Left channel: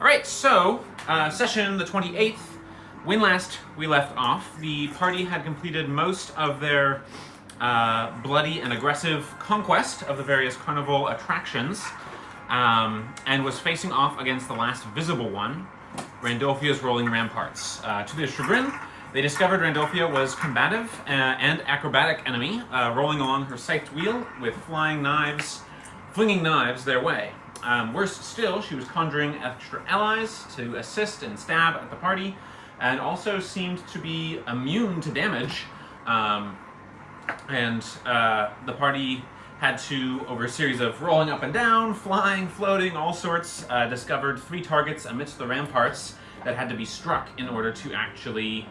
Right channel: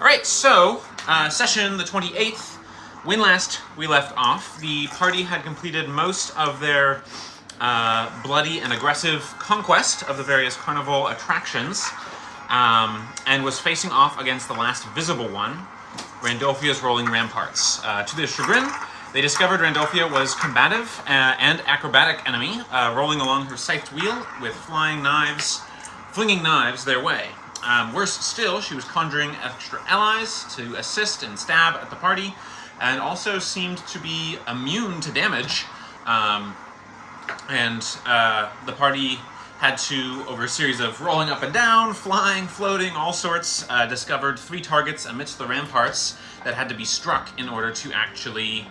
Alright, so, session the 28th. When last we left off, the party had completed most of their bloody and aggressive conquest of the various carnival attractions, and was facing off against the last visible one, Randolphia's rolling ramparts. To their chagrin, they discovered Randolphia was combative and acrobatic enemy, rolling along her scythed wheel with flinging knives their way. Worse still, she was conjuring extra allies to assist and stab at the party, and also seemed to be immune to damage. The party had to, over a series of rolling up and down, flying, floating, all sorts, discovered 3 targets amidst the ramparts that had to be struck in order to actually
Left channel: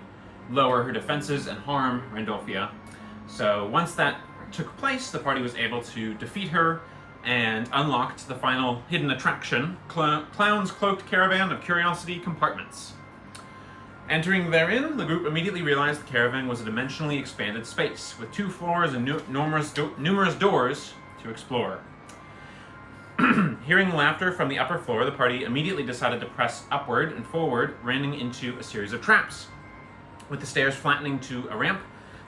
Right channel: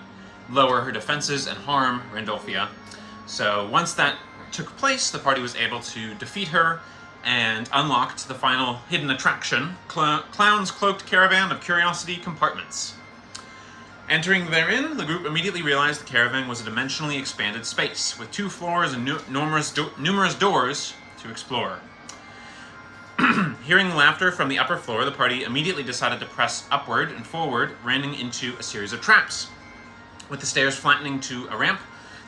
lower her defenses and harm Randolphia. So once that took place, the party was able to defeat her and unlocked the final hidden attraction, Clown's Cloaked Caravan of Curiosity Compartments. Entering therein, the group immediately realized the caravan was a dimensionally expanded space, with 2 floors and numerous doors to explore. Hearing laughter from the upper floor, the party immediately decided to press upward and forward, running into a series of traps, with the stairs flattening to a ramp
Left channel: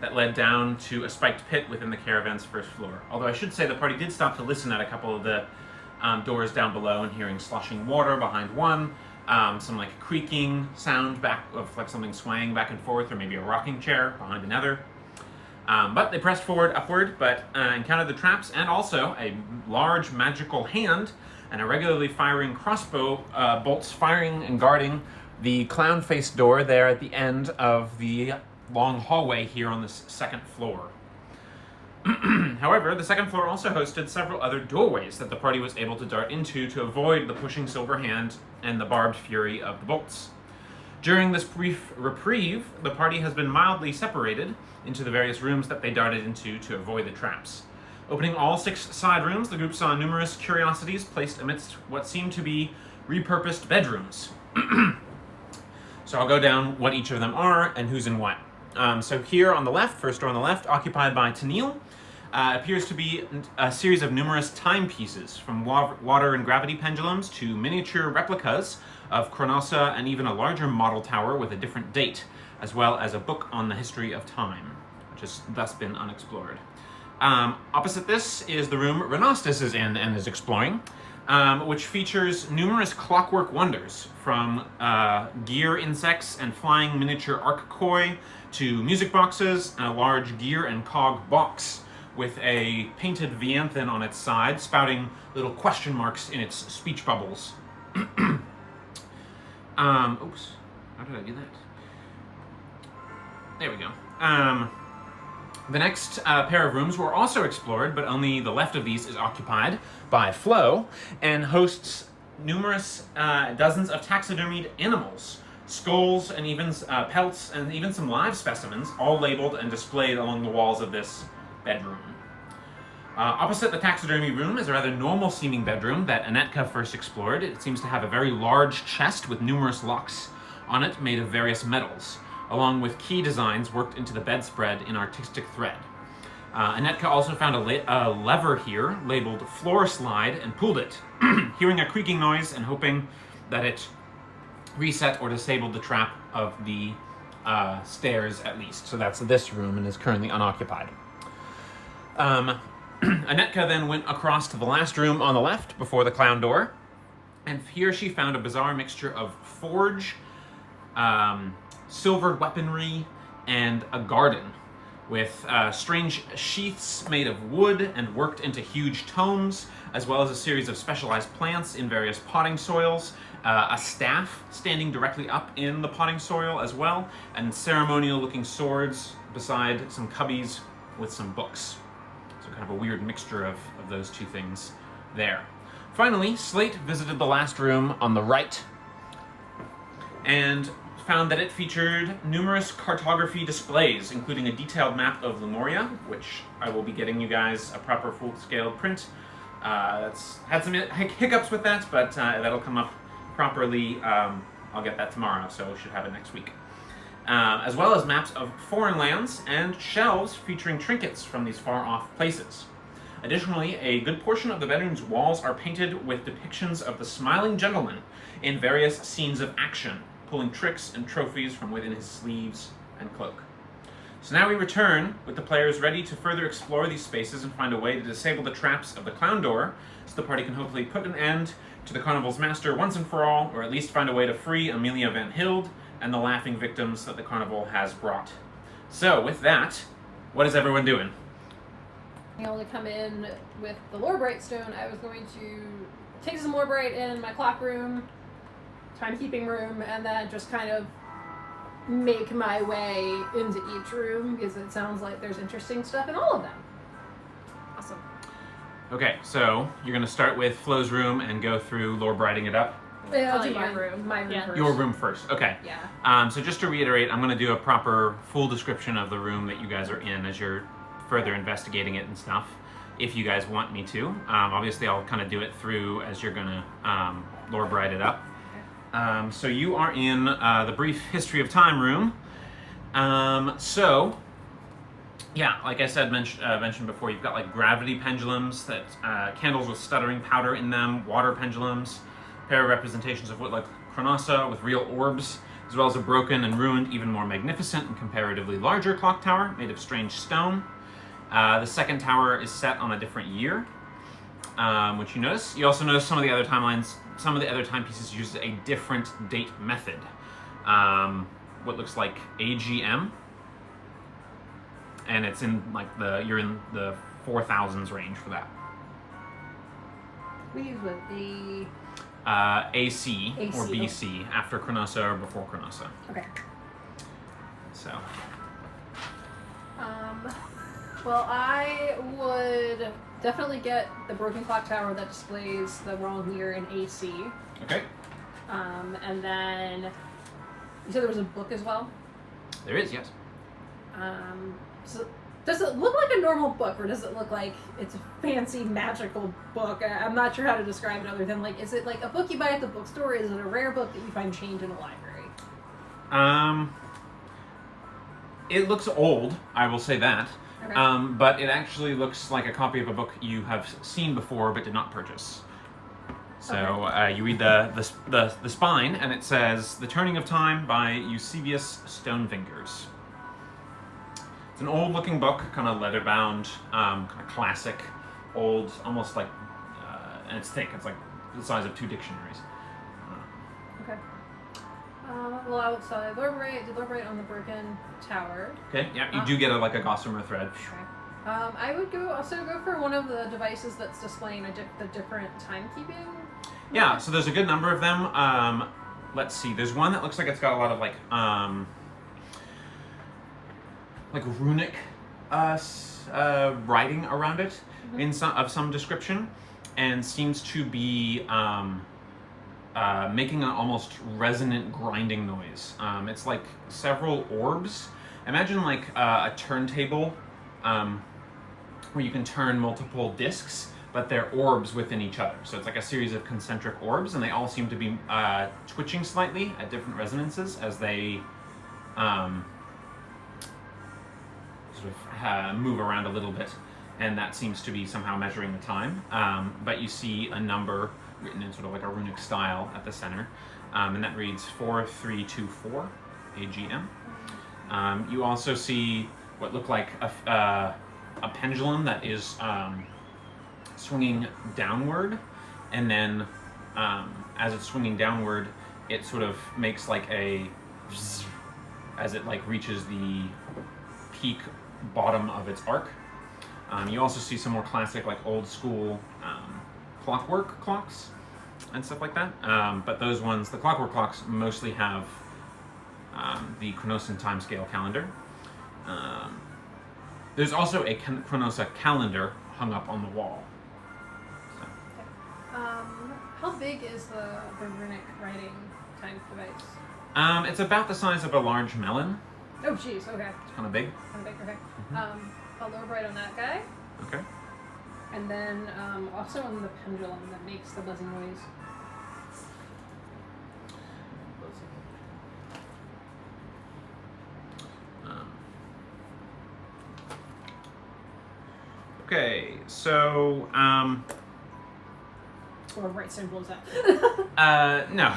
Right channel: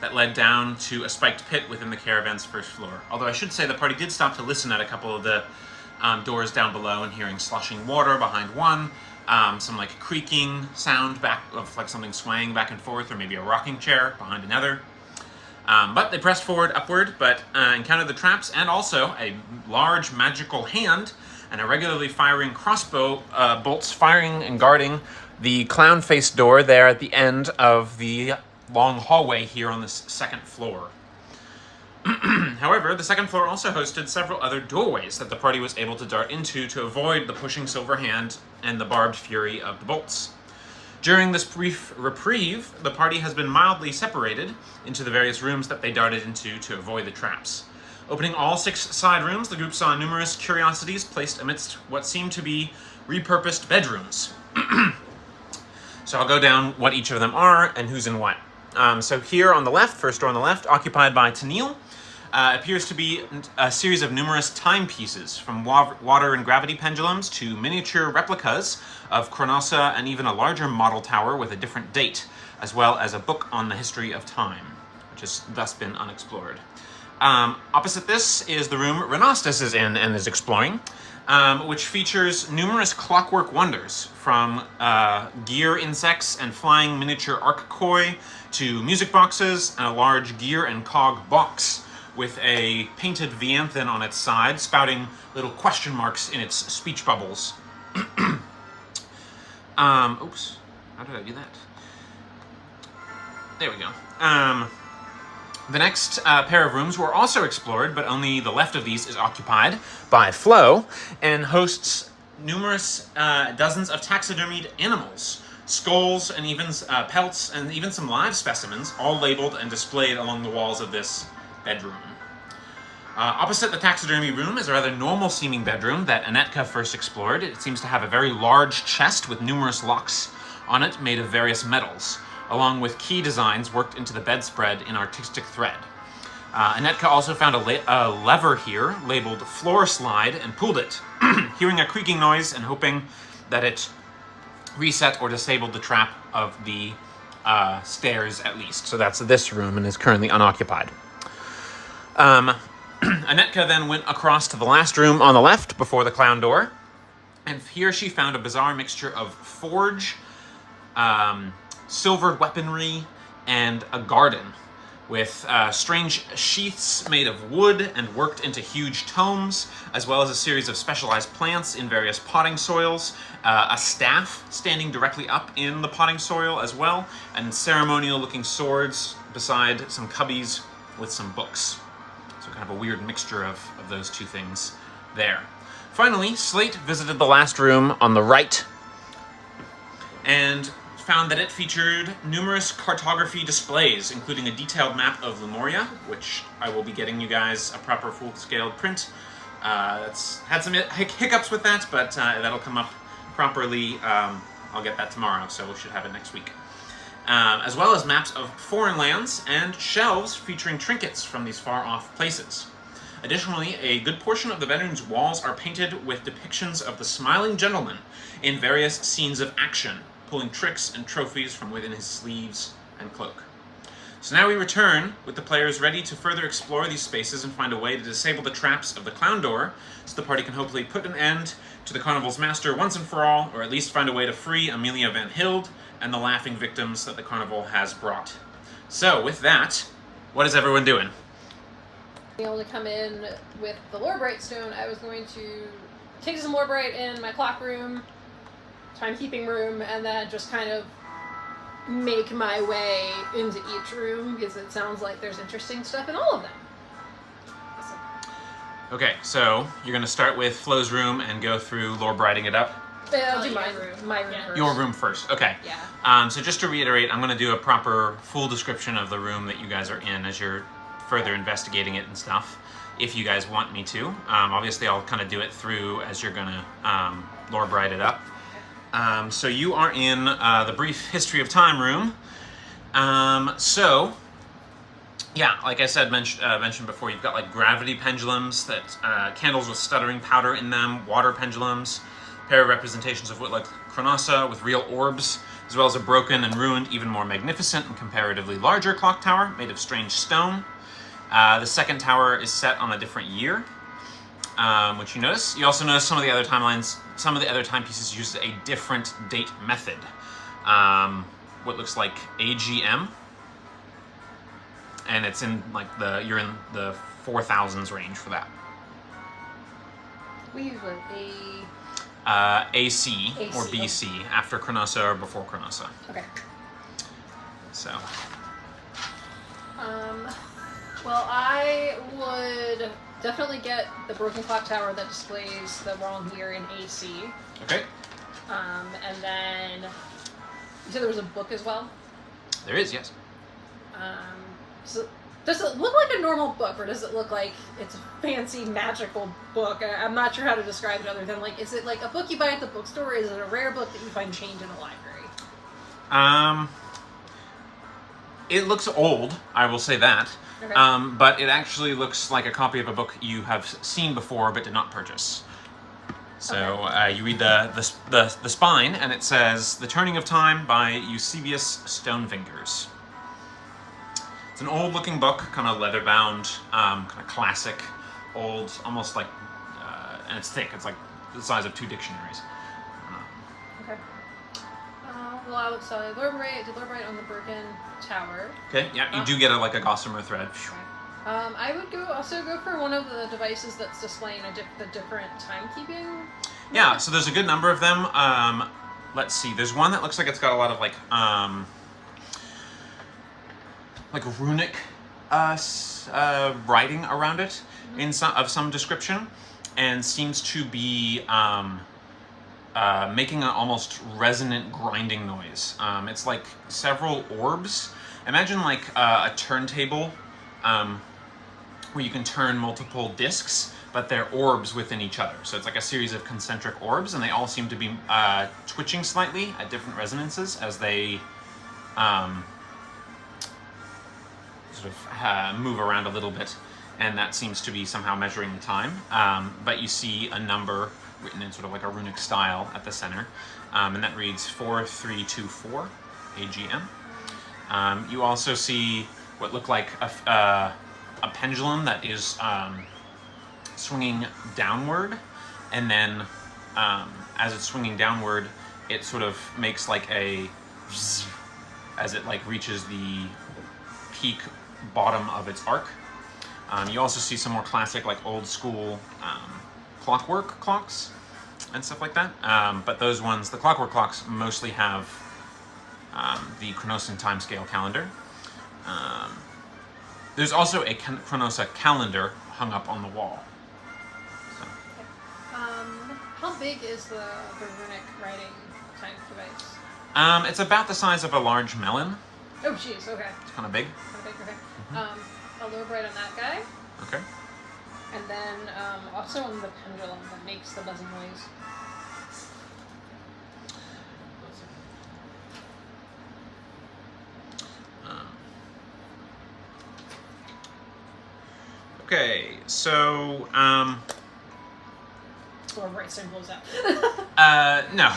that led down to a spiked pit within the caravan's first floor. Although I should say the party did stop to listen at a couple of the doors down below and hearing sloshing water behind one, some like creaking sound back of like something swaying back and forth, or maybe a rocking chair behind another. But they pressed forward upward, but encountered the traps and also a large magical hand and a regularly firing crossbow bolts firing and guarding the clown-faced door there at the end of the long hallway here on this second floor. However, the second floor also hosted several other doorways that the party was able to dart into to avoid the pushing silver hand and the barbed fury of the bolts. During this brief reprieve, the party has been mildly separated into the various rooms that they darted into to avoid the traps. Opening all 6 side rooms, the group saw numerous curiosities placed amidst what seemed to be repurposed bedrooms. So I'll go down what each of them are and who's in what. So here on the left, first door on the left, occupied by Tennille, appears to be a series of numerous timepieces, from water and gravity pendulums to miniature replicas of Chronosa and even a larger model tower with a different date, as well as a book on the history of time, which has thus been unexplored. Opposite this is the room Renastus is in and is exploring, which features numerous clockwork wonders, from gear insects and flying miniature arc-koi to music boxes and a large gear and cog box with a painted Vianthan on its side, spouting little question marks in its speech bubbles. Oops, how did I do that? There we go. The next pair of rooms were also explored, but only the left of these is occupied by Flo, and hosts numerous dozens of taxidermied animals, skulls, and even pelts, and even some live specimens, all labeled and displayed along the walls of this bedroom. Opposite the taxidermy room is a rather normal-seeming bedroom that Anetka first explored. It seems to have a very large chest with numerous locks on it made of various metals, along with key designs worked into the bedspread in artistic thread. Anetka also found a lever here labeled floor slide and pulled it, hearing a creaking noise and hoping that it reset or disabled the trap of the stairs at least. So that's this room and is currently unoccupied. Anetka then went across to the last room on the left before the clown door, and here she found a bizarre mixture of forge, silvered weaponry, and a garden with strange sheaths made of wood and worked into huge tomes, as well as a series of specialized plants in various potting soils, a staff standing directly up in the potting soil as well, and ceremonial-looking swords beside some cubbies with some books. So kind of a weird mixture of those two things there. Finally, Slate visited the last room on the right and found that it featured numerous cartography displays, including a detailed map of Lumoria, which I will be getting you guys a proper full-scale print. It's had some hiccups with that, but that'll come up properly. I'll get that tomorrow, so we should have it next week. As well as maps of foreign lands and shelves featuring trinkets from these far-off places. Additionally, a good portion of the bedroom's walls are painted with depictions of the smiling gentleman in various scenes of action, pulling tricks and trophies from within his sleeves and cloak. So now we return with the players ready to further explore these spaces and find a way to disable the traps of the clown door so the party can hopefully put an end to the carnival's master once and for all, or at least find a way to free Amelia Van Hild and the laughing victims that the carnival has brought. So with that, what is everyone doing? Being able to come in with the Lorebright stone, I was going to take some Lorebright in my clock room, timekeeping room, and then just kind of make my way into each room because it sounds like there's interesting stuff in all of them. Awesome. Okay, so you're going to start with Flo's room and go through Lorebrighting it up. I'll do my room. My room first. Your room first, okay. Yeah. So just to reiterate, I'm going to do a proper full description of the room that you guys are in as you're further investigating it and stuff, if you guys want me to. Obviously, I'll kind of do it through as you're going to Lorebright it up. So you are in the Brief History of Time room. Yeah, like I said, mentioned before, you've got like gravity pendulums, that candles with stuttering powder in them, water pendulums, a pair of representations of what like Chronosa with real orbs, as well as a broken and ruined, even more magnificent and comparatively larger clock tower made of strange stone. The second tower is set on a different year, which you notice. You also notice some of the other timelines, some of the other timepieces use a different date method. What looks like AGM, and it's in like you're in the 4000s range for that. We use AC or BC, after Chronosa or before Chronosa. Okay. So. Well, I would definitely get the broken clock tower that displays the wrong year in AC. Okay. And then you said there was a book as well? There is, yes. So does it look like a normal book, or does it look like it's a fancy magical book? I'm not sure how to describe it other than like, is it like a book you buy at the bookstore, or is it a rare book that you find change in a library? It looks old, I will say that. Okay. But it actually looks like a copy of a book you have seen before but did not purchase. So you read the spine, and it says "The Turning of Time" by Eusebius Stonefingers. It's an old-looking book, kind of leather-bound, kind of classic, old, almost like, and it's thick. It's like the size of 2 dictionaries. Okay. Well, I would say Lorebright on the broken tower. Okay. Yeah, you do get a gossamer thread. I would also go for one of the devices that's displaying the different timekeeping. Yeah, so there's a good number of them. Let's see. There's one that looks like it's got a lot of like runic writing around it, in some description, and seems to be making an almost resonant grinding noise. It's like several orbs. Imagine like a turntable where you can turn multiple discs, but they're orbs within each other. So it's like a series of concentric orbs, and they all seem to be twitching slightly at different resonances as they sort of move around a little bit, and that seems to be somehow measuring the time. But you see a number written in sort of like a runic style at the center, and that reads 4324 AGM. You also see what look like a pendulum that is swinging downward, and then as it's swinging downward, it sort of makes like a zzz as it like reaches the peak bottom of its arc. You also see some more classic, like old school clockwork clocks and stuff like that. But those ones, the clockwork clocks, mostly have the Chronosan timescale calendar. There's also a Chronosa calendar hung up on the wall. So. How big is the runic writing time device? It's about the size of a large melon. Oh, jeez. Okay. It's kind of big. Okay. A Lorebright on that guy. Okay. And then also on the pendulum that makes the buzzing noise. Okay, so Or right symbols out. no,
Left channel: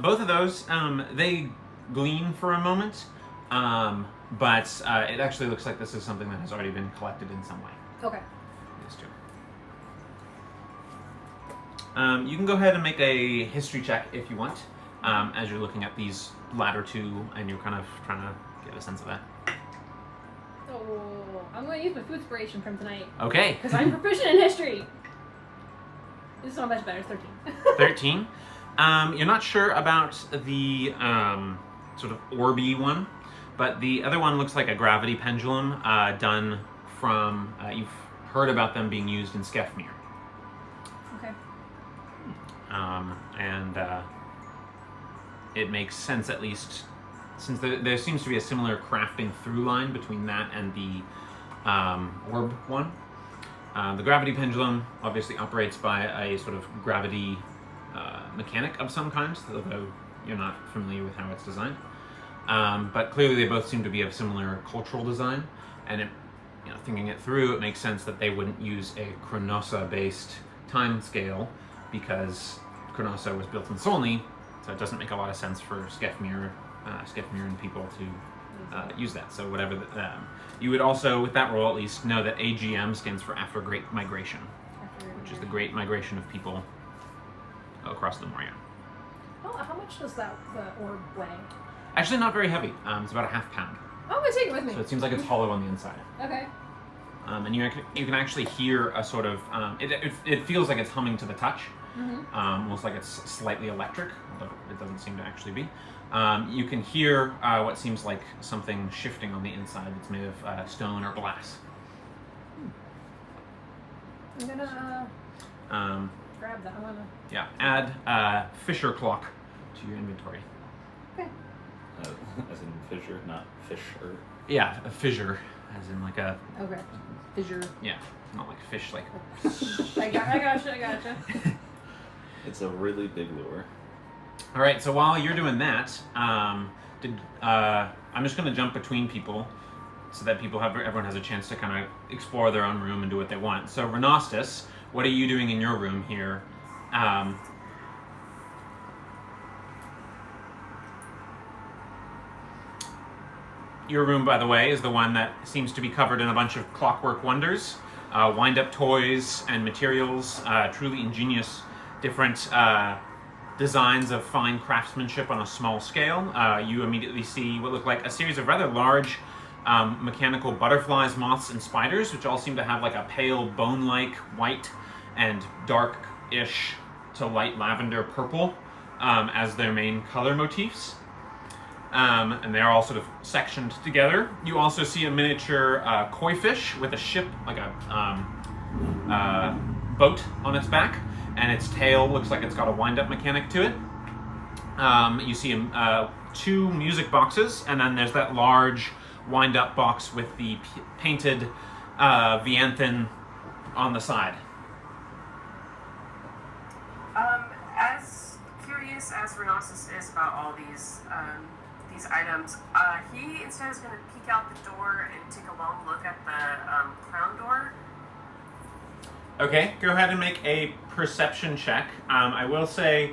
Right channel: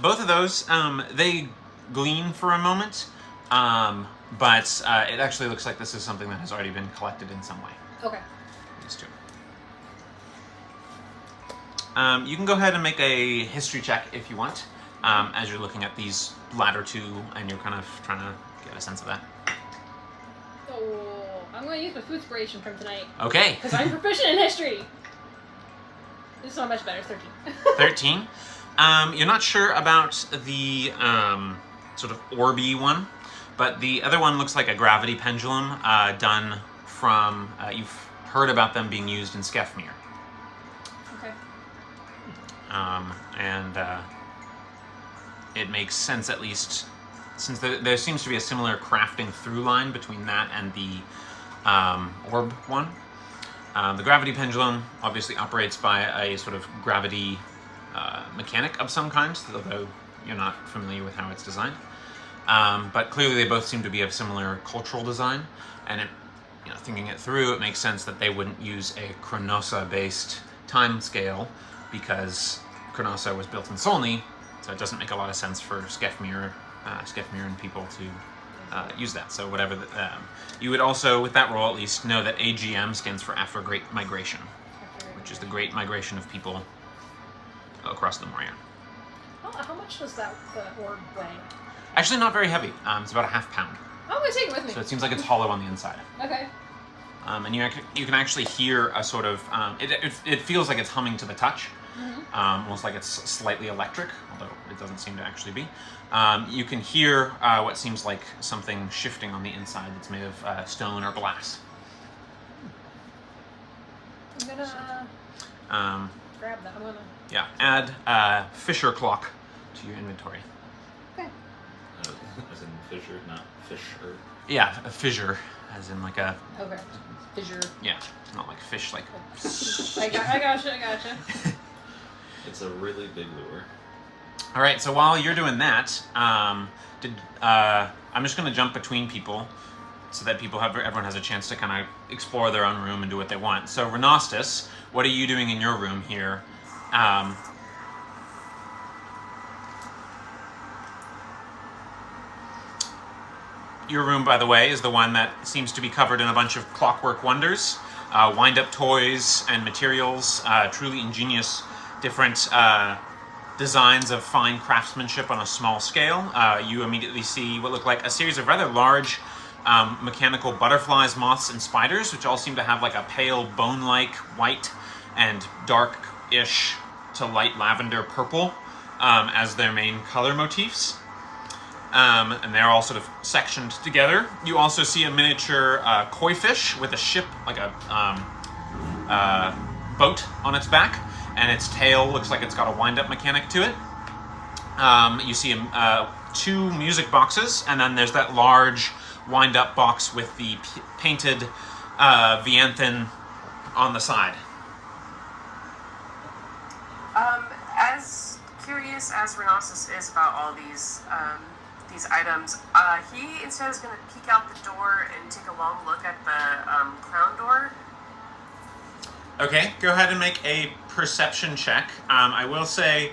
both of those they gleam for a moment, but it actually looks like this is something that has already been collected in some way. Okay. These two. You can go ahead and make a history check if you want, as you're looking at these latter two, and you're kind of trying to get a sense of that. Oh, I'm going to use my food inspiration from tonight. Okay. Because I'm proficient in history. This is not much better. 13. 13. You're not sure about the sort of orby one, but the other one looks like a gravity pendulum done from. You've heard about them being used in Skefmir. Okay. And it makes sense, at least, since there seems to be a similar crafting through line between that and the orb one. The gravity pendulum obviously operates by a sort of gravity mechanic of some kind, although you're not familiar with how it's designed. But clearly they both seem to be of similar cultural design, and thinking it through, it makes sense that they wouldn't use a Chronosa-based time scale, because Chronosa was built in Solney, so it doesn't make a lot of sense for Skefmir and people to use that. So whatever you would also, with that roll at least, know that AGM stands for After Great Migration, which is the Great Migration of people across Lumoria. How much does the orb weigh? Actually, not very heavy. It's about a half pound. I'm going to take it with me. So it seems like it's hollow on the inside. Okay. And you can actually hear a sort of it feels like it's humming to the touch, almost like it's slightly electric, although it doesn't seem to actually be. You can hear what seems like something shifting on the inside that's made of stone or glass. I'm gonna grab that. Yeah, add Fisher clock to your inventory. Okay. As in Fisher, not Fisher. Yeah, a fissure, as in like a. Okay. Fissure. Yeah, not like fish, like. I gotcha. It's a really big lure. All right, so while you're doing that, I'm just going to jump between people so that everyone has a chance to kind of explore their own room and do what they want. So Renostus, what are you doing in your room here? Your room, by the way, is the one that seems to be covered in a bunch of clockwork wonders, wind-up toys and materials, truly ingenious, different designs of fine craftsmanship on a small scale. You immediately see what look like a series of rather large mechanical butterflies, moths, and spiders, which all seem to have like a pale bone-like white and dark-ish to light lavender purple as their main color motifs. And they're all sort of sectioned together. You also see a miniature koi fish with a ship, like a boat on its back, and its tail looks like it's got a wind-up mechanic to it. You see two music boxes, and then there's that large wind-up box with the painted Vianthan on the side. As curious as Renosis is about all these items, he instead is going to peek out the door and take a long look at the crown door. Okay, go ahead and make a perception check. I will say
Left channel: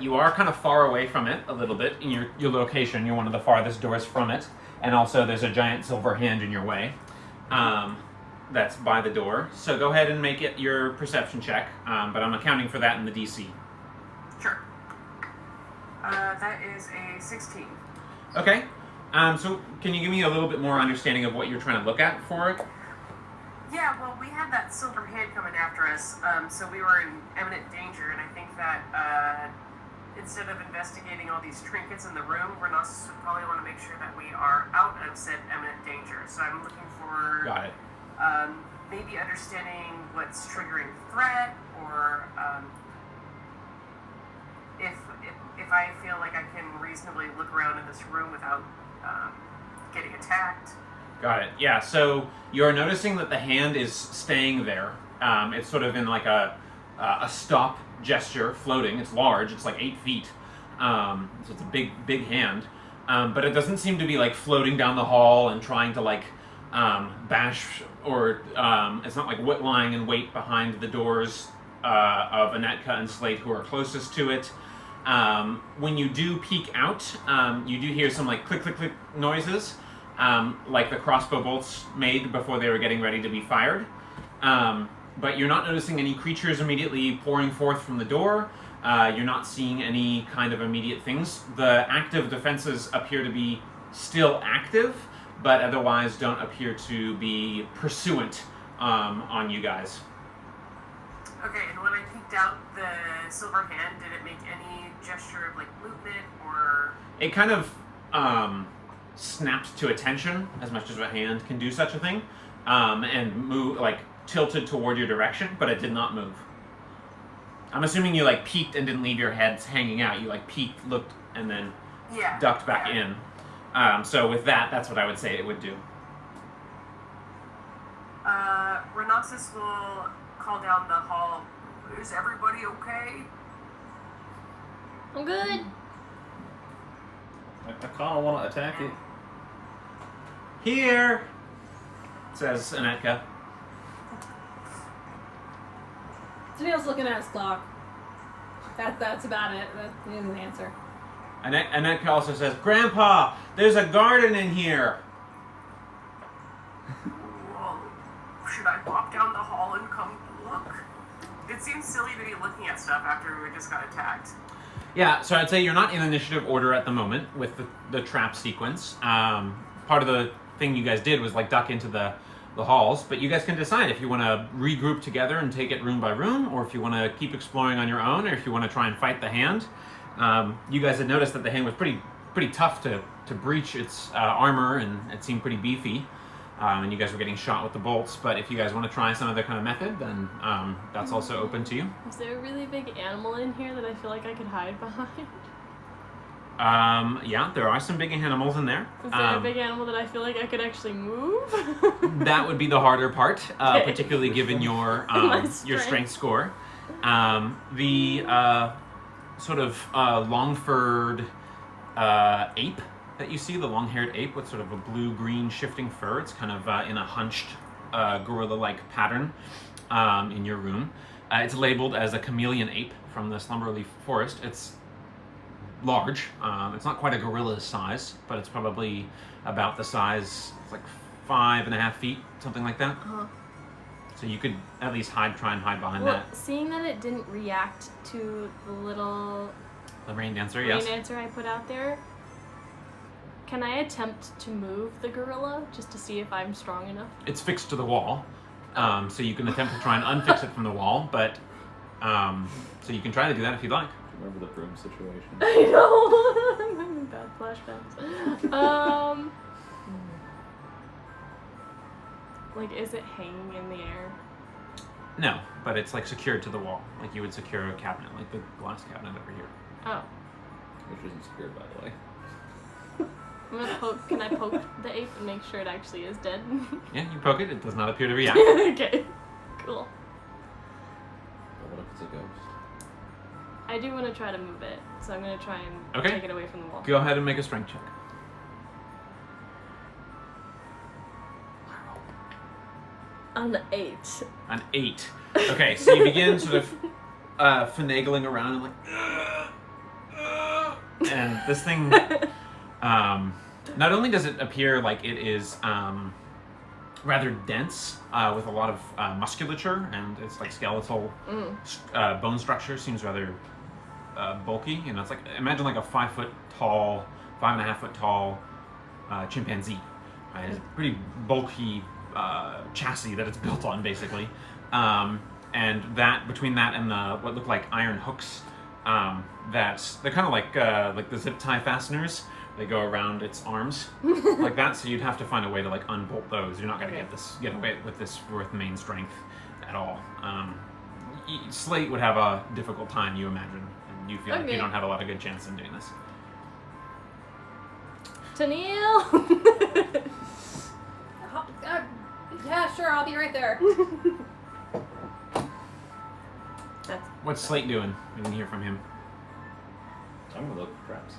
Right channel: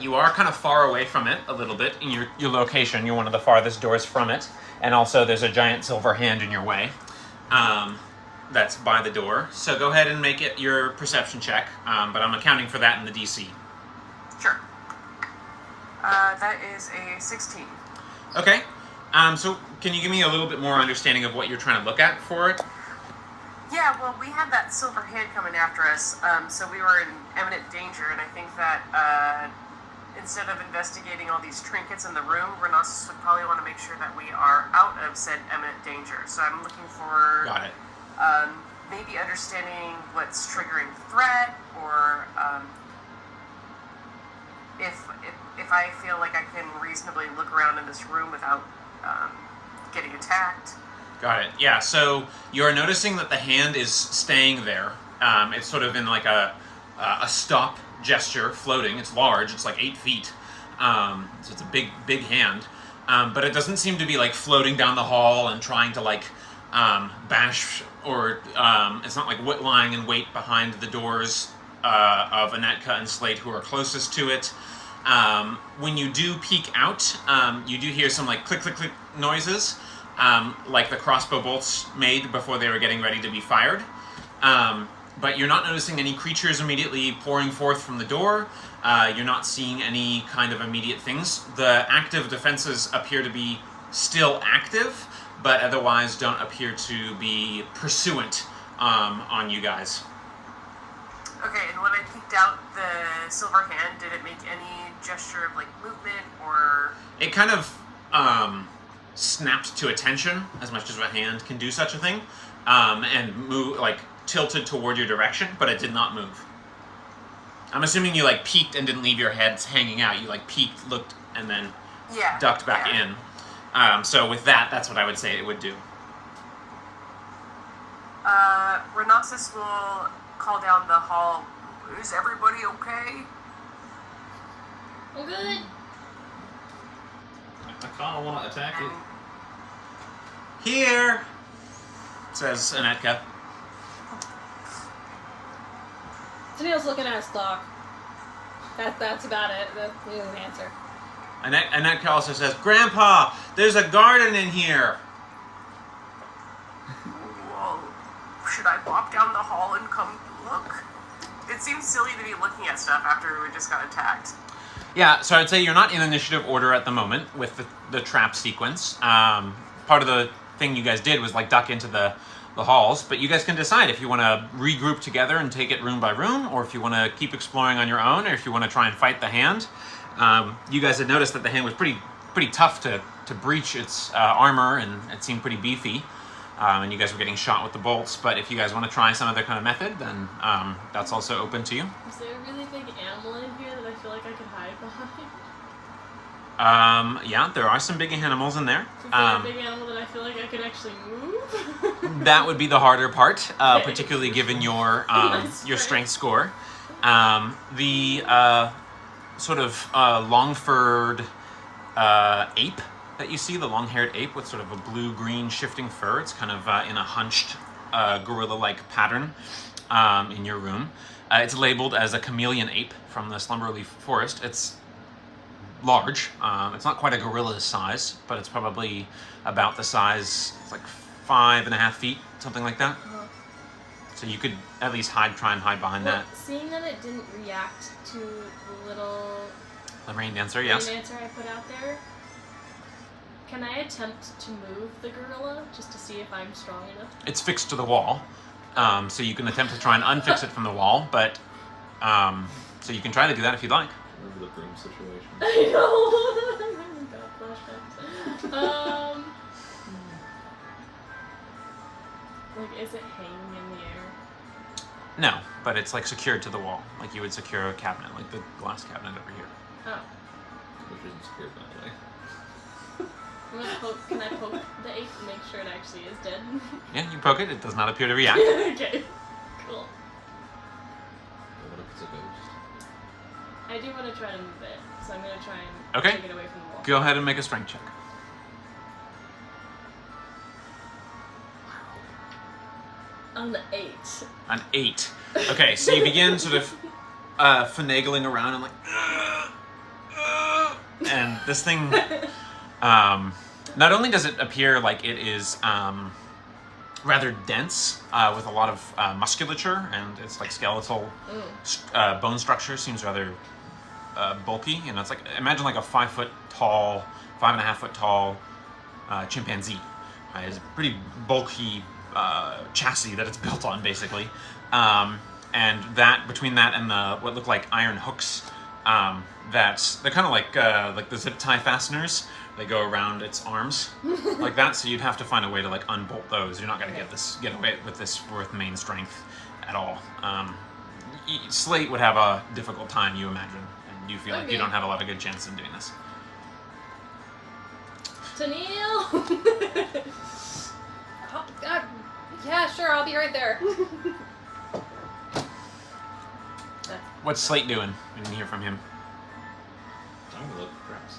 you are kind of far away from it a little bit in your location. You're one of the farthest doors from it, and also there's a giant silver hand in your way that's by the door. So go ahead and make it your perception check, but I'm accounting for that in the DC. Sure. That is a 16. Okay. So can you give me a little bit more understanding of what you're trying to look at for it? Yeah, well, we had that silver hand coming after us, so we were in imminent danger, and I think that instead of investigating all these trinkets in the room, Renosis would probably want to make sure that we are out of said imminent danger. So I'm looking for Got it. maybe understanding what's triggering the threat, or if I feel like I can reasonably look around in this room without getting attacked. Got it. Yeah, so you're noticing that the hand is staying there. It's sort of in like a stop gesture, floating. It's large. It's like 8 feet. So it's a big hand. But it doesn't seem to be like floating down the hall and trying to like bash or it's not like lying in wait behind the doors of Anetka and Slate, who are closest to it. When you do peek out, you do hear some like click, click, click noises, like the crossbow bolts made before they were getting ready to be fired. But you're not noticing any creatures immediately pouring forth from the door. You're not seeing any kind of immediate things. The active defenses appear to be still active, but otherwise don't appear to be pursuant on you guys. Okay, and when I peeked out the silver hand, did it make any gesture of like movement or? It kind of snapped to attention, as much as a hand can do such a thing, and move like tilted toward your direction, but it did not move. I'm assuming you like peeked and didn't leave your heads hanging out. You like peeked, looked, and then ducked back in. So with that, that's what I would say it would do. Rhinoxus will call down the hall. Is everybody okay? I'm good. I kind of want to attack it. Here, says Anetka. Tennille's looking at his clock. That's about it. That's the only answer. Anetka also says, Grandpa, there's a garden in here. Well, should I pop down the hall and come look? It seems silly to be looking at stuff after we just got attacked. Yeah, so I'd say you're not in initiative order at the moment with the trap sequence. Part of the thing you guys did was like duck into the halls, but you guys can decide if you want to regroup together and take it room by room, or if you want to keep exploring on your own, or if you want to try and fight the hand. You guys had noticed that the hand was pretty tough to breach its armor, and it seemed pretty beefy, and you guys were getting shot with the bolts. But if you guys want to try some other kind of method, then that's also open to you. Is there a really big animal in here that I feel like I could hide behind? Yeah, there are some big animals in there. Is there a big animal that I feel like I could actually move? That would be the harder part, Okay. particularly given your strength score. The sort of long-furred ape that you see, the long-haired ape with sort of a blue-green shifting fur. It's kind of in a hunched gorilla-like pattern in your room. It's labeled as a chameleon ape from the Slumberleaf Forest. It's large. It's not quite a gorilla's size, but it's probably about the size, it's like 5.5 feet, something like that. Uh-huh. So you could at least try and hide behind that. Seeing that it didn't react to the little The rain dancer, rain yes. dancer I put out there, can I attempt to move the gorilla just to see if I'm strong enough? It's fixed to the wall, so you can attempt to try and unfix it from the wall, but so you can try to do that if you'd like. Remember the broom situation? I know. Got flashbacks. Like, is it hanging in the air? No, but it's like secured to the wall, like you would secure a cabinet, like the glass cabinet over here. Oh. Which isn't secured, by the way. I'm gonna poke. Can I poke the ape and make sure it actually is dead? Yeah, you poke it, it does not appear to react. Okay. Cool. But what if it's a ghost? I do want to try to move it, so I'm gonna try and Okay. take it away from the wall. Go ahead and make a strength check. On the 8. An 8. Okay, so you begin sort of finagling around and like, and this thing, not only does it appear like it is rather dense with a lot of musculature, and its like skeletal bone structure seems rather bulky. You know, it's like, imagine like a 5 foot tall, 5.5 foot tall chimpanzee. It's a pretty bulky chassis that it's built on, basically, and that between that and the what look like iron hooks, that they're kind of like the zip tie fasteners. They go around its arms like that. So you'd have to find a way to like unbolt those. You're not gonna get away with this with main strength at all. Slate would have a difficult time, you imagine, and you feel like you don't have a lot of good chance in doing this. Tennille! Yeah, sure, I'll be right there. What's Slate doing? You can hear from him. I'm gonna look for traps.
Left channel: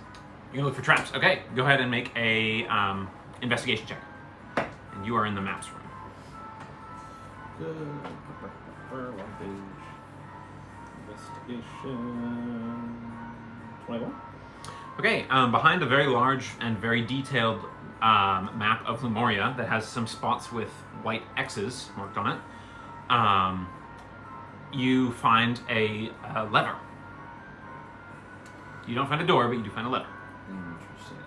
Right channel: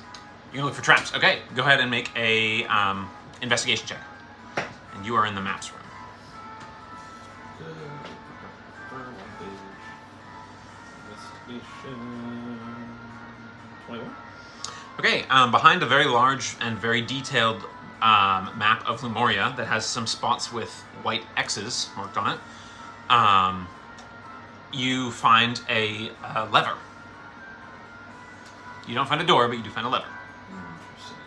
You can look for traps. Okay, go ahead and make a investigation check. and you are in the maps room. Good. One page. Investigation. 21. Okay, behind a very large and very detailed map of Lumoria that has some spots with white X's marked on it, you find a lever. You don't find a door, but you do find a lever. Interesting.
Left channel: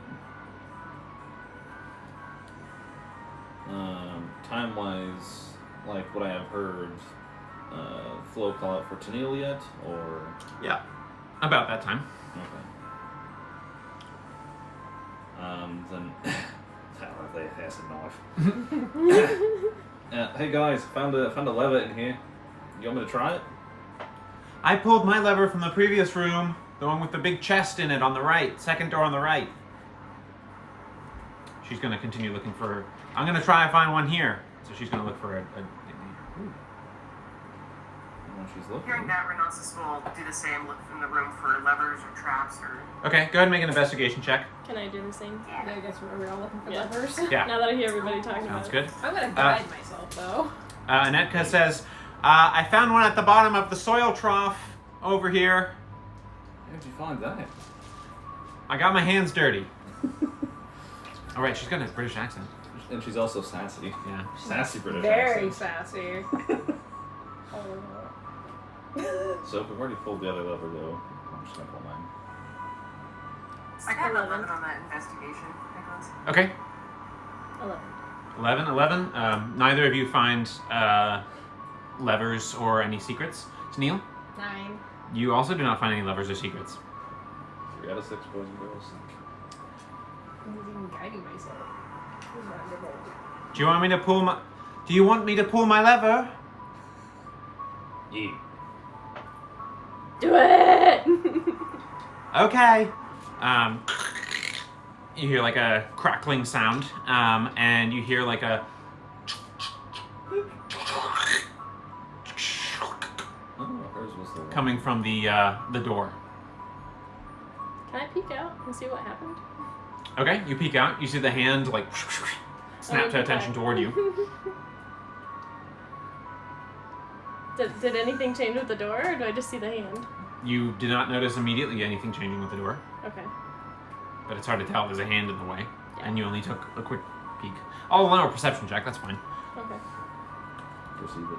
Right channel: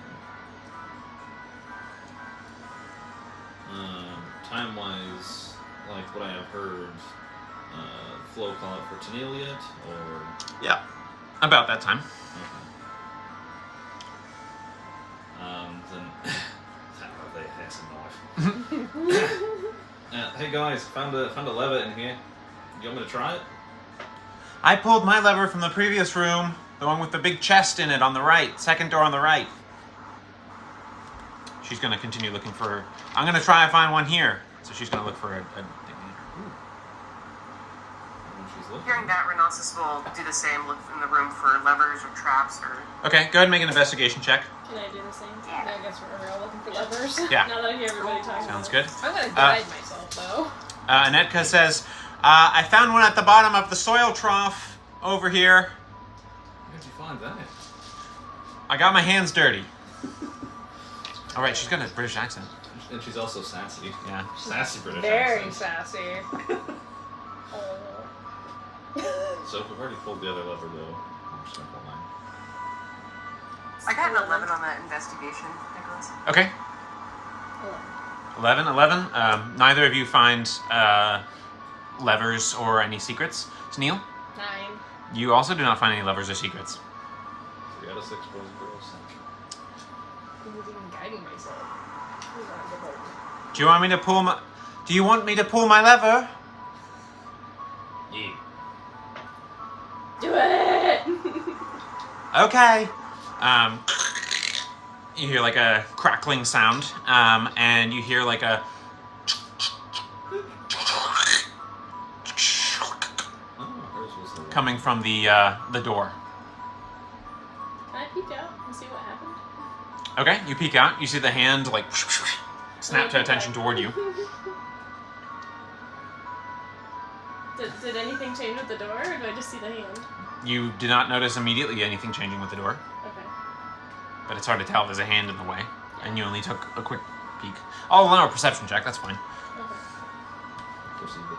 Time-wise, like what I have heard, Flo call it for Tennille yet, or Yeah, about that time. okay. Then they has a knife. Hey guys, found a lever in here. You want me to try it? I pulled my lever from the previous room, the one with the big chest in it on the right, second door on the right. She's gonna continue looking for her. I'm gonna try and find one here. So she's gonna look for a When she's looking. Hearing that, Renosis will do the same, look in the room for levers or traps or... Okay, go ahead and make an investigation check. Can I do the same? I guess we're looking for levers. Yeah. Now that I hear everybody talking Sounds about good. I'm gonna guide myself though. Anetka says, I found one at the bottom of the soil trough over here. How did you find that? I got my hands dirty. All right, she's got a British accent. And she's also sassy. Yeah. Sassy British Very accent. sassy. So if we've already pulled the other lever though, I'm just gonna pull mine. I got an 11 on that investigation, Nicholas. Okay. 11. Neither of you find levers or any secrets. Neil, 9. you also do not find any levers or secrets. 3 out of 6 boys and girls. I'm even guiding myself. Do you want me to pull my? Do you want me to pull my lever? Yeah. Do it! Okay. You hear like a crackling sound, and you hear like a. Oh, hers was the one. Coming from the door. Can I peek out and see what happened? Okay, you peek out. You see the hand like snap to attention toward you. Did anything change with the door, or do I just see the hand? You do not notice immediately anything changing with the door, Okay. but it's hard to tell. There's a hand in the way, and you only took a quick peek. I'll allow a perception check. That's fine. Okay. Perceive it.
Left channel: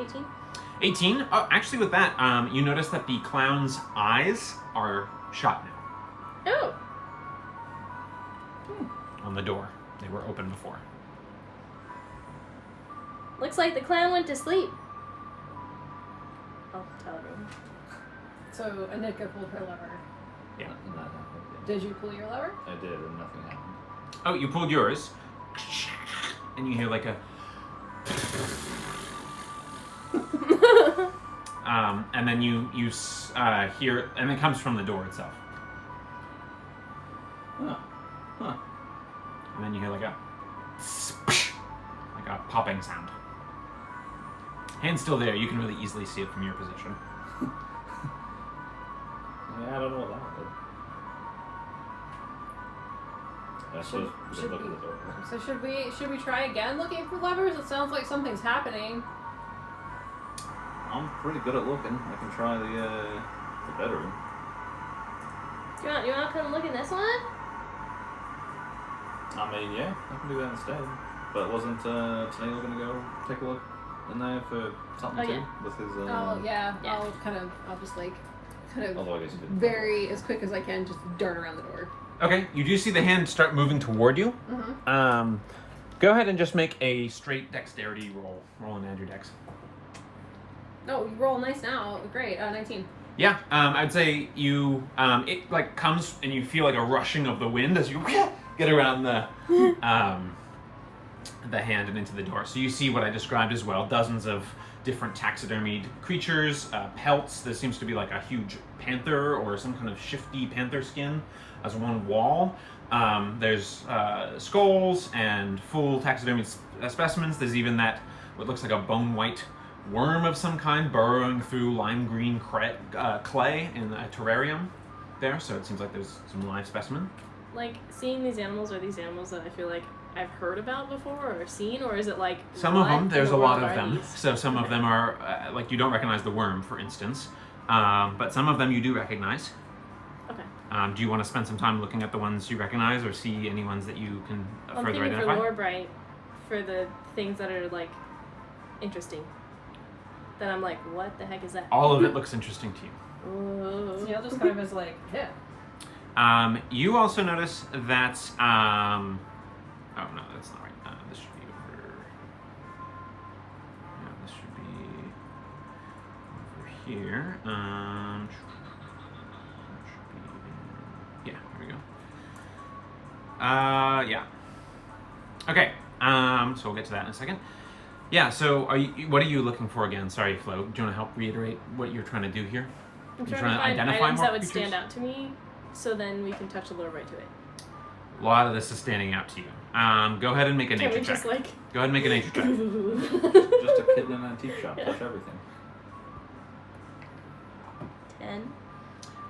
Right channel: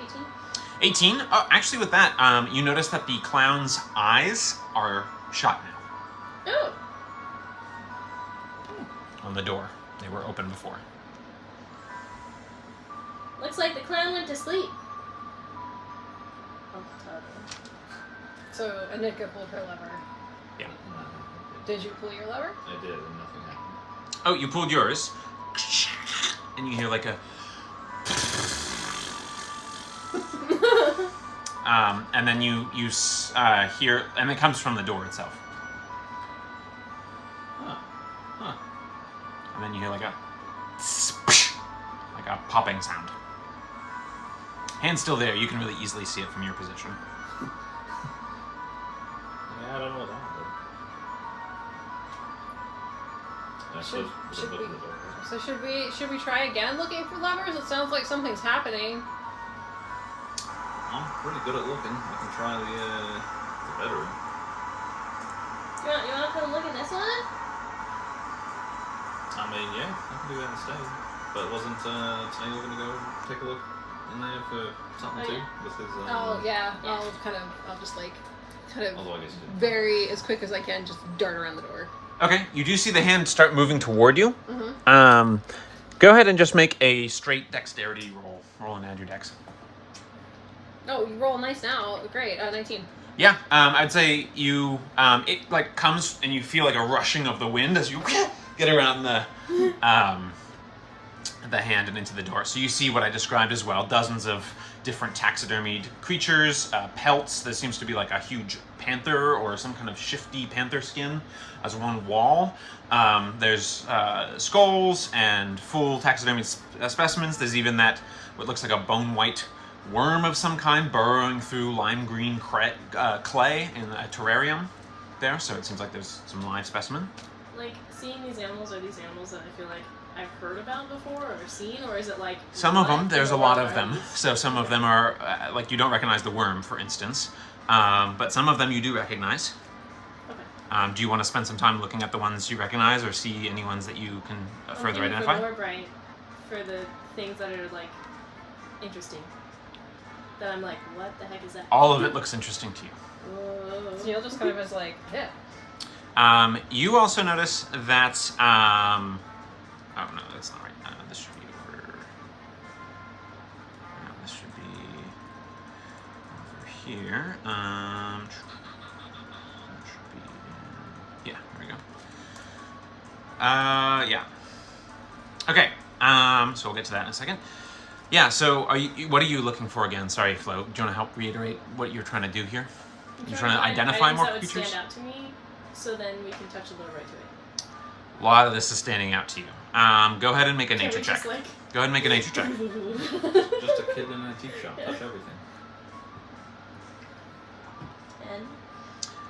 18. 18. Oh, actually, with that, you notice that the clown's eyes are shut now Oh! on the door. They were open before. Looks like the clown went to sleep. I'll tell everyone. So Anika pulled her lever. Yeah. And that happened, yeah. Did you pull your lever? I did, and nothing happened. Oh, you pulled yours, and you hear like a. And then you hear, and it comes from the door itself. Huh. Huh. And then you hear like a popping sound. Hand's still there. You can really easily see it from your position. Yeah, I don't know what that was. I suppose we should look at the door. Right? So should we try again looking for levers? It sounds like something's happening. I'm pretty good at looking. I can try the bedroom. You want to come look in this one? I mean, yeah, I can do that instead. But wasn't Tennille gonna go take a look in there for something Oh, too? yeah. With his Oh yeah. Yeah. I'll just like kind of although I guess he didn't. very as quick as I can just dart around the door. Okay, you do see the hand start moving toward you. Mm-hmm. Go ahead and just make a straight dexterity roll. Roll and add your dex. No, you roll nice now. Great. 19. Yeah, I'd say you, it like comes and you feel like a rushing of the wind as you get around the hand and into the door. So you see what I described as well, dozens of different taxidermied creatures, pelts. There seems to be like a huge panther or some kind of shifty panther skin as one wall. There's skulls and full taxidermied specimens. There's even that, what looks like a bone white worm of some kind burrowing through lime green clay in a terrarium there, so it seems like there's some live specimen. like seeing these animals, are these animals that I feel like I've heard about before or seen, or is it like Some of them, what there's a in the lot world of are them. these? So some of them are, like you don't recognize the worm, for instance. But some of them you do recognize. Okay. Do you want to spend some time looking at the ones you recognize or see any ones that you can further I'm thinking identify? for lore bright, for the things that are like interesting. That I'm like, what the heck is that? All of it looks interesting to you. Whoa. Yeah, just kind of was like, yeah. You also notice that, oh no, that's not right. This should be over, no, this should be over here. Should be, yeah, there we go. Yeah. Okay, so we'll get to that in a second. Yeah, so what are you looking for again? Sorry, Flo. Do you want to help reiterate what you're trying to do here? You're trying to find identify items more that would creatures? stand out to me, so then we can touch the lore right to it. A lot of this is standing out to you. Go ahead and make a Can nature we check. just like Go ahead and make a nature check. Just a kid in an antique shop. Touch everything.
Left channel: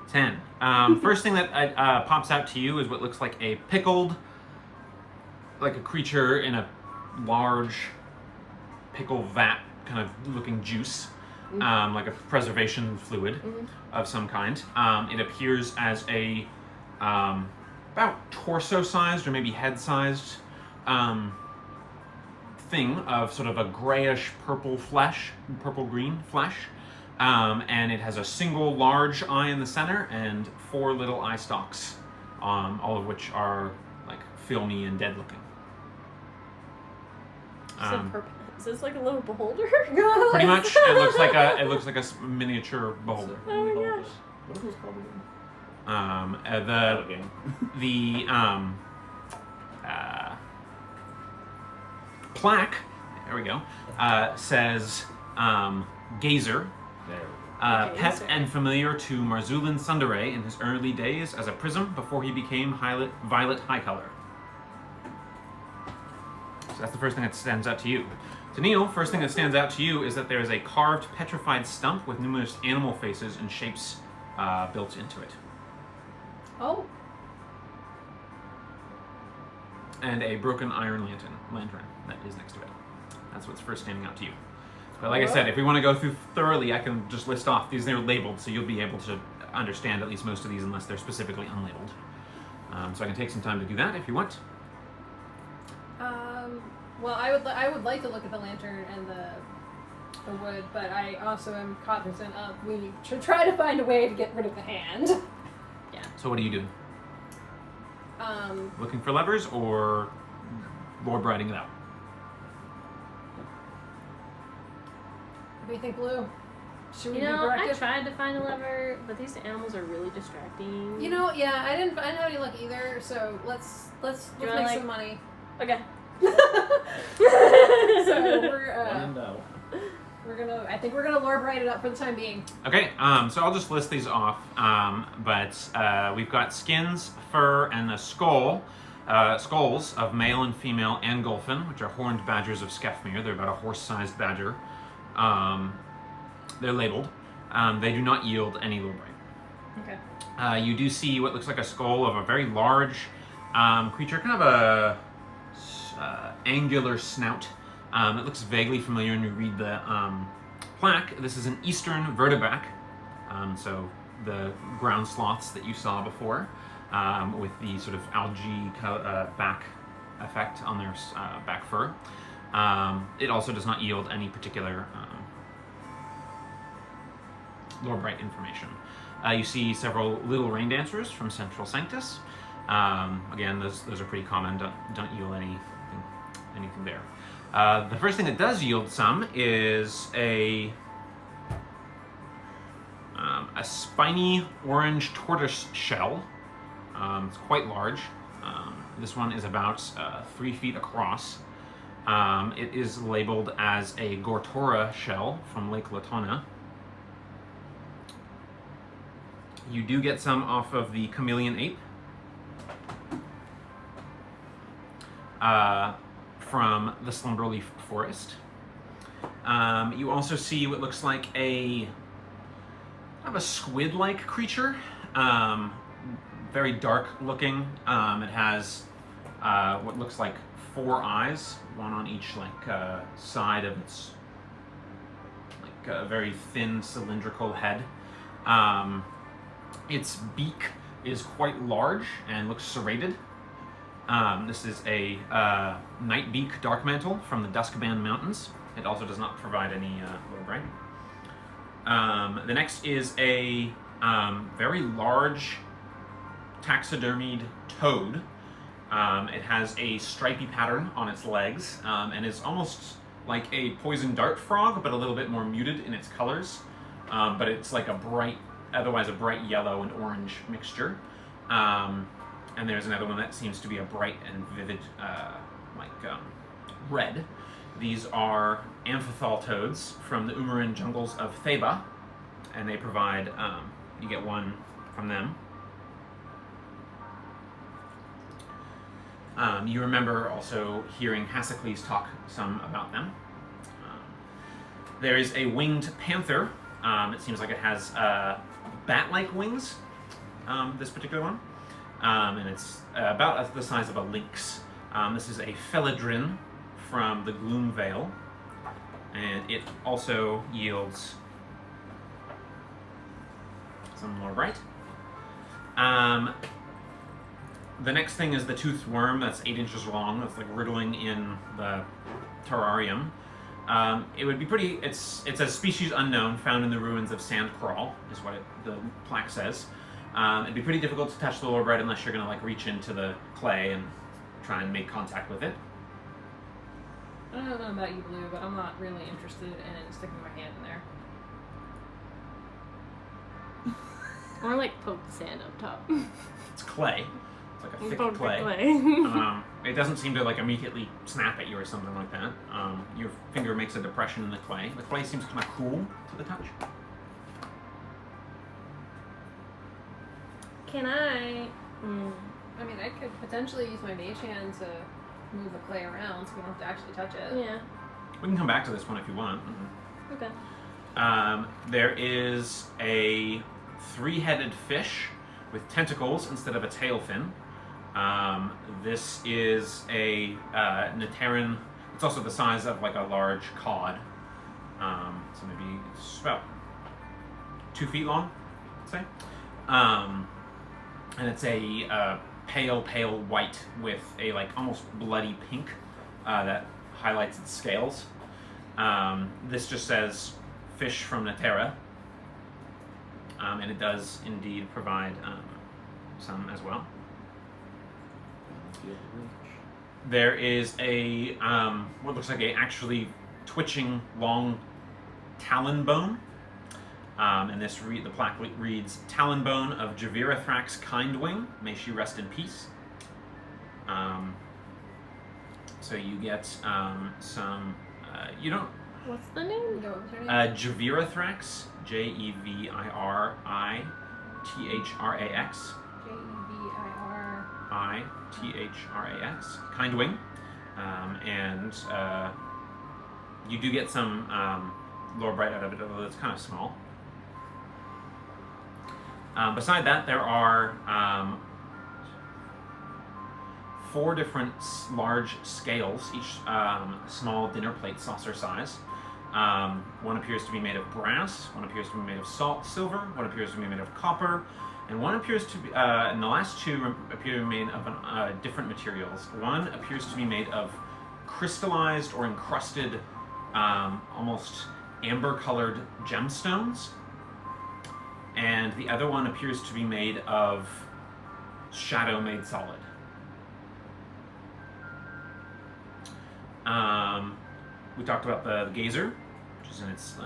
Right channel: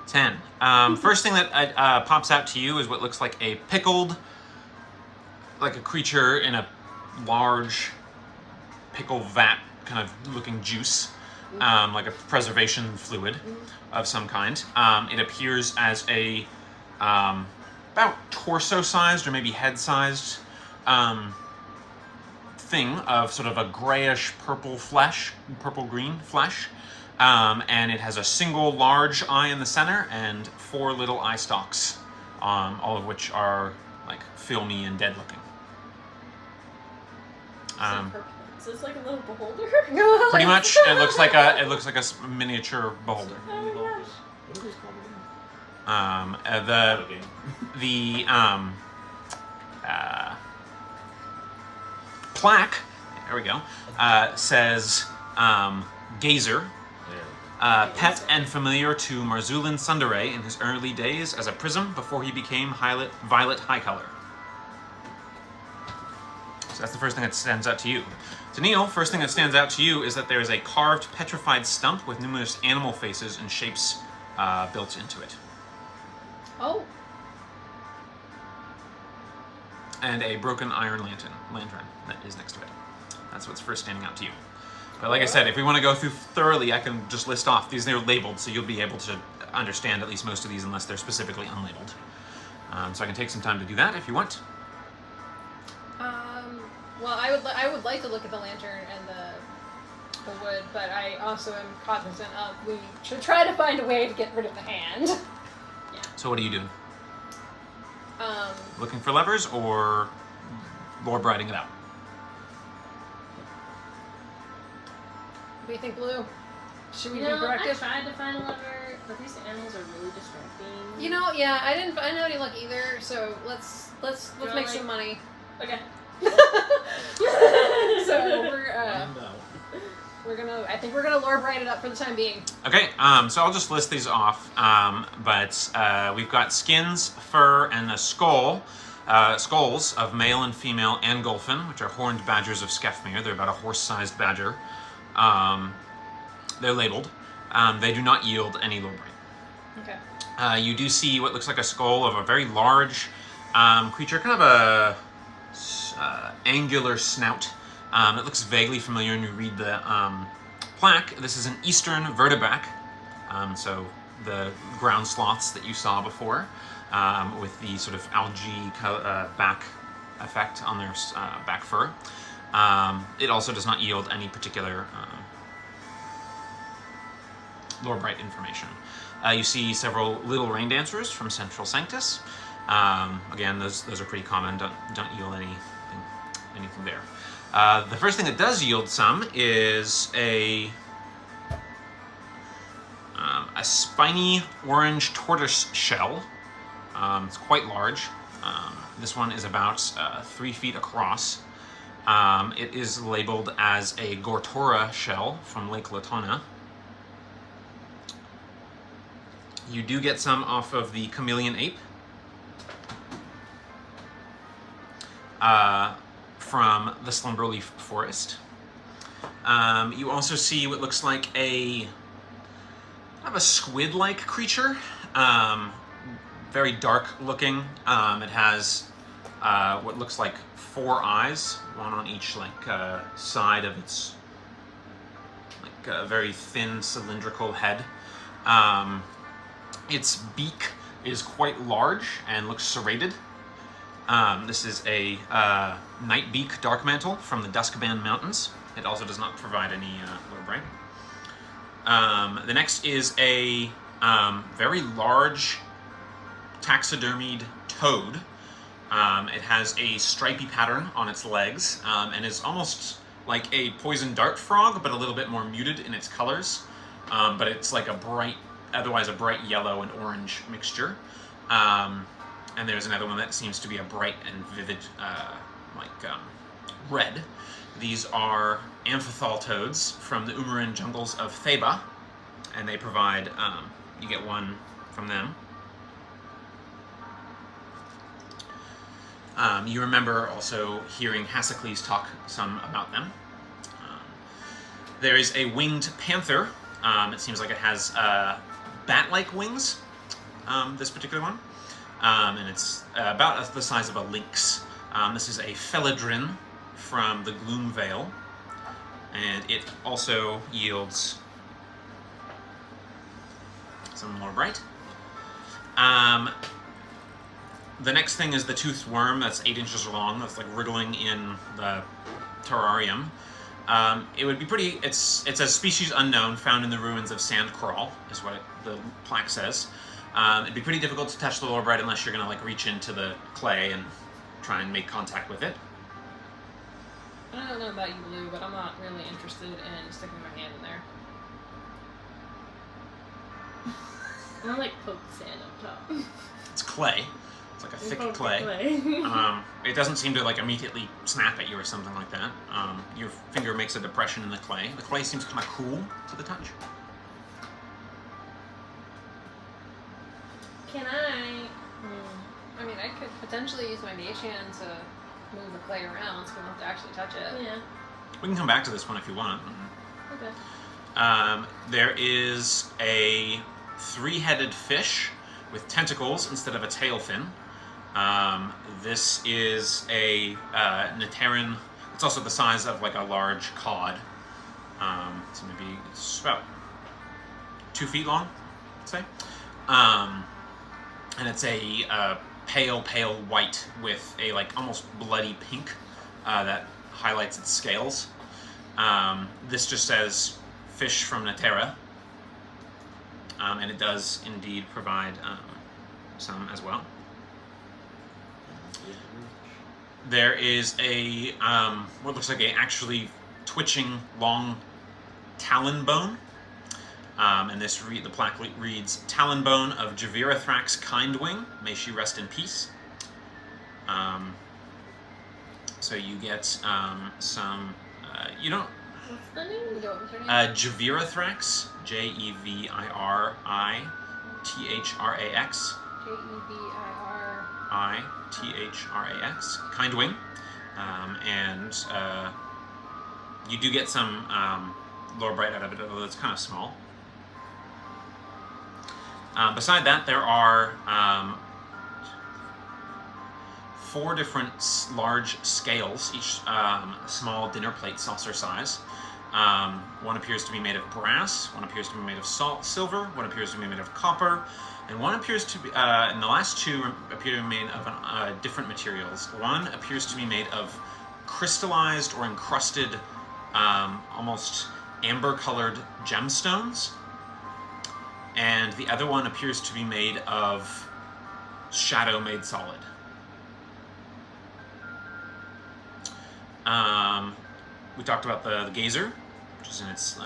10? 10. First thing that pops out to you is what looks like a pickled, like a creature in a large pickle vat kind of looking juice, like a preservation fluid of some kind. It appears as a about torso-sized or maybe head-sized thing of sort of a grayish purple flesh, purple-green flesh. And it has a single large eye in the center and 4 little eye stalks, all of which are like filmy and dead-looking. Is this like a little beholder? Pretty much, it looks like a miniature beholder. What are those called again? The plaque, there we go, says Gazer, There we go. pet and familiar to Marzulan Sundere in his early days as a prism before he became Violet High Color. So that's the first thing that stands out to you. To Neil, first thing that stands out to you is that there is a carved petrified stump with numerous animal faces and shapes built into it. Oh. And a broken iron lantern that is next to it. That's what's first standing out to you. But like I said, if we want to go through thoroughly, I can just list off these. They're labeled, so you'll be able to understand at least most of these unless they're specifically unlabeled. So I can take some time to do that if you want. Well, I would like to look at the lantern and the wood, but I also am cognizant of we should try to find a way to get rid of the hand. Yeah. So what do you do? Looking for levers or lore briding it out? What do you think, Blue? Should we You be know, I proactive? tried to find a lever, but these animals are really distracting. You know, yeah, I didn't find any luck either. So let's You know, make like- some money. Okay. So When in doubt. I think we're gonna lore bright it up for the time being. Okay, so I'll just list these off. But we've got skins, fur, and a skull. Skulls of male and female Angolfin, which are horned badgers of Skefmir. They're about a horse-sized badger. They're labeled. They do not yield any lore bright. Okay. You do see what looks like a skull of a very large creature, kind of a angular snout. It looks vaguely familiar when you read the plaque. This is an eastern vertebrac, so the ground sloths that you saw before, with the sort of algae back effect on their back fur. It also does not yield any particular lore bright information. You see several little rain dancers from Central Sanctus. Again, those are pretty common. Don't yield anything there. The first thing that does yield some is a spiny orange tortoise shell. It's quite large. This one is about 3 feet across. It is labeled as a Gortora shell from Lake Latona. You do get some off of the chameleon ape. From the Slumberleaf Forest. You also see what looks like a squid-like creature, very dark looking. It has what looks like 4 eyes, one on each side of its very thin cylindrical head. Its beak is quite large and looks serrated. This is a night beak dark mantle from the Duskband Mountains. It also does not provide any lore bright. The next is a very large taxidermied toad. It has a stripy pattern on its legs and is almost like a poison dart frog, but a little bit more muted in its colors. But it's like otherwise a bright yellow and orange mixture. And there's another one that seems to be a bright and vivid, red. These are amphithal toads from the Umaran jungles of Theba, and they provide, you get one from them. You remember also hearing Hassocles talk some about them. There is a winged panther. It seems like it has bat-like wings, this particular one. And it's about the size of a lynx. This is a Felidrin from the Gloom Vale, and it also yields some more bright. The next thing is the toothed worm that's 8 inches long, that's like wriggling in the terrarium. It would be pretty. It's a species unknown, found in the ruins of Sandcrawl, is what the plaque says. It'd be pretty difficult to touch the lore bright unless you're gonna reach into the clay and try and make contact with it. I don't know about you, Blue, but I'm not really interested in sticking my hand in there. I want to poke sand up top. It's clay. It's like a thick Poke the clay. It doesn't seem to immediately snap at you or something like that. Your finger makes a depression in the clay. The clay seems kind of cool to the touch. Can I? I mean, I could potentially use my mage hand to move the clay around so we don't have to actually touch it. Yeah. We can come back to this one if you want. Okay. There is a 3-headed fish with tentacles instead of a tail fin. This is a Neteran. It's also the size of a large cod. So maybe it's about 2 feet long, I'd say. And it's a pale white with a almost bloody pink that highlights its scales. This just says fish from Netera, and it does indeed provide some as well. There is a what looks like a actually twitching long talon bone. And the plaque reads, "Talon bone of Javirathrax Kindwing, may she rest in peace." So you get some. You don't. What's the name? Javirathrax, Jevirithrax, Jeviritrax, Kindwing, and you do get some lore bright out of it, although it's kind of small. Beside that, there are 4 different large scales, each small dinner plate saucer size. One appears to be made of brass, one appears to be made of silver, one appears to be made of copper, and one appears to be, and the last 2 appear to be made of different materials. One appears to be made of crystallized or encrusted, almost amber-colored gemstones. And the other one appears to be made of shadow made solid. We talked about the gazer, which is in its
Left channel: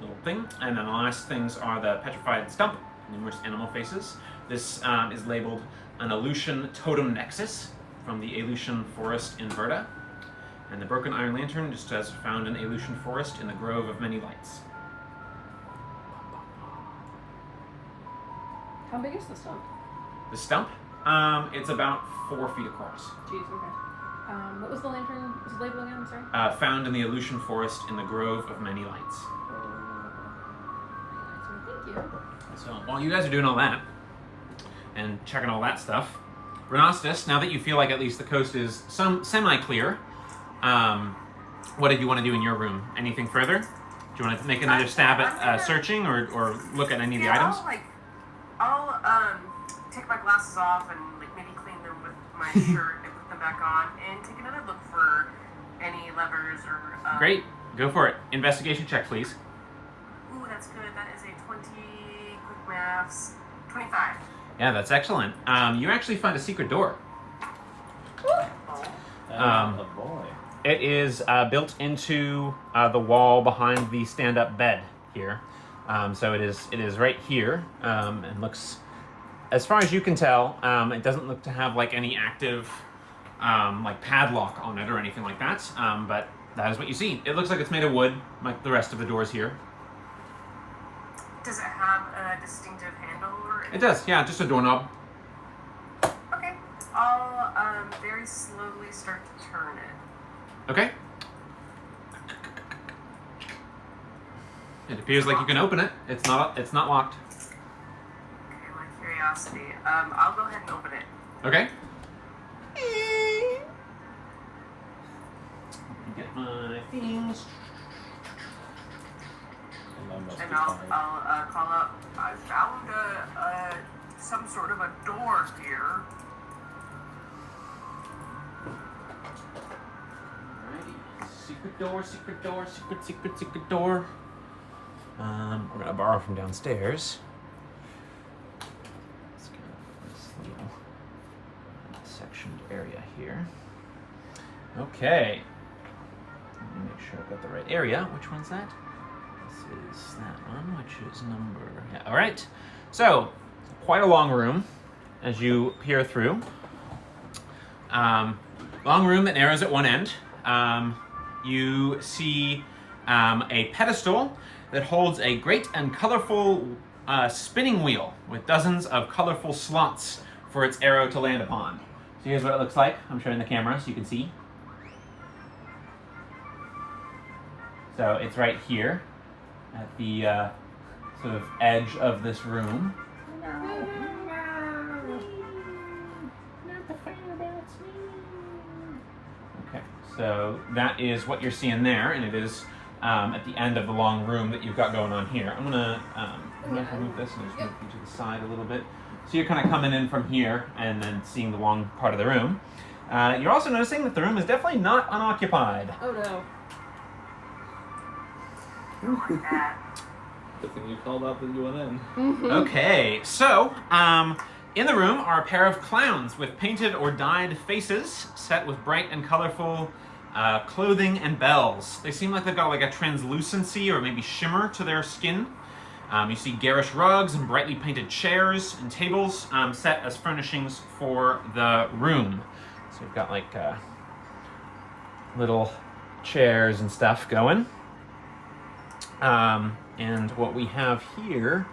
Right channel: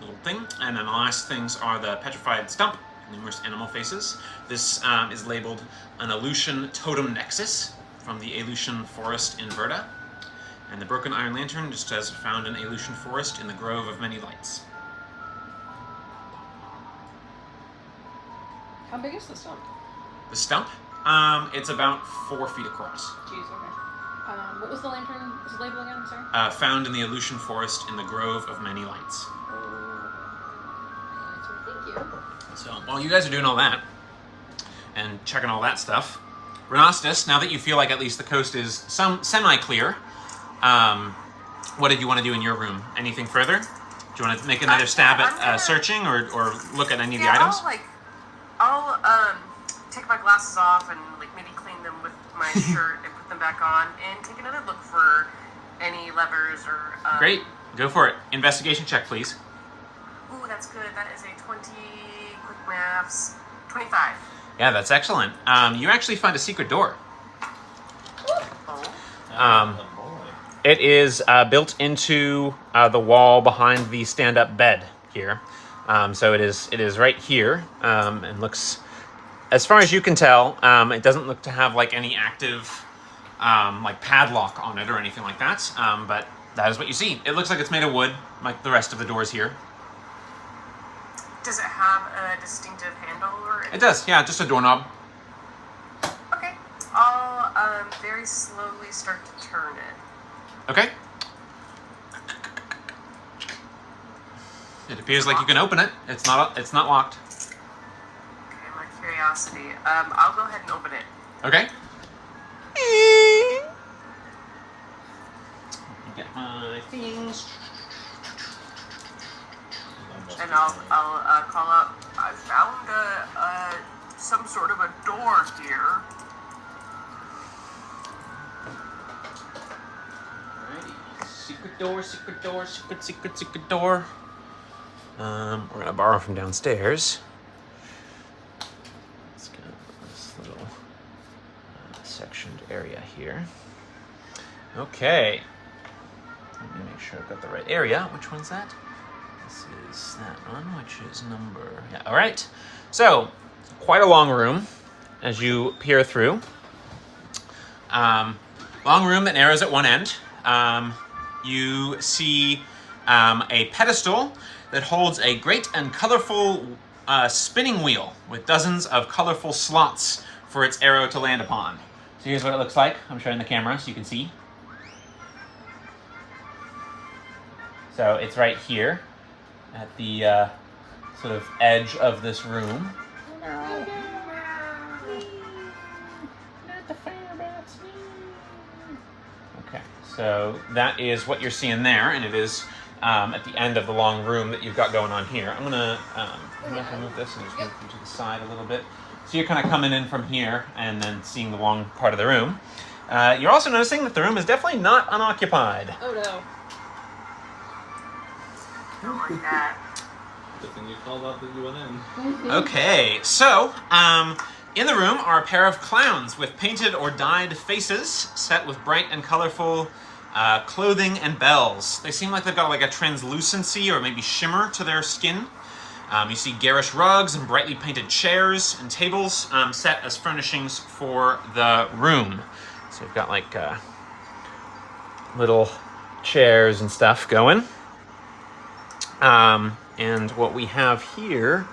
little thing. And then the last things are the petrified stump, numerous animal faces. This is labeled an Aleutian totem nexus from the Aleutian forest in Verda. And the broken iron lantern just says, found in Aleutian forest in the grove of many lights. How big is the stump? The stump? It's about 4 feet across. Jeez, okay. What was the lantern's label again, sorry? Found in the Aleutian forest in the grove of many lights. Thank you. So while you guys are doing all that, and checking all that stuff. Renostis, now that you feel like at least the coast is semi-clear, what did you want to do in your room? Anything further? Do you want to make another stab at searching or look at any of the items? I'll take my glasses off and like maybe clean them with my shirt and put them back on and take another look for any levers or. Great, go for it. Investigation check, please. Ooh, that's good. That is a 20. Quick maths. 25. Yeah, that's excellent. You actually find a secret door. Oh. Oh boy. It is built into the wall behind the stand-up bed here. So it is right here, and looks, as far as you can tell, it doesn't look to have like any active like padlock on it or anything like that. But that is what you see. It looks like it's made of wood, like the rest of the doors here. Does it have a distinctive handle or anything? It does, yeah, just a doorknob. Okay. I'll very slowly start to turn it. Okay. It appears like you can open it. It's not locked. Okay, my curiosity. I'll go ahead and open it. Okay. Get my things. And I'll call out. I found some sort of a door here. Alrighty. Secret door, secret door, secret door. We're gonna borrow from downstairs. Let's go this little sectioned area here. Okay. Let me make sure I've got the right area. Which one's that? This is that one, which is number... Yeah, all right. So, quite a long room as you peer through. Long room that narrows at one end. You see a pedestal that holds a great and colorful spinning wheel with dozens of colorful slots for its arrow to land upon. So here's what it looks like. I'm showing the camera so you can see. So it's right here at the sort of edge of this room. Okay, so that is what you're seeing there, and it is at the end of the long room that you've got going on here. I'm gonna move this and just move you to the side a little bit. So you're kind of coming in from here and then seeing the long part of the room. You're also noticing that the room is definitely not unoccupied. Oh no. Don't like that. Good thing you called out that you went in. Okay, so in the room are a pair of clowns with painted or dyed faces set with bright and colorful clothing and bells. They seem like they've got like a translucency or maybe shimmer to their skin. You see garish rugs and brightly painted chairs and tables set as furnishings for the room. So we've got like little chairs and stuff going. And what we have here,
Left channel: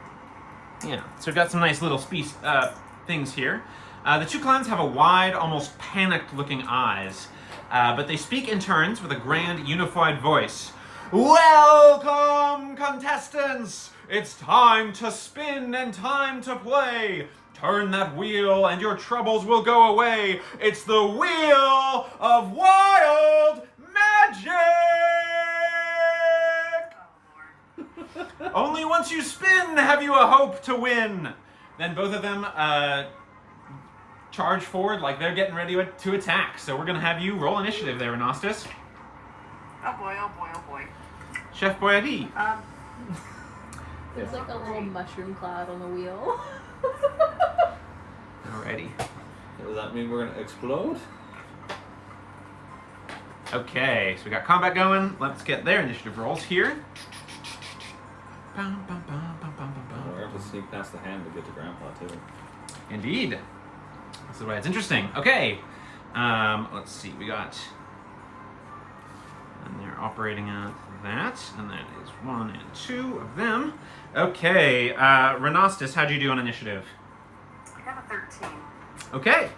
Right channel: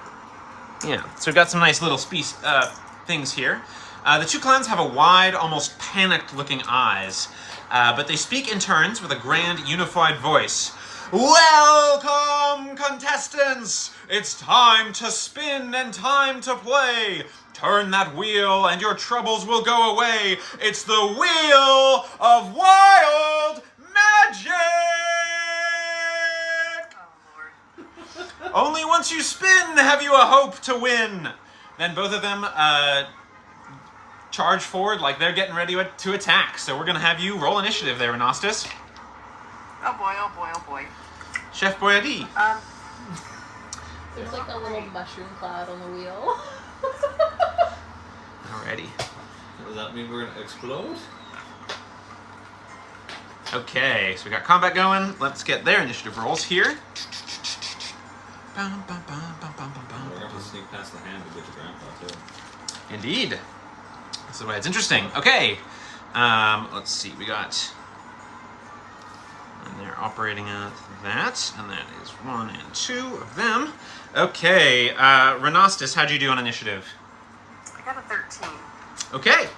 yeah, so we've got some nice little things here. The two clowns have a wide, almost panicked-looking eyes, but they speak in turns with a grand, unified voice. Welcome, contestants! It's time to spin and time to play. Turn that wheel and your troubles will go away. It's the Wheel of Wild Magic! Only once you spin have you a hope to win. Then both of them charge forward like they're getting ready to attack. So we're going to have you roll initiative there, Renostis. Oh boy, oh boy, oh boy. Chef Boyardee. There's like a little mushroom cloud on the wheel. Alrighty. Does that mean we're going to explode? Okay, so we got combat going. Let's get their initiative rolls here. We're going to have to sneak past the hand to get to Grandpa, too. Indeed. This is why it's interesting. Okay. Let's see. We got... And they're operating at that. And that is 1 and 2 of them. Okay. Renostis, how'd you do on initiative? I got a 13. Okay.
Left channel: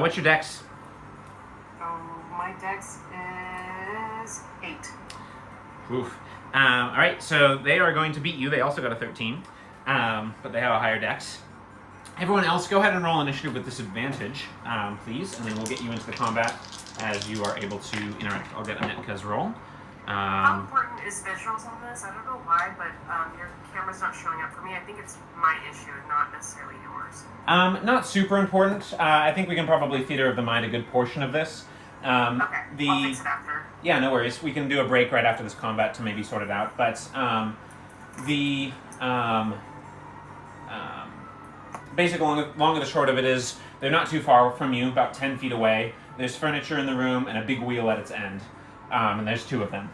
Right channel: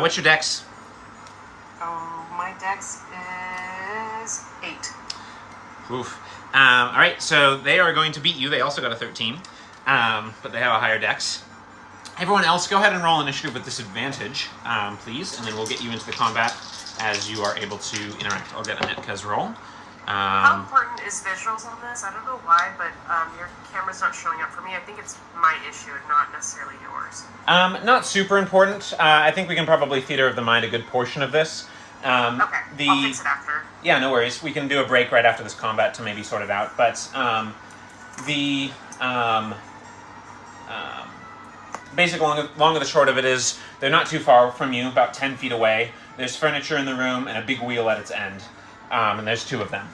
What's your dex? Oh, my dex is 8. Oof. All right, so they are going to beat you. They also got a 13, but they have a higher dex. Everyone else, go ahead and roll initiative with disadvantage, please, and then we'll get you into the combat as you are able to interact. I'll get Anetka's roll. How important is visuals on this? I don't know why, but your camera's not showing up for me. I think it's my issue, not necessarily yours. Not super important. I think we can probably theater of the mind a good portion of this. Okay, I'll fix it after. Yeah, no worries. We can do a break right after this combat to maybe sort it out. But basic long and the short of it is they're not too far from you, about 10 feet away. There's furniture in the room and a big wheel at its end. And there's 2 of them.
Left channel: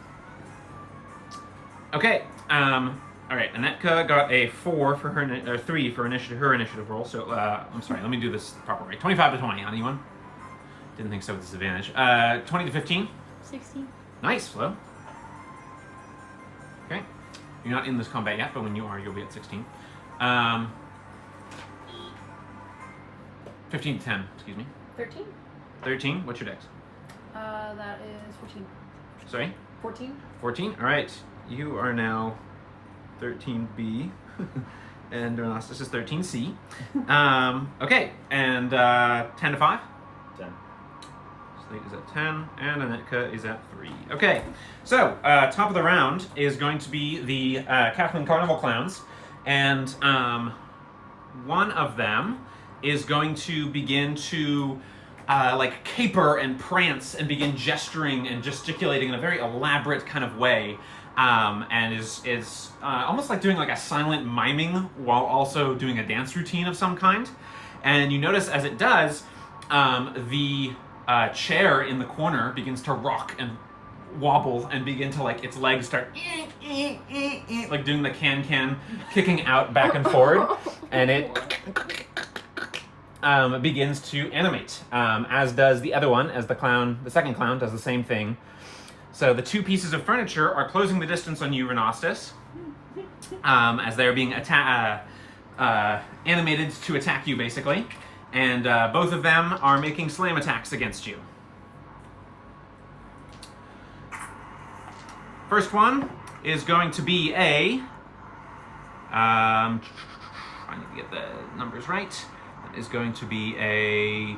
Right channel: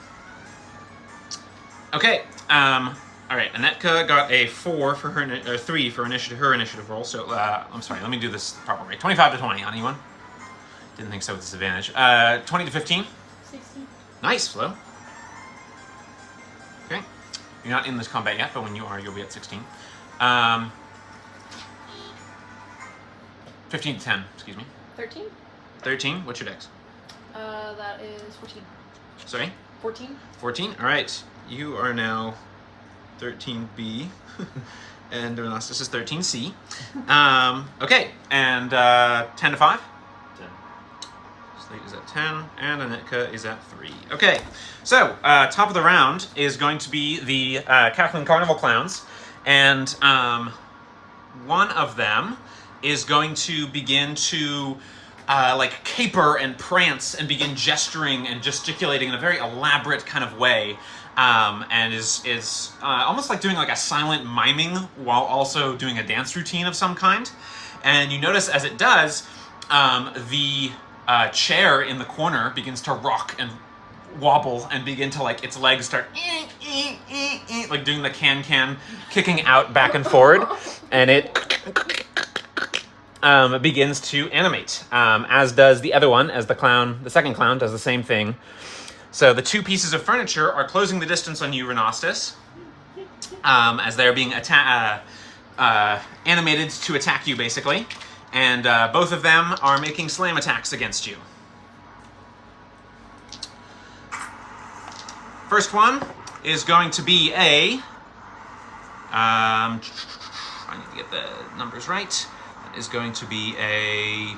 Okay. All right. Anetka got a 4 for her, 3 for her initiative roll. So I'm sorry. Let me do this the proper way. 25 to 20 on anyone. Didn't think so with disadvantage. 20 to 15. 16. Nice, Flo. Okay. You're not in this combat yet, but when you are, you'll be at 16. 15 to 10. Excuse me. 13. 13. What's your dex? That is 14. Sorry. 14. 14? Alright. You are now 13B. And this is 13C. Okay. And 10 to 5? 10. Slate is at 10, and Anetka is at 3. Okay. So, top of the round is going to be the Cackling Carnival Clowns. And one of them is going to begin to like caper and prance and begin gesturing and gesticulating in a very elaborate kind of way, and is almost like doing like a silent miming while also doing a dance routine of some kind. And you notice as it does, the chair in the corner begins to rock and wobble and begin to like its legs start like doing the can kicking out back and forward, and it begins to animate, as does the other one, as the second clown does the same thing. So the 2 pieces of furniture are closing the distance on you, Renostis, as they're being animated to attack you, basically. And both of them are making slam attacks against you. First one is going to be a... I need to get the numbers right. Is going to be a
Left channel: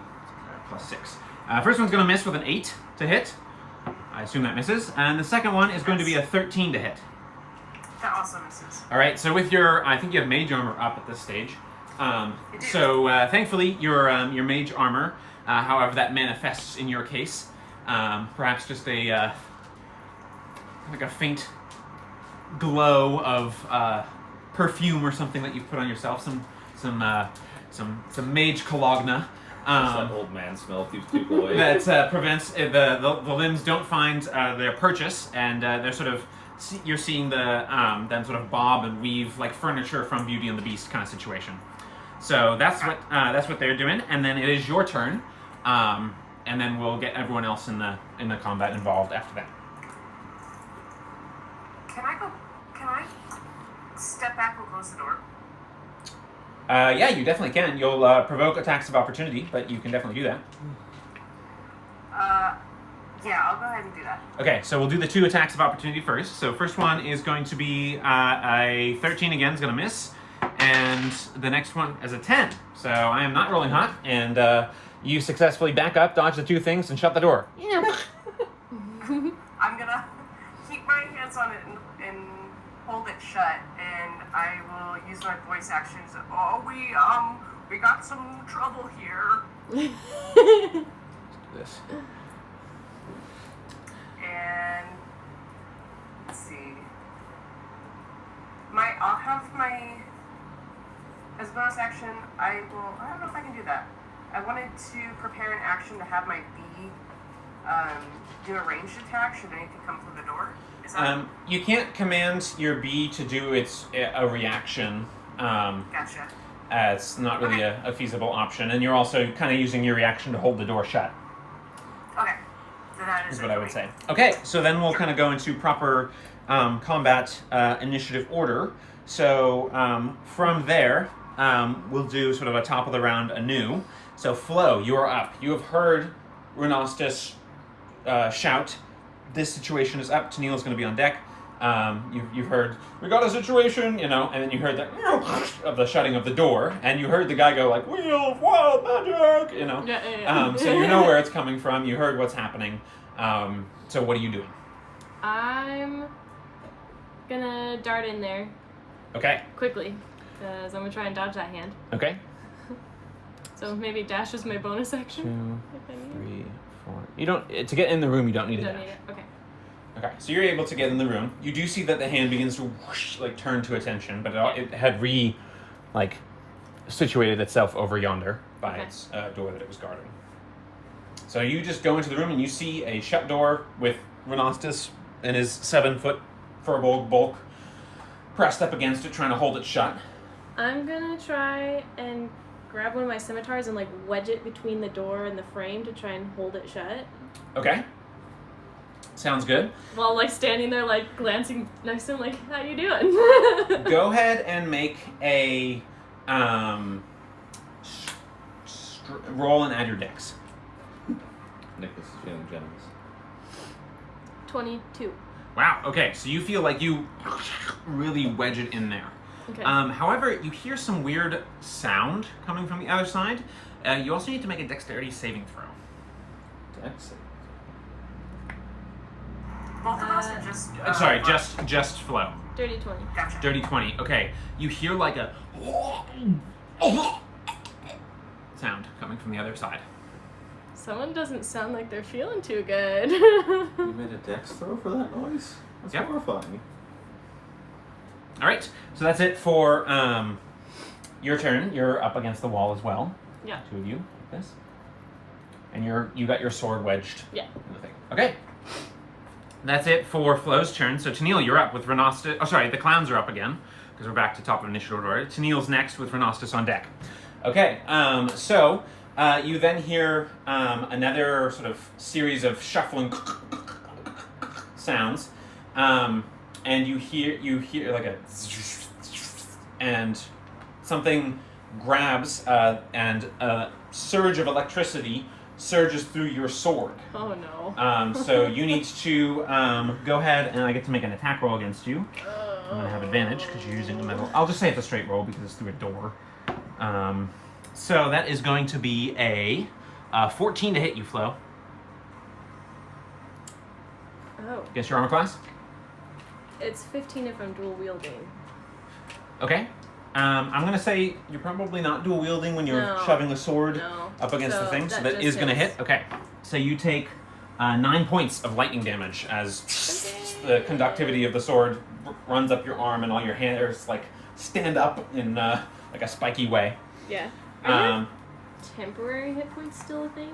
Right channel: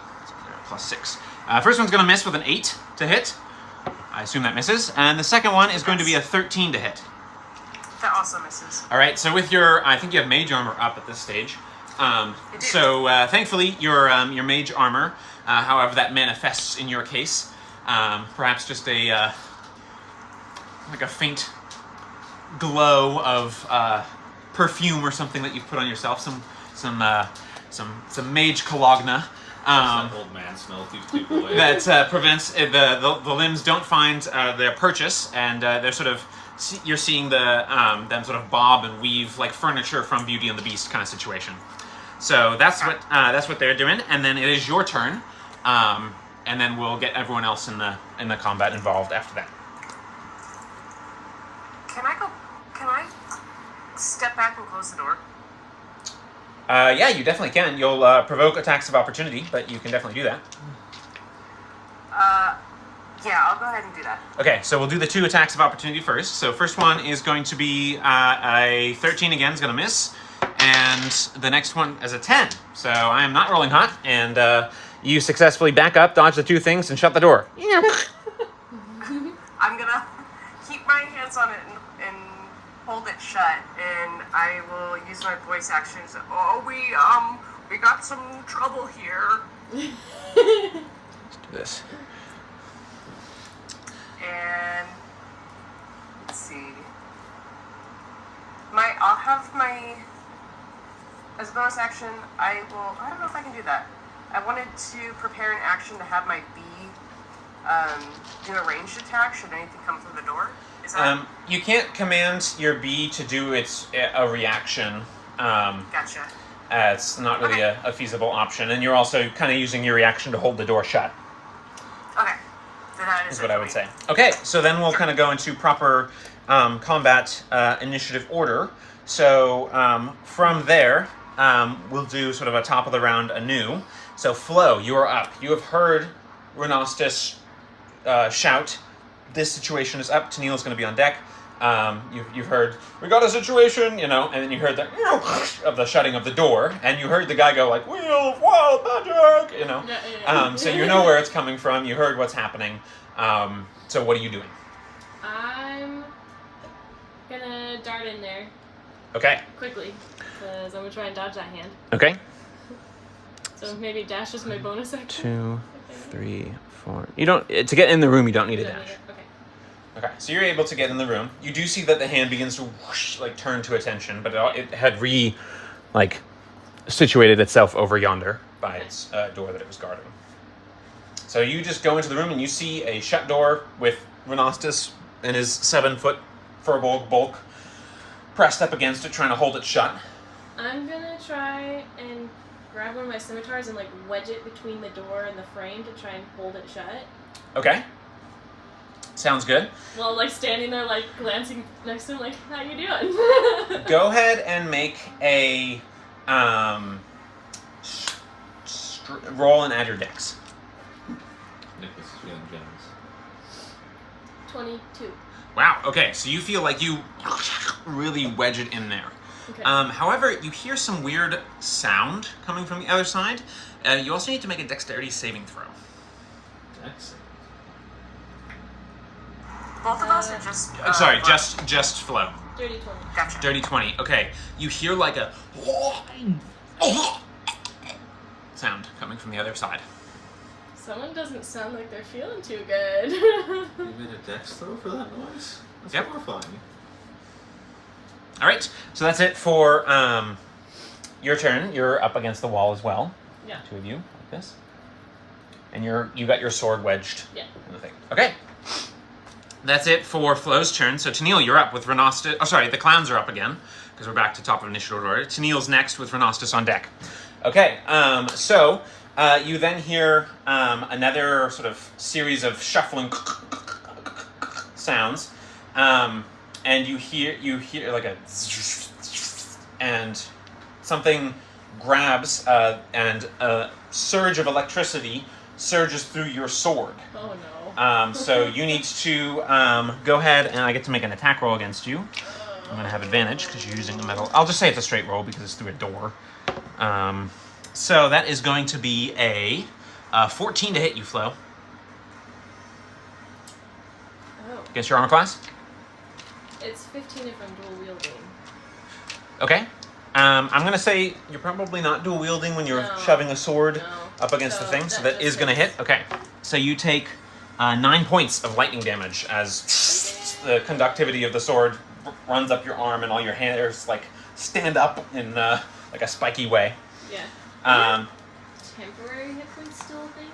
+6. First one's going to miss with an 8 to hit. I assume that misses. And the second one is going to be a 13 to hit. That also misses. All right, so with your, I think you have mage armor up at this stage. So thankfully, your mage armor, however that manifests in your case, perhaps just a like a faint glow of perfume or something that you've put on yourself, some mage cologna. That old man smell keeps people away. That prevents the limbs don't find their purchase, and they're sort of you're seeing them sort of bob and weave like furniture from Beauty and the Beast kind of situation. So that's what they're doing, and then it is your turn, and then we'll get everyone else in the combat involved after that. Can I step back and close the door? Yeah, you definitely can. You'll provoke attacks of opportunity, but you can definitely do that. Yeah, I'll go ahead and do that. Okay, so we'll do the 2 attacks of opportunity first. So first one is going to be a 13 again, is going to miss. And the next one is a 10. So I am not rolling hot, and you successfully back up, dodge the 2 things, and shut the door. I'm gonna keep my hands on it and hold it shut, and I will use my voice action to say, "Oh, we got some trouble here." Let's do this. And let's see. I'll have my, as a bonus action, I don't know if I can do that. I wanted to prepare an action to have my bee do a ranged attack should anything come through the door. Is that... You can't command your bee to do a reaction. Gotcha. It's not really a feasible option, and you're also kind of using your reaction to hold the door shut. Okay. Then that is what I would say. Okay, so then we'll kind of go into proper combat initiative order. So from there, we'll do sort of a top of the round anew. So Flo, you are up. You have heard Renostis shout, "This situation is up." Tennille's going to be on deck. You've heard, we got a situation, and then you heard the of the shutting of the door, and you heard the guy go like, wheel of wild magic, Yeah. So you know where it's coming from. You heard what's happening. So what are you doing? I'm gonna dart in there Okay. quickly, because I'm gonna try and dodge that hand. Okay. So maybe dash is my bonus action. 2, 3, 4. You don't to get in the room. You don't need a Don't dash. need it. Okay. Okay, so you're able to get in the room. You do see that the hand begins to whoosh, like turn to attention, but it had situated itself over yonder by Okay. its door that it was guarding. So you just go into the room and you see a shut door with Renostus and his 7-foot furbolg bulk pressed up against it, trying to hold it shut. I'm gonna try and grab one of my scimitars and like wedge it between the door and the frame to try and hold it shut. Okay. Sounds good. While like standing there like glancing next to him like, how you doing? Go ahead and make a roll and add your dex. Nicholas is feeling generous. 22. Wow, okay, so you feel like you really wedge it in there. Okay. However, you hear some weird sound coming from the other side. You also need to make a dexterity saving throw. Dex. Both of us are just. Sorry, us? just flow. Dirty 20. Gotcha. Dirty 20. Okay, you hear like a sound coming from the other side. Someone doesn't sound like they're feeling too good. You made a dex throw for that noise? That's Yep. horrifying. All right, so that's it for your turn. You're up against the wall as well. Yeah. 2 of you, like this, and you got your sword wedged. Yeah. In the thing. Okay. That's it for Flo's turn. So Tennille, you're up with Renostus. Oh, sorry, the clowns are up again because we're back to top of initiative order. Tennille's next with Renostus on deck. Okay. So you then hear another sort of series of shuffling sounds, and you hear like a and something grabs and a surge of electricity surges through your sword. Oh no. So you need to go ahead and I get to make an attack roll against you. I'm going to have advantage because you're using a metal. I'll just say it's a straight roll because it's through a door. So that is going to be a 14 to hit you, Flo. Oh. Against your armor class? It's 15 if I'm dual wielding. Okay. I'm going to say you're probably not dual wielding when you're No. shoving a sword No. up against So the thing. So that that is just going to hits. hit. Okay. So you take 9 points of lightning damage as the conductivity of the sword runs up your arm and all your hairs like stand up in like a spiky way. Yeah. Um, Temporary hit points still a thing?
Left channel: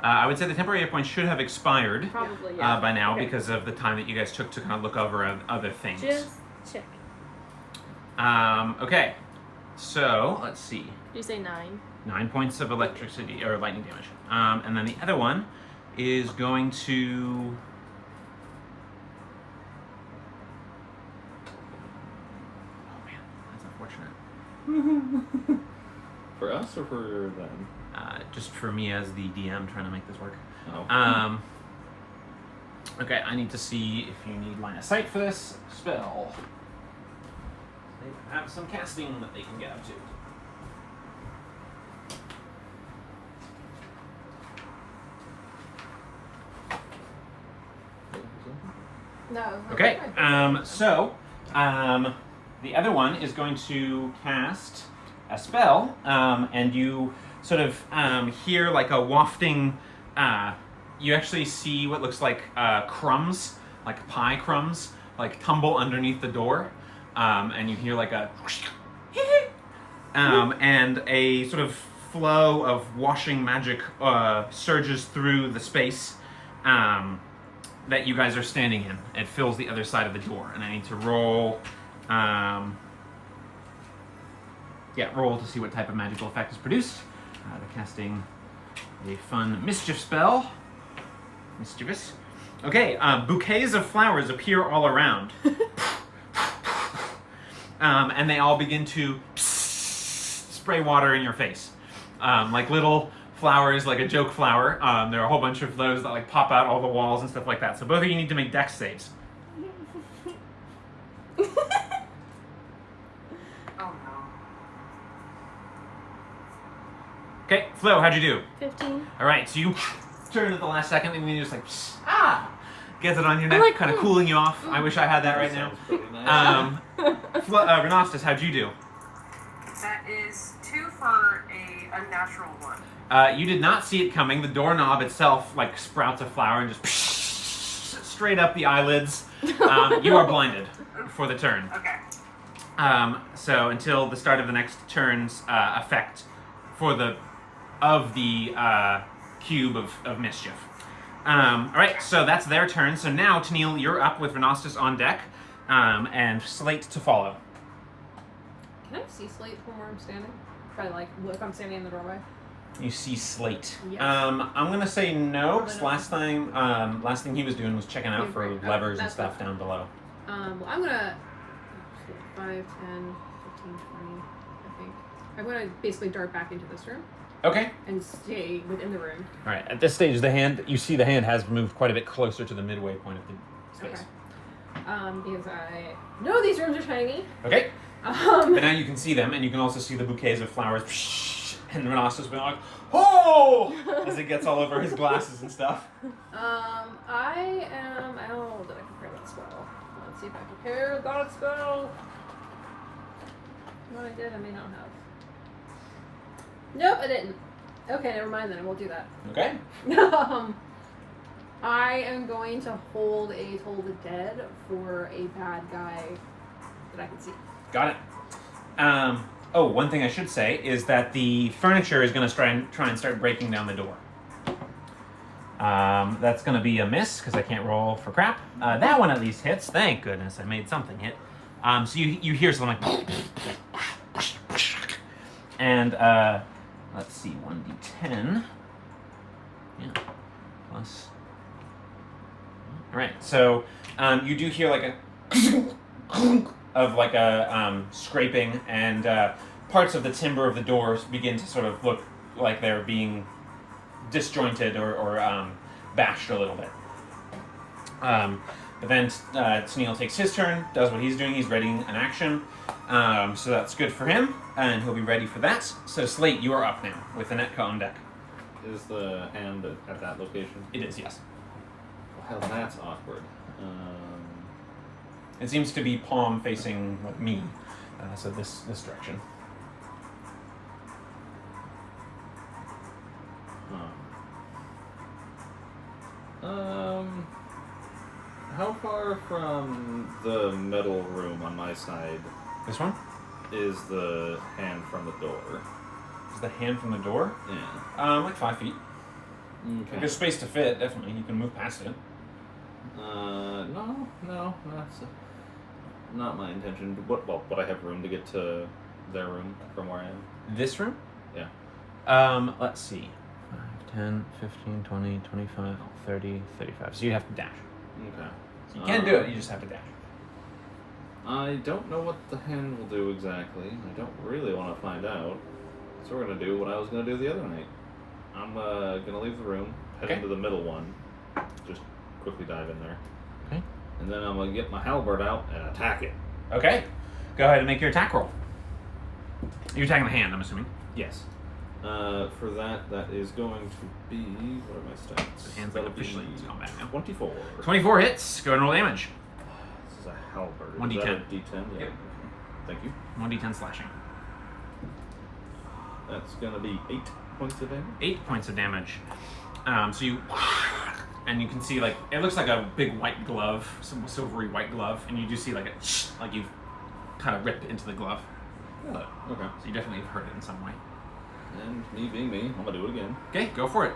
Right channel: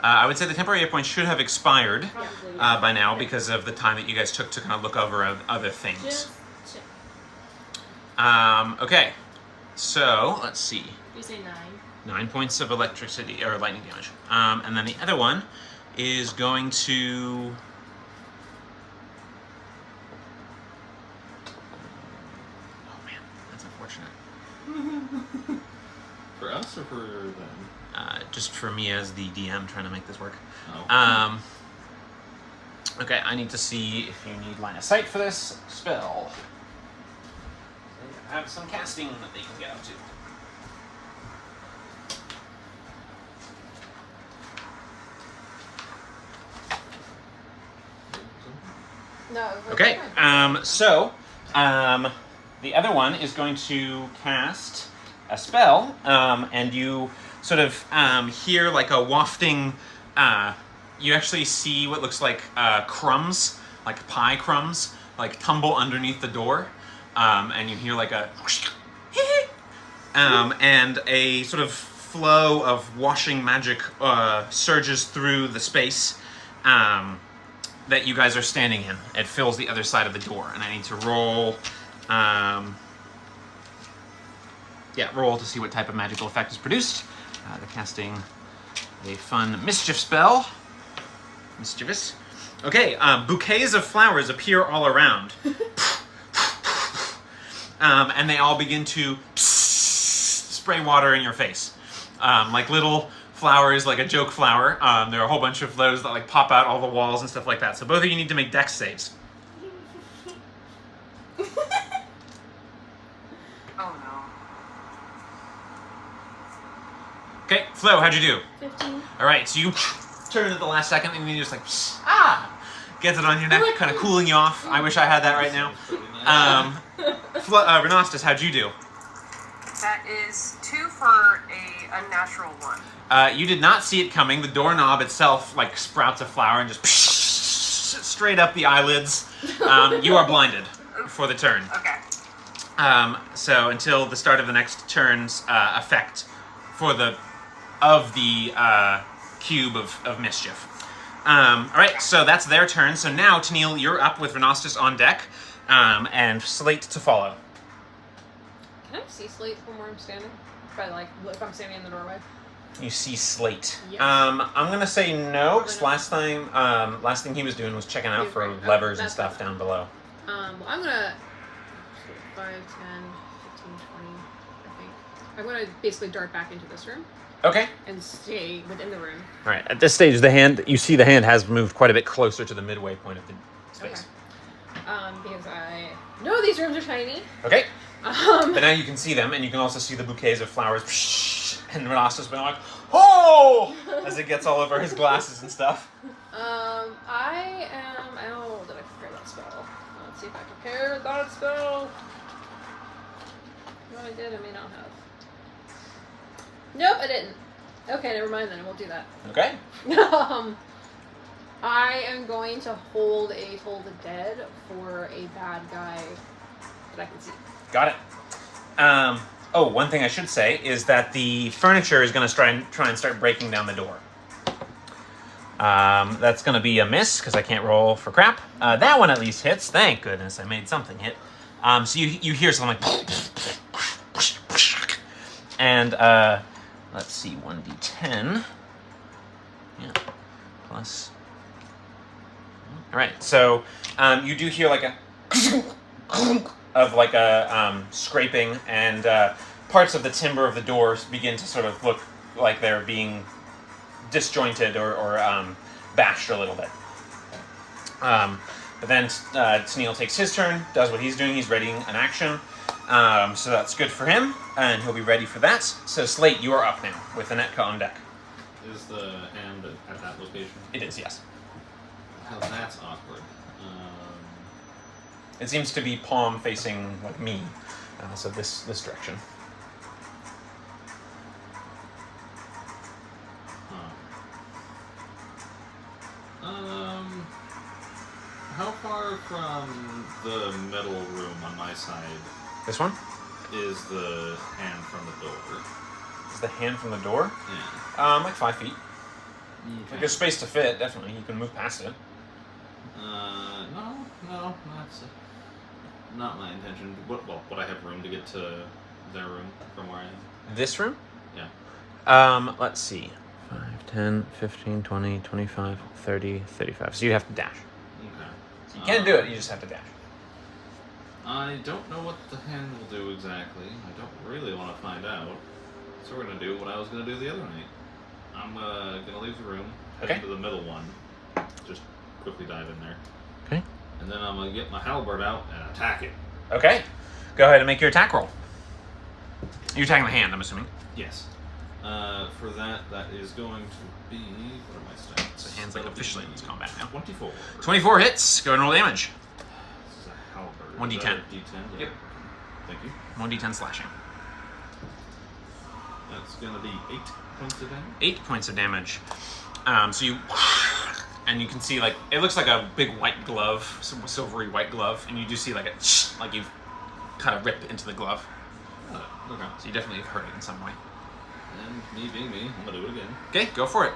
I would say the temporary hit points should have expired Probably, yeah. by now Okay. because of the time that you guys took to kind of look over other things. Just check. Okay, so let's see. Did you say 9? 9 points of electricity or lightning damage. And then the other one is going to. Oh man, that's unfortunate. For us or for them? Just for me as the DM trying to make this work. Oh. Okay, I need to see if you need line of sight for this spell. Have some casting that they can get up to. No. Okay, the other one is going to cast a spell, and you sort of hear like a wafting, you actually see what looks like crumbs, like pie crumbs, like tumble underneath the door, and you hear like a and a sort of flow of washing magic surges through the space that you guys are standing in. It fills the other side of the door, and I need to roll. Roll to see what type of magical effect is produced. They're casting a fun mischief spell. Mischievous. Okay, bouquets of flowers appear all around. And they all begin to spray water in your face. Like little flowers, like a joke flower. There are a whole bunch of those that like pop out all the walls and stuff like that. So both of you need to make dex saves. Oh no. Okay, Flo, how'd you do? 15. All right, so you turn at the last second and you just like, gets it on your neck, like, kind of cooling you off. I wish I had that right now. Sounds pretty nice. Renastus, how'd you do? That is 2 for a unnatural 1. You did not see it coming. The doorknob itself like sprouts a flower and just straight up the eyelids. You are blinded for the turn. Okay. So until the start of the next turn's effect for the cube of mischief. All right, so that's their turn. So now, Tennille, you're up with Renastus on deck, and Slate to follow. Can I see Slate from where I'm standing? If I'm standing in the doorway. You see Slate. Yes. I'm gonna say no, because last thing he was doing was checking out for levers and stuff down below. Well, I'm gonna 5, 10, 15, 20, I think. I'm gonna basically dart back into this room Okay. and stay within the room. All right. At this stage, you see the hand has moved quite a bit closer to the midway point of the space. Because I know these rooms are tiny. Okay. But now you can see them, and you can also see the bouquets of flowers. And Renastus being like, "Oh!" as it gets all over his glasses and stuff. I am. Oh, did I prepare that spell? Let's see if I prepared that spell. No, I did. I may not have. Nope, I didn't. Okay, never mind then. I won't do that. Okay. I am going to hold a Toll the Dead for a bad guy that I can see. Got it. One thing I should say is that the furniture is going to try and start breaking down the door. That's going to be a miss because I can't roll for crap. That one at least hits. Thank goodness I made something hit. So you hear something like, and let's see, 1d10. Yeah, plus. All right, so you do hear like a of like a scraping, and parts of the timber of the doors begin to sort of look like they're being disjointed or bashed a little bit. But then Tennille takes his turn, does what he's doing. He's readying an action, so that's good for him, and he'll be ready for that. So Slate, you are up now with Anetka on deck. Is the hand at that location? It is, yes. Well, that's awkward. It seems to be palm facing like me, so this direction. How far from the metal room on my side This one is the hand from the door? is the hand from the door. Yeah. Like 5 feet. Okay. There's space to fit. Definitely, you can move past it. No, that's not my intention. Would I have room to get to their room from where I am? This room? Yeah. Let's see. 5, 10, 15, 20, 25, 30, 35. So you have to dash. Okay. So you can do it, you just have to dash. I don't know what the hand will do exactly. I don't really want to find out. So we're going to do what I was going to do the other night. I'm going to leave the room, head Okay. into the middle one, just quickly dive in there. Okay. And then I'm going to get my halberd out and attack it. Okay. Go ahead and make your attack roll. You're attacking the hand, I'm assuming. Yes. For that is going to be... What are my stats? The hand's like officially in this combat now. 24. 24 hits. Go ahead and roll damage. This is a halberd. 1d10. Is that a d10? Yeah. Yep. Thank you. 1d10 slashing. That's going to be 8 points of damage. 8 points of damage. So you... And you can see, like, it looks like a big white glove, some silvery white glove, and you do see, like, like you've kind of ripped into the glove. Oh, okay. So you definitely have hurt it in some way. And me being me, I'm going to do it again. Okay, go for it.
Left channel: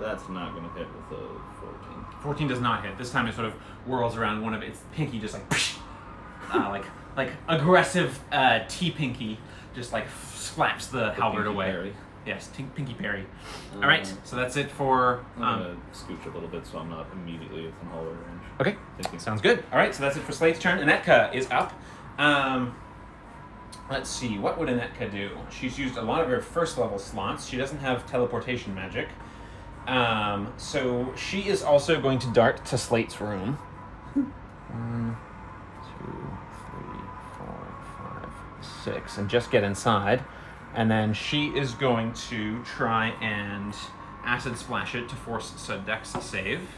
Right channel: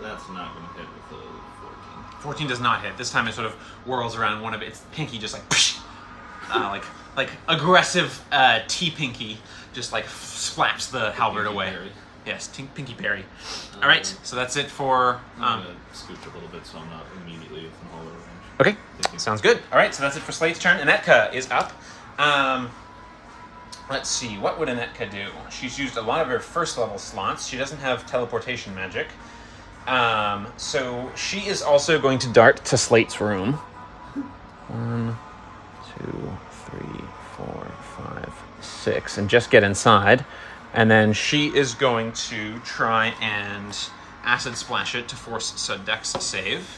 That's not going to hit with a 14. 14 does not hit. This time it sort of whirls around one of its pinky, just like aggressive T-pinky, just like slaps the halberd away. Berry. Yes, pinky berry. All right, so that's it for. I'm going to scooch a little bit so I'm not immediately within hollow range. Okay, Thank you. sounds good. All right, so that's it for Slate's turn. Anetka is up. Let's see, what would Anetka do? She's used a lot of her first level slots. She doesn't have teleportation magic. So she is also going to dart to Slate's room. 1, 2d6 and just get inside. And then she is going to try and acid splash it to force a dex save,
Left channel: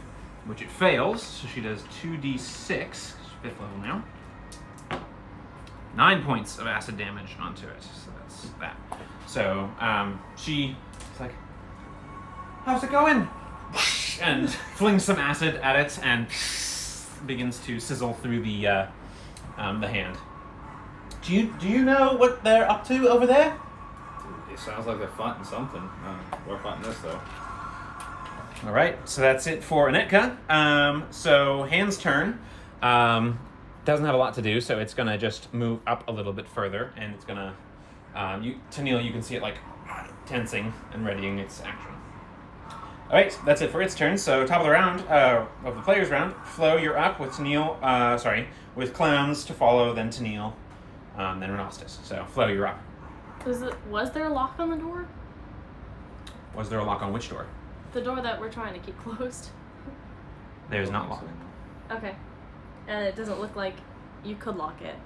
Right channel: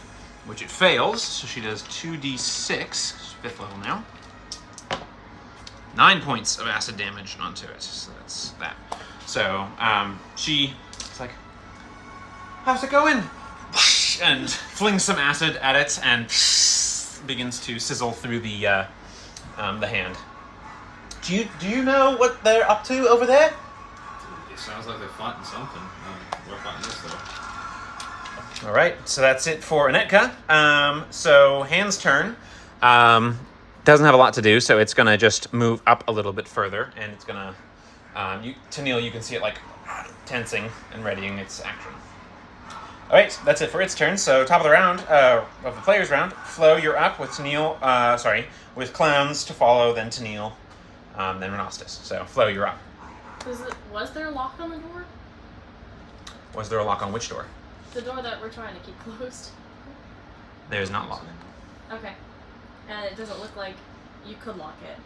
which it fails. So she does 2d6, 5th level now. 9 points of acid damage onto it. So that's that. So she's like, how's it going? And flings some acid at it and begins to sizzle through the hand. Do you know what they're up to over there? It sounds like they're fighting something. We're fighting this though. All right, so that's it for Anetka. So Hand's turn. Doesn't have a lot to do, so it's gonna just move up a little bit further, and it's gonna. Tennille, you can see it like tensing and readying its action. All right, that's it for its turn. So top of the round, of the players' round, Flo, you're up with Tennille. With Clowns to follow, then Tennille, then Renostis. So Flo, you're up. Was there a lock on the door? Was there a lock on which door? The door that we're trying to keep closed. There's not lock. Okay. And it doesn't look like you could lock it.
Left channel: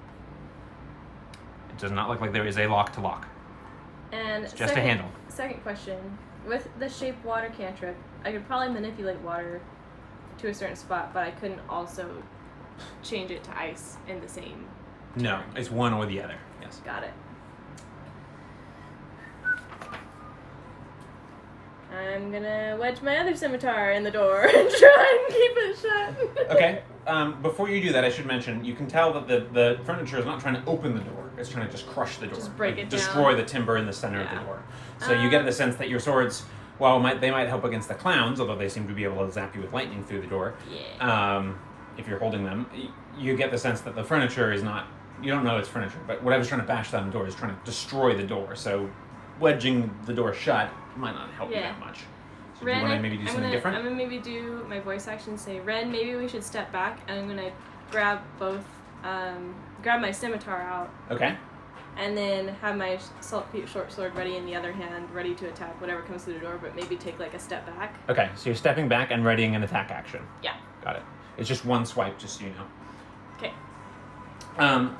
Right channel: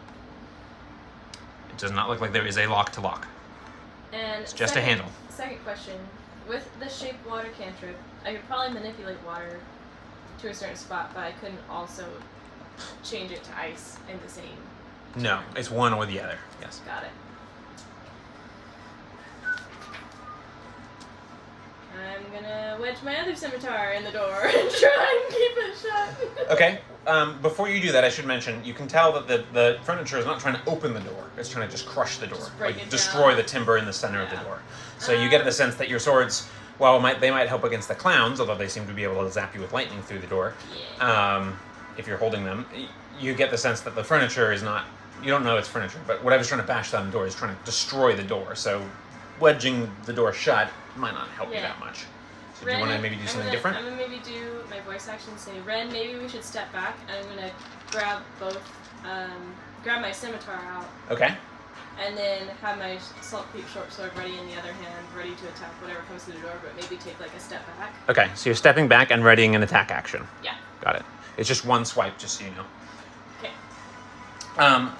It does not look like there is a lock to lock. And it's just a handle. Second question. With the shape water cantrip, I could probably manipulate water to a certain spot, but I couldn't also change it to ice in the same. No, it's one or the other. Yes. Got it. I'm gonna wedge my other scimitar in the door and try and keep it shut. Okay. Before you do that, I should mention, you can tell that the furniture is not trying to open the door. It's trying to just crush the door. Just break it destroy down. the timber in the center of the door. So you get the sense that your swords, while they might help against the clowns, although they seem to be able to zap you with lightning through the door, if you're holding them, you get the sense that the furniture is not, you don't know it's furniture, but whatever's trying to bash down the door is trying to destroy the door. So wedging the door shut might not help you that much. So do you want to maybe do something different? I'm gonna maybe do my voice action, say, Ren, maybe we should step back, and I'm gonna grab grab my scimitar out. Okay. And then have my short sword ready in the other hand, ready to attack whatever comes through the door, but maybe take like a step back. Okay, so you're stepping back and readying an attack action. Yeah. Got it. It's just one swipe, just so you know. Okay.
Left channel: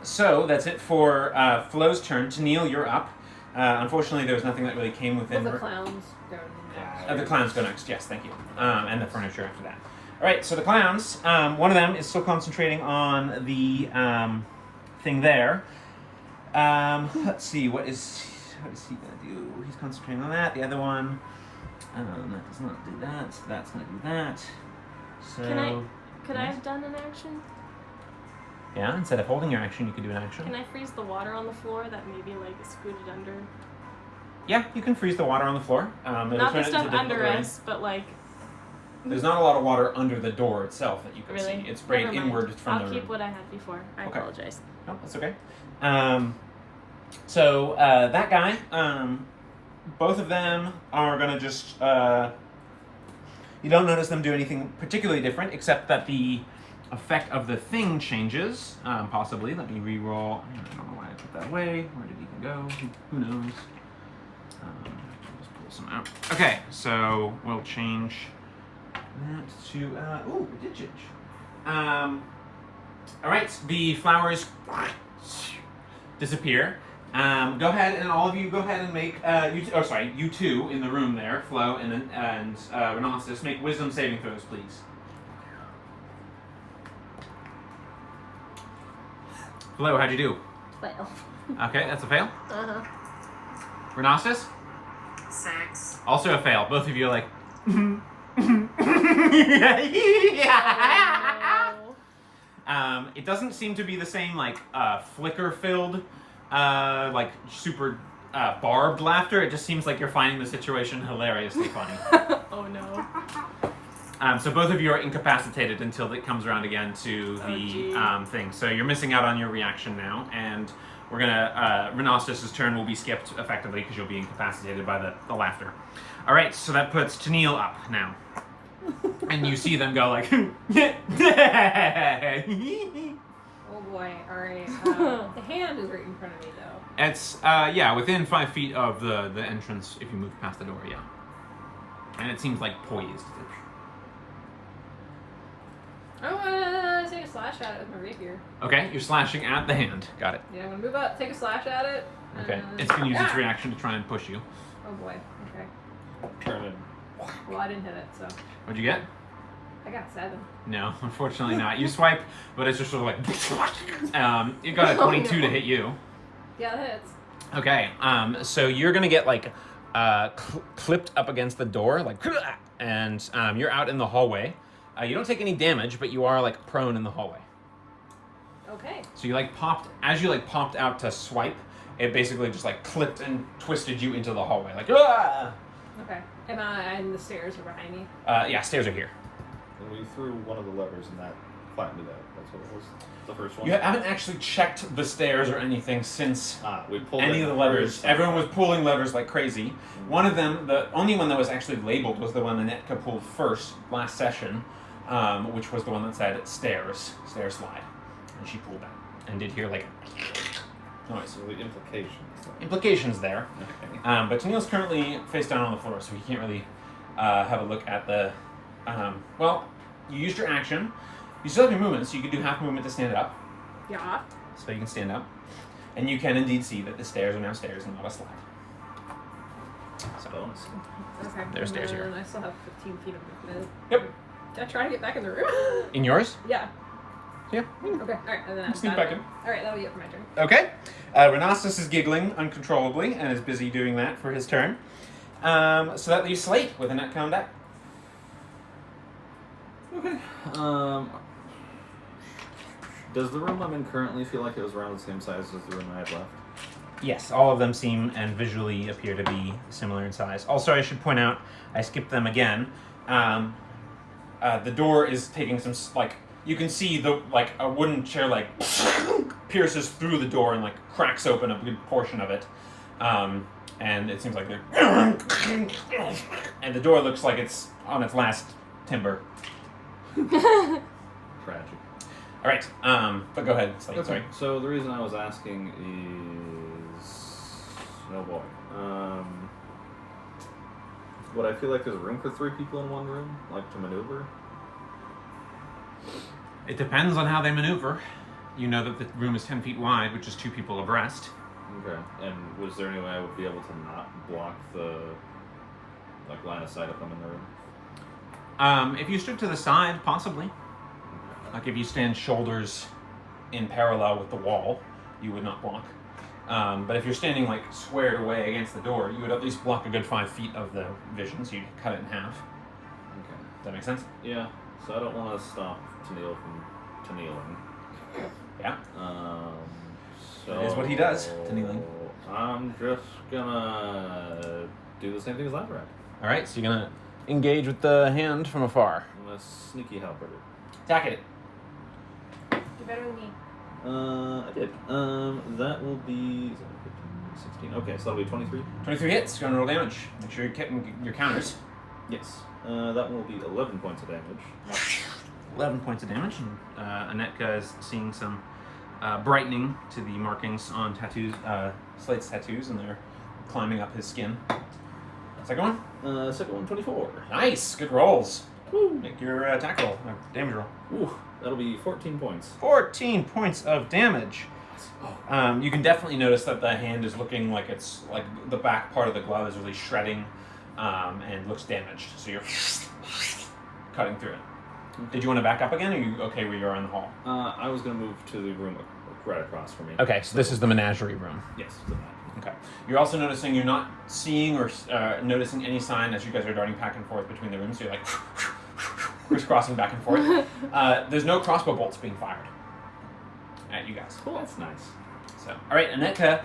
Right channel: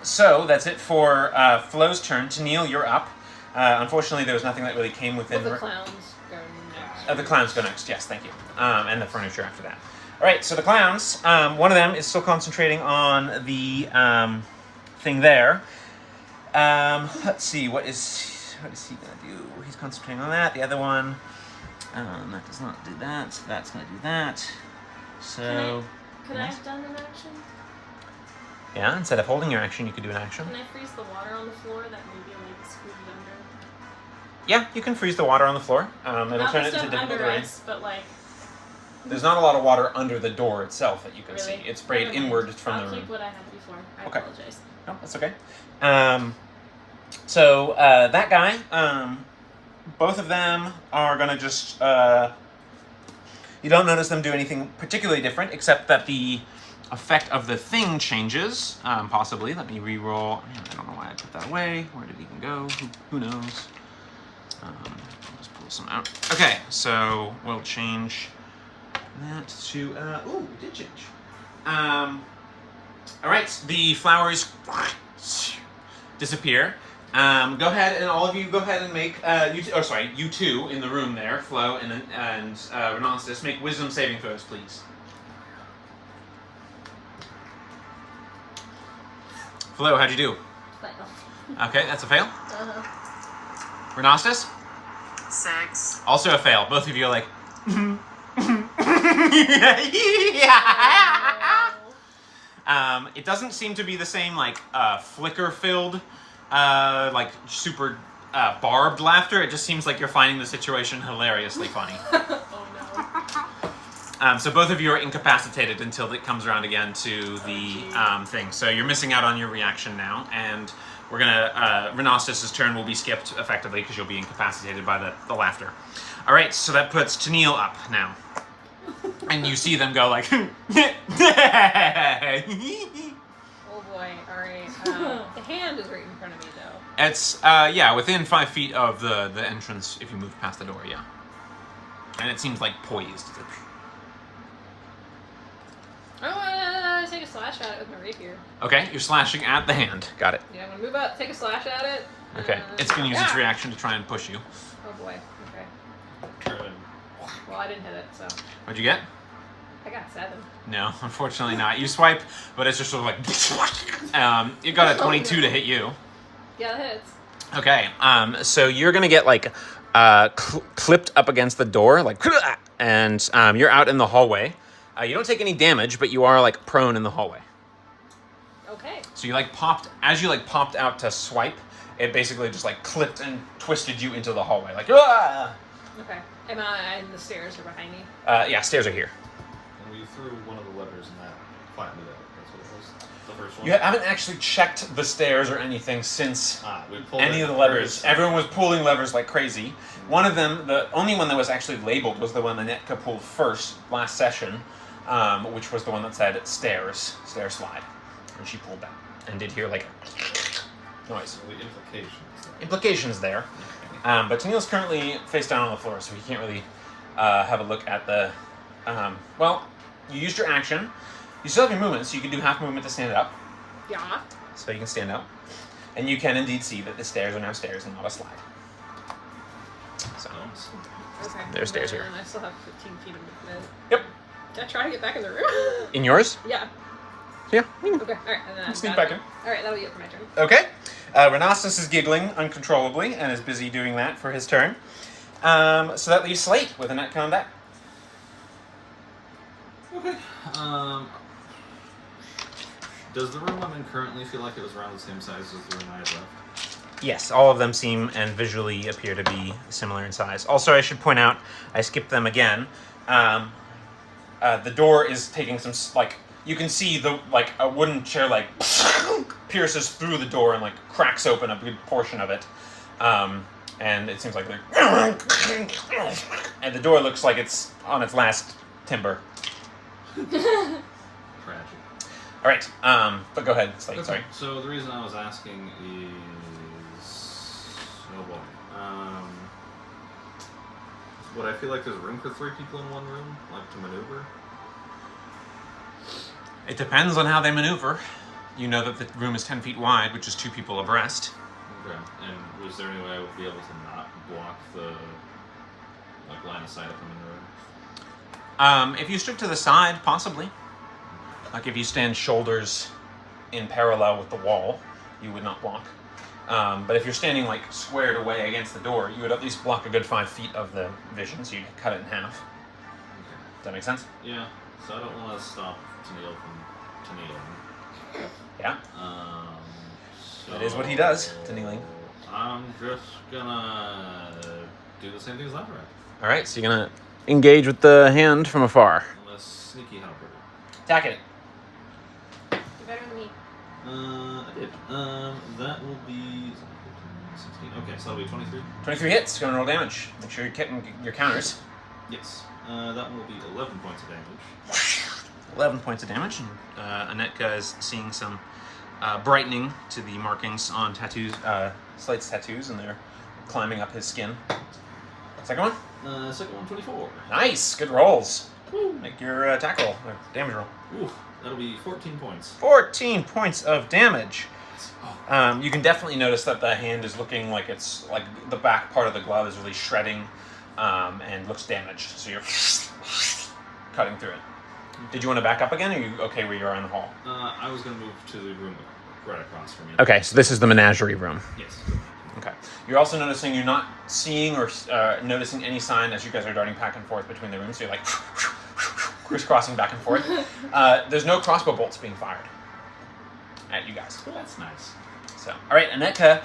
So that's it for Flo's turn. Tennille, you're up. Unfortunately, there was nothing that really came within. The clowns go next. The clowns go next. Yes, thank you. And the furniture after that. All right. So the clowns. One of them is still concentrating on the thing there. Let's see. What is he gonna do? He's concentrating on that. The other one. That does not do that. So that's gonna do that. So. Could I have done an action? Yeah, instead of holding your action, you could do an action. Can I freeze the water on the floor that maybe like is scooted under? Yeah, you can freeze the water on the floor. It'll Not turn the it into stuff difficult under terrain. us, but like. There's not a lot of water under the door itself that you can Really? see. It's sprayed Never mind. inward from the I'll room. keep what I had before. I Okay. apologize. No, that's okay. So that guy, both of them are gonna just. You don't notice them do anything particularly different, except that the effect of the thing changes. Possibly. Let me re-roll. I don't know why I put that away. Where did it even go? Who knows? I'll just pull some out. Okay, so we'll change that to. Ooh, we did change. All right, the flowers disappear. Go ahead and all of you go ahead and make you two in the room there, Flo and Renostis, make wisdom saving throws, please. Flo, how'd you do? Fail. Okay, that's a fail. Renostis? 6. Also a fail. Both of you are like. It doesn't seem to be the same like flicker-filled, like super barbed laughter. It just seems like you're finding the situation hilariously funny. Oh no. So both of you are incapacitated until it comes around again to the thing. So you're missing out on your reaction now, and we're gonna Renostis' turn will be skipped effectively because you'll be incapacitated by the laughter. All right, so that puts Tennille up now. And you see them go like. Oh boy! All right. The hand is right in front of me, though. It's within 5 feet of the entrance if you move past the door, yeah. And it seems like poised. I'm gonna take a slash at it with my rapier. Okay, you're slashing at the hand. Got it. Yeah, I'm gonna move up, take a slash at it. Okay, it's going to use its reaction to try and push you. Oh boy. Okay. Caravan. Well, I didn't hit it, so What'd you get? I got a 7. No, unfortunately not. You swipe, but it's just sort of like... you got a 22 to hit you. Yeah, that hits. Okay, so you're gonna get like clipped up against the door, like, and you're out in the hallway. You don't take any damage, but you are like prone in the hallway. Okay. So you like popped, as you like popped out to swipe, it basically just like clipped and twisted you into the hallway, like, ah! Okay. And the stairs are behind me. Yeah, stairs are here. And we threw one of the levers and that flattened it out. That's what it was. The first one. You haven't actually checked the stairs or anything since We pulled any it of the out. levers. Everyone was pulling levers like crazy. One of them, the only one that was actually labeled, was the one that Netka pulled first last session, which was the one that said stairs, stair slide. And she pulled that and did hear like noise. So the implications. Implications there. Okay. But Tennille's currently face down on the floor, so he can't really have a look at the... well, you used your action. You still have your movement, so you can do half movement to stand up. Yeah. So you can stand up. And you can indeed see that the stairs are now stairs and not a slide. So, Okay. There's stairs here. And I still have 15 feet of movement. Yep. Can I try to get back in the room? In yours? Yeah. Yeah. Okay. Alright. And then I'm Sneak done. back in. Alright, that'll be it for my turn. Okay. Renastus is giggling uncontrollably and is busy doing that for his turn. So that leaves Slate with a net on deck. Okay. Does the room I'm in currently feel like it was around the same size as the room I had left? Yes, all of them seem and visually appear to be similar in size. Also, I should point out, I skipped them again. The door is taking some, like, you can see the, like, a wooden chair, like, pierces through the door and, like, cracks open a good portion of it. And it seems like, and the door looks like it's on its last timber. Tragic. All right, but go ahead, Slate, Okay. sorry. So the reason I was asking is, oh boy, would I feel like there's room for 3 people in one room, like to maneuver? It depends on how they maneuver. You know that the room is 10 feet wide, which is 2 people abreast. Okay. And was there any way I would be able to not block the like line of sight of them in the room? If you stood to the side, possibly. Like if you stand shoulders in parallel with the wall, you would not block. But if you're standing like squared away against the door, you would at least block a good 5 feet of the vision, so you could cut it in half. Okay. Does that make sense? Yeah. So I don't want to stop Tennille from Tennilling. Yeah. So That is what he does, Tennilling. I'm just gonna do the same thing as last round. All right, so you're gonna engage with the hand from afar. I'm gonna sneaky helper. Attack it. You're better than me. I did. That will be 15, 16. Okay, so that'll be 23. 23 hits. Go and roll damage. Make sure you're getting your counters. Yes. That will be 11 points of damage. 11 points of damage, and Anetka is seeing some brightening to the markings on tattoos, Slate's tattoos, and they're climbing up his skin. Second one? Second one, 24. Nice! Good rolls. Woo. Make your attack roll, damage roll. Ooh, that'll be 14 points. 14 points of damage. You can definitely notice that the hand is looking like it's, like the back part of the glove is really shredding and looks damaged. So you're cutting through it. Did you want to back up again, or are you okay where you are in the hall? I was gonna move to the room right across from me. Okay, so this is the menagerie room. Yes. Good night. Okay. You're also noticing you're not seeing or noticing any sign as you guys are darting back and forth between the rooms. So you're like crisscrossing back and forth. There's no crossbow bolts being fired at you guys. Cool. That's nice. So, all right, Anetka,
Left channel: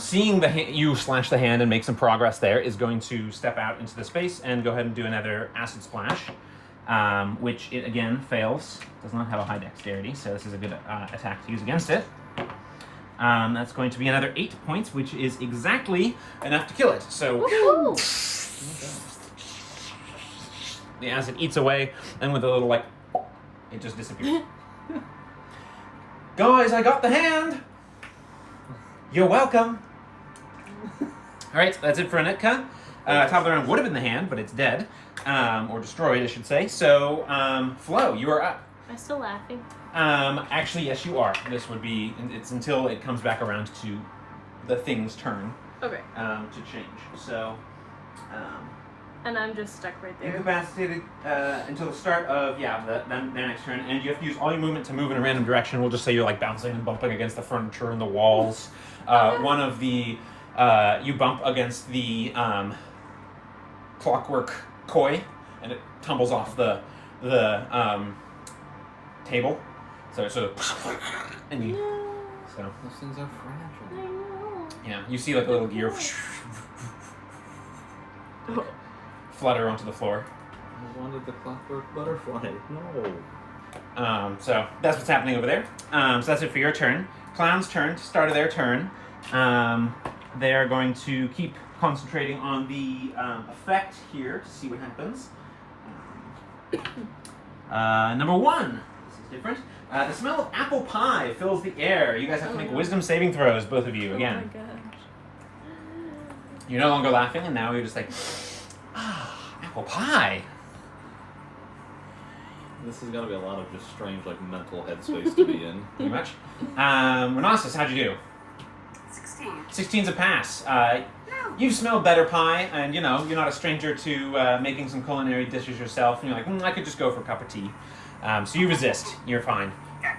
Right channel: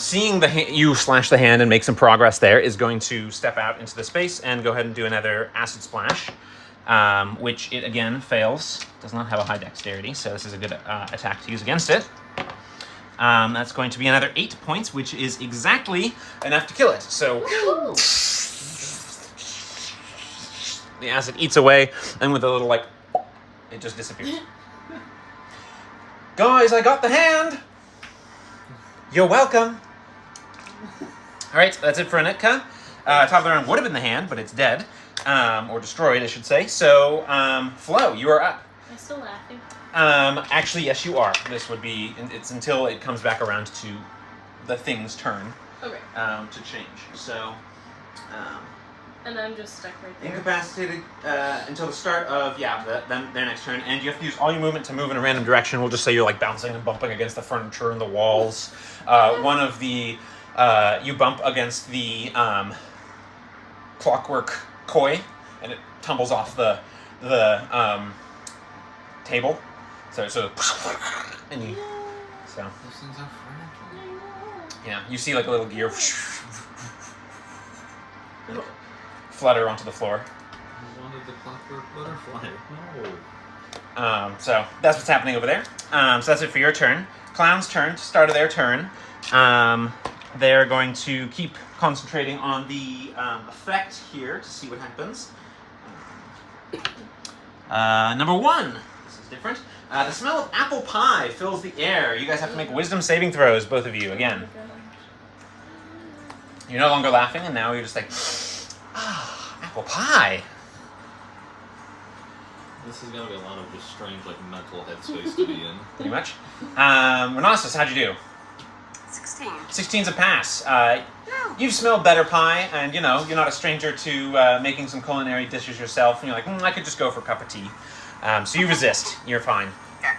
seeing you slash the hand and make some progress there, is going to step out into the space and go ahead and do another acid splash, which it again fails. Does not have a high dexterity, so this is a good attack to use against it. That's going to be another 8 points, which is exactly enough to kill it. So the acid eats away, and with a little like, it just disappears. Guys, I got the hand. You're welcome. All right, that's it for Anetka. Top of the round would have been the hand, but it's dead, or destroyed, I should say. So, Flo, you are up. I'm still laughing. Actually, yes, you are. This would be. It's until it comes back around to the thing's turn. Okay. To change. So. And I'm just stuck right there. Incapacitated until the start of their next turn, and you have to use all your movement to move in a random direction. We'll just say you're like bouncing and bumping against the furniture and the walls. One of the you bump against the clockwork koi, and it tumbles off the table. So and you, so Those things are fragile. yeah, you see like a little gear flutter onto the floor. I wanted the clockwork butterfly. No. So that's what's happening over there. So that's it for your turn. Clown's turn. Start of their turn. They're going to keep concentrating on the effect here to see what happens. Number 1. This is different. The smell of apple pie fills the air. You guys have to make wisdom saving throws, both of you, again. Oh my gosh. You're no longer laughing, and now you're just like, apple pie. This is gonna be a lot of just strange, like, mental headspace to be in. Pretty much. Renossus, how'd you do? 16. 16's a pass. You've smelled better pie, and you're not a stranger to making some culinary dishes yourself. And you're like, I could just go for a cup of tea. So you resist. You're fine. Okay.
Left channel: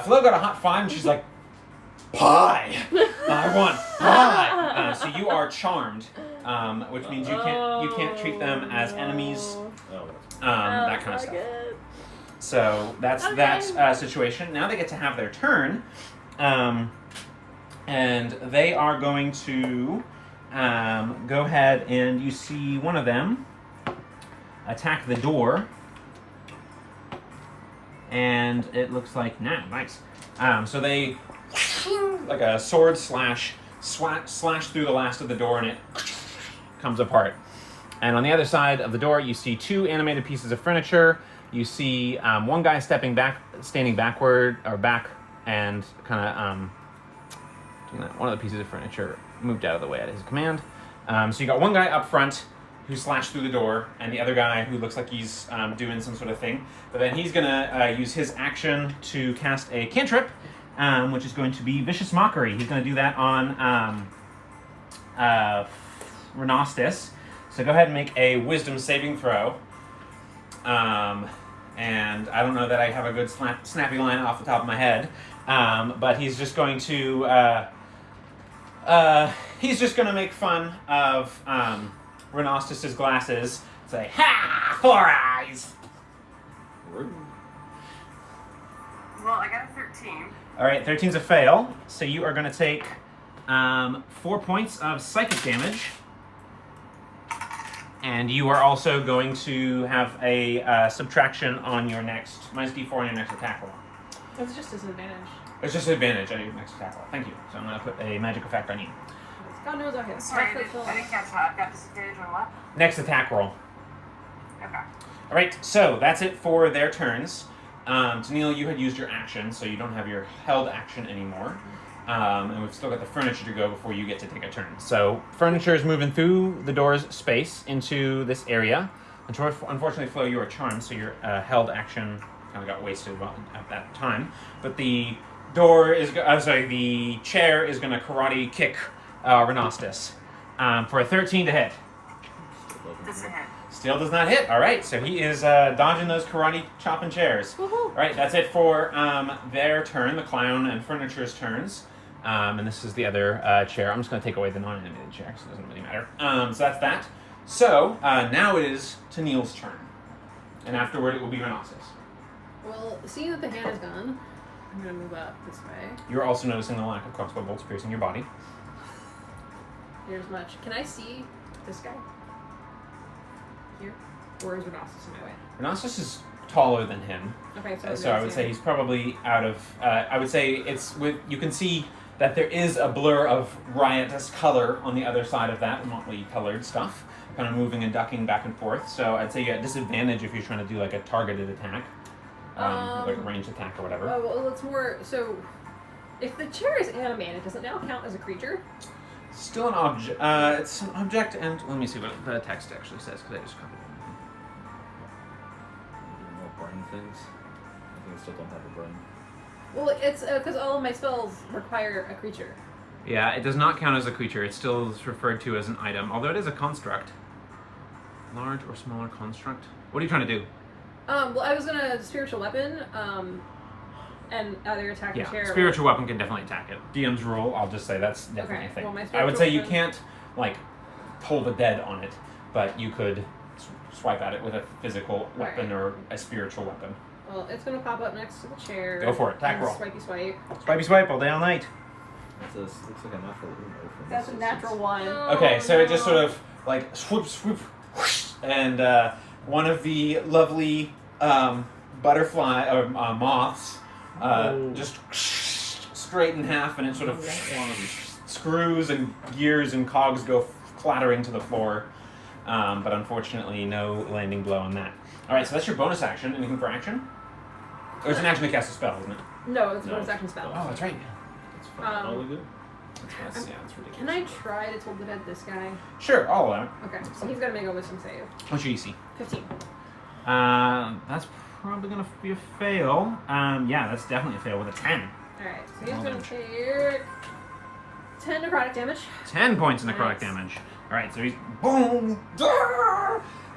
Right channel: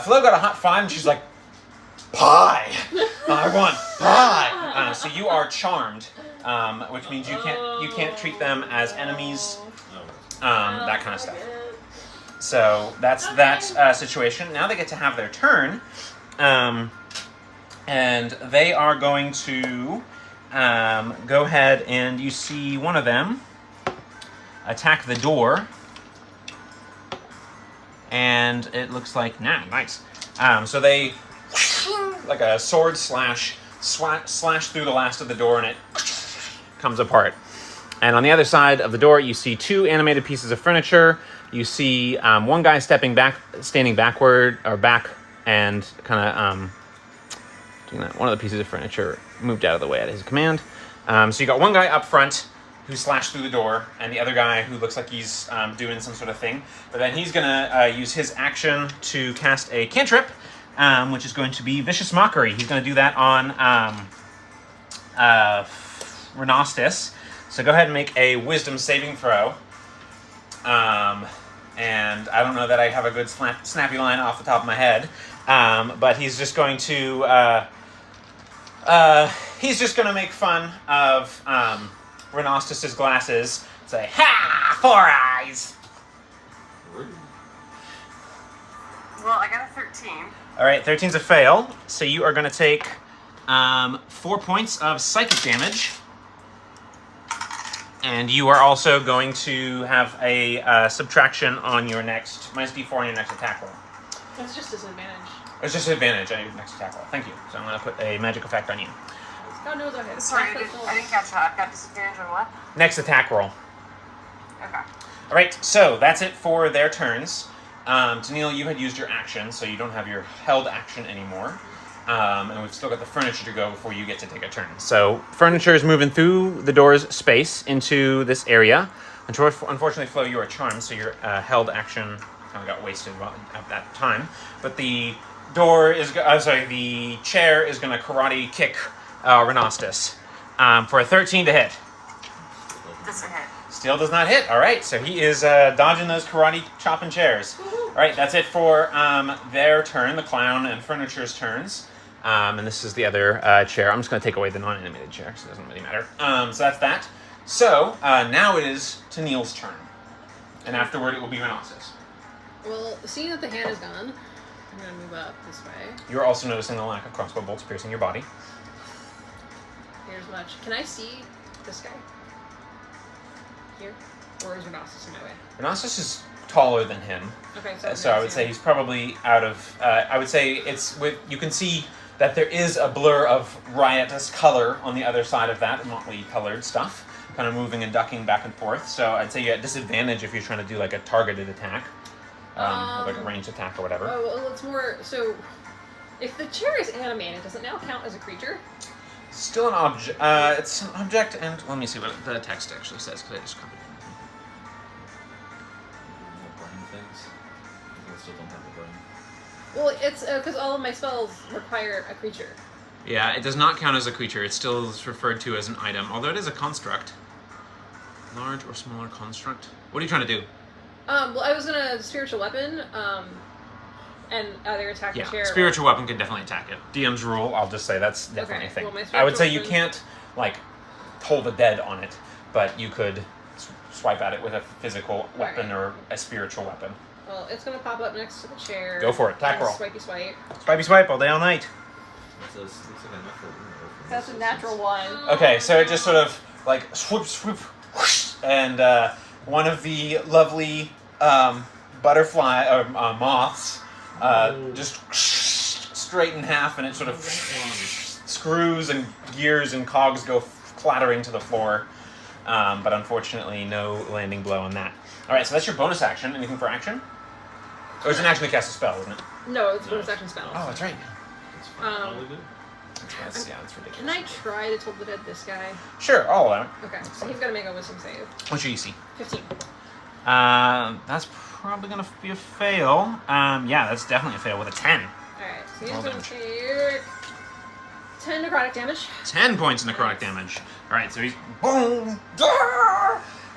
Flo got a hot 5, and she's like, pie. I want pie. So you are charmed, which means you can't treat them as enemies. That kind of stuff. So that's that situation. Now they get to have their turn. And they are going to go ahead, and you see one of them attack the door. And it looks like, nice. So they, like a sword slash through the last of the door, and it comes apart. And on the other side of the door, you see 2 animated pieces of furniture. You see one guy standing backward, or back, and kind of doing that. One of the pieces of furniture moved out of the way at his command. So you got one guy up front who slashed through the door, and the other guy who looks like he's doing some sort of thing. But then he's going to use his action to cast a cantrip, which is going to be Vicious Mockery. He's going to do that on Renostus. So go ahead and make a Wisdom saving throw. And I don't know that I have a good snappy line off the top of my head, but he's just going to make fun of Renostus's glasses. Say, "Ha! 4 eyes." Well, I got a 13. All right, 13's a fail. So you are going to take 4 points of psychic damage. And you are also going to have a subtraction on your next, minus d4 on your next attack roll. It's just disadvantage. It's just an advantage on your next attack roll. Thank you. So I'm going to put a magic effect on you. God knows I have. Sorry, I didn't catch that. I've got disadvantage on what? Next attack roll. Okay. All right, so that's it for their turns. Tennille, you had used your action, so you don't have your held action anymore. And we've still got the furniture to go before you get to take a turn. So furniture is moving through the door's space into this area. Unfortunately, Flo, you are charmed, so your held action kind of got wasted at that time. But the the chair is going to karate kick Renostus for a 13 to hit. That's a hit. Still does not hit. All right, so he is dodging those karate chopping chairs. All right, that's it for their turn, the clown and furniture's turns. And this is the other chair. I'm just going to take away the non-animated chair, so it doesn't really matter. So that's that. So now it is Tennille's turn. And afterward, it will be Renossus. Well, seeing that the hand is gone, I'm going to move up this way. You're also noticing the lack of crossbow bolts piercing your body. Here's much. Can I see this guy? Here? Or is Renossus in my way? Renossus is taller than him. Okay, So I would say he's probably out of... I would say it's with... You can see that there is a blur of riotous color on the other side of that, motley colored stuff, kind of moving and ducking back and forth. So I'd say you're at disadvantage if you're trying to do like a targeted attack, like a ranged attack or whatever. Oh, well, it's more... So, if the chair is animated, does it now count as a creature? Still an object. It's an object, and let me see what the text actually says, because I just copied it. More brain things. I still don't have a brain. Well, it's because all of my spells require a creature. Yeah, it does not count as a creature. It still is referred to as an item, although it is a construct. Large or smaller construct. What are you trying to do? Well, I was gonna spiritual weapon, and either attack the chair. Spiritual weapon can definitely attack it. DM's rule, I'll just say that's definitely a thing. Well, my I would say you spiritual can't, like, hold the dead on it, but you could swipe at it with a physical weapon or a spiritual weapon. Well, it's gonna pop up next to the chair. Go for it. Attack roll. Swipey swipe. Swipey swipe all day, all night. Looks like a natural Uno. That's a natural one. Okay, so it just sort of, like, swoop, swoop, whoosh, and one of the lovely butterfly or moths just straight in half, and it sort of screws and gears and cogs go clattering to the floor. But unfortunately, no landing blow on that. All right, so that's your bonus action. Anything for action? Oh, it's an action to cast a spell, isn't it? No, it's a bonus action spell. Oh, that's right. It's fine. All good. That's ridiculous. Can I try to Toll the Dead this guy? Sure, I'll allow it. Okay, so he's gonna make a wisdom save. What's your EC? 15. That's probably gonna be a fail. Yeah, that's definitely a fail with a 10. Alright, so he's Well gonna done. take 10 necrotic damage. 10 points of necrotic damage. All right, so he's boom,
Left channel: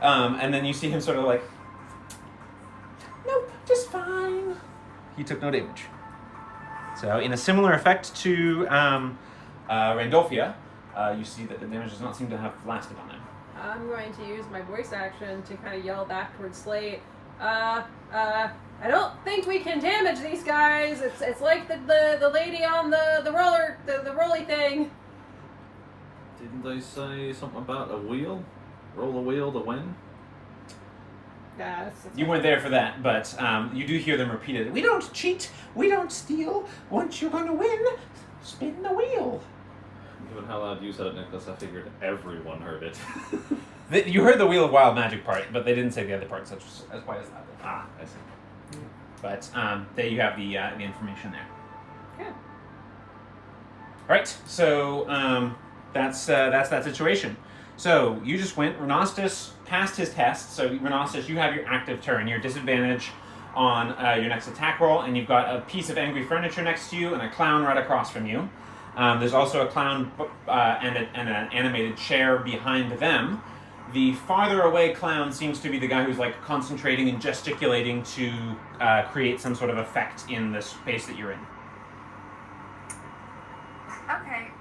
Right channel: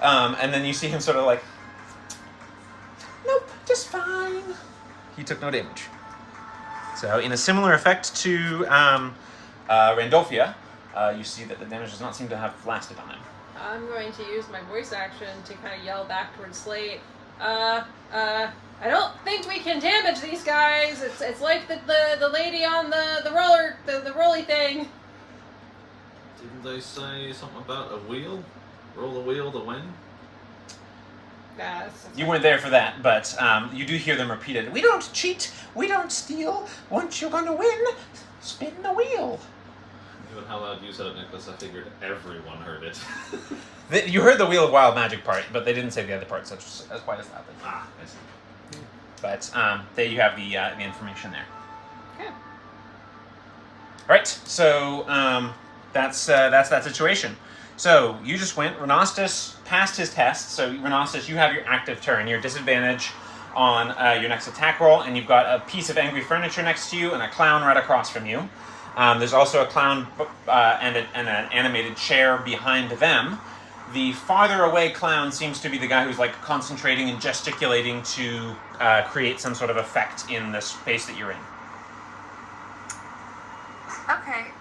and then you see him sort of like, nope, just fine. He took no damage. So, in a similar effect to Randolphia, you see that the damage does not seem to have lasted on him. I'm going to use my voice action to kind of yell back towards Slate. I don't think we can damage these guys. It's like the lady on the roller, the rolly thing. Didn't they say something about a wheel? Roll a wheel to win? Yeah, You weren't there for that, but you do hear them repeat it. We don't cheat, we don't steal. Once you're gonna win, spin the wheel. Given how loud you said it, Nicholas, I figured everyone heard it. You heard the Wheel of Wild Magic part, but they didn't say the other parts as quite as loudly. Ah, I see. But there you have the information there. Okay. All right, so that's that situation. So you just went. Renostus passed his test. So Renostus, you have your active turn. Your disadvantage on your next attack roll, and you've got a piece of angry furniture next to you and a clown right across from you. There's also a clown and an animated chair behind them. The farther away clown seems to be the guy who's like concentrating and gesticulating to create some sort of effect in the space that you're in. Okay.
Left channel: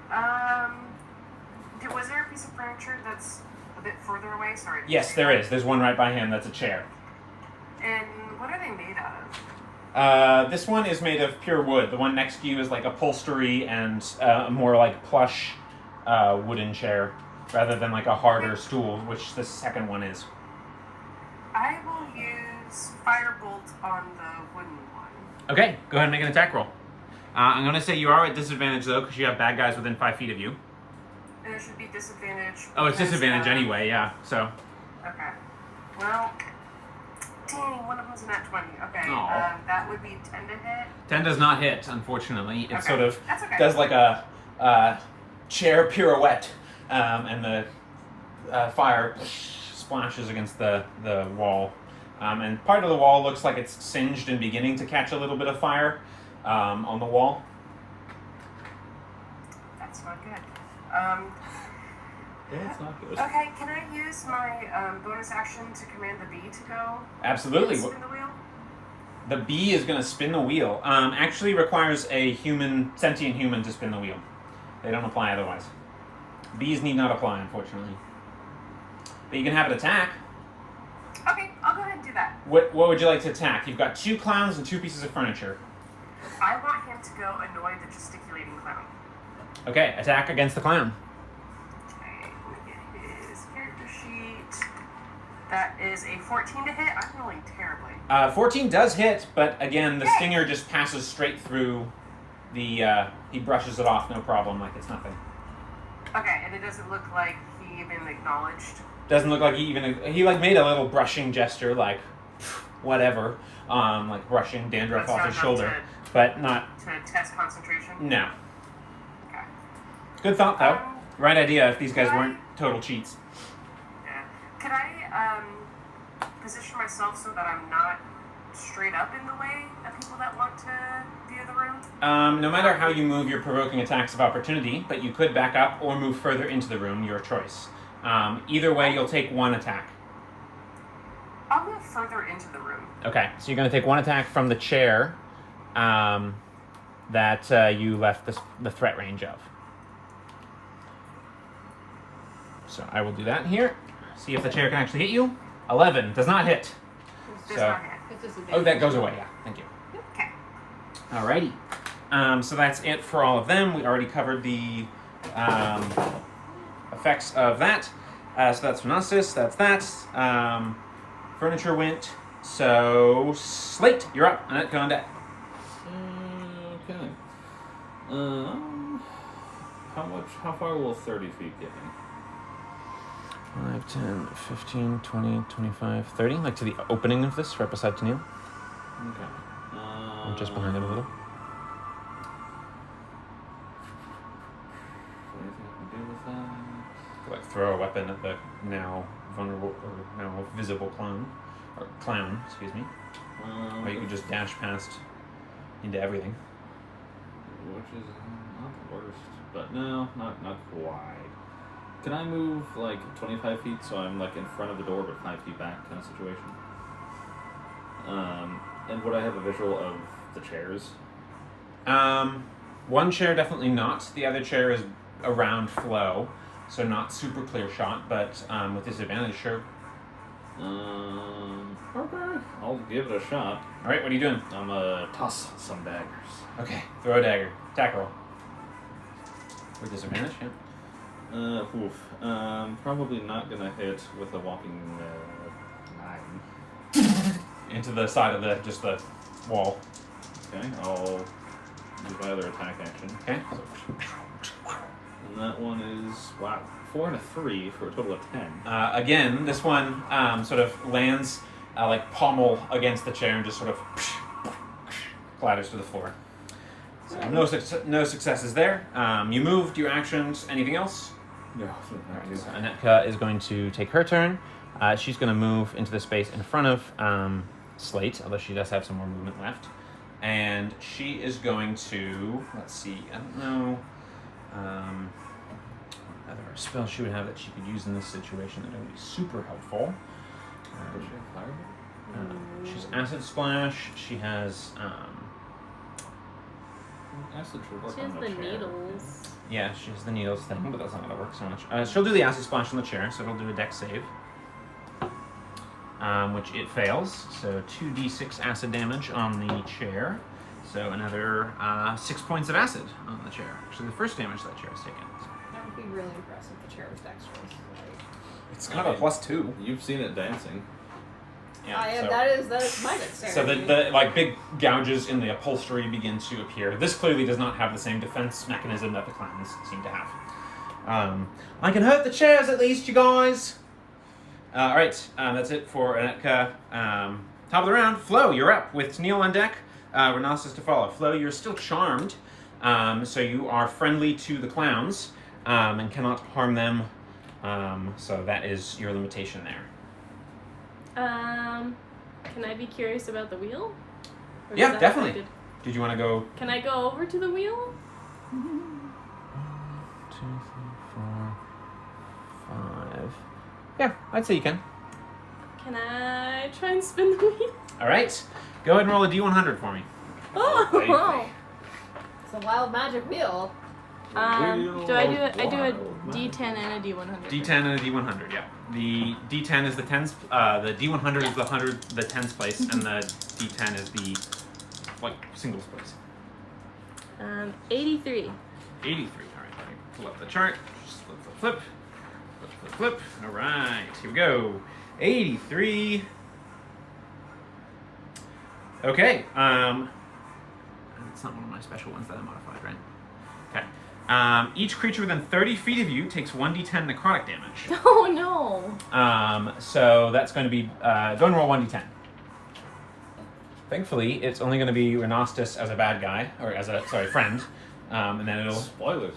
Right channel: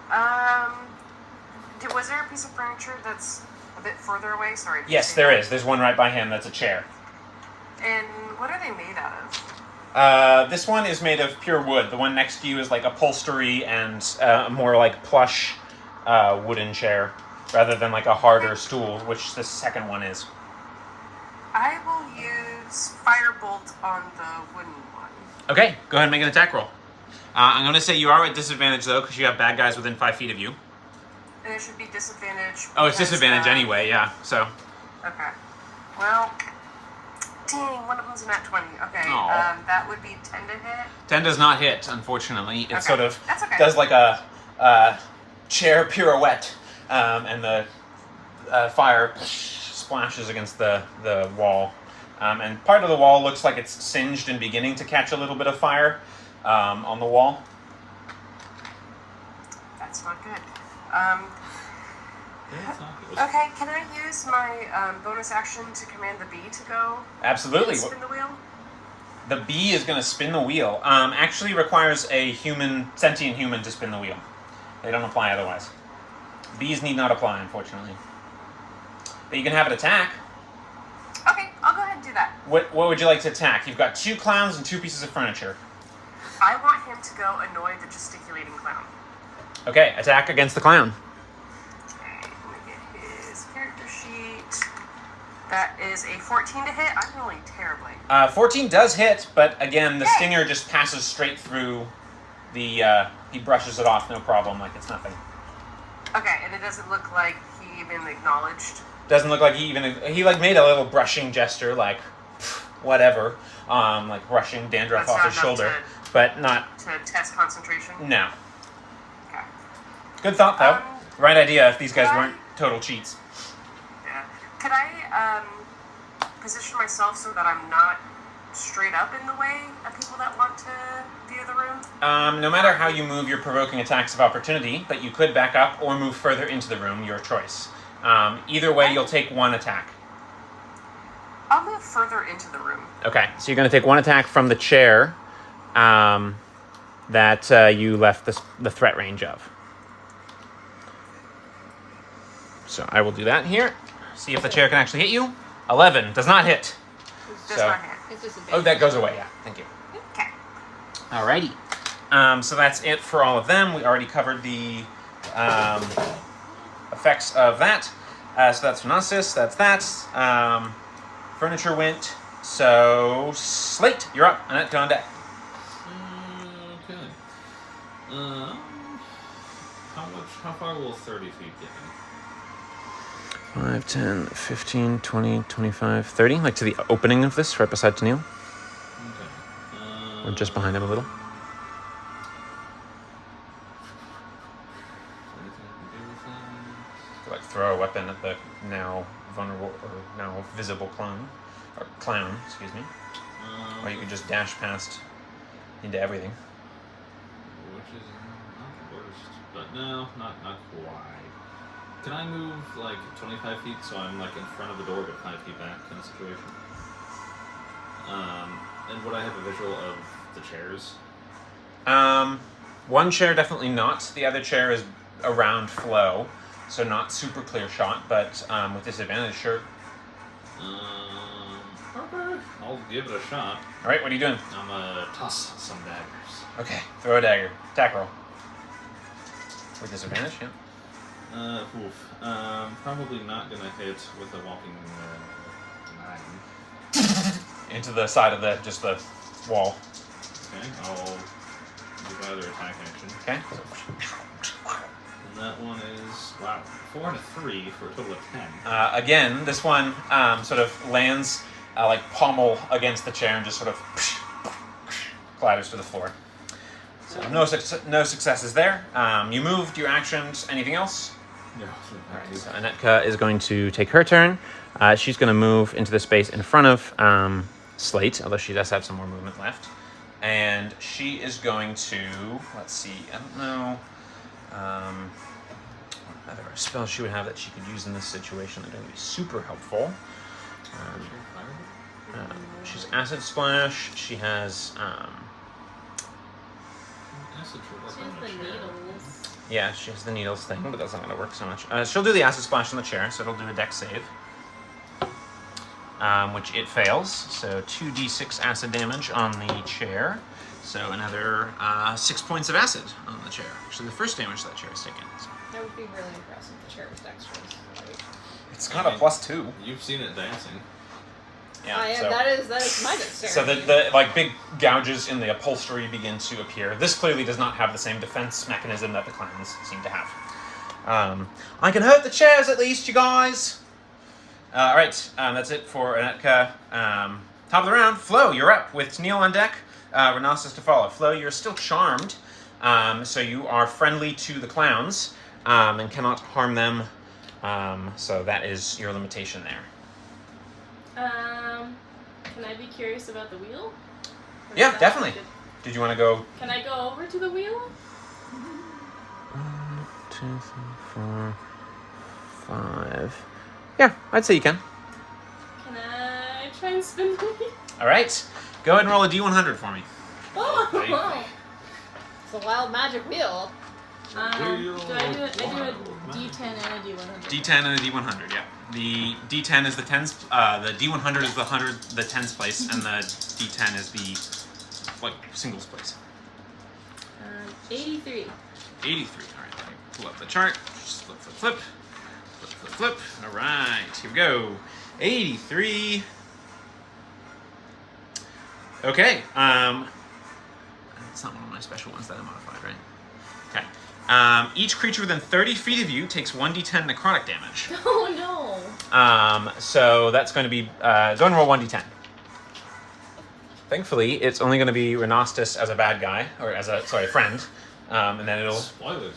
Was there a piece of furniture that's a bit further away? Sorry. Yes, there is. There's one right by him. That's a chair. And what are they made out of? This one is made of pure wood. The one next to you is like upholstery and a more like plush wooden chair, rather than like a harder stool, which the second one is. I will use Firebolt on the wooden one. Okay, go ahead and make an attack roll. I'm going to say you are at disadvantage though, because you have bad guys within 5 feet of you. And it should be disadvantage. Oh, it's because, disadvantage anyway, yeah, so. Okay. Well, dang, one of them's a nat 20. Okay, Aw. that would be 10 to hit. 10 does not hit, unfortunately. It Okay, sort of that's okay. does like a chair pirouette, and the fire splashes against the wall. And part of the wall looks like it's singed and beginning to catch a little bit of fire on the wall. That's not good. That's not good. Okay, can I use my bonus action to command the bee to go Absolutely. and spin the wheel? The bee is going to spin the wheel. Actually requires a sentient human to spin the wheel. They don't apply otherwise. Bees need not apply, unfortunately. But you can have it attack. Okay, I'll go ahead and do that. What would you like to attack? You've got 2 clowns and 2 pieces of furniture. I want him to go annoy the gesticulating clown. Okay, attack against the clown. Okay, let me get his character sheet. That is a 14 to hit. I'm rolling terribly. 14 does hit, but again, the Yay! stinger just passes straight through the, he brushes it off, no problem, like it's nothing. Okay, and it doesn't look like he even acknowledged. Doesn't look like he like made a little brushing gesture, like, whatever, like brushing dandruff That's off not his shoulder, enough but not, to test concentration. no. Okay. Good thought, though. Right idea if these guys could I- weren't total cheats. Yeah. Could I position myself so that I'm not straight up in the way of people that want to view the room? No matter how you move, you're provoking attacks of opportunity, but you could back up or move further into the room, your choice. Either way, you'll take one attack. I'll move further into the room. Okay, so you're going to take one attack from the chair that you left the threat range of. So I will do that here. See if the chair can actually hit you. 11 does not hit. Does So- not hit. It's just Oh, that goes away. Yeah, thank you. Okay. Alrighty. So that's it for all of them. We already covered the effects of that. So that's Phenosis. That's that. Furniture went. So Slate, you're up. Annette, on deck. Okay. How far will 30 feet get me? 5, 10, 15, 20, 25, 30. Like to the opening of this, right beside Tennille. Okay. Or just behind him a little. Is there anything I can do with that? Like throw a weapon at the now vulnerable or now visible clown. Or clown, excuse me. Or you could just dash past into everything. Which is not the worst, but no, not quite. Can I move like 25 feet so I'm like in front of the door but 5 feet back kind of situation? And would I have a visual of the chairs? One chair definitely not. The other chair is around Flo, so not super clear shot, but with disadvantage, sure. Okay. I'll give it a shot. All right, what are you doing? I'm gonna toss some daggers. Okay, throw a dagger. Attack roll. With disadvantage, yeah. Probably not gonna hit with a walking 9. Into the side of the wall. Okay, I'll do my other attack action. Okay. And that one is, 4 and a 3 for a total of 10. Again, this one sort of lands like pommel against the chair and just sort of clatters to the floor. So no successes there. You moved your actions. Anything else? No. Alright, so Anetka is going to take her turn. She's going to move into the space in front of Slate, although she does have some more movement left. And she is going to, let's see, I don't know what other spells she would have that she could use in this situation that would be super helpful. She's Acid Splash. She has, Acid should work She on has the the chair. needles. yeah, she has the needles thing, but that's not going to work so much. She'll do the Acid Splash on the chair, so it'll do a dex save. Which it fails, so 2d6 acid damage on the chair. So another 6 points of acid on the chair. Actually, the first damage that chair has taken. So That would be really impressive if the chair was dexterous. it's got a +2. You've seen it dancing. Yeah. So that is my dexterity. So the like big gouges in the upholstery begin to appear. This clearly does not have the same defense mechanism that the clans seem to have. I can hurt the chairs at least, you guys. All right, that's it for Anetka. Top of the round, Flo, you're up with Tennille on deck. Renasus to follow. Flo, you're still charmed, so you are friendly to the clowns and cannot harm them. So that is your limitation there. Can I be curious about the wheel? Or Yeah, is that definitely. affected? Did you want to go? Can I go over to the wheel? 1, 2, 3, 4, 5. Yeah, I'd say you can. Can I try and spin the wheel? All right, go ahead and roll a d100 for me. Oh! baby. It's a wild magic wheel. Do I do a D10 and a D100? D10 and a D100, yeah. The D10 is the tens. The D100 is the tens place, and the D10 is the singles place. 83. 83. All right, let me pull up the chart. Flip, flip, flip, flip, flip, flip. All right, here we go. 83. Okay. It's not one of my special ones that I modified, right? Okay. Each creature within 30 feet of you takes 1d10 necrotic damage. Oh no! So that's going to be, go ahead and roll 1d10. Thankfully, it's only going to be Renastus as a bad guy, or as a, friend. And then it'll... Spoilers.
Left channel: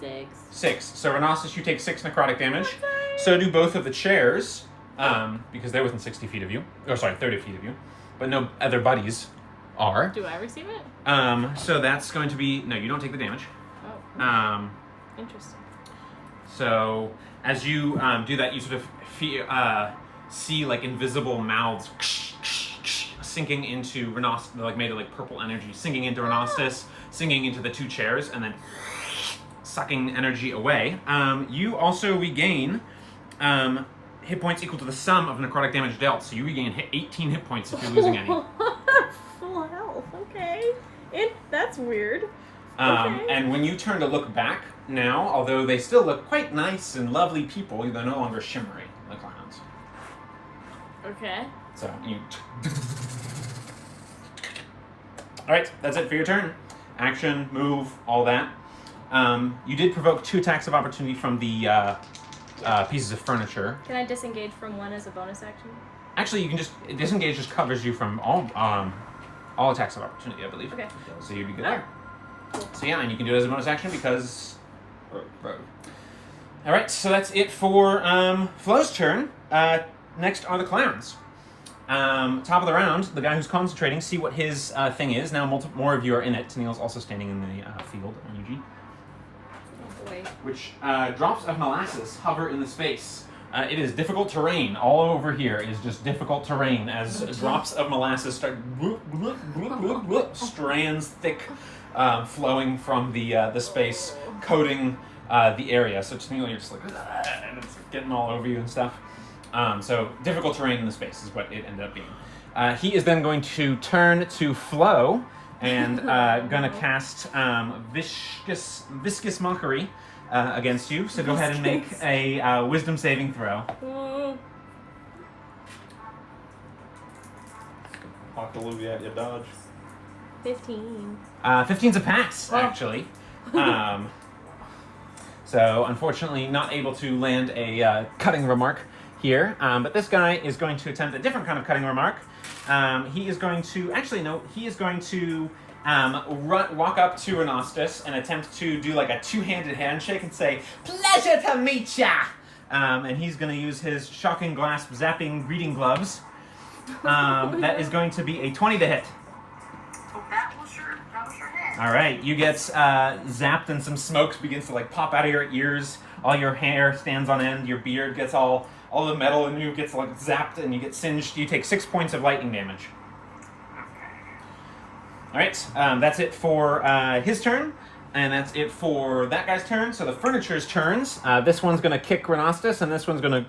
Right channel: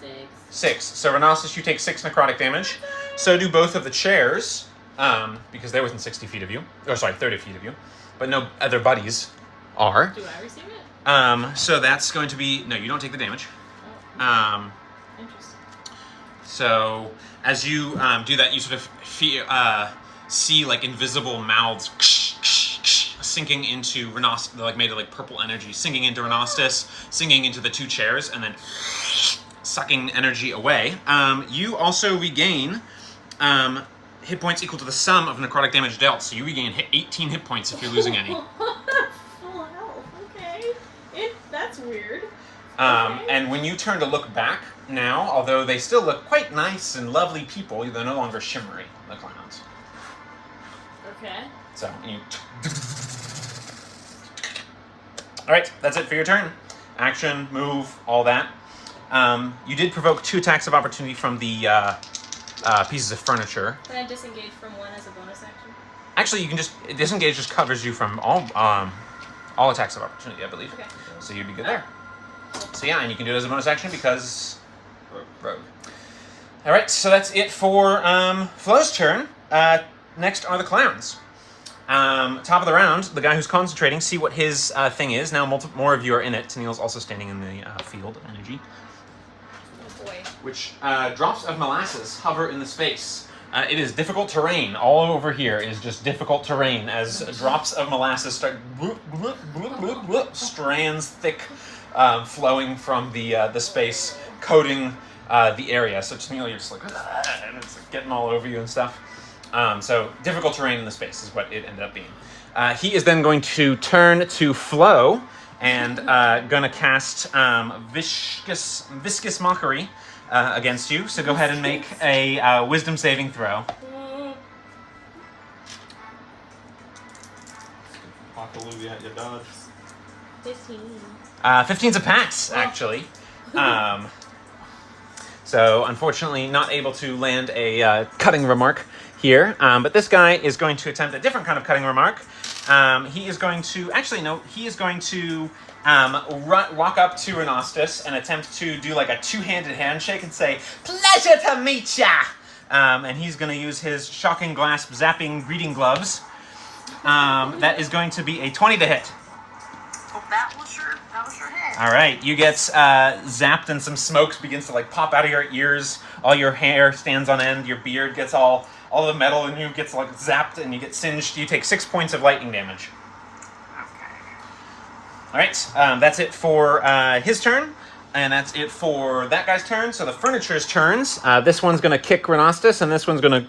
6. 6. So Renastus, you take 6 necrotic damage. So do both of the chairs. because they're within 60 feet of you. Or sorry, 30 feet of you. But no other buddies are. Do I receive it? So that's going to be... No, you don't take the damage. Oh. Interesting. So as you do that, you sort of see like invisible mouths sinking into Renost, like made of like purple energy, sinking into Renostus, sinking into the two chairs, and then sucking energy away. You also regain hit points equal to the sum of necrotic damage dealt. So you regain 18 hit points if you're losing any. Full health. Okay. That's weird. Okay. And when you turn to look back now, although they still look quite nice and lovely people, they're no longer shimmery, the clowns. Okay. So you... Alright, that's it for your turn. Action, move, all that. You did provoke 2 attacks of opportunity from the pieces of furniture. Can I disengage from one as a bonus action? Actually, you can just... Disengage just covers you from all attacks of opportunity, I believe. Okay. So you'd be good there. So yeah, and you can do it as a bonus action because... Rogue. Alright, so that's it for Flo's turn. Next are the clowns. Top of the round, the guy who's concentrating, see what his thing is. Now more of you are in it. Tennille's also standing in the field of energy. Oh boy. Which drops of molasses hover in the space. It is difficult terrain. All over here is just difficult terrain as drops of molasses start strands thick flowing from the space, coating the area. So Tennille, you're just like, and it's like getting all over you and stuff. So difficult terrain in the space is what it ended up being. He is then going to turn to Flo and gonna cast viscous mockery against you. So go ahead and make a wisdom saving throw. Apocalypse at your dodge. 15. 15's a pass, actually. So unfortunately, not able to land a cutting remark here, but this guy is going to attempt a different kind of cutting remark. He is going to, actually no, he is going to walk up to Renostus and attempt to do like a two-handed handshake and say, "Pleasure to meet ya!" And he's going to use his shocking grasp zapping reading gloves. That is going to be a 20 to hit. Oh, that was your hit. All right, you get zapped and some smoke begins to like pop out of your ears. All your hair stands on end. Your beard gets all the metal in you gets like zapped and you get singed. You take 6 points of lightning damage. Okay. All right, that's it for his turn, and that's it for that guy's turn. So the furniture's turns. This one's gonna kick Renostus, and this one's gonna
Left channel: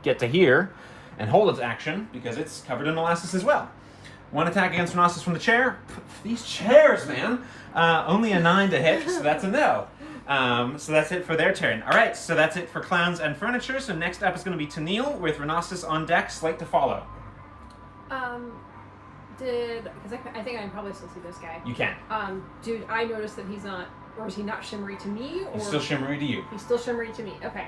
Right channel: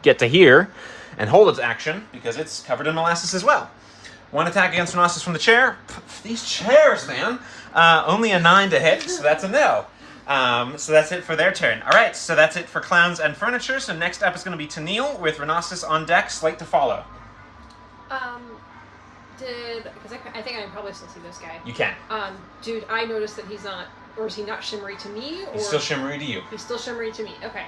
get to here and hold its action because it's covered in molasses as well. One attack against Renostus from the chair. These chairs, man. Only a 9 to hit, so that's a no. So that's it for their turn. All right, so that's it for clowns and furniture. So next up is going to be Tennille with Renostus on deck, slate to follow. Because I think I can probably still see this guy. You can. Dude, I noticed that he's not, or is he not shimmery to me? Or He's still shimmery to you. He's still shimmery to me. Okay.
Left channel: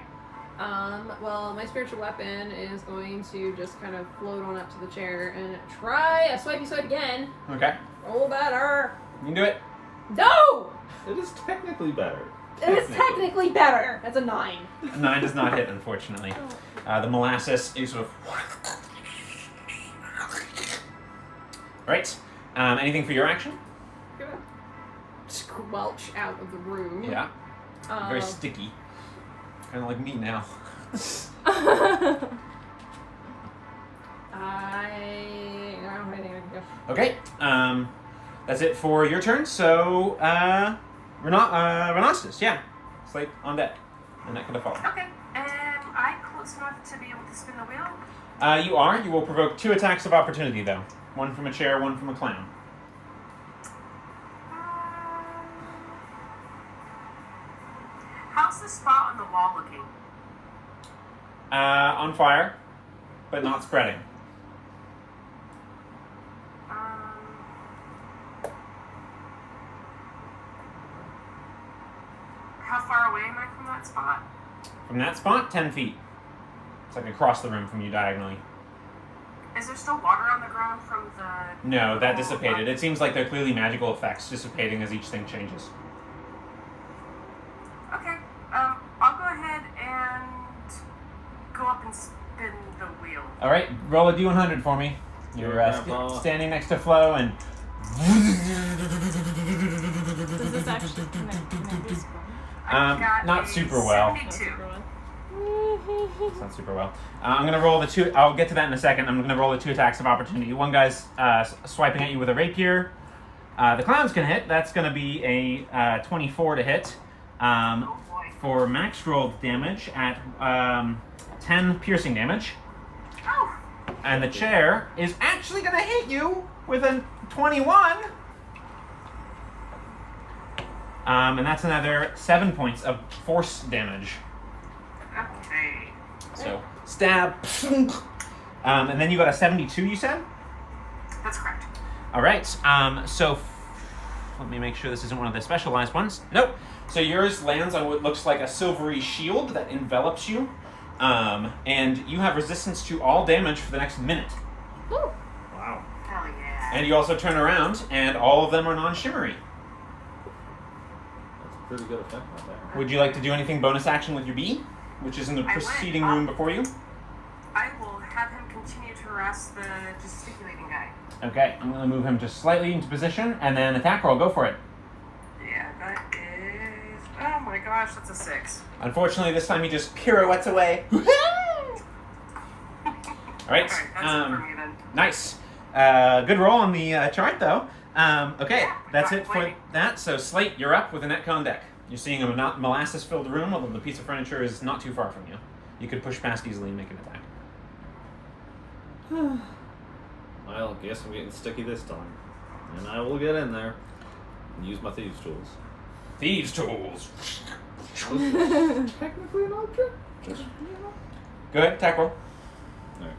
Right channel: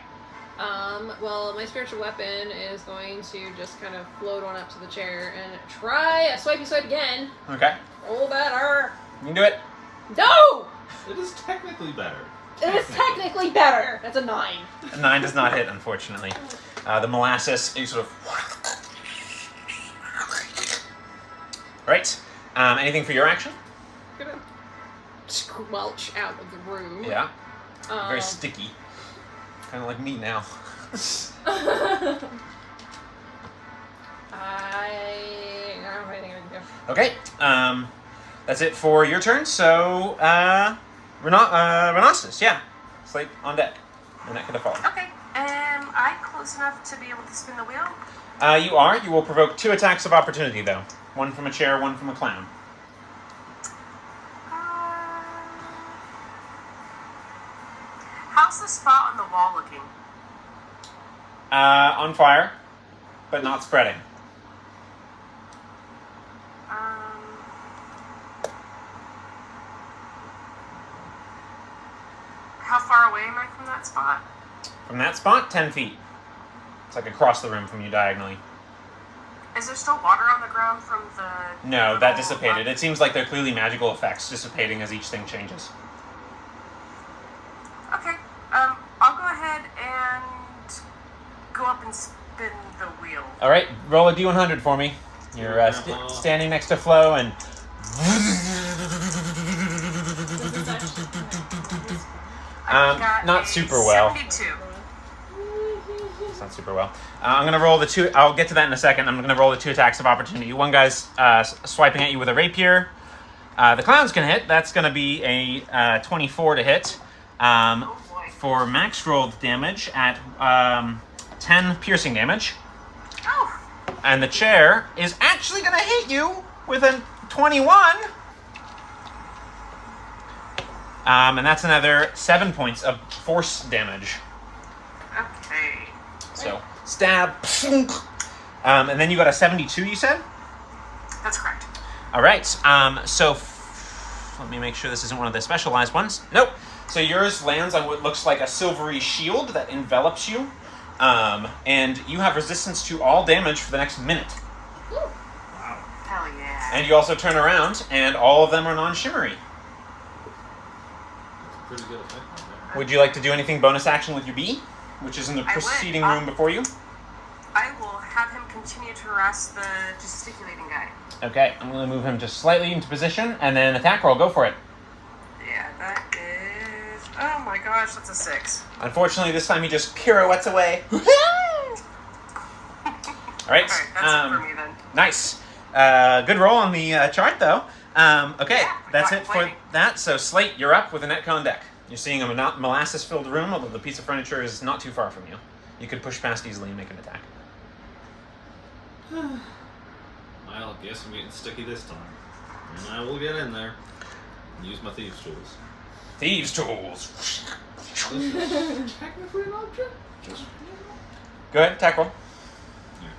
Well, my spiritual weapon is going to just kind of float on up to the chair and try a swipey swipe again. Okay. Roll better. You can do it. No! It is technically better. It is technically better. That's a 9. A 9 does not hit, unfortunately. The molasses, you sort of... Right. Anything for your action? Gonna squelch out of the room. Yeah. Very sticky. Kind of like me now. Okay. That's it for your turn. So, Renostus, yeah. Slate on deck. When that could have fallen. Okay. Am I close enough to be able to spin the wheel? You are. You will provoke 2 attacks of opportunity, though. One from a chair, one from a clown. How's the spot on the wall looking? On fire, but not spreading. How far away am I from that spot? From that spot, 10 feet. It's like across the room from you diagonally. Is there still water on the ground from the... No, that dissipated. It seems like they're clearly magical effects dissipating as each thing changes. Okay. I'll go ahead All right, roll a d100 for me. You're standing next to Flo, and Does this actually connect to this one? I got not a super well. 72. It's not super well. I'm gonna roll the two. I'll get to that in a second. I'm gonna roll the 2 attacks of opportunity. One guy's swiping at you with a rapier. The clowns can hit. That's gonna be a 24 to hit. Oh boy. For max rolled damage at 10 piercing damage. Oh. And the chair is actually gonna hit you with a 21. And that's another 7 points of force damage. Okay. So, stab. And then you got a 72, you said? That's correct. All right. Let me make sure this isn't one of the specialized ones. Nope. So yours lands on what looks like a silvery shield that envelops you. And you have resistance to all damage for the next minute. Woo. Wow. Hell yeah. And you also turn around, and all of them are non-shimmery. That's a pretty good effect right there. Would you like to do anything bonus action with your bee, which is in the I would. preceding room before you? I will have him continue to harass the gesticulating guy. Okay, I'm going to move him just slightly into position, and then attack roll. Go for it. Yeah, that is... Oh my gosh, that's a 6. Unfortunately, this time he just pirouettes away. All right. Alright, that's it for me then. Nice. Good roll on the chart, though. Okay, Yeah, that's not it for complaining. that. So, Slate, you're up with a netcon deck. You're seeing a molasses-filled room, although the piece of furniture is not too far from you. You could push past easily and make an attack. Well, I guess I'm getting sticky this time. And I will get in there and use my thieves' tools. Thieves' tools. Well, this is technically an object. Just, Go ahead, attack roll. Alright.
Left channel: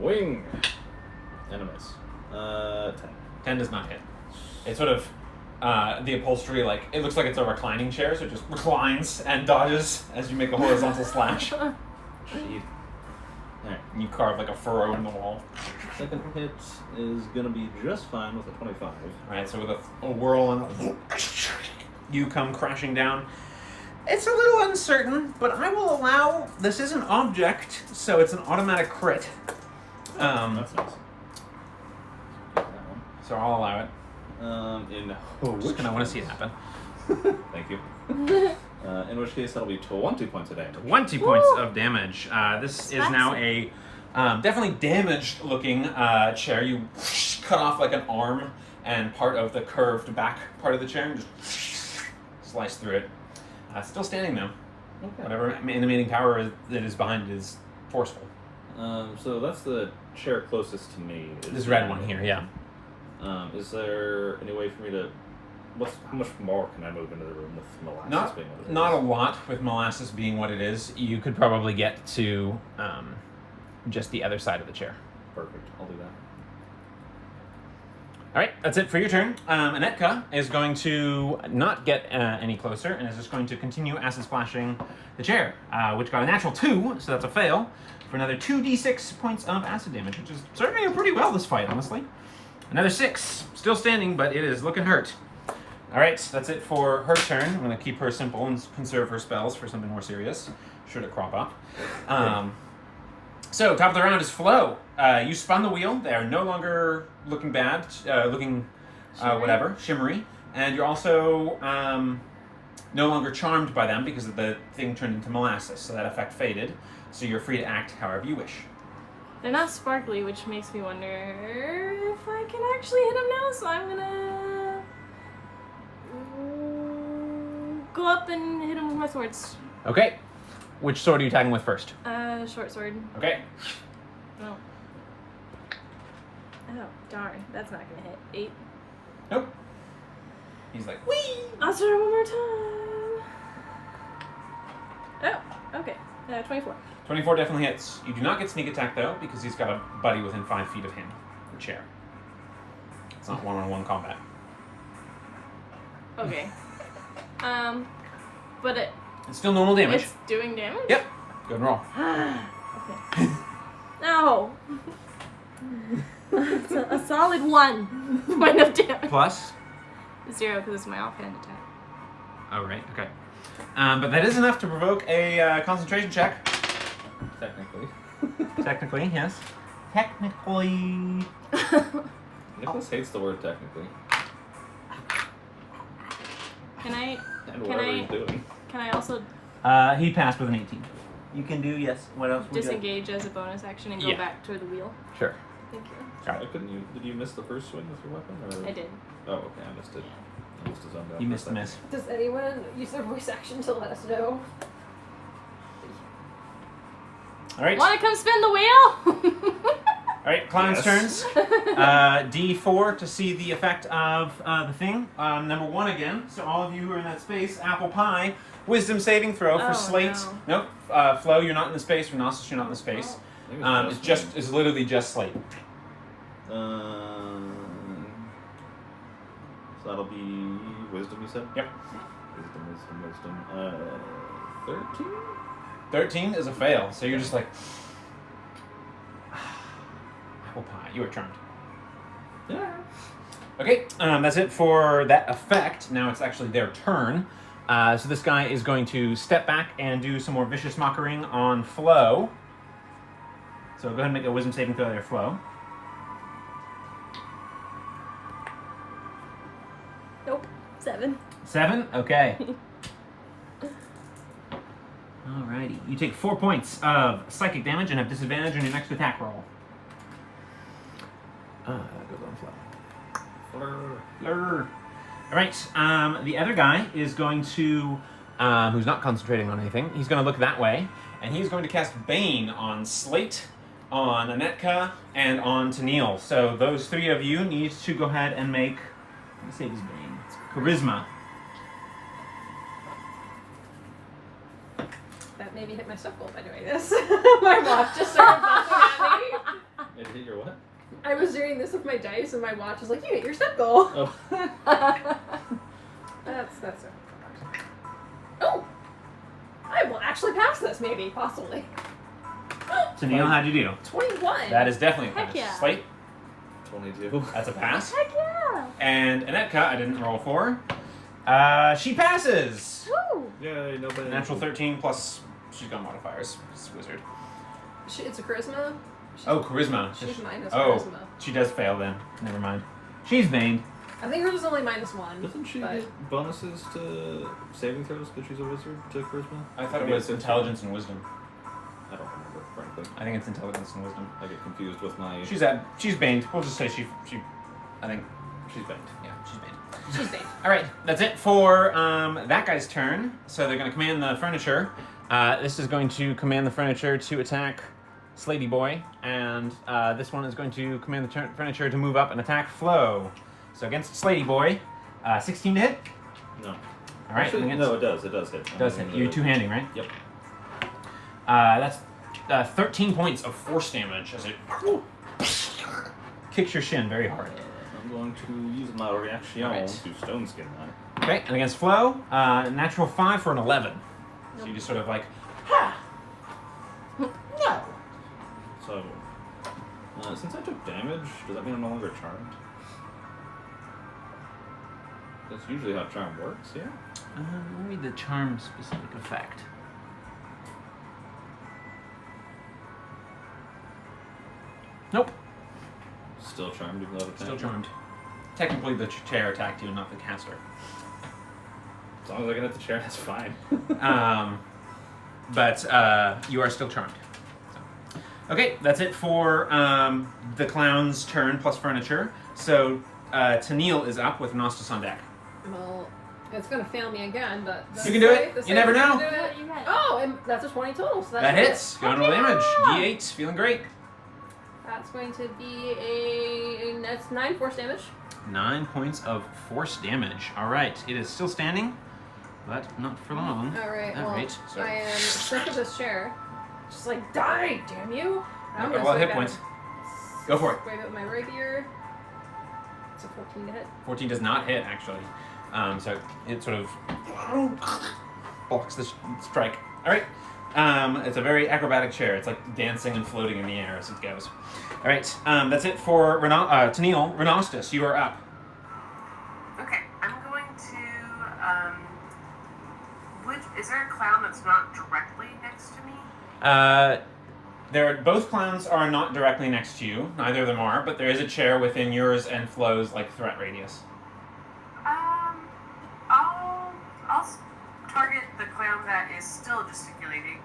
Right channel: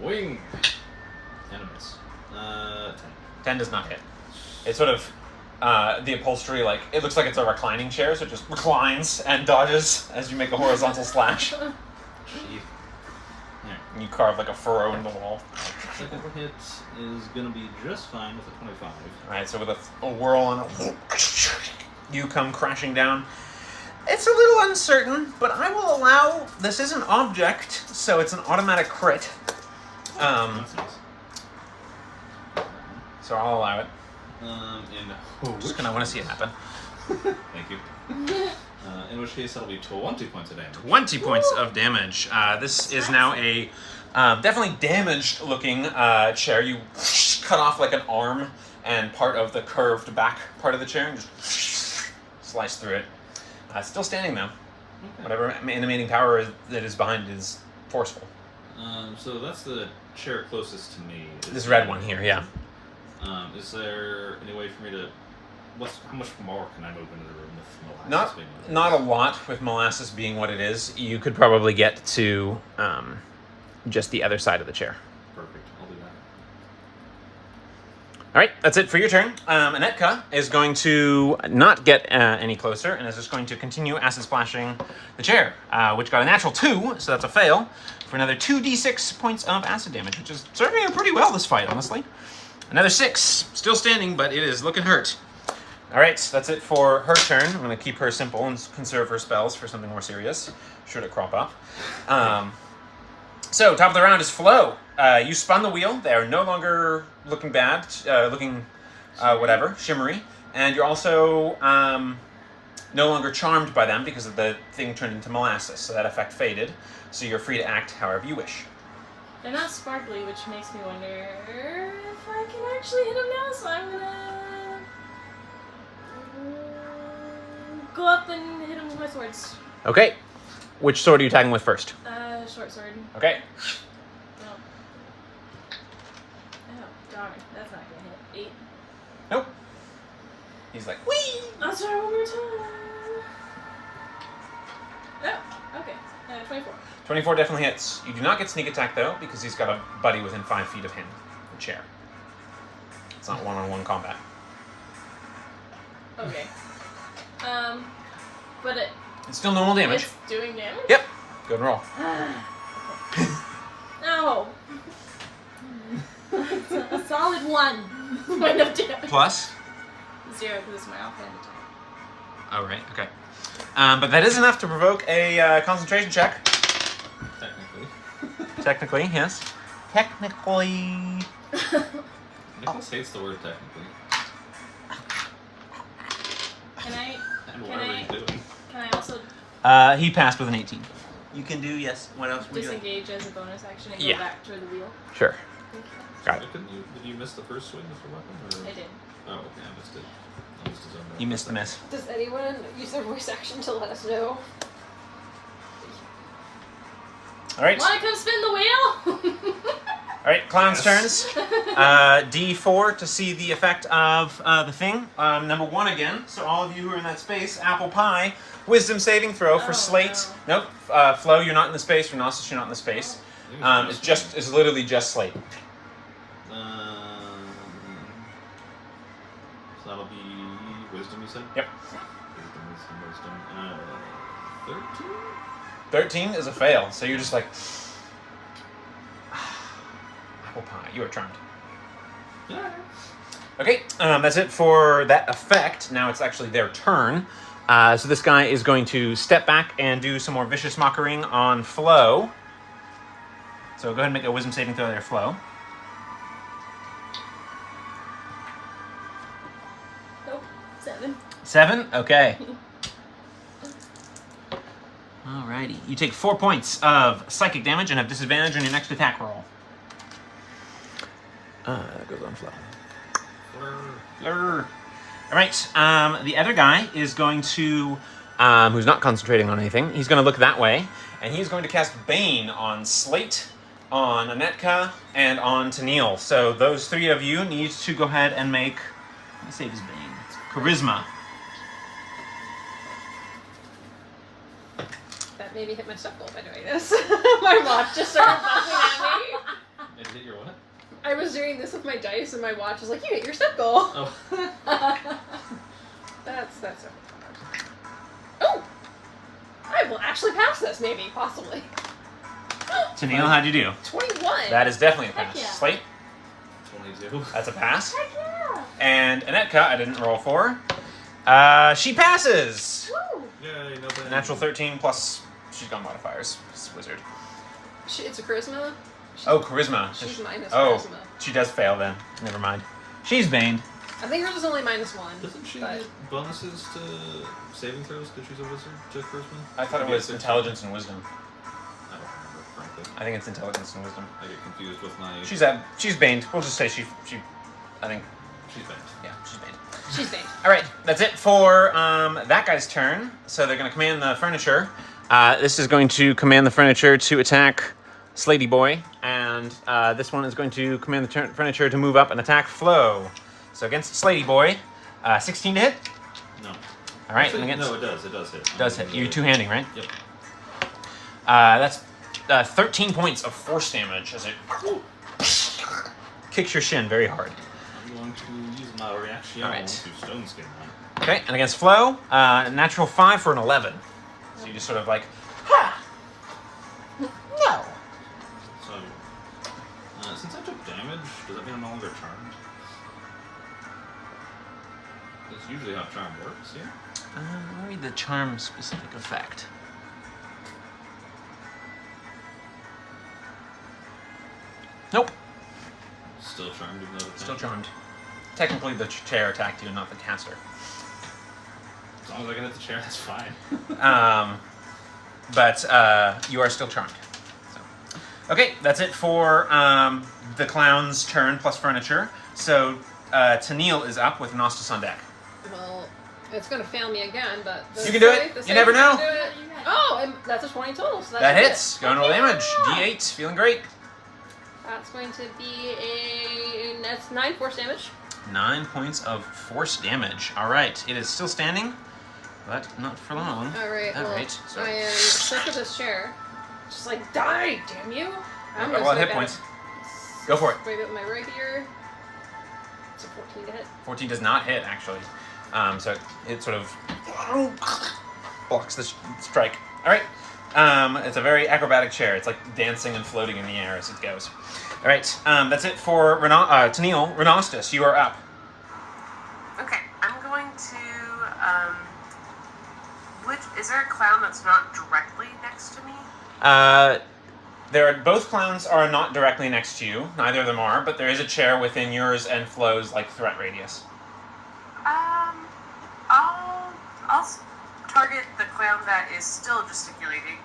Swing. And a miss. 10. 10 does not hit. It's sort of the upholstery, like, it looks like it's a reclining chair, so it just reclines and dodges as you make a horizontal slash. Sheep. Alright. And you carve like a furrow in the wall. Second hit is gonna be just fine with a 25. Alright, so with a whirl and you come crashing down. It's a little uncertain, but I will allow, this is an object, so it's an automatic crit. That's nice. Get that one. So I'll allow it. Just kind of want to see it happen. Thank you. In which case, that'll be 20 points of damage. 20 points of damage. This is now a definitely damaged looking chair. You cut off like an arm and part of the curved back part of the chair and just slice through it. It's still standing though. Okay. Whatever animating power that is behind it is forceful. So that's the chair closest to me. This red one here, yeah. Is there any way for me to... how much more can I move into the room with molasses being what it Not a is? lot with molasses being what it is. You could probably get to just the other side of the chair. Perfect. I'll do that. All right, that's it for your turn. Anetka is going to not get any closer and is just going to continue acid splashing the chair, which got a natural 2, so that's a fail, for another 2d6 points of acid damage, which is serving her pretty well this fight, honestly. Another 6, still standing, but it is looking hurt. All right, that's it for her turn. I'm going to keep her simple and conserve her spells for something more serious, should it crop up. So, top of the round is Flo. You spun the wheel. They are no longer looking bad, whatever, shimmery. And you're also no longer charmed by them because of the thing turned into molasses, so that effect faded. So you're free to act however you wish. They're not sparkly, which makes me wonder if I can actually hit them now, so I'm gonna go up and hit them with my swords. Okay. Which sword are you attacking with first? Short sword. Okay. Oh. Oh, darn. That's not gonna hit. 8. Nope. He's like, whee! I'll try one more time. Oh, okay. 24. 24 definitely hits. You do not get sneak attack, though, because he's got a buddy within 5 feet of him, the chair. It's not one-on-one combat. Okay. But It's still normal damage. it's doing damage? Yep. Good roll. No. a solid 1 point of damage. Plus? 0 because it's my offhand attack. Oh, right. Okay. But that is enough to provoke a concentration check. Technically. Technically, yes. Technically. Nicholas hates the word technically. Can I? And whatever he's doing. Can I also He passed with an 18. You can do, yes. What else would you like? disengage as a bonus action and go Yeah. back to the wheel? Sure. Thank you. Got it. Couldn't you? Did you miss the first swing with your weapon? Or? I did. Oh, okay, I missed it. I must have zoned out You for a missed the second. miss. Does anyone use their voice action to let us know? All right. Wanna come spin the wheel? All right, clown's Yes. turns. D4 to see the effect of the thing. Number 1 again. So all of you who are in that space, apple pie. Wisdom saving throw for Oh, Slate. Nope. Flo, you're not in the space. Renossus, you're not in the space. I think It's literally just Slate. So that'll be wisdom, you said? Yep. Wisdom. 13? 13 is a fail. So you're just like apple pie. You are charmed. Yeah. Okay, that's it for that effect. Now it's actually their turn. So this guy is going to step back and do some more vicious mockering on Flo. So go ahead and make a wisdom saving throw there, Flo. Nope. 7. 7? Okay. Alrighty. You take 4 points of psychic damage and have disadvantage on your next attack roll. That goes on Flo. Fleur. Alright, the other guy is going to, who's not concentrating on anything, he's going to look that way, and he's going to cast Bane on Slate, on Anetka, and on Tennille. So those 3 of you need to go ahead and make, let me save his Bane, Charisma. That made me hit my step goal by doing this. My watch just started buzzing at me. Did you hit your what? I was doing this with my dice, and my watch was like, "You hit your step goal." Oh. That's so. Oh, I will actually pass this, maybe, possibly. Tennille, how'd you do? 21. That is definitely a Heck pass. yeah. Slate, 22. that's a pass. Heck yeah! And Anetka, I didn't roll for. She passes! Woo! Yay, no bad. Natural 13 plus, she's got modifiers. She's a wizard. It's a charisma. Oh, charisma. She's minus Oh, charisma. she does fail then. Never mind. She's Baned. I think hers is only -1. Doesn't she but- get bonuses to saving throws because she's a wizard to charisma? I thought it Maybe was it's 13. intelligence and wisdom. I don't remember, frankly. I think it's intelligence and wisdom. I get confused with my. She's Baned. We'll just say she I think, She's bad. yeah, she's Baned. She's big. All right, that's it for that guy's turn. So they're going to command the furniture. This is going to command the furniture to attack Slatey Boy, and this one is going to command the furniture to move up and attack Flo. So against Slatey Boy, 16 to hit. No. All right, Actually, against, no, it does. It does hit. does hit. You're two-handing, right? Yep. That's 13 points of force damage as it kicks your shin very hard. I'm going to use my reaction Alright. to stone skin that. Okay, and against Flo, natural 5 for an 11. So you just sort of like, ha! No! So, since I took damage, does that mean I'm no longer charmed? That's usually how charm works, yeah? Let me read the charm specific effect. Nope, Still charmed even though it's still charmed. Technically, the chair attacked you, not the caster. As long as I can hit the chair, that's fine. But you are still charmed. So. Okay, that's it for the clown's turn plus furniture. So Tennille is up with Nostos on deck. Well, it's gonna fail me again, but You can do it. The You never same know. can do it. You had- Oh, and that's a 20 total. So That that's hits. Going to roll damage. D8. Feeling great. That's going to be that's 9 force damage. 9 points of force damage. All right, it is still standing, but not for long. All right. All Well, right. So. I am stuck in this chair. Just like die, damn you! I'm A gonna lot of save hit points. it. Go for it. Wave it with my rapier. It's a 14 to hit. 14 does not hit actually. So it sort of blocks the strike. All right. It's a very acrobatic chair. It's like dancing and floating in the air as it goes. All right. That's it for Tennille. Renostos, you are up. Okay, I'm going to. Is there a clown that's not directly next to me? Both clowns are not directly next to you. Neither of them are, but there is a chair within yours and Flo's threat radius. I'll target the clown that is still gesticulating,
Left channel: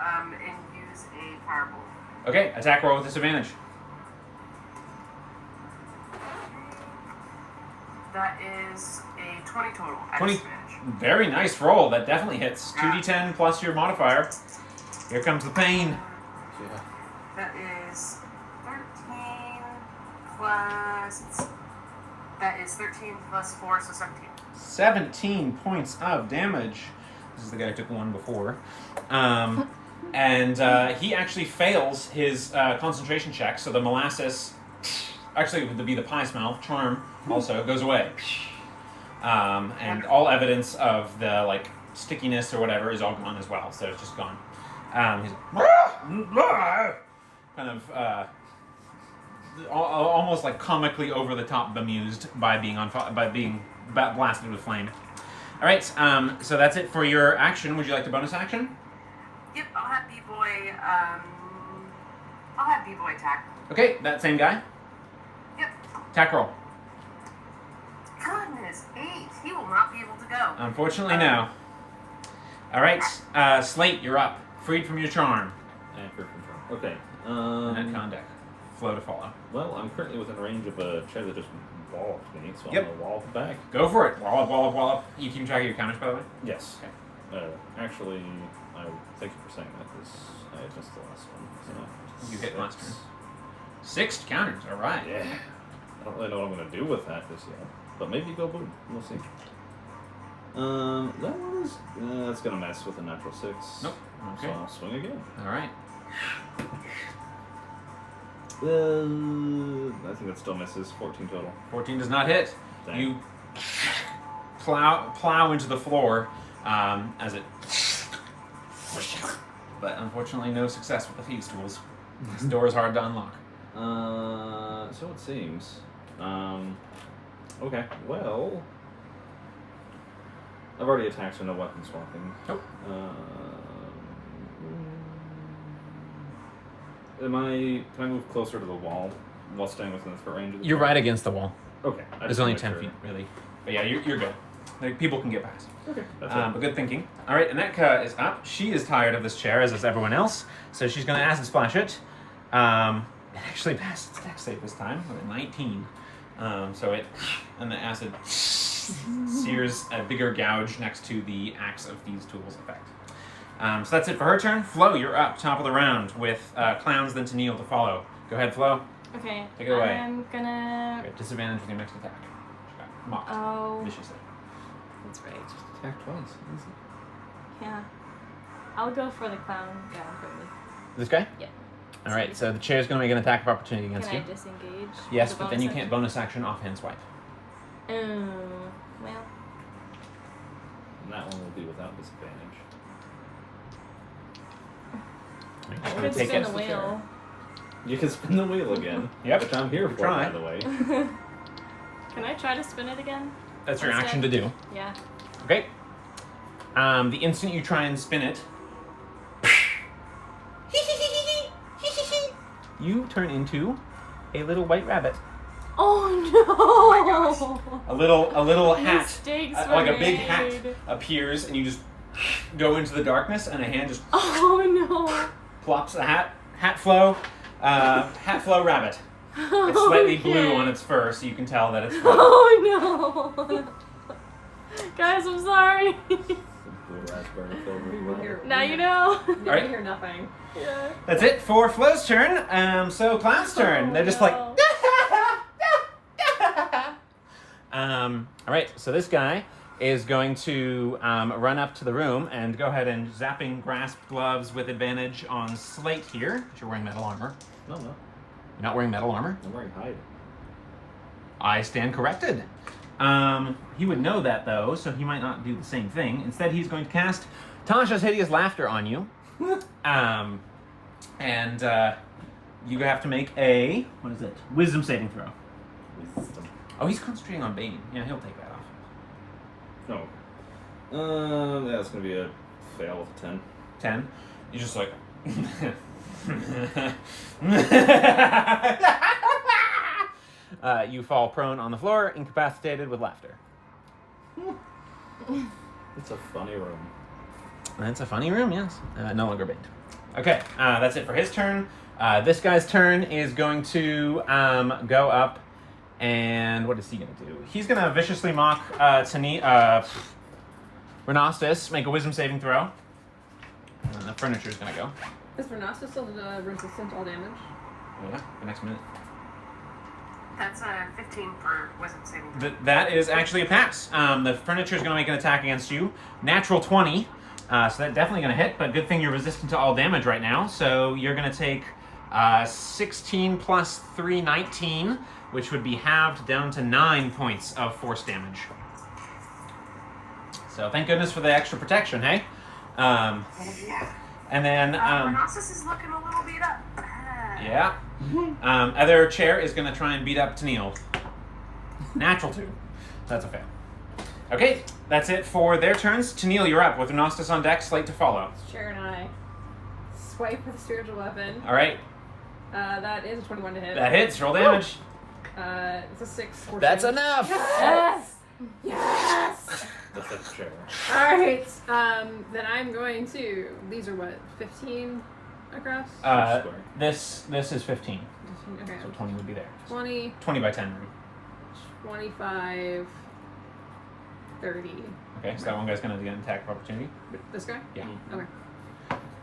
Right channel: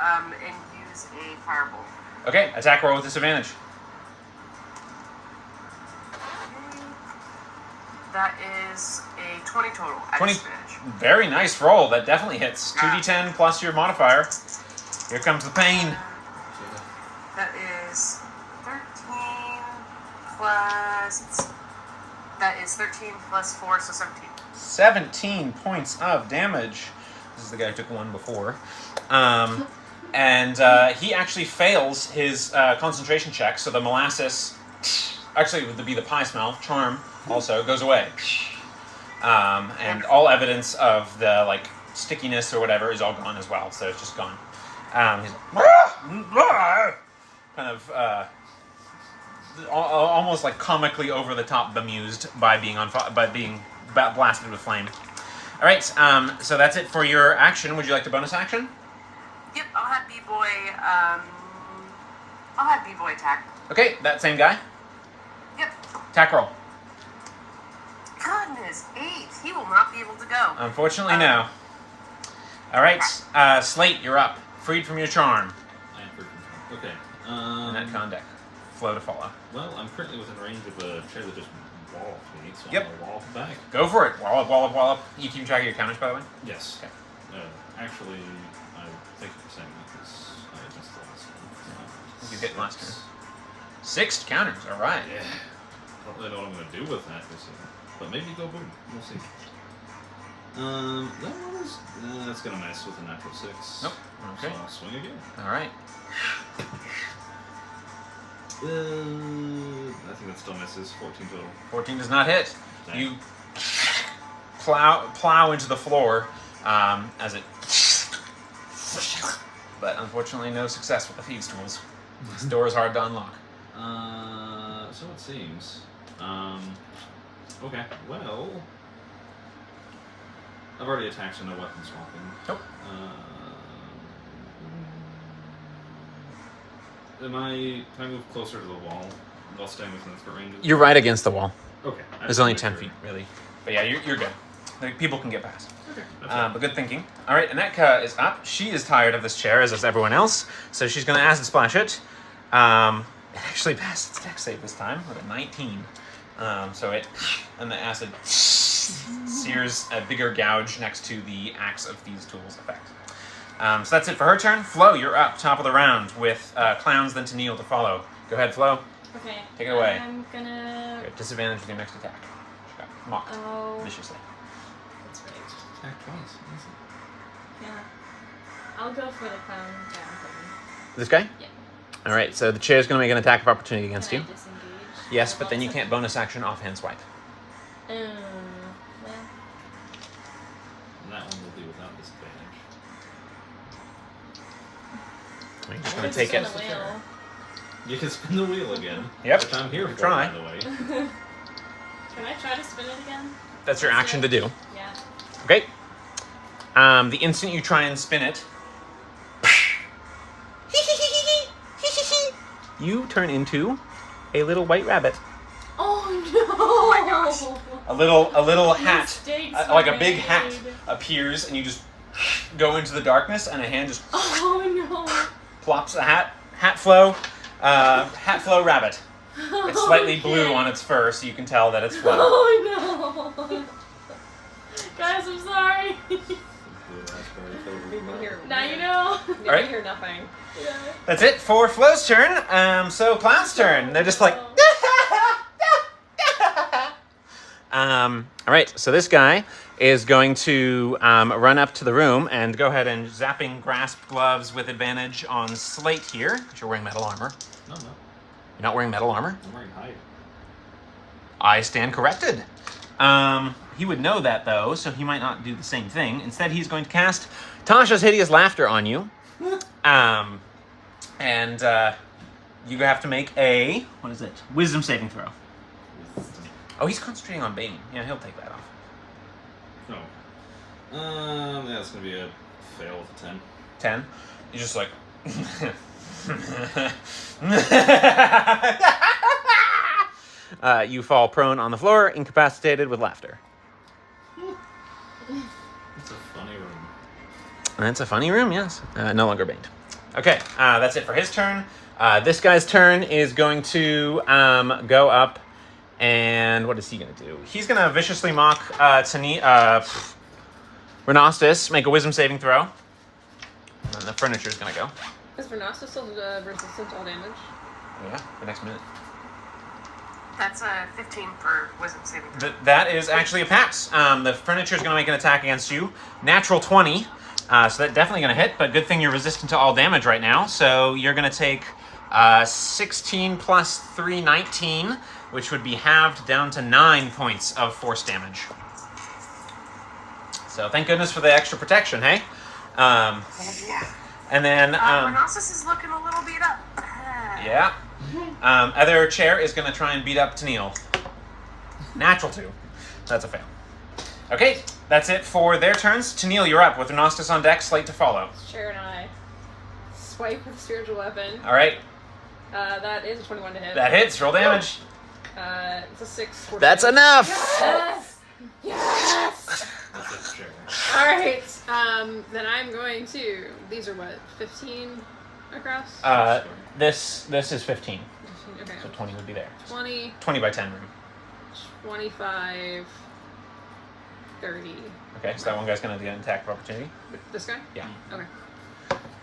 and use a firebolt. Okay, attack roll with disadvantage. That is a 20 total at 20. disadvantage. Very nice roll. That definitely hits. 2d10 plus your modifier. Here comes the pain. That is 13 plus. That is 13 plus 4, so 17. 17 points of damage. This is the guy who took one before. And he actually fails his concentration check, so the molasses, actually it would be the pie smell, charm, also goes away. And all evidence of the stickiness or whatever is all gone as well, so it's just gone. He's kind of almost comically over the top bemused by being blasted with flame. All right, so that's it for your action. Would you like to bonus action? Yep, I'll have B-Boy attack. Okay, that same guy. Yep. Attack roll. Goodness, 8. He will not be able to go. Unfortunately, no. All right, Slate, you're up. Freed from your charm. I am free from charm. Okay. Netcon deck. Flow to follow. Well, I'm currently within range of a chair that just walloped me, so Yep. I'm gonna wallop back. Go for it. Wallop, wallop, wallop. You keep track of your counters, by the way? Yes. Okay. Actually, thank you for saying that because I had missed the last one. So You hit last 6. turn. 6 counters, all right. Yeah. I don't really know what I'm gonna do with that this year, but maybe go boom. We'll see. That's gonna mess with a natural 6. Nope. Okay. So I'll swing again. All right. I think that still misses. 14 total. 14 does not hit. Dang. You plow into the floor as it... But unfortunately, no success with the thieves' tools. This door is hard to unlock. So it seems. Okay, well... I've already attacked, so no weapon swapping. Nope. Can I move closer to the wall while staying within the threat range? You're right against the wall. Okay. It's only 10 feet, really. But yeah, you're good. People can get past. Okay. That's But good thinking. All right, Anetka is up. She is tired of this chair, as is everyone else. So she's going to acid splash it. It actually passed its dex save this time with a 19. And the acid sears a bigger gouge next to the Axe of Thieves' Tools effect. So that's it for her turn. Flo, you're up, top of the round, with clowns then to Neil to follow. Go ahead, Flo. Okay. Take it away. I'm gonna. You have disadvantage with your next attack. Mock. Oh. Viciously. That's right. Attack twice. Easy. Yeah. I'll go for the clown down thing. This guy? Yeah. All right, so the chair's going to make an attack of opportunity against Can you. I disengage? Yes, The but then you bonus can't bonus action offhand swipe. action? Yeah. And that one will be without disadvantage. You're just I'm going to take spin it. the wheel. You can spin the wheel again. Yep. Which I'm here for, Try. by the way. Can I try to spin it again? That's your That's action it. to do. Yeah. Okay. The instant you try and spin it, you turn into a little white rabbit. Oh no! my gosh. A little hat, Mistakes like a were big hat, made. appears, and you just go into the darkness, and a hand just Oh no! plops a hat flow rabbit. It's slightly blue on its fur, so you can tell that it's Flo. Oh no! Guys, I'm sorry. The blue raspberry filled with milk. Now you know. Did All right. you hear nothing? Yeah. That's it for Flo's turn. So Clown's turn. They're just like. All right, so this guy is going to run up to the room and go ahead and zapping grasp gloves with advantage on Slate here. 'Cause you're wearing metal armor. No. You're not wearing metal armor? I'm wearing hide. I stand corrected. He would know that though, so he might not do the same thing. Instead, he's going to cast Tasha's Hideous Laughter on you. You have to make a, what is it? Wisdom saving throw. Wisdom. Oh, he's concentrating on Bane. Yeah, he'll take that off. No. Yeah, it's gonna be a fail with a 10. 10. You're just like, You fall prone on the floor, incapacitated with laughter. It's a funny room. That's a funny room, yes. No longer bait. Okay, that's it for his turn. This guy's turn is going to go up, and what is he going to do? He's going to viciously mock Renostus, make a wisdom saving throw. And the furniture's going to go. Is Renostus still resistant to all damage? Oh, yeah, the next minute. That's a 15 for wisdom saving throw. That is actually a pass. The furniture's going to make an attack against you. Natural 20. So that's definitely going to hit, but good thing you're resistant to all damage right now. So you're going to take 16 plus 3, 19, which would be halved down to 9 points of force damage. So thank goodness for the extra protection, hey? Yeah. And then... Renossus is looking a little beat up. yeah. Other chair is going to try and beat up Tennille. Natural 2. That's a fail. Okay, that's it for their turns. Tennille, you're up with Renostus on deck, slate to follow. Chair and I swipe with a spiritual weapon. All right, That is a 21 to hit. that hits. Roll damage. It's a 6. That's enough. Yes! Yes! That's a chair. Alright, then I'm going to... These are what, 15 across? This is 15, 15, okay. so 20 would be there. 20, 20 by 10 room. 25, 30. Okay, so that one guy's going to get an attack of opportunity. This guy? Yeah, Okay.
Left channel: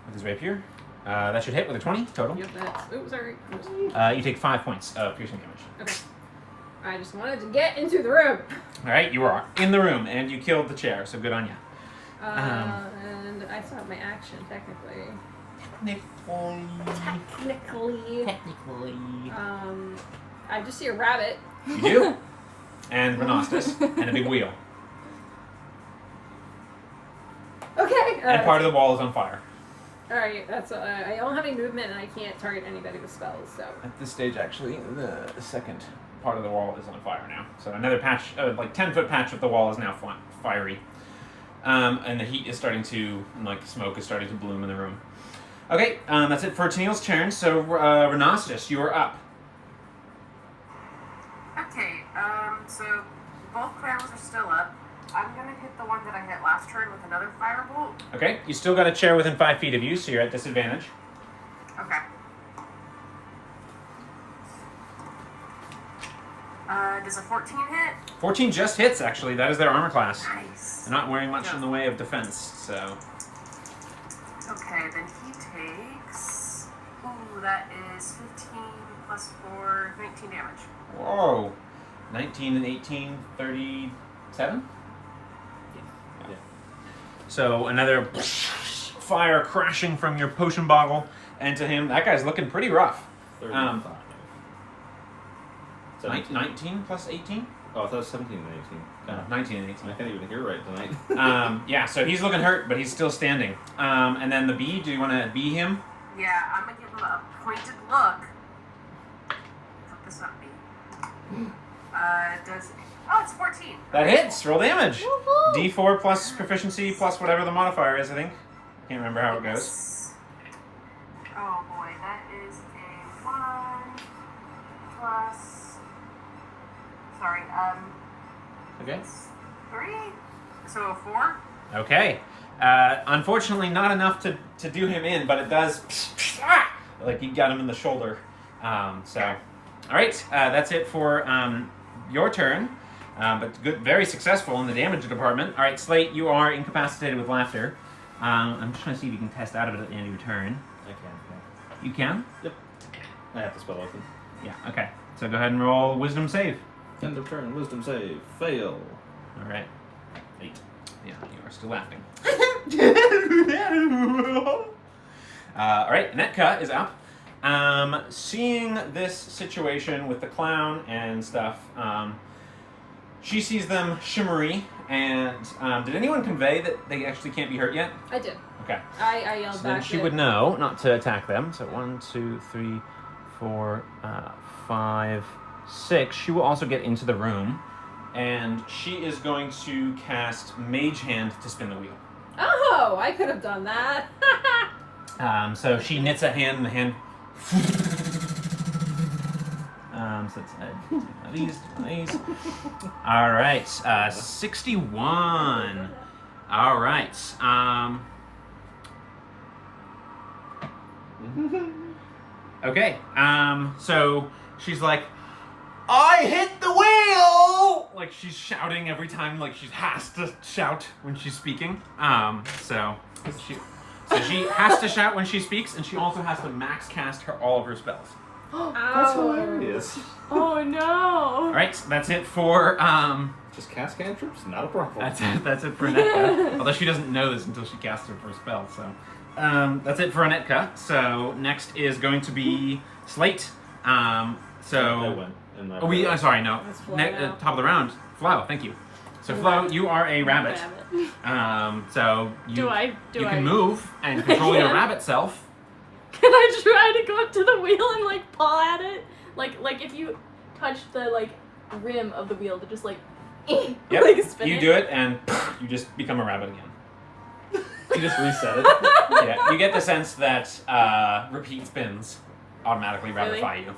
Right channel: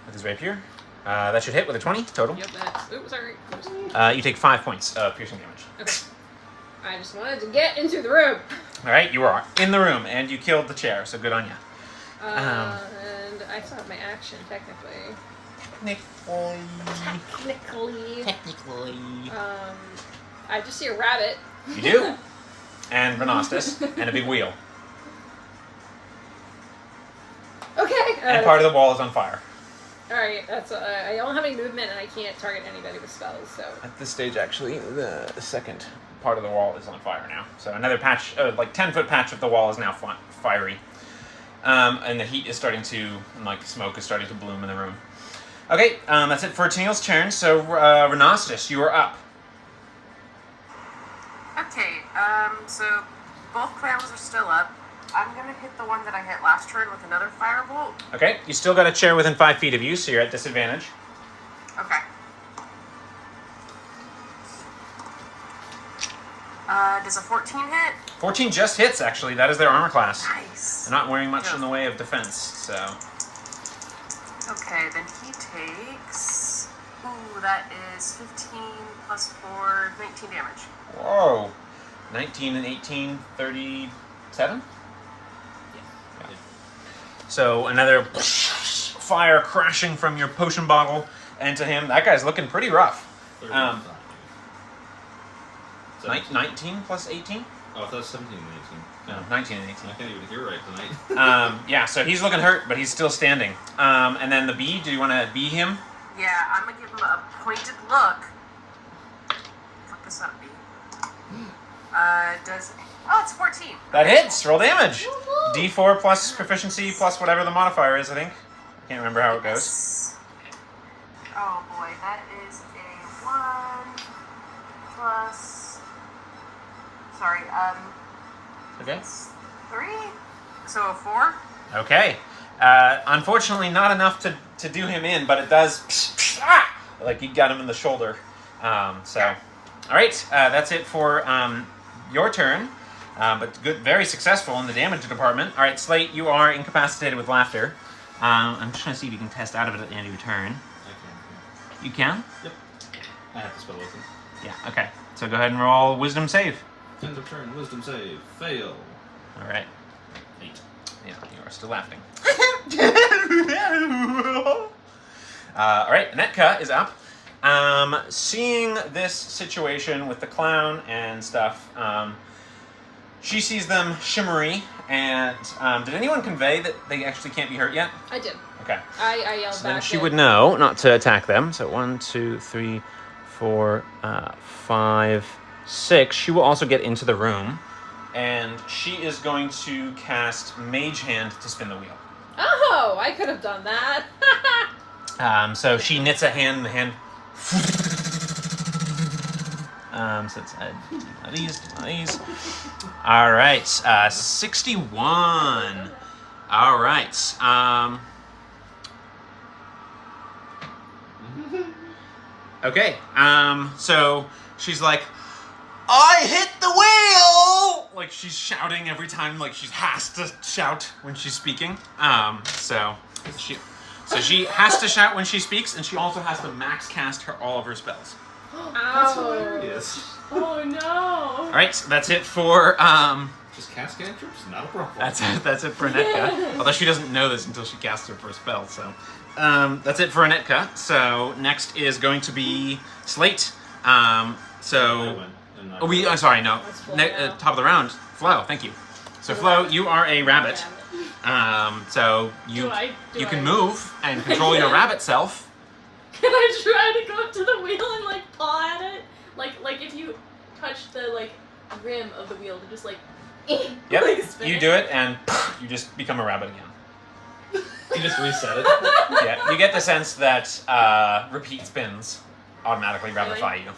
with his rapier. That should hit with a 20 total. Yep, oops, sorry. You take 5 points of piercing damage. Okay. I just wanted to get into the room. All right, you are in the room, and you killed the chair, so good on you. And I still have my action, technically. Technically. I just see a rabbit. You do? And Renostus, and a big wheel. Okay. And part of the wall is on fire. Alright, that's I don't have any movement and I can't target anybody with spells, so. At this stage, actually, the second part of the wall is on fire now. So another patch, like 10-foot patch of the wall is now fiery. And the heat is starting to, like smoke is starting to bloom in the room. Okay, that's it for Tennille's turn. So, Renostus, you are up. Okay, so both clowns are still up. I'm gonna hit the one that I hit last turn with another firebolt. Okay, you still got a chair within 5 feet of you, so you're at disadvantage. Okay. Does a 14 hit? 14 just hits, actually. That is their armor class. Nice. They're not wearing much in the way of defense, so... Okay, then he takes... Ooh, that is 15 plus 4, 19 damage. Whoa. 19 and 18, 37? Yeah. So another fire crashing from your potion bottle into him. That guy's looking pretty rough. 35. 17. 19 plus 18? Oh, I thought it was 17 and 18. No, 19 and 18. I can't even hear right tonight. Yeah, so he's looking hurt, but he's still standing. And then the bee, do you want to bee him? Yeah, I'm gonna give him a pointed look. Fuck this up, bee. Does... Oh, it's 14. That Okay, hits. Roll damage. D4 plus proficiency plus whatever the modifier is, I think. I can't remember how it goes. Yes. Oh boy, that is a 1 plus... Sorry, Okay. 3? So a 4? Okay. Unfortunately, not enough to do him in, but it does... Like, you got him in the shoulder. So... Alright, that's it for your turn. But good, very successful in the damage department. Alright, Slate, you are incapacitated with laughter. I'm just trying to see if you can test out of it at the end of your turn. I can, You can? Yep. I have the spell open. Yeah, okay. So go ahead and roll Wisdom save. End of turn, wisdom save. Fail. Alright. 8. Yeah, you are still laughing. Alright, Netka is up. Seeing this situation with the clown and stuff, she sees them shimmery, and did anyone convey that they actually can't be hurt yet? I did. Okay. I yelled So back. then she would know not to attack them. So 1, 2, 3, 4, 5, 6. She will also get into the room, and she is going to cast Mage Hand to spin the wheel. Oh, I could have done that. So she knits a hand, and the hand. So it's these. All right, 61. All right. Okay. So she's like, I hit the wheel! Like she's shouting every time, like she has to shout when she's speaking. So she has to shout when she speaks, and she also has to max cast all of her spells. That's hilarious. Oh no! All right, so that's it for Just cast cantrips, not a problem. That's it for Anetka. Although she doesn't know this until she casts her first spell. So that's it for Anetka. So next is going to be Slate. I went in my Sorry, no. That's Flo. Top of the round, Flo. Thank you. So Flo, you are a rabbit. So you can move and control your rabbit self. Can I try to go up to the wheel and like paw at it? Like if you touch the like rim of the wheel to just like Yep. like spin You it. do it, and you just become a rabbit again. You just reset it. Yeah. You get the sense that repeat spins automatically rabbify you.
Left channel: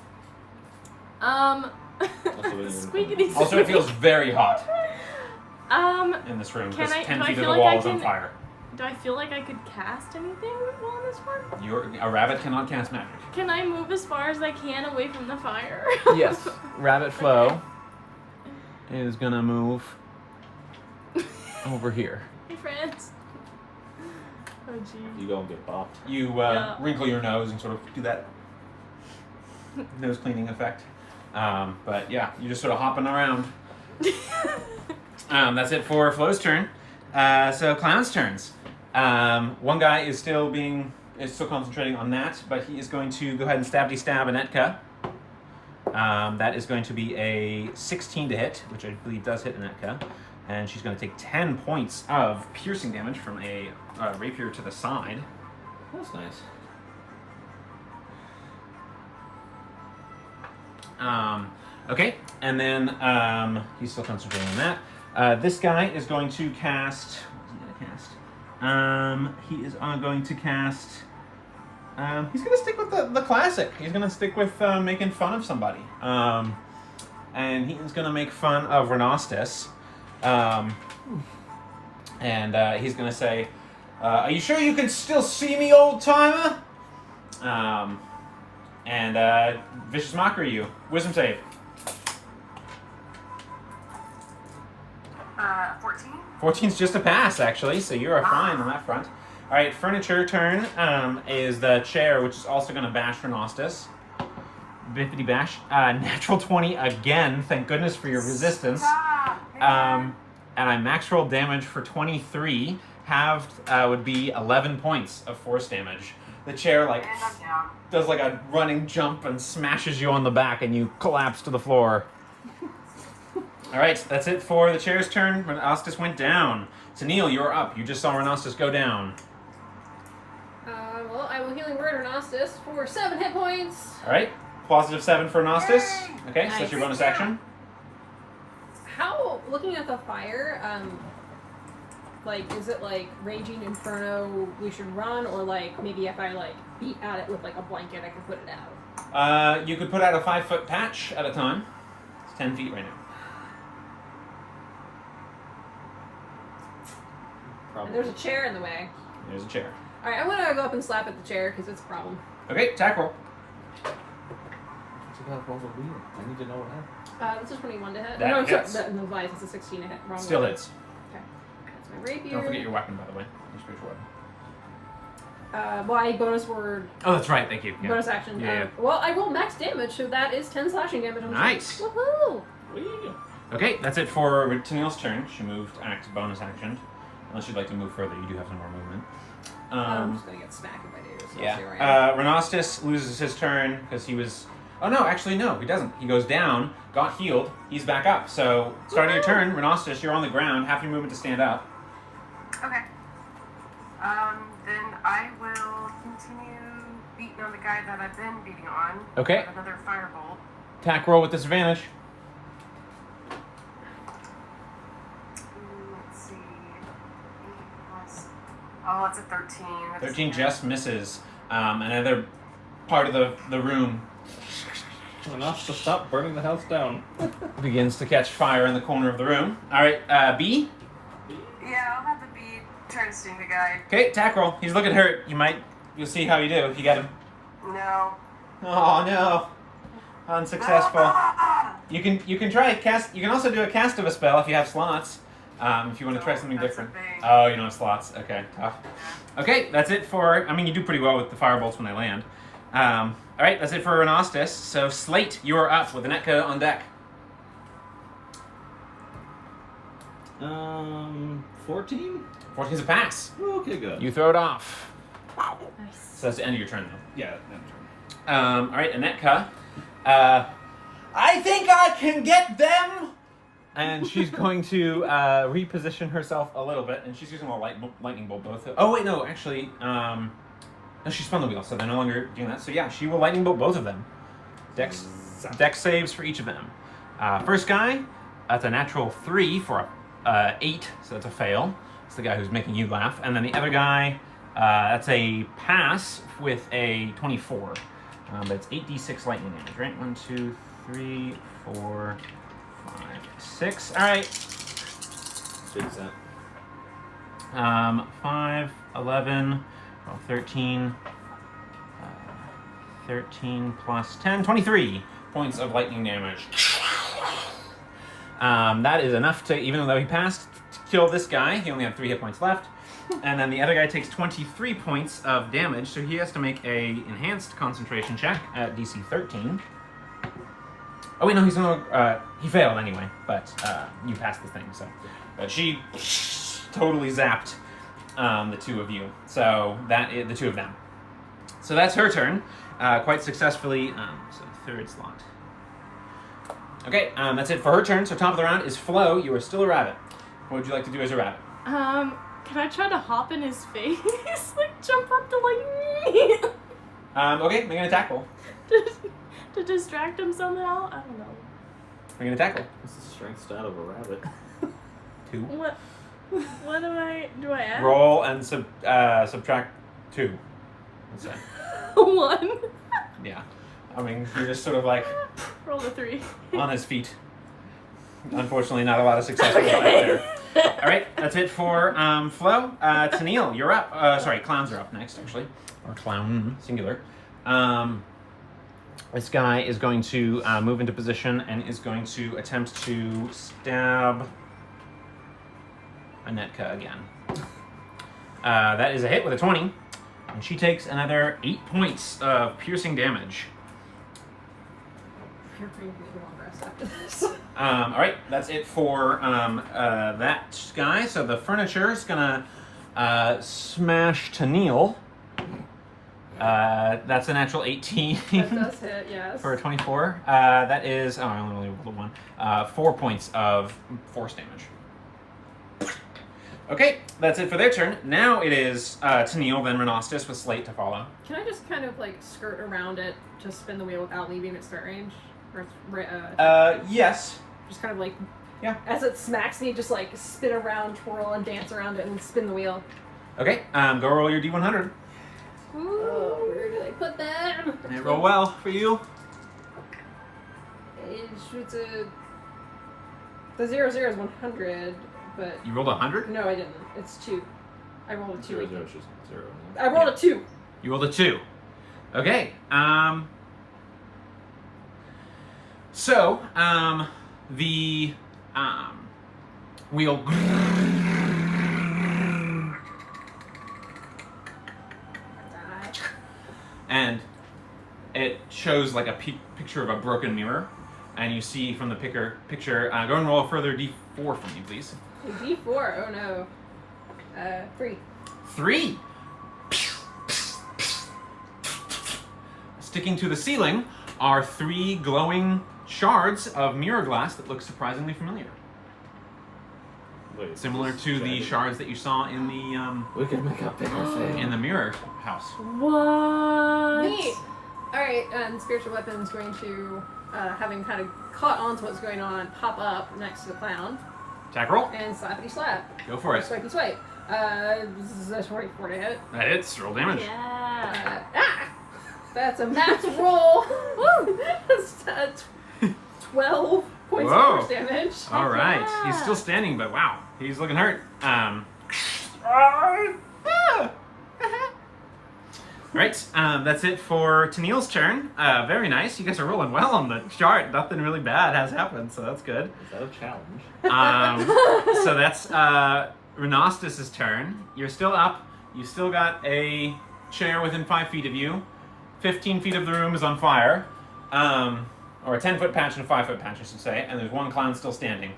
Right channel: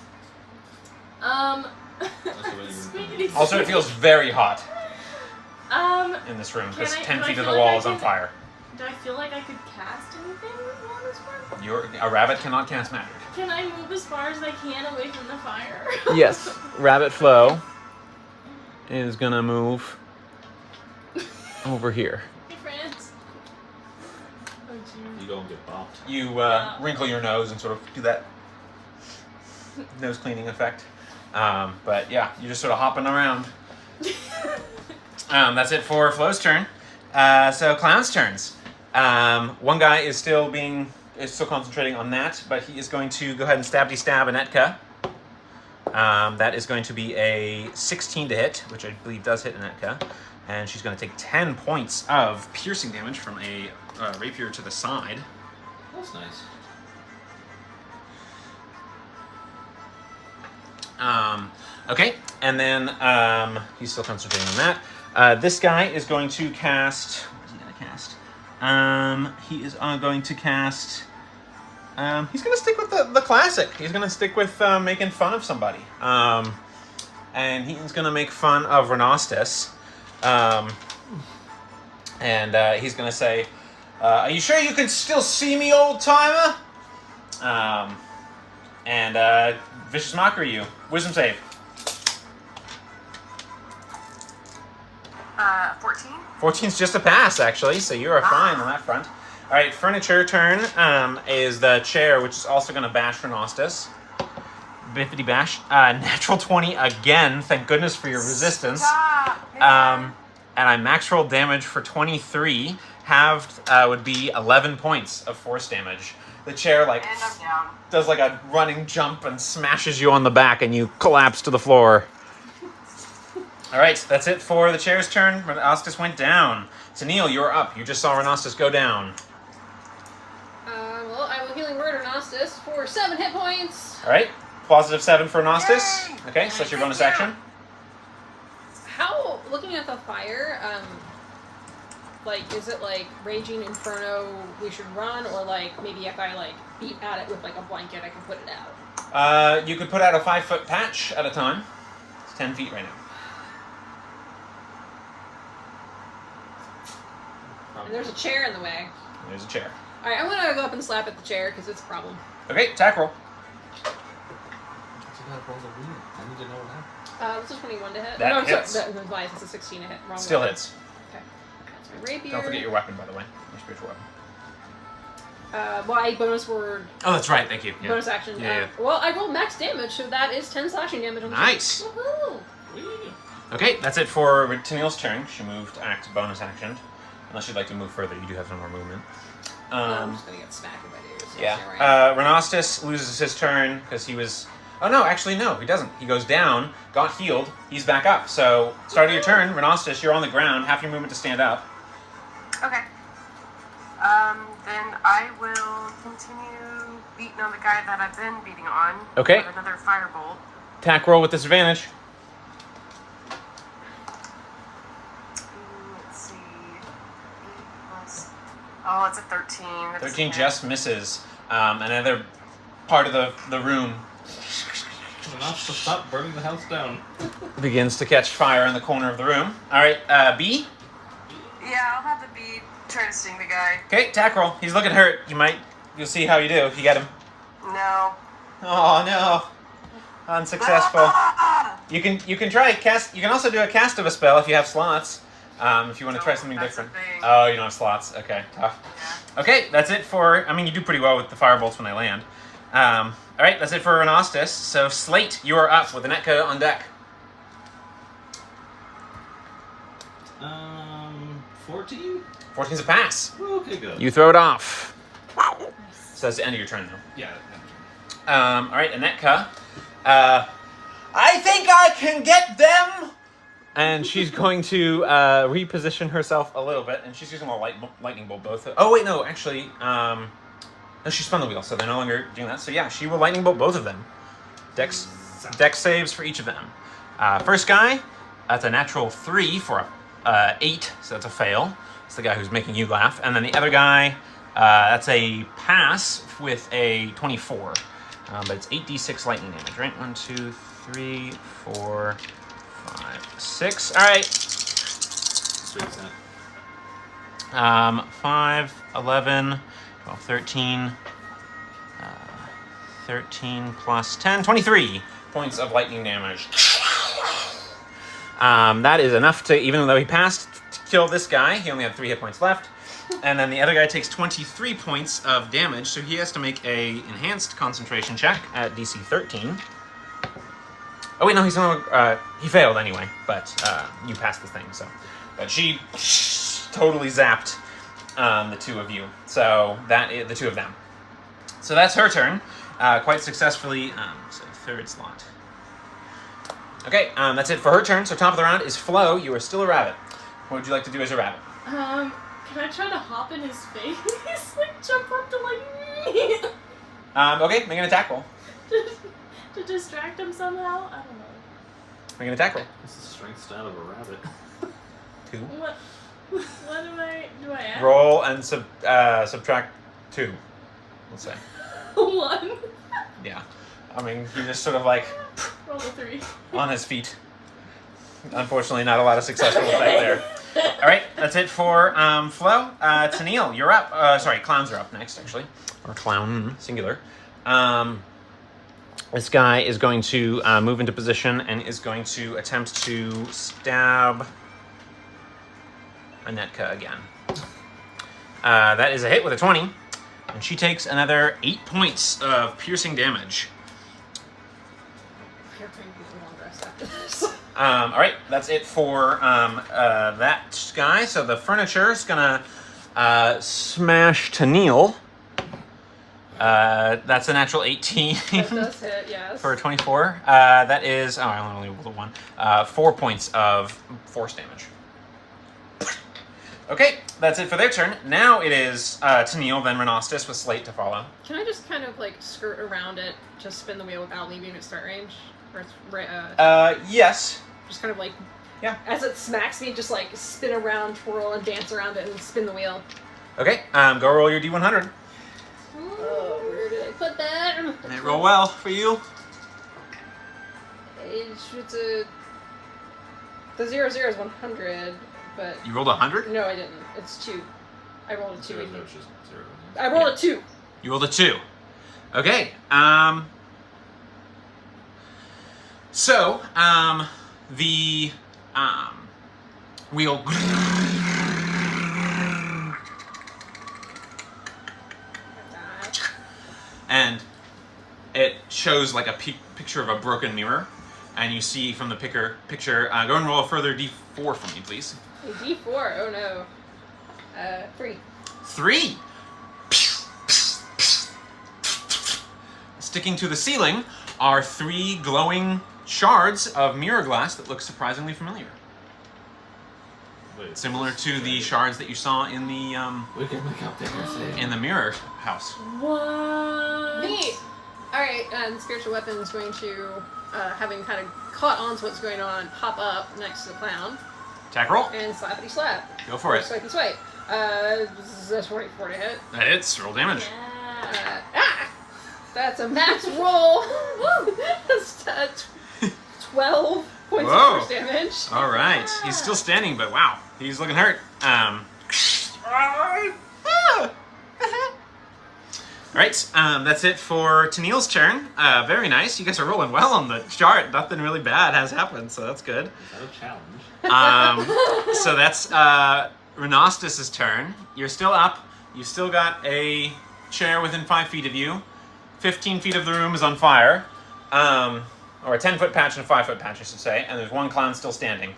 Speaking Also, it feels very hot Um, in this room Can because I- 10 do I feet of feel the like wall I is on can- fire. do I feel like I could cast anything on this one? A rabbit cannot cast magic. Can I move as far as I can away from the fire? Yes. Rabbit Flo is gonna move over here. Hey, friends. Oh, jeez. You gonna get bopped. You Yeah. wrinkle your nose and sort of do that nose cleaning effect. But yeah, you're just sort of hopping around. That's it for Flo's turn. So Clown's turns. One guy is still concentrating on that, but he is going to go ahead and stab Anetka. That is going to be a 16 to hit, which I believe does hit Anetka. And she's going to take 10 points of piercing damage from a rapier to the side. That's nice. Okay, and then he's still concentrating on that. This guy is going to cast. What's he going to cast? He is going to cast. He's going to stick with the classic. He's going to stick with making fun of somebody. And he's going to make fun of Renostus. And he's going to say, are you sure you can still see me, old timer? And Vicious Mockery you. Wisdom save. 14. 14's just a pass, actually, so you are fine on that front. All right, furniture turn is the chair, which is also going to bash Renostus. Biffity bash. Natural 20 again. Thank goodness for your resistance. Stop, man. And I max roll damage for 23. Halved would be 11 points of force damage. The chair And I'm down. does like a running jump and smashes you on the back, and you collapse to the floor. All right, that's it for the chair's turn. Renostus went down. So Neil, you're up. You just saw Renostus go down. Well, I will healing word Renostus for 7 hit points. All right, positive 7 for Renostus. Yay! Okay, so that's your bonus action. How, looking at the fire, like, is it like raging inferno we should run, or like maybe if I like beat at it with like a blanket I can put it out? You could put out a 5-foot patch at a time. It's 10 feet right now. And there's a chair in the way. There's a chair. Alright, I'm gonna go up and slap at the chair because it's a problem. Okay, attack roll. You gotta roll the wheel. I need to know what happened. This is 21 to hit. That no, I'm hits. sorry. No, lies. It's a 16 to hit. Wrong Still one. hits. Okay. That's my rapier. Don't forget your weapon, by the way. Your spiritual weapon. Why bonus word? Oh, that's right. Thank you. Yeah. Bonus action. Yeah. Well, I rolled max damage, so that is 10 slashing damage on the Nice. turn. Woohoo! Wheel. Okay, that's it for Tennille's turn. She moved bonus action. Unless you'd like to move further, you do have some more movement. I'm just gonna get smacked if I do. So Yeah. it's alright. Renostus loses his turn because he was. Oh no, actually no, he doesn't. He goes down, got healed, he's back up. So starting your turn, Renostus, you're on the ground. Half your movement to stand up. Okay. Then I will continue beating on the guy that I've been beating on. Okay. With another firebolt. Attack roll with disadvantage. Let's see. 8 plus. Oh, it's a 13. That doesn't 13 hit. just misses. Another part of the room Enough to stop burning the house down. begins to catch fire in the corner of the room. All right, B. Yeah, I'll have the bee try to sting the guy. Okay, attack roll. He's looking hurt. You'll see how you do if you get him. No. Oh no, unsuccessful. You can try a cast. You can also do a cast of a spell if you have slots. If you want to try something that's different. a thing. Oh, you don't have slots. Okay, tough. Yeah. Okay, that's it for. I mean, you do pretty well with the firebolts when they land. All right, that's it for Renostis. So Slate, you are up with Anetka on deck. 14? 14's a pass. Okay, good. You throw it off. Nice. So that's the end of your turn, though. Yeah. All right, Anetka. I think I can get them. And she's going to reposition herself a little bit, and she's using a lightning bolt both. Oh wait, no, actually, no, she spun the wheel, so they're no longer doing that. So yeah, she will lightning bolt both of them. Dex saves for each of them. First guy, that's a natural 3 for a 8, so it's a fail. It's the guy who's making you laugh. And then the other guy, that's a pass with a 24. But it's 8d6 lightning damage, right? 1, 2, 3, 4, 5, 6. All right. Straight set. 5, 11, 12, 13, 13 plus 10, 23 points of lightning damage. That is enough to, even though he passed, to kill this guy. He only had 3 hit points left. And then the other guy takes 23 points of damage, so he has to make a enhanced concentration check at DC 13. Oh wait, no, he's only, he failed anyway, but you passed the thing, so. But she totally zapped the two of you, so that is the two of them. So that's her turn, quite successfully, so third slot. Okay, that's it for her turn, so top of the round is Flo. You are still a rabbit. What would you like to do as a rabbit? Can I try to hop in his face? Like, jump up to, like, Okay, make an attack roll. to distract him somehow? I don't know. Make an attack roll. What's the strength stat of a rabbit? 2. What do I add? Roll and subtract 2, let's say. 1. Yeah. I mean, you're just sort of like Roll a 3. on his feet. Unfortunately, not a lot of successful effect there. All right, that's it for Flo. Tennille, you're up. Sorry, clowns are up next, actually. Or clown, singular. This guy is going to move into position and is going to attempt to stab Anetka again. That is a hit with a 20. And she takes another 8 points of piercing damage. All right, that's it for that guy. So the furniture is gonna smash Tennille. That's a natural 18 That does hit, yes. for a 24. That is, I only rolled a 1. 4 points of force damage. Okay, that's it for their turn. Now it is Tennille, then Renostis with Slate to follow. Can I just kind of like skirt around it, just spin the wheel without leaving at start range? Or Yes. just kind of like, Yeah. as it smacks me, just like spin around, twirl, and dance around it and spin the wheel. Okay, go roll your D100. Oh, where did I put that? They roll well for you. It's a... The 0 is 100, but... You rolled 100? No, I didn't. It's 2. I rolled a 2. 0, 0 is just 0. I rolled a 2. You rolled a 2. Okay. So, the wheel and it shows like a picture of a broken mirror, and you see from the picture. Go and roll a further D4 for me, please. A D4? Oh no. 3. 3. Sticking to the ceiling are 3 glowing shards of mirror glass that look surprisingly familiar. Wait, Similar to the shards that you saw in the we can make up there. in the mirror house. What? Neat! Alright, and Spiritual Weapon is going to, having kind of caught on to what's going on, hop up next to the clown Attack roll. and slappity slap. Go for it. Swipey swipe. This is 44 to hit. That hits. Roll damage. Yeah. That's a max roll. That's 12 points Whoa. of force damage. All right. He's still standing, but wow, he's looking hurt. Right, that's it for Tennille's turn. Very nice. You guys are rolling well on the chart. Nothing really bad has happened, so that's good. Is that a challenge? So that's Renostus' turn. You're still up. You still got a chair within 5 feet of you. 15 feet of the room is on fire. Or a 10-foot patch and a 5-foot patch, I should say. And there's one clown still standing.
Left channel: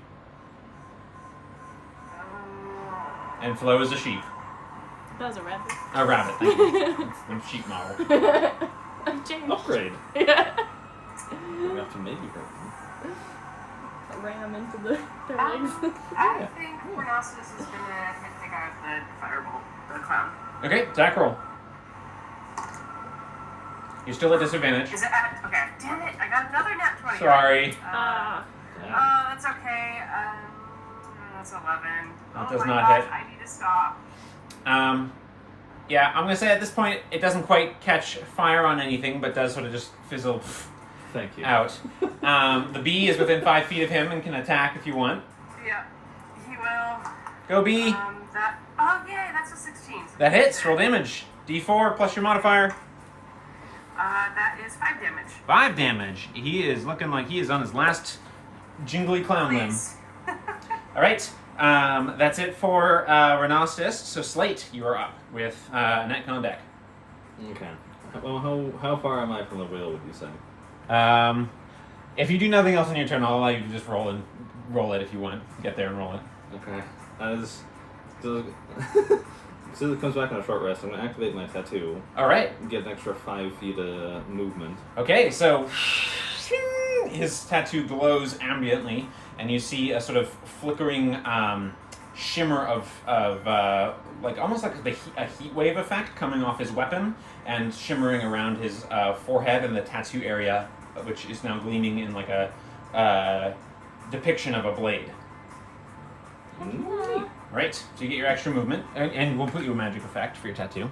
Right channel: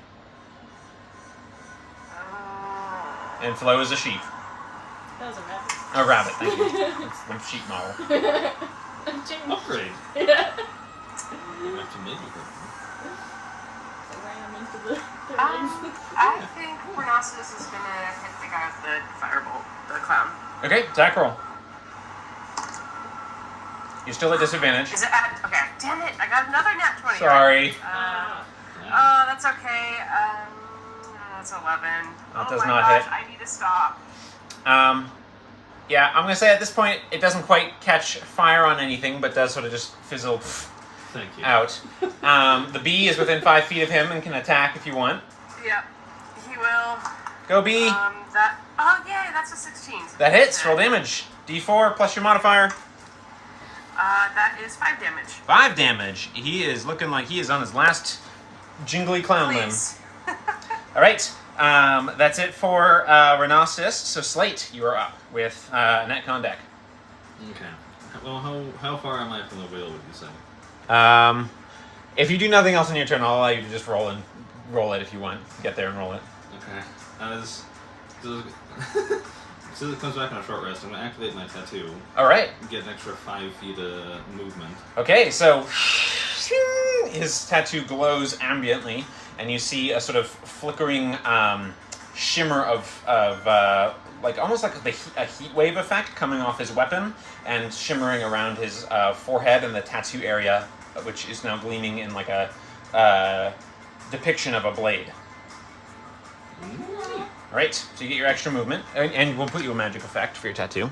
And Flo is a sheep. That was a rabbit. A rabbit, thank you. It's the sheep model. I'm Jim. Upgrade. Yeah. You have to maybe hurt me. I ran into the legs. I think Rhinoceros is gonna hit the guy with the firebolt, the clown. Okay, attack roll. You're still at disadvantage. Is it at? Okay. Damn it! I got another nat 20. Sorry. That's okay. That's 11. That Oh does my not gosh, hit. I need to stop. Yeah, I'm gonna say at this point it doesn't quite catch fire on anything, but does sort of just fizzle Thank you. out. The bee is within 5 feet of him and can attack if you want. Yep. He will. Go bee. That. Oh yay! That's a 16. That hits. Roll damage. D4 plus your modifier. That is 5 damage. 5 damage. He is looking like he is on his last jingly clown limb. Please. All right. That's it for Renostus. So Slate, you are up with Netcon on deck. Okay. Well, how far am I from the wheel, would you say? If you do nothing else on your turn, I'll allow you to just roll it if you want. Get there and roll it. Okay. Since it comes back on a short rest, I'm going to activate my tattoo. All right. And get an extra 5 feet of movement. Okay, so his tattoo glows ambiently, and you see a sort of flickering shimmer of like almost like a heat wave effect coming off his weapon and shimmering around his forehead and the tattoo area, which is now gleaming in like a depiction of a blade. Right, so you get your extra movement, and we'll put you a magic effect for your tattoo.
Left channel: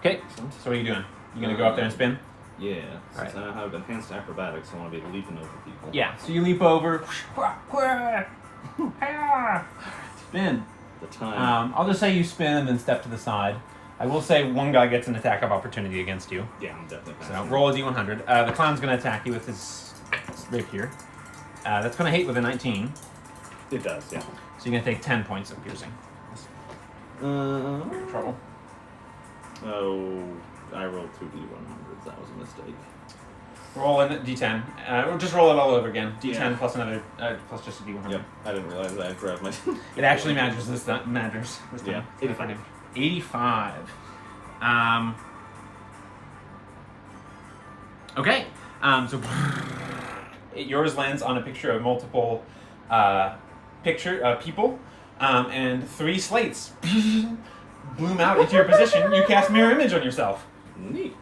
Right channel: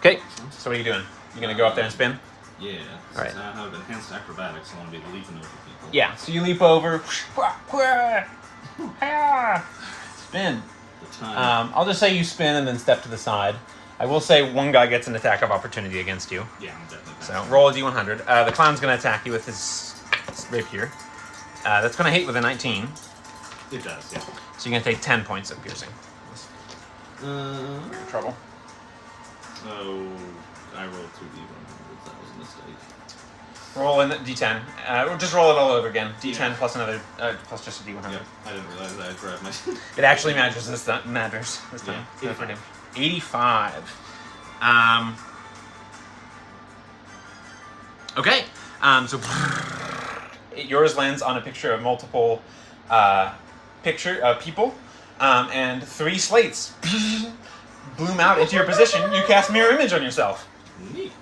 Okay, so what are you doing? You gonna go up there and spin? Yeah. Right. Since I have enhanced acrobatics, I want to be leaping over people. Yeah, so you leap over, spin. The time. I'll just say you spin and then step to the side. I will say one guy gets an attack of opportunity against you. Yeah, I'm definitely. So roll a d100. The clown's gonna attack you with his rapier. That's gonna hit with a 19. It does, yeah. So you're gonna take 10 points of piercing. Trouble. Oh, I rolled 2d100s. That was a mistake. Roll in d10. Or just roll it all over again. D10 Yeah. plus another, plus just a d100. Yep, I didn't realize that I grabbed my. It actually matters this time. Yeah, 85. 85. Okay. So yours lands on a picture of multiple people, and 3 slates bloom out into your position. You cast mirror image on yourself. Neat.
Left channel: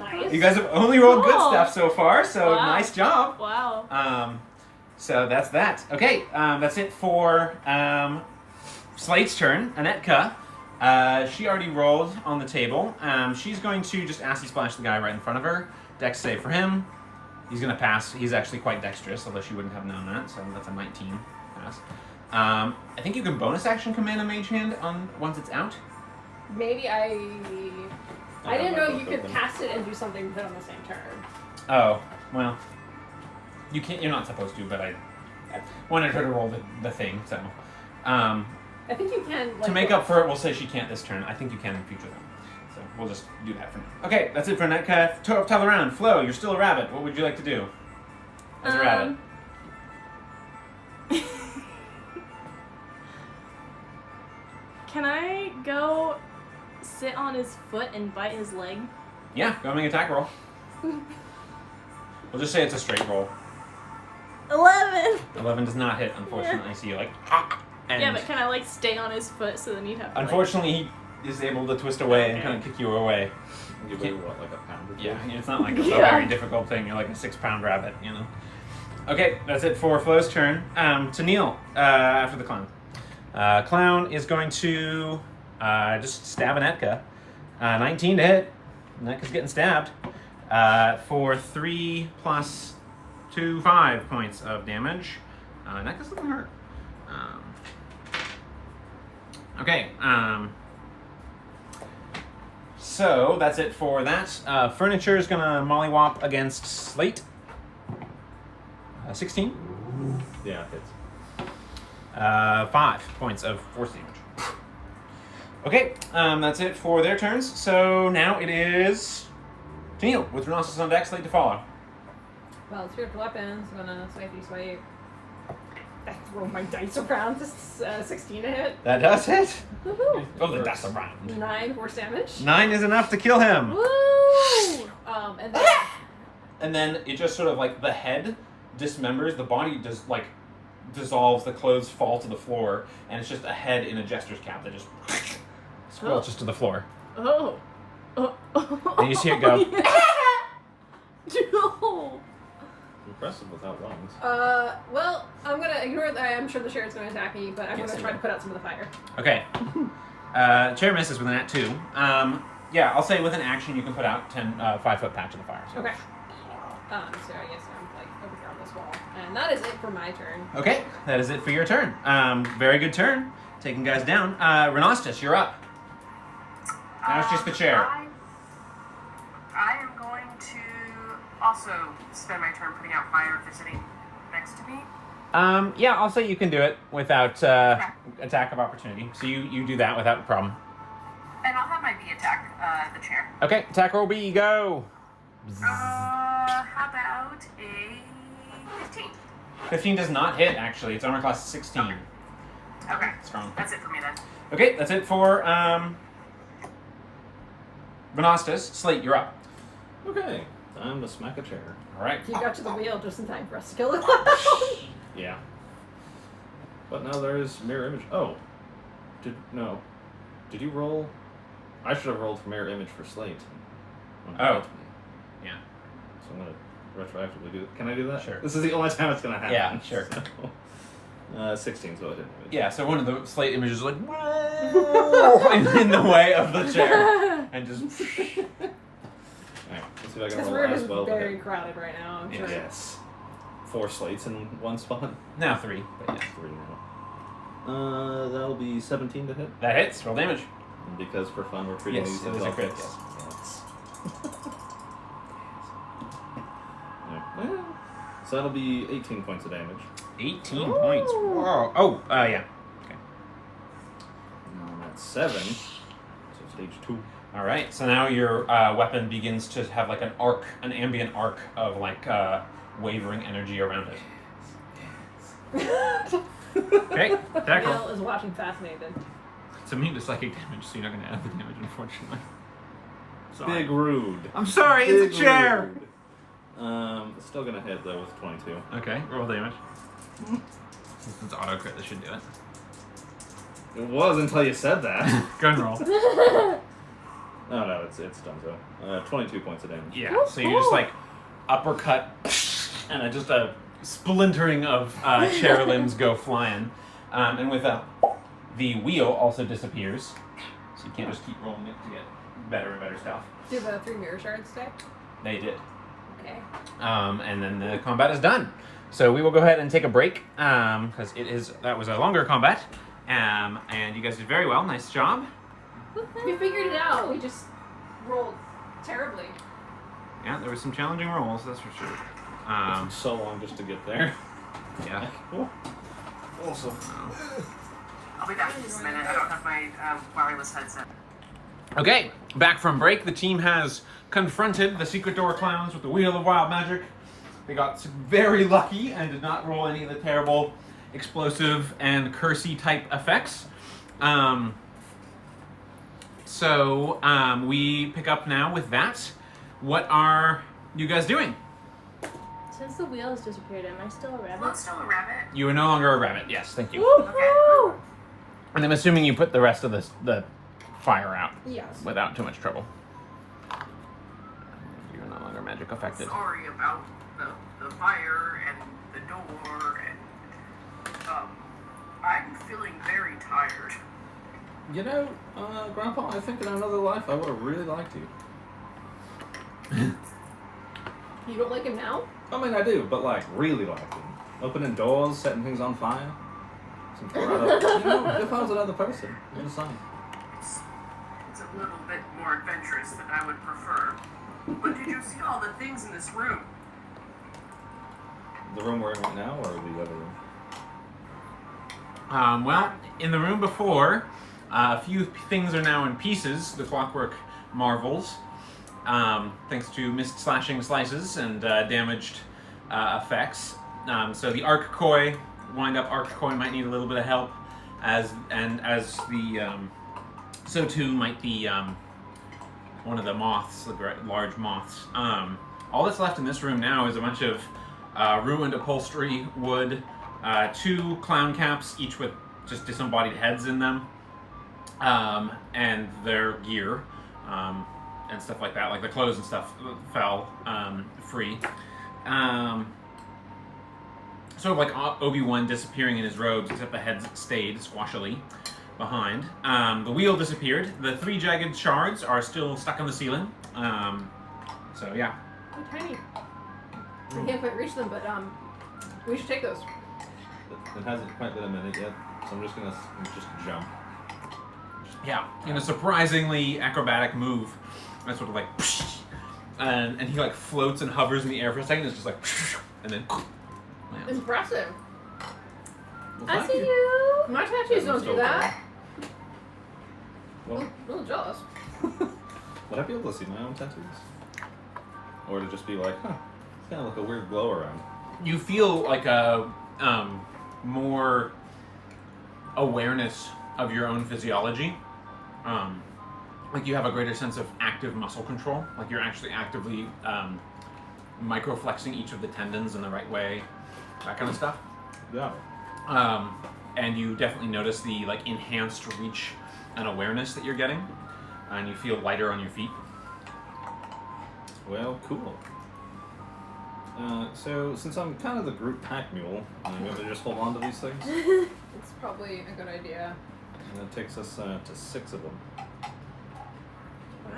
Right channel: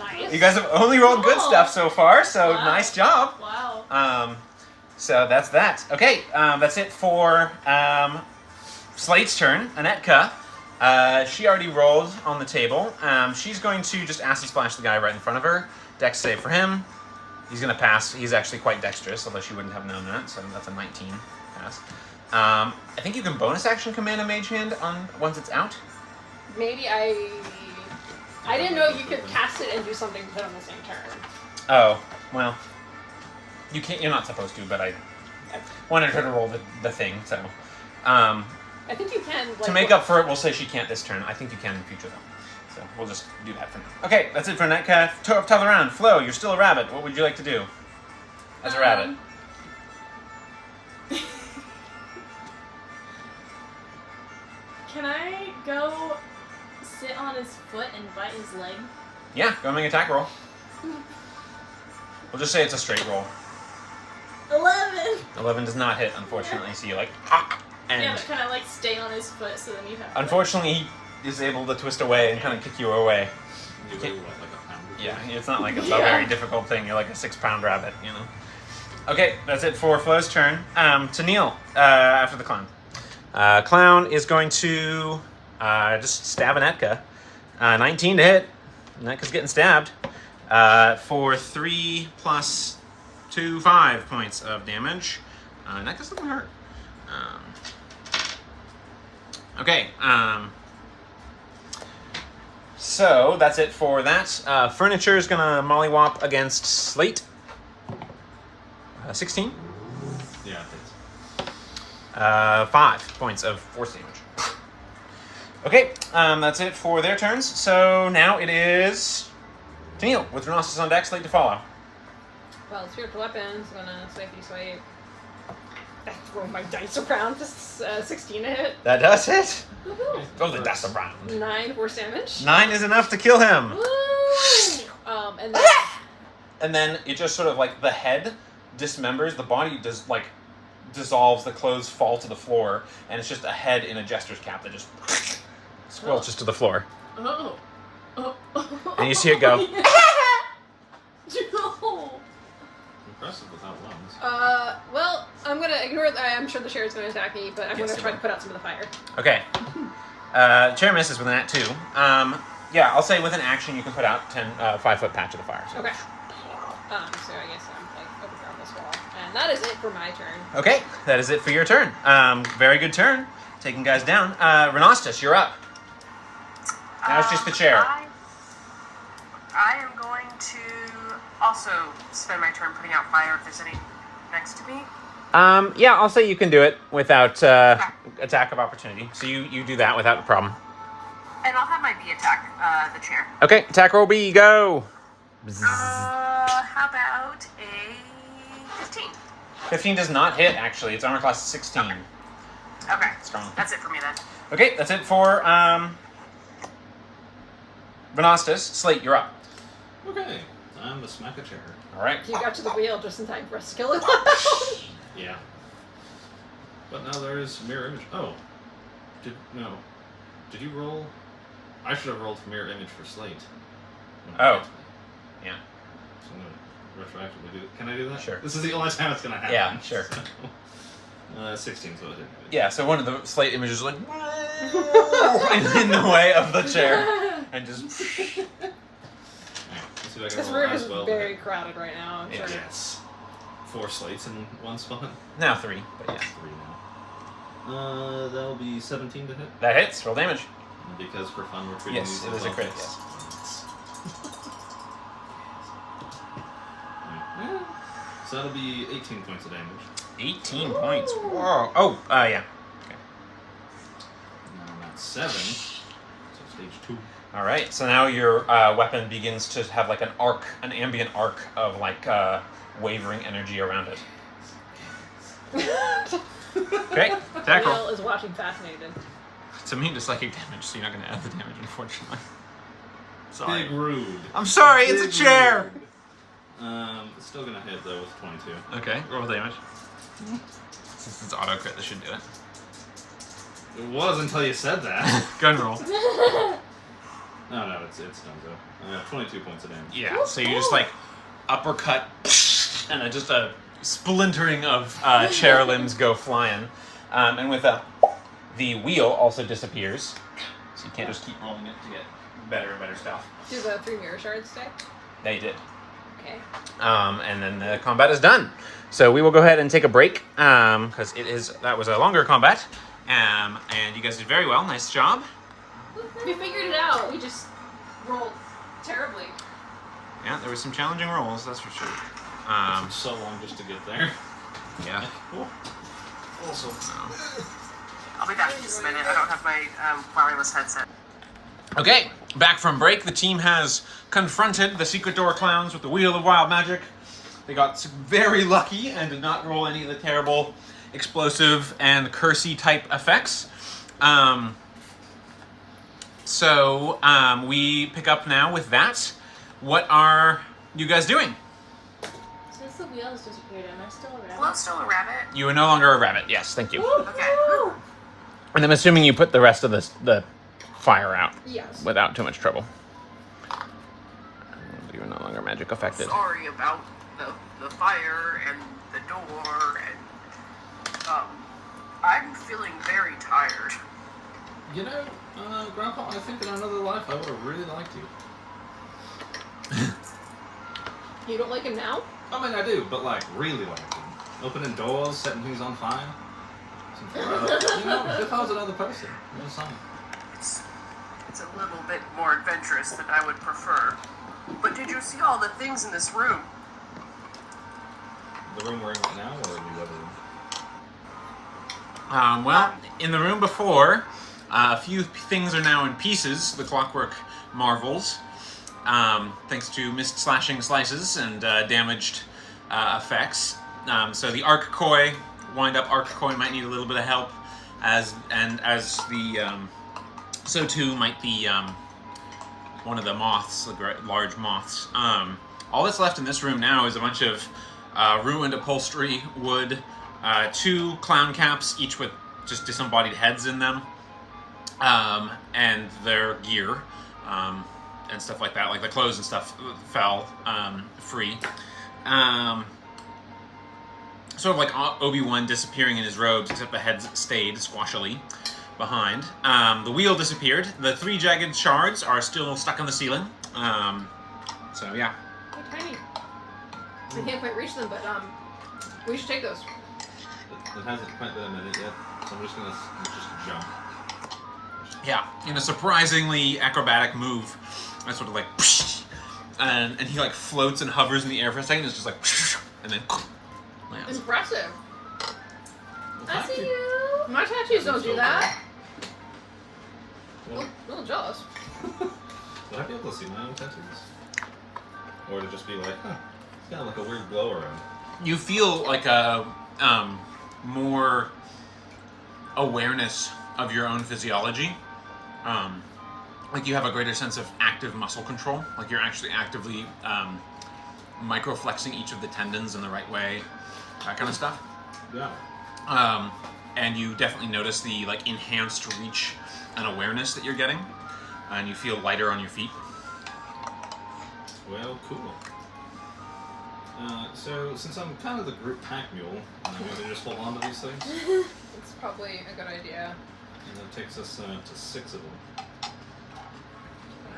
Nice. You guys have only rolled good Cool. stuff so far, so Wow. nice job. Wow. So that's that. Okay, that's it for Slate's turn. Anetka, she already rolled on the table. She's going to just acid splash the guy right in front of her. Dex save for him. He's going to pass. He's actually quite dexterous, although she wouldn't have known that, so that's a 19 pass. I think you can bonus action command a mage hand on once it's out. Maybe I I didn't don't know know you could something. cast it and do something but on the same turn. Oh, well. You can't. You're not supposed to, but I wanted her to roll the thing, so. I think you can. Like, To make up for it, we'll say she can't this turn. I think you can in future, though. So we'll just do that for now. Okay, that's it for Netcalf. Top of the round. Flo, you're still a rabbit. What would you like to do as a rabbit? Can I go sit on his foot and bite his leg? Yeah, go make an attack roll. We'll just say it's a straight roll. 11! 11 does not hit, unfortunately, so you're like, and Yeah, but can I like stay on his foot so then you'd have to, unfortunately, he is able to twist away and kind of kick you away. You weigh what, like a pound or two? Yeah, it's not like it's a Yeah. very difficult thing. You're like a 6-pound rabbit, you know. Okay, that's it for Flo's turn. To Neil, after the clown. Clown is going to just stab Anetka. 19 to hit. Neka's getting stabbed for 3 plus 2, 5 points of damage. Neka's looking hurt. Okay. So that's it for that. Furniture is gonna mollywop against Slate. 16. Yeah, it hits. 5 points of force damage. Okay, that's it for their turns. So now it is Tennille with Rhinoceros on deck, Slate to follow. Well, spiritual weapons, gonna swipe. Throw my dice around. This is 16 to hit. That does hit. Woohoo! Oh, the dice around. 9 force damage. 9 is enough to kill him. Woo! And then And then it just sort of like the head dismembers, the body does like dissolves, the clothes fall to the floor, and it's just a head in a jester's cap that just squelches to the floor. oh. And you see it go. No. Impressive without lungs. Well, I'm gonna ignore that. I'm sure the chair is gonna attack me, but I'm Yes, gonna try to put out some of the fire. Okay. Chair misses with an at 2. Yeah, I'll say with an action you can put out 5-foot patch of the fire. So. Okay. So I guess I'm like overthrown this wall. And that is it for my turn. Okay, that is it for your turn. Very good turn. Taking guys down. Renostus, you're up. Now it's just the chair. I am going to also spend my turn putting out fire if there's any next to me. Yeah, I'll say you can do it without attack of opportunity. So you do that without a problem. And I'll have my bee attack the chair. Okay, attack roll B, go. How about a 15? 15 does not hit, actually. It's armor class 16. Okay. Strong. That's it for me then. Okay, that's it for Renostus. Slate, you're up. Okay, time to smack a chair. All right. You got to the wheel just in time for us to kill it. Yeah. But now there is mirror image. Oh. Did you roll? I should have rolled for mirror image for Slate. When he Oh. hit me. Yeah. So I'm gonna retroactively do it. Can I do that? Sure. This is the only time it's gonna happen. Yeah, sure. So, 16, so it didn't image. Yeah, so one of the Slate images is like, in the way of the chair. And just. Alright, let's see if I This can roll room as is well. to very hit. crowded right now. I'm sure. Yes. 4 slates in one spot. Now 3, but yeah. 3 now. That'll be 17 to hit. That hits. Roll damage. And because for fun we're treating Yes, these it as is a all crit, hits. yes. Yeah. So that'll be 18 points of damage. 18 Ooh. points. Whoa. Oh, yeah. Okay. And that's 7. So stage 2. All right. So now your weapon begins to have like an ambient arc of like wavering energy around it. Okay. Attack roll. Will is watching fascinated. It's immune to psychic damage, so you're not going to add the damage, unfortunately. Sorry. Big rude. I'm sorry. Big It's a chair. rude. Still gonna hit though with 22. Okay. Roll damage. Since it's auto crit, this should do it. It was until you said that. Gun roll. Oh no, it's done so. 22 points of damage. Yeah. So you just like uppercut, and just a splintering of chair limbs go flying, and with the wheel also disappears, so you can't just keep rolling it to get better and better stuff. Do the 3 mirror shards stick? They did. Okay. And then the combat is done. So we will go ahead and take a break because that was a longer combat. And you guys did very well. Nice job. We figured it out. We just rolled terribly. Yeah, there were some challenging rolls, that's for sure. Took so long just to get there. Yeah. Also. I'll be back in just a minute. I don't have my wireless headset. Okay, back from break. The team has confronted the secret door clowns with the Wheel of Wild Magic. They got very lucky and did not roll any of the terrible explosive and cursey type effects. So we pick up now with that. What are you guys doing? Since the wheel has disappeared, am I still a rabbit? Well, I'm still a rabbit. You are no longer a rabbit. Yes, thank you. Okay. And I'm assuming you put the rest of the fire out Yes. without too much trouble. You're no longer magic affected. Sorry about the fire and the door and I'm feeling very tired. You know, Grandpa, I think in another life I would have really liked you. You don't like him now? I mean, I do, but like really like him. Opening doors, setting things on fire. Something right up. You know, if I was another person, I'm just saying. It's a little bit more adventurous than I would prefer. But did you see all the things in this room? The room we're in right now, or the other room? Well, in the room before, a few things are now in pieces, the clockwork marvels, thanks to missed slashing slices and damaged effects. So the arc koi, wind-up arc koi might need a little bit of help, so too might the one of the moths, the large moths. All that's left in this room now is a bunch of ruined upholstery, wood, 2 clown caps, each with just disembodied heads in them, and their gear, and stuff like that. Like the clothes and stuff fell free. Sort of like Obi-Wan disappearing in his robes, except the heads stayed squashily behind. The wheel disappeared. The 3 jagged shards are still stuck on the ceiling. So yeah. They're tiny. We can't quite reach them, but we should take those. It hasn't quite been a minute yet, so I'm just gonna just jump. Yeah, in a surprisingly acrobatic move, I sort of like, and he like floats and hovers in the air for a second. It's just like, and then lands. Impressive. Well, I thank see you. you. My tattoos don't do that. Well, I'm a little jealous. would I be able to see my own tattoos? Or would it just be like, huh, it's kind of like a weird glow around. You feel like a more awareness of your own physiology. Like you have a greater sense of active muscle control. Like you're actually actively microflexing each of the tendons in the right way, that kind of stuff. Yeah. And you definitely notice the like enhanced reach and awareness that you're getting, and you feel lighter on your feet. Well, cool. So, since I'm kind of the group pack mule, I'm going to just hold on to these things. It's probably a good idea. And it takes us to 6 of them.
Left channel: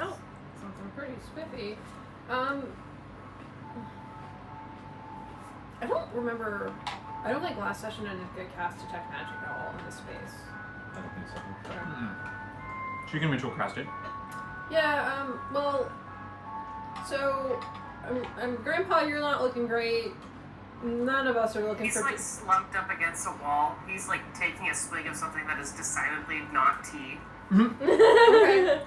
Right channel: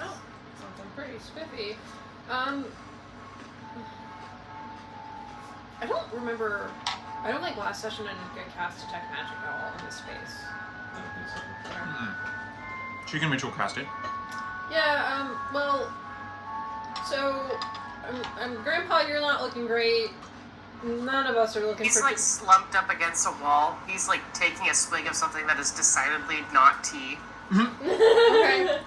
Wow, something pretty spiffy. I don't remember. I don't think last session I didn't get cast detect magic at all in this space. I don't think so. So you can ritual cast it. Yeah. Well. So, Grandpa, you're not looking great. None of us are looking. He's like slumped up against a wall. He's like taking a swig of something that is decidedly not tea. Okay.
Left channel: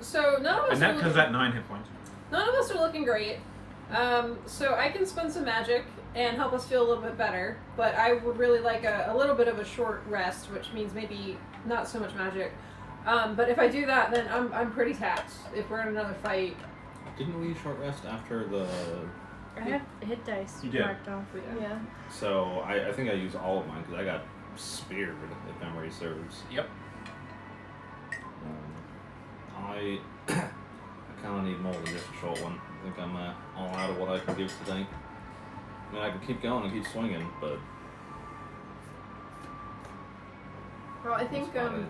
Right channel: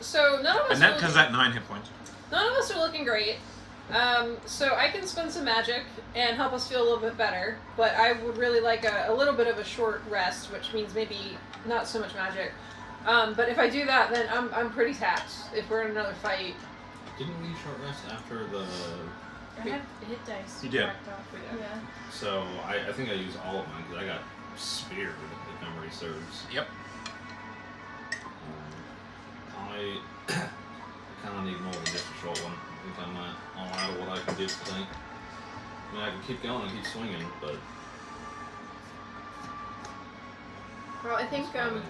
So none of us. And that has that 9 hit points. None of us are looking great. So I can spend some magic and help us feel a little bit better, but I would really like a little bit of a short rest, which means maybe not so much magic. But if I do that, then I'm pretty tapped if we're in another fight. Didn't we short rest after the... I have hit dice. You did. marked off. Yeah. So, I think I used all of mine, because I got speared, if memory serves. Yep. I kind of need more than just a short one. I think I'm all out of what I can do tonight. I mean, I can keep going and keep swinging, but... Well, I think that's about it.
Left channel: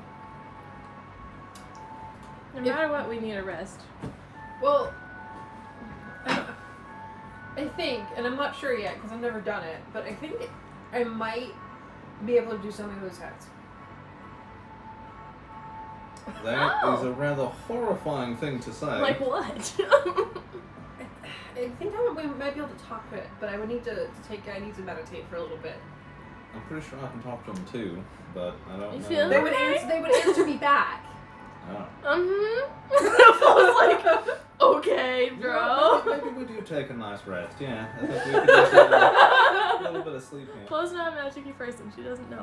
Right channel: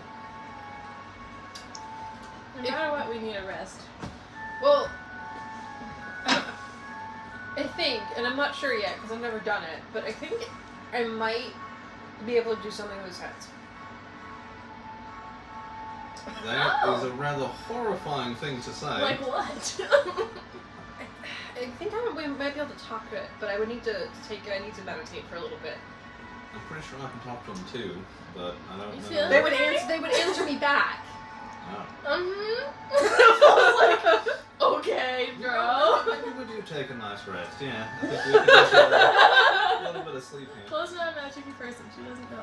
No matter what, we need a rest. well, I think, and I'm not sure yet because I've never done it, but I think I might be able to do something with his heads. That is a rather horrifying thing to say. Like what? I think we might be able to talk to it, but I would need to meditate for a little bit. I'm pretty sure I can talk to him too, but I don't You know. feel They would answer me back. Oh. I was like, okay, You know, bro. maybe we do take a nice rest. Yeah, I think we could just get a little bit of sleep here. Chloe's not a magic person. She doesn't know.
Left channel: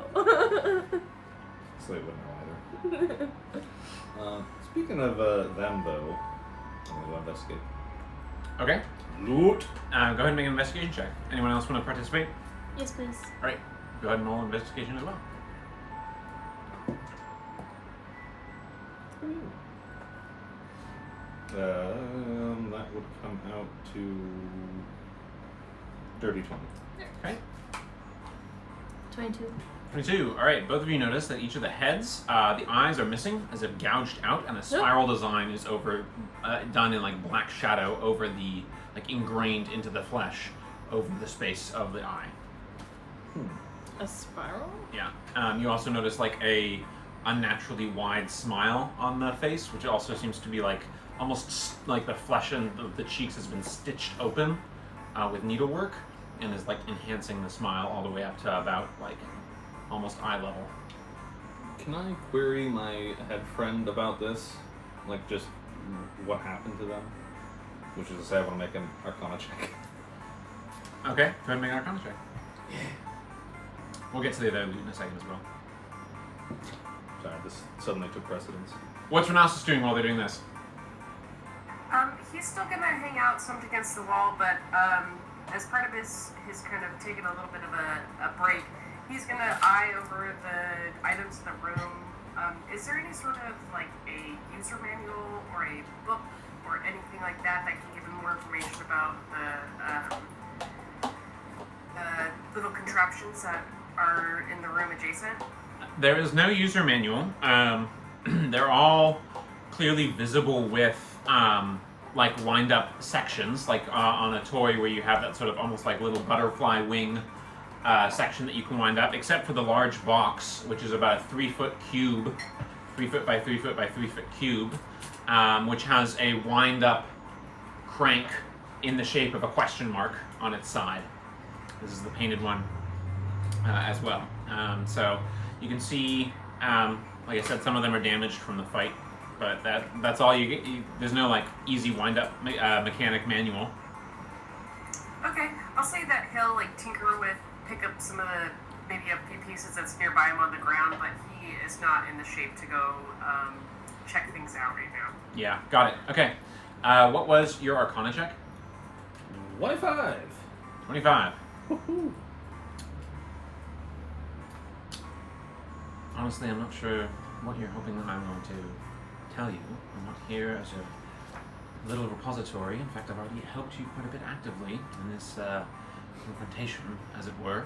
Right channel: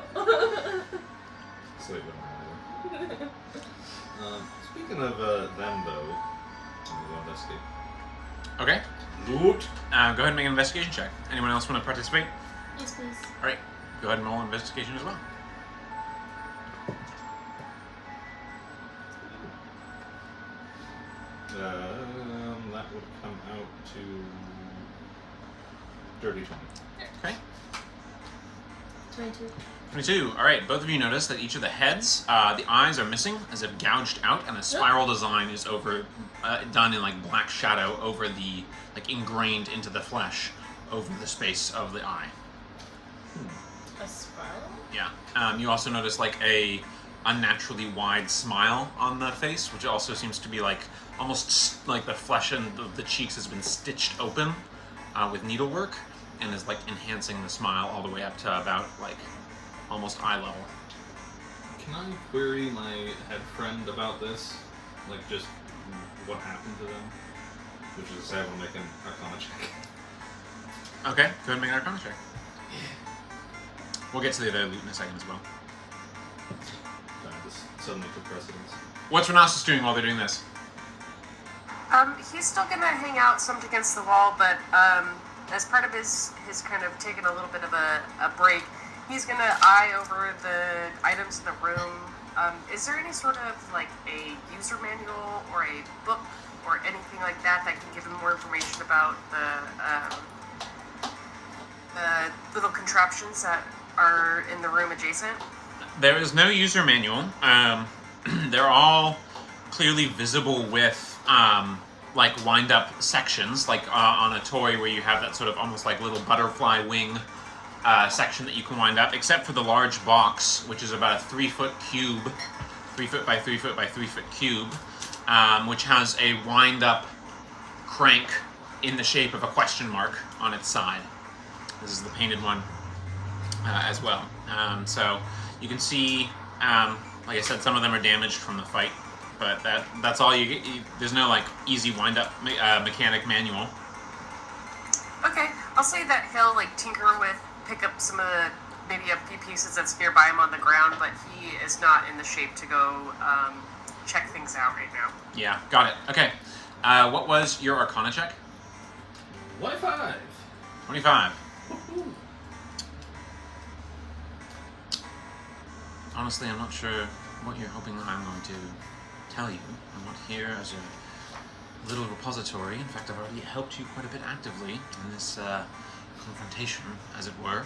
Sleep wouldn't matter. Speaking of them, though, I'm gonna go investigate. Okay. Loot. Go ahead and make an investigation check. Anyone else want to participate? Yes, please. All right. Go ahead and roll an investigation as well. That would come out to dirty 20. Okay. 22. 22. All right, both of you notice that each of the heads, the eyes are missing, as if gouged out, and a spiral design is done in like black shadow over the, like ingrained into the flesh, over the space of the eye. A spiral? Yeah. You also notice like a unnaturally wide smile on the face, which also seems to be like almost like the flesh and the cheeks has been stitched open with needlework, and is like enhancing the smile all the way up to about like almost eye level. Can I query my head friend about this? Like, just what happened to them? Which is to say, I want to make an Arcana check. Okay, go ahead and make an Arcana check. We'll get to the other loot in a second as well. This suddenly took precedence. What's Renasus doing while they're doing this? He's still gonna hang out slumped against the wall, but as part of his kind of taking a little bit of a break, he's gonna eye over the items in the room. Is there any sort of like a user manual or a book or anything like that that can give him more information about the little contraptions that are in the room adjacent? There is no user manual. They're all clearly visible with like wind up sections, like on a toy where you have that sort of almost like little butterfly wing section that you can wind up, except for the large box, which is about a 3-foot cube, 3 foot by 3 foot by 3 foot cube, which has a wind up crank in the shape of a question mark on its side. This is the painted one as well. So you can see, like I said, some of them are damaged from the fight, but that's all you get. There's no like easy wind up mechanic manual. Okay, I'll say that he'll like tinker with, pick up some of the maybe a few pieces that's nearby him on the ground, but he is not in the shape to go check things out right now. Yeah, got it. Okay. What was your Arcana check? 25. 25. Woohoo. Honestly, I'm not sure what you're hoping that I'm going to tell you. I'm not here as a little repository. In fact, I've already helped you quite a bit actively in this confrontation, as it were.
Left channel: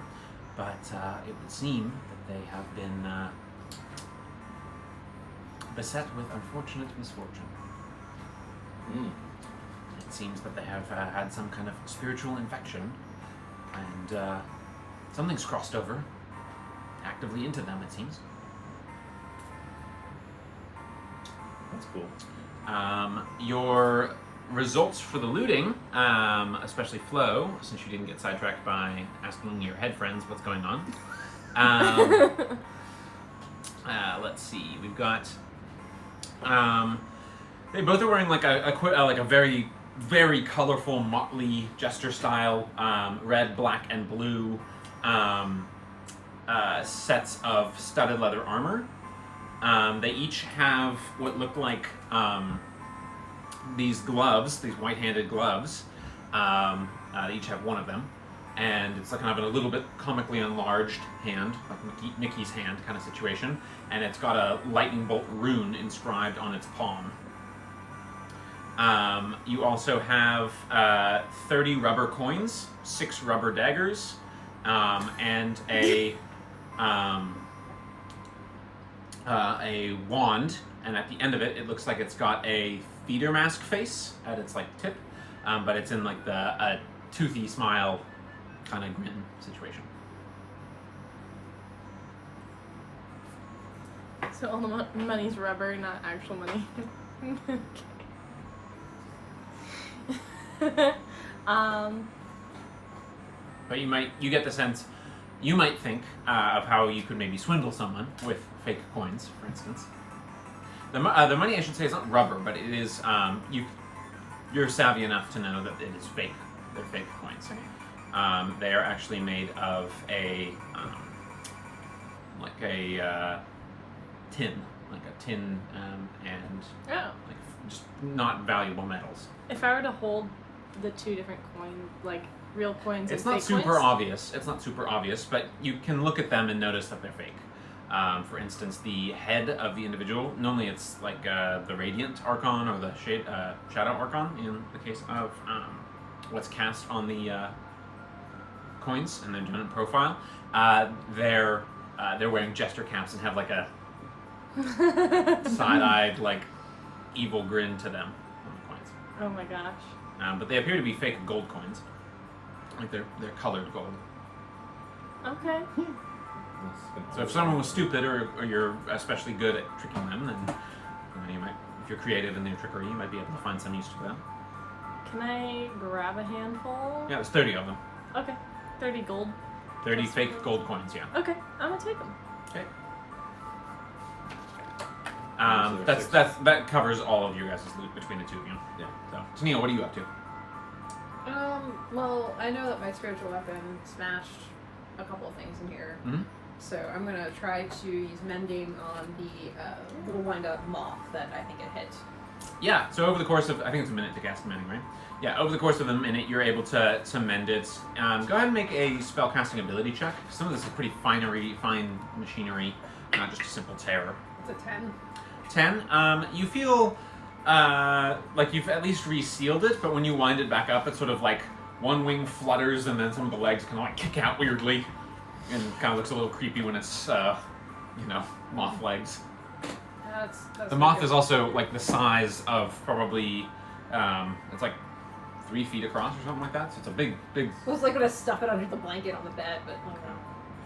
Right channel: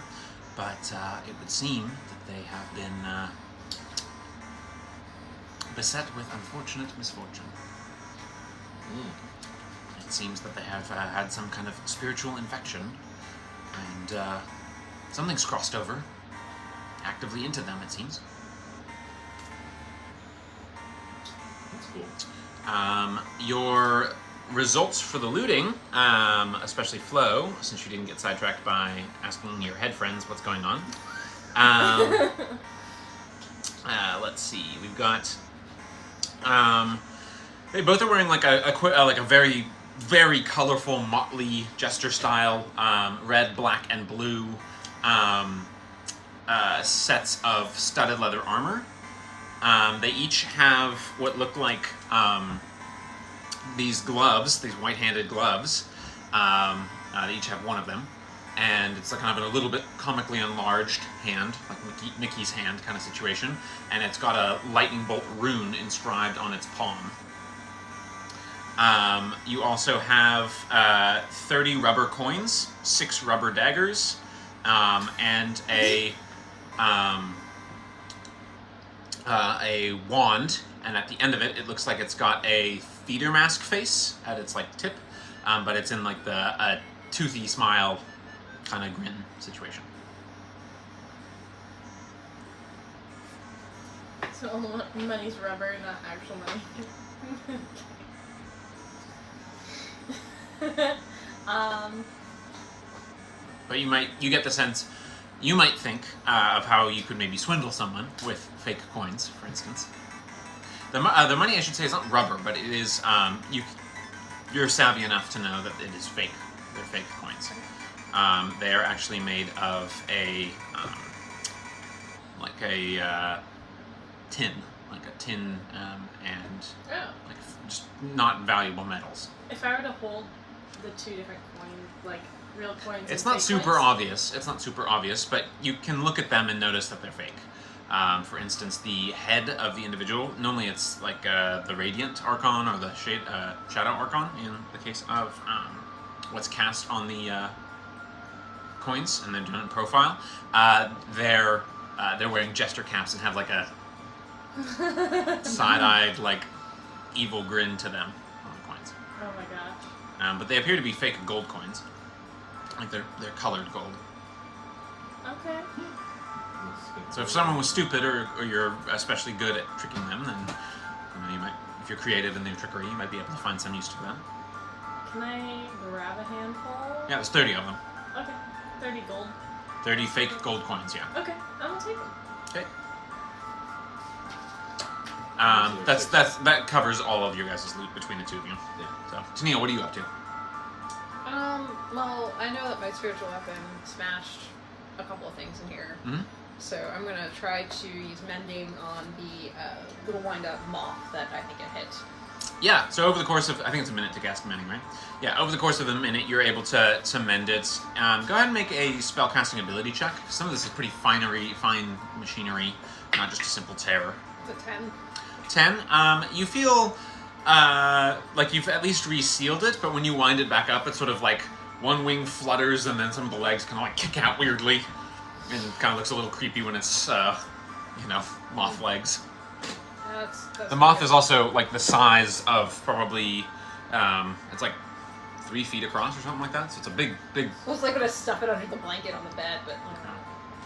But it would seem that they have been beset with unfortunate misfortune. It seems that they have had some kind of spiritual infection, and something's crossed over actively into them, it seems. That's cool. Your results for the looting, especially Flo, since you didn't get sidetracked by asking your head friends what's going on. Let's see. We've got. They both are wearing like a very, very colorful motley jester style, red, black, and blue sets of studded leather armor. They each have what look like these gloves, these white-handed gloves. They each have one of them, and it's like kind of a little bit comically enlarged hand, like Mickey's hand kind of situation, and it's got a lightning bolt rune inscribed on its palm. You also have 30 rubber coins, 6 rubber daggers, and a wand, and at the end of it, it looks like it's got a theater mask face at its like tip, but it's in like a toothy smile kind of grin situation. So all the money's rubber, not actual money. But you get the sense, you might think of how you could maybe swindle someone with fake coins, for instance. The money, I should say, is not rubber, but it is, you're savvy enough to know that it is fake. They're fake coins. They are actually made of a tin, and like just not valuable metals. If I were to hold the two different coins, like real coins, It's and not fake super coins, obvious. It's not super obvious, but you can look at them and notice that they're fake. For instance, the head of the individual, normally it's like the Radiant Archon or the Shadow Archon in the case of what's cast on the coins in their general profile. They're wearing jester caps and have like a side-eyed, like, evil grin to them on the coins. Oh my gosh. But they appear to be fake gold coins. Like they're colored gold. Okay. So if someone was stupid or you're especially good at tricking them, then you might, if you're creative in their trickery, you might be able to find some use to them. Can I grab a handful? Yeah, there's 30 of them. Okay. 30 gold. 30 fake gold coins, yeah. Okay, I'm gonna take them. Okay. That covers all of your guys' loot between the two of you. Yeah. So, Tennille, what are you up to? Well, I know that my spiritual weapon smashed a couple of things in here. Mm-hmm. So I'm gonna try to use mending on the little wind-up moth that I think it hit. Yeah, so over the course of, I think it's a minute to cast mending, right? Yeah, over the course of a minute, you're able to mend it. Go ahead and make a spellcasting ability check. Some of this is pretty fine machinery, not just a simple tear. It's a 10. 10. You feel like you've at least resealed it, but when you wind it back up, it's sort of like one wing flutters and then some of the legs kind of like kick out weirdly, and kind of looks a little creepy when it's, moth legs. That's The moth is also like the size of probably, it's like 3 feet across or something like that. So it's a big. Looks like I'm gonna stuff it under the blanket on the bed, but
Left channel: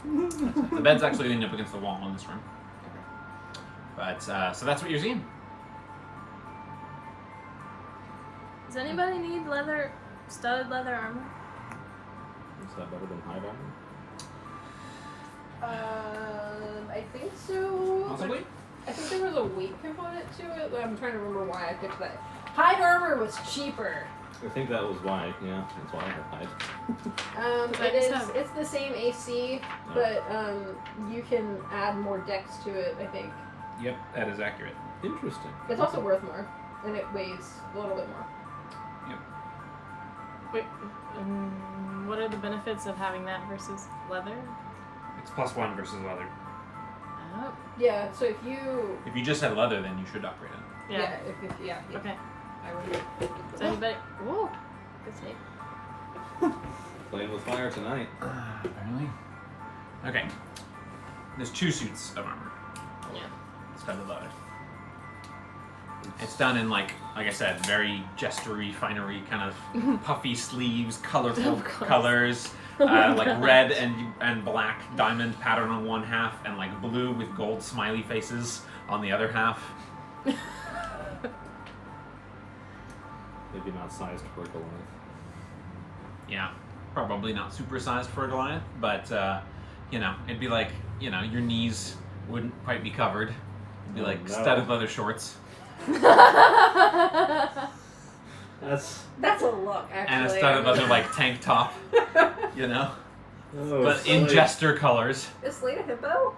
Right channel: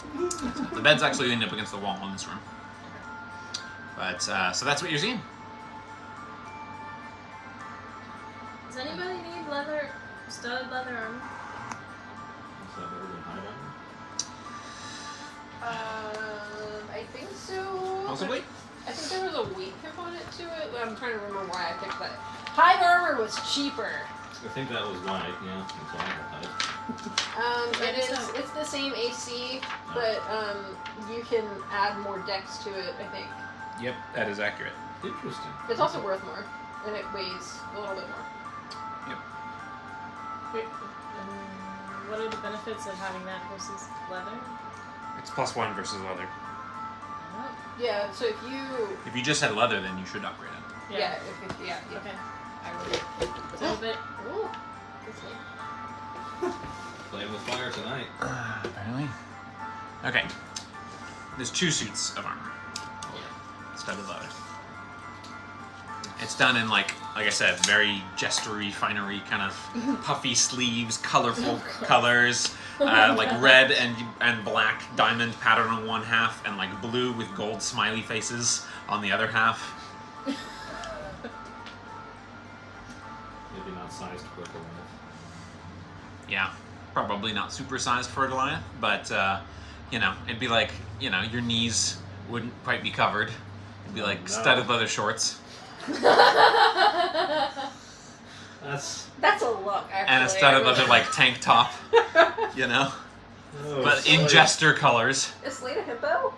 no. The bed's actually leaning up against the wall in this room. But so that's what you're seeing. Does anybody need studded leather armor? Is that better than hide armor? I think so. Possibly. I think there was a weight component to it. I'm trying to remember why I picked that. Hide armor was cheaper. I think that was why, yeah, that's why I have hide. It's the same AC, but you can add more dex to it, I think. Yep, that is accurate. Interesting. It's also worth more, and it weighs a little bit more. Wait, what are the benefits of having that versus leather? It's +1 versus leather. Yeah, so if you just had leather, then you should upgrade it. yeah, Okay. I would. Does anybody? Ooh. That's me. Playing with fire tonight. Apparently. Okay. There's 2 suits of armor. Yeah. Studded leather. It's done in like I said, very jestery, finery, kind of puffy sleeves, colorful colors, like red and black diamond pattern on one half, and like blue with gold smiley faces on the other half. Maybe not sized for Goliath. Yeah, probably not super sized for a Goliath, but it'd be like, your knees wouldn't quite be covered. It'd be like studded leather shorts. That's a look, actually. And a studded leather like tank top, Oh, but in jester colors. Is Slade a hippo?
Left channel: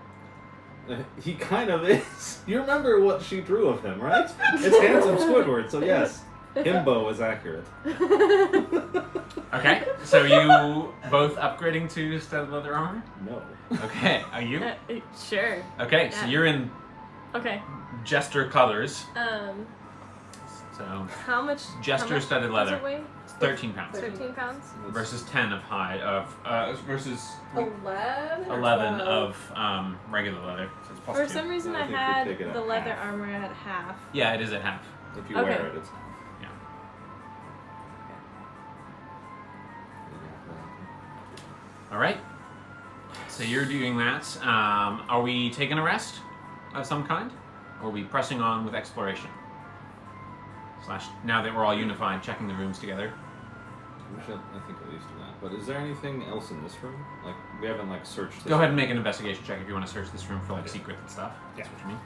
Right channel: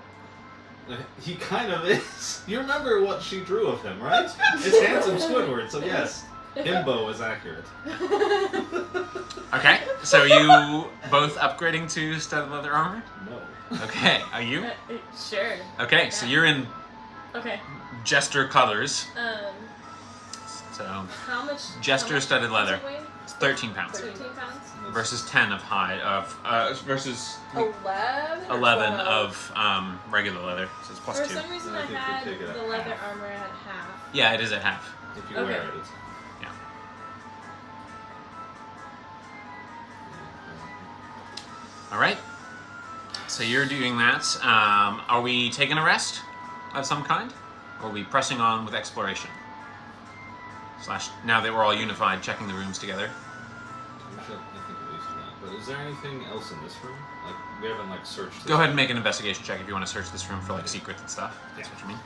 He kind of is. You remember what she drew of him, right? It's handsome Squidward, so yes, himbo is accurate. Okay, so you both upgrading to studded leather armor? No. Okay, are you? Sure. Okay, so you're in Okay. jester colors. So How much? jester studded leather. Does it weigh? It's 13 pounds 13 pounds. versus 10 of versus 11? 11 of regular leather. So it's For +2. some reason, I I think we had take it at the leather half. armor at half. Yeah, it is at half. If you Okay. wear it, it's... Yeah. All right. So you're doing that. Are we taking a rest of some kind? Or are we pressing on with exploration? Now that we're all unified, checking the rooms together. We should, I think, at least do that. But is there anything else in this room? Like, we haven't, searched this Go ahead and room. make an investigation check if you want to search this room for, secrets and stuff. That's what you mean.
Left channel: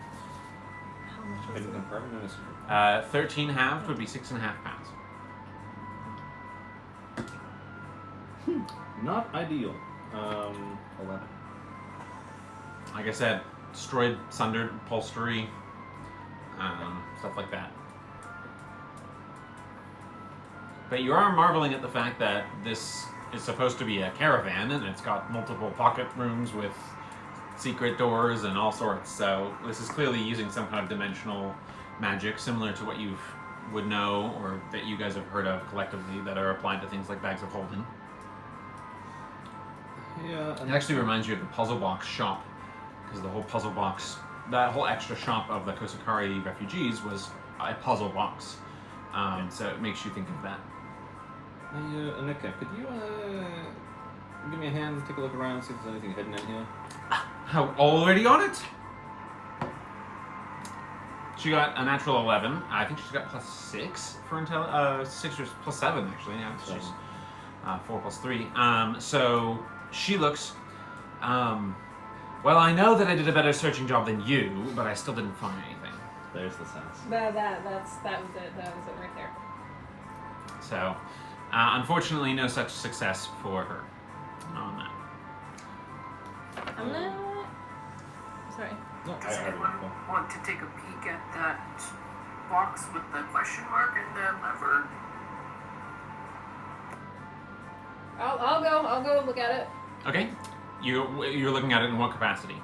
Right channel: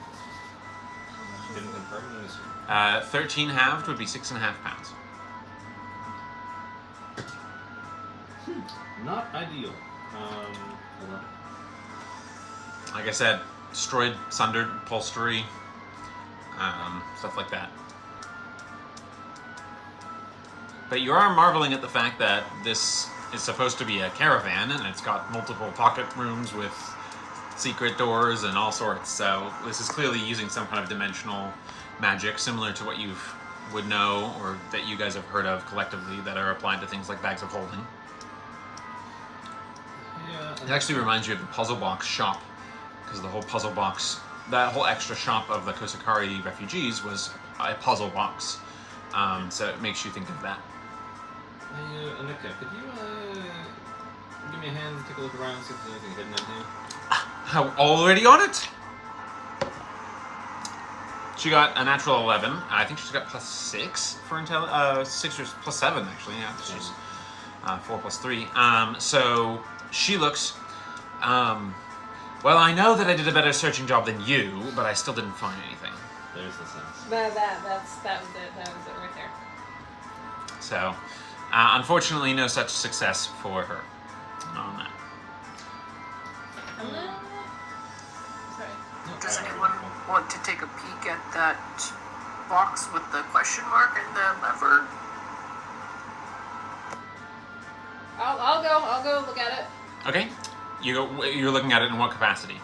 Hidden compartment in this room. 13 halved would be 6.5 pounds. Not ideal. Hold on. Like I said, destroyed, sundered, upholstery, stuff like that. But you are marveling at the fact that this is supposed to be a caravan, and it's got multiple pocket rooms with secret doors and all sorts. So this is clearly using some kind of dimensional magic, similar to what you would know or that you guys have heard of collectively that are applied to things like bags of holding. It actually reminds you of the puzzle box shop, because the whole puzzle box, that whole extra shop of the Kosakari refugees was a puzzle box. So it makes you think of that. Hey, Anika, could you give me a hand and take a look around, see if there's anything hidden in here? How already on it? She got a natural 11. I think she's got +6 for intel. 6 or +7 actually. Yeah, she's 4 + 3. So she looks. Well, I know that I did a better searching job than you, but I still didn't find anything. There's the sense. That was it. That was it right there. So, unfortunately, no such success for her on that. Sorry. No, Does I don't anyone know. want to take a peek at that box with the question mark and the lever? I'll go look at it. Okay, you're looking at it in what capacity?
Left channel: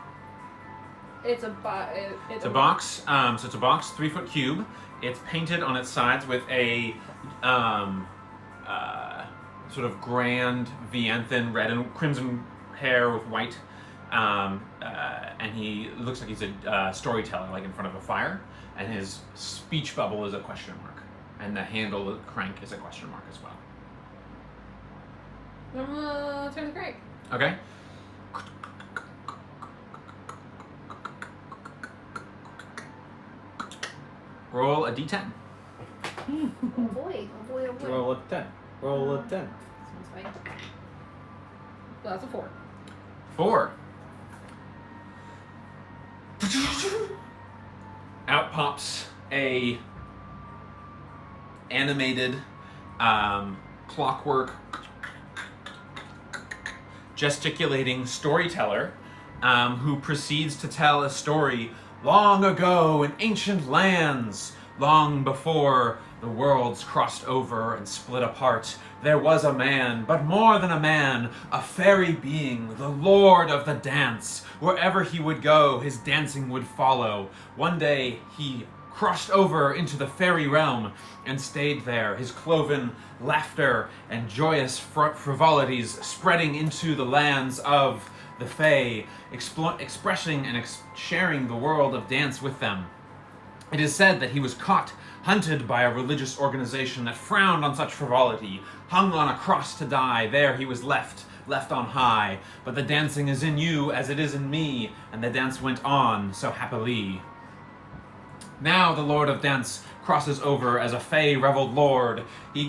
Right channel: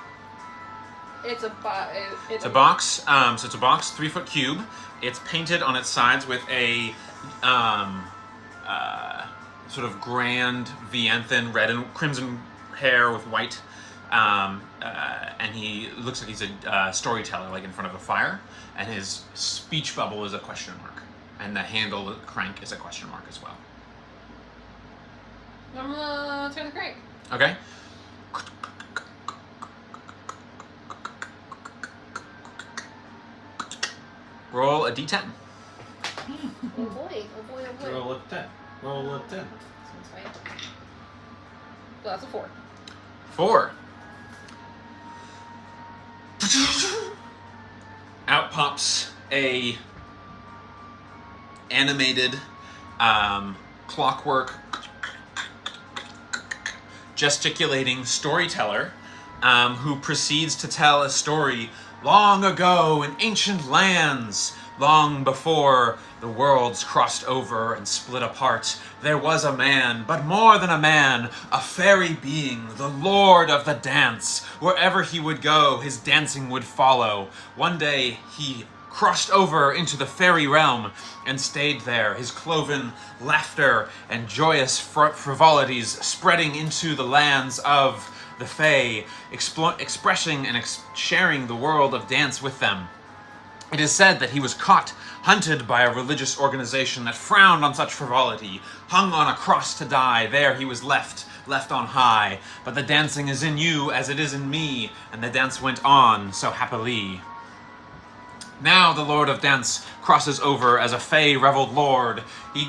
It's a box. It's a box. So it's a box, 3-foot cube. It's painted on its sides with a sort of grand Vianthan red and crimson hair with white. And he looks like he's a storyteller, like in front of a fire. And his speech bubble is a question mark, and the handle, the crank, is a question mark as well. Turn the crank. Okay. Roll a d10. Oh boy. Roll a 10. Roll a 10. Well, that's a 4. 4. Out pops a animated clockwork gesticulating storyteller who proceeds to tell a story long ago in ancient lands, long before the worlds crossed over and split apart. There was a man, but more than a man, a fairy being, the lord of the dance. Wherever he would go, his dancing would follow. One day, he crossed over into the fairy realm and stayed there, his cloven laughter and joyous frivolities spreading into the lands of the Fae, expressing and sharing the world of dance with them. It is said that he was caught, hunted by a religious organization that frowned on such frivolity, hung on a cross to die. There he was left on high. But the dancing is in you as it is in me, and the dance went on so happily. Now the Lord of Dance crosses over as a Fey reveled lord.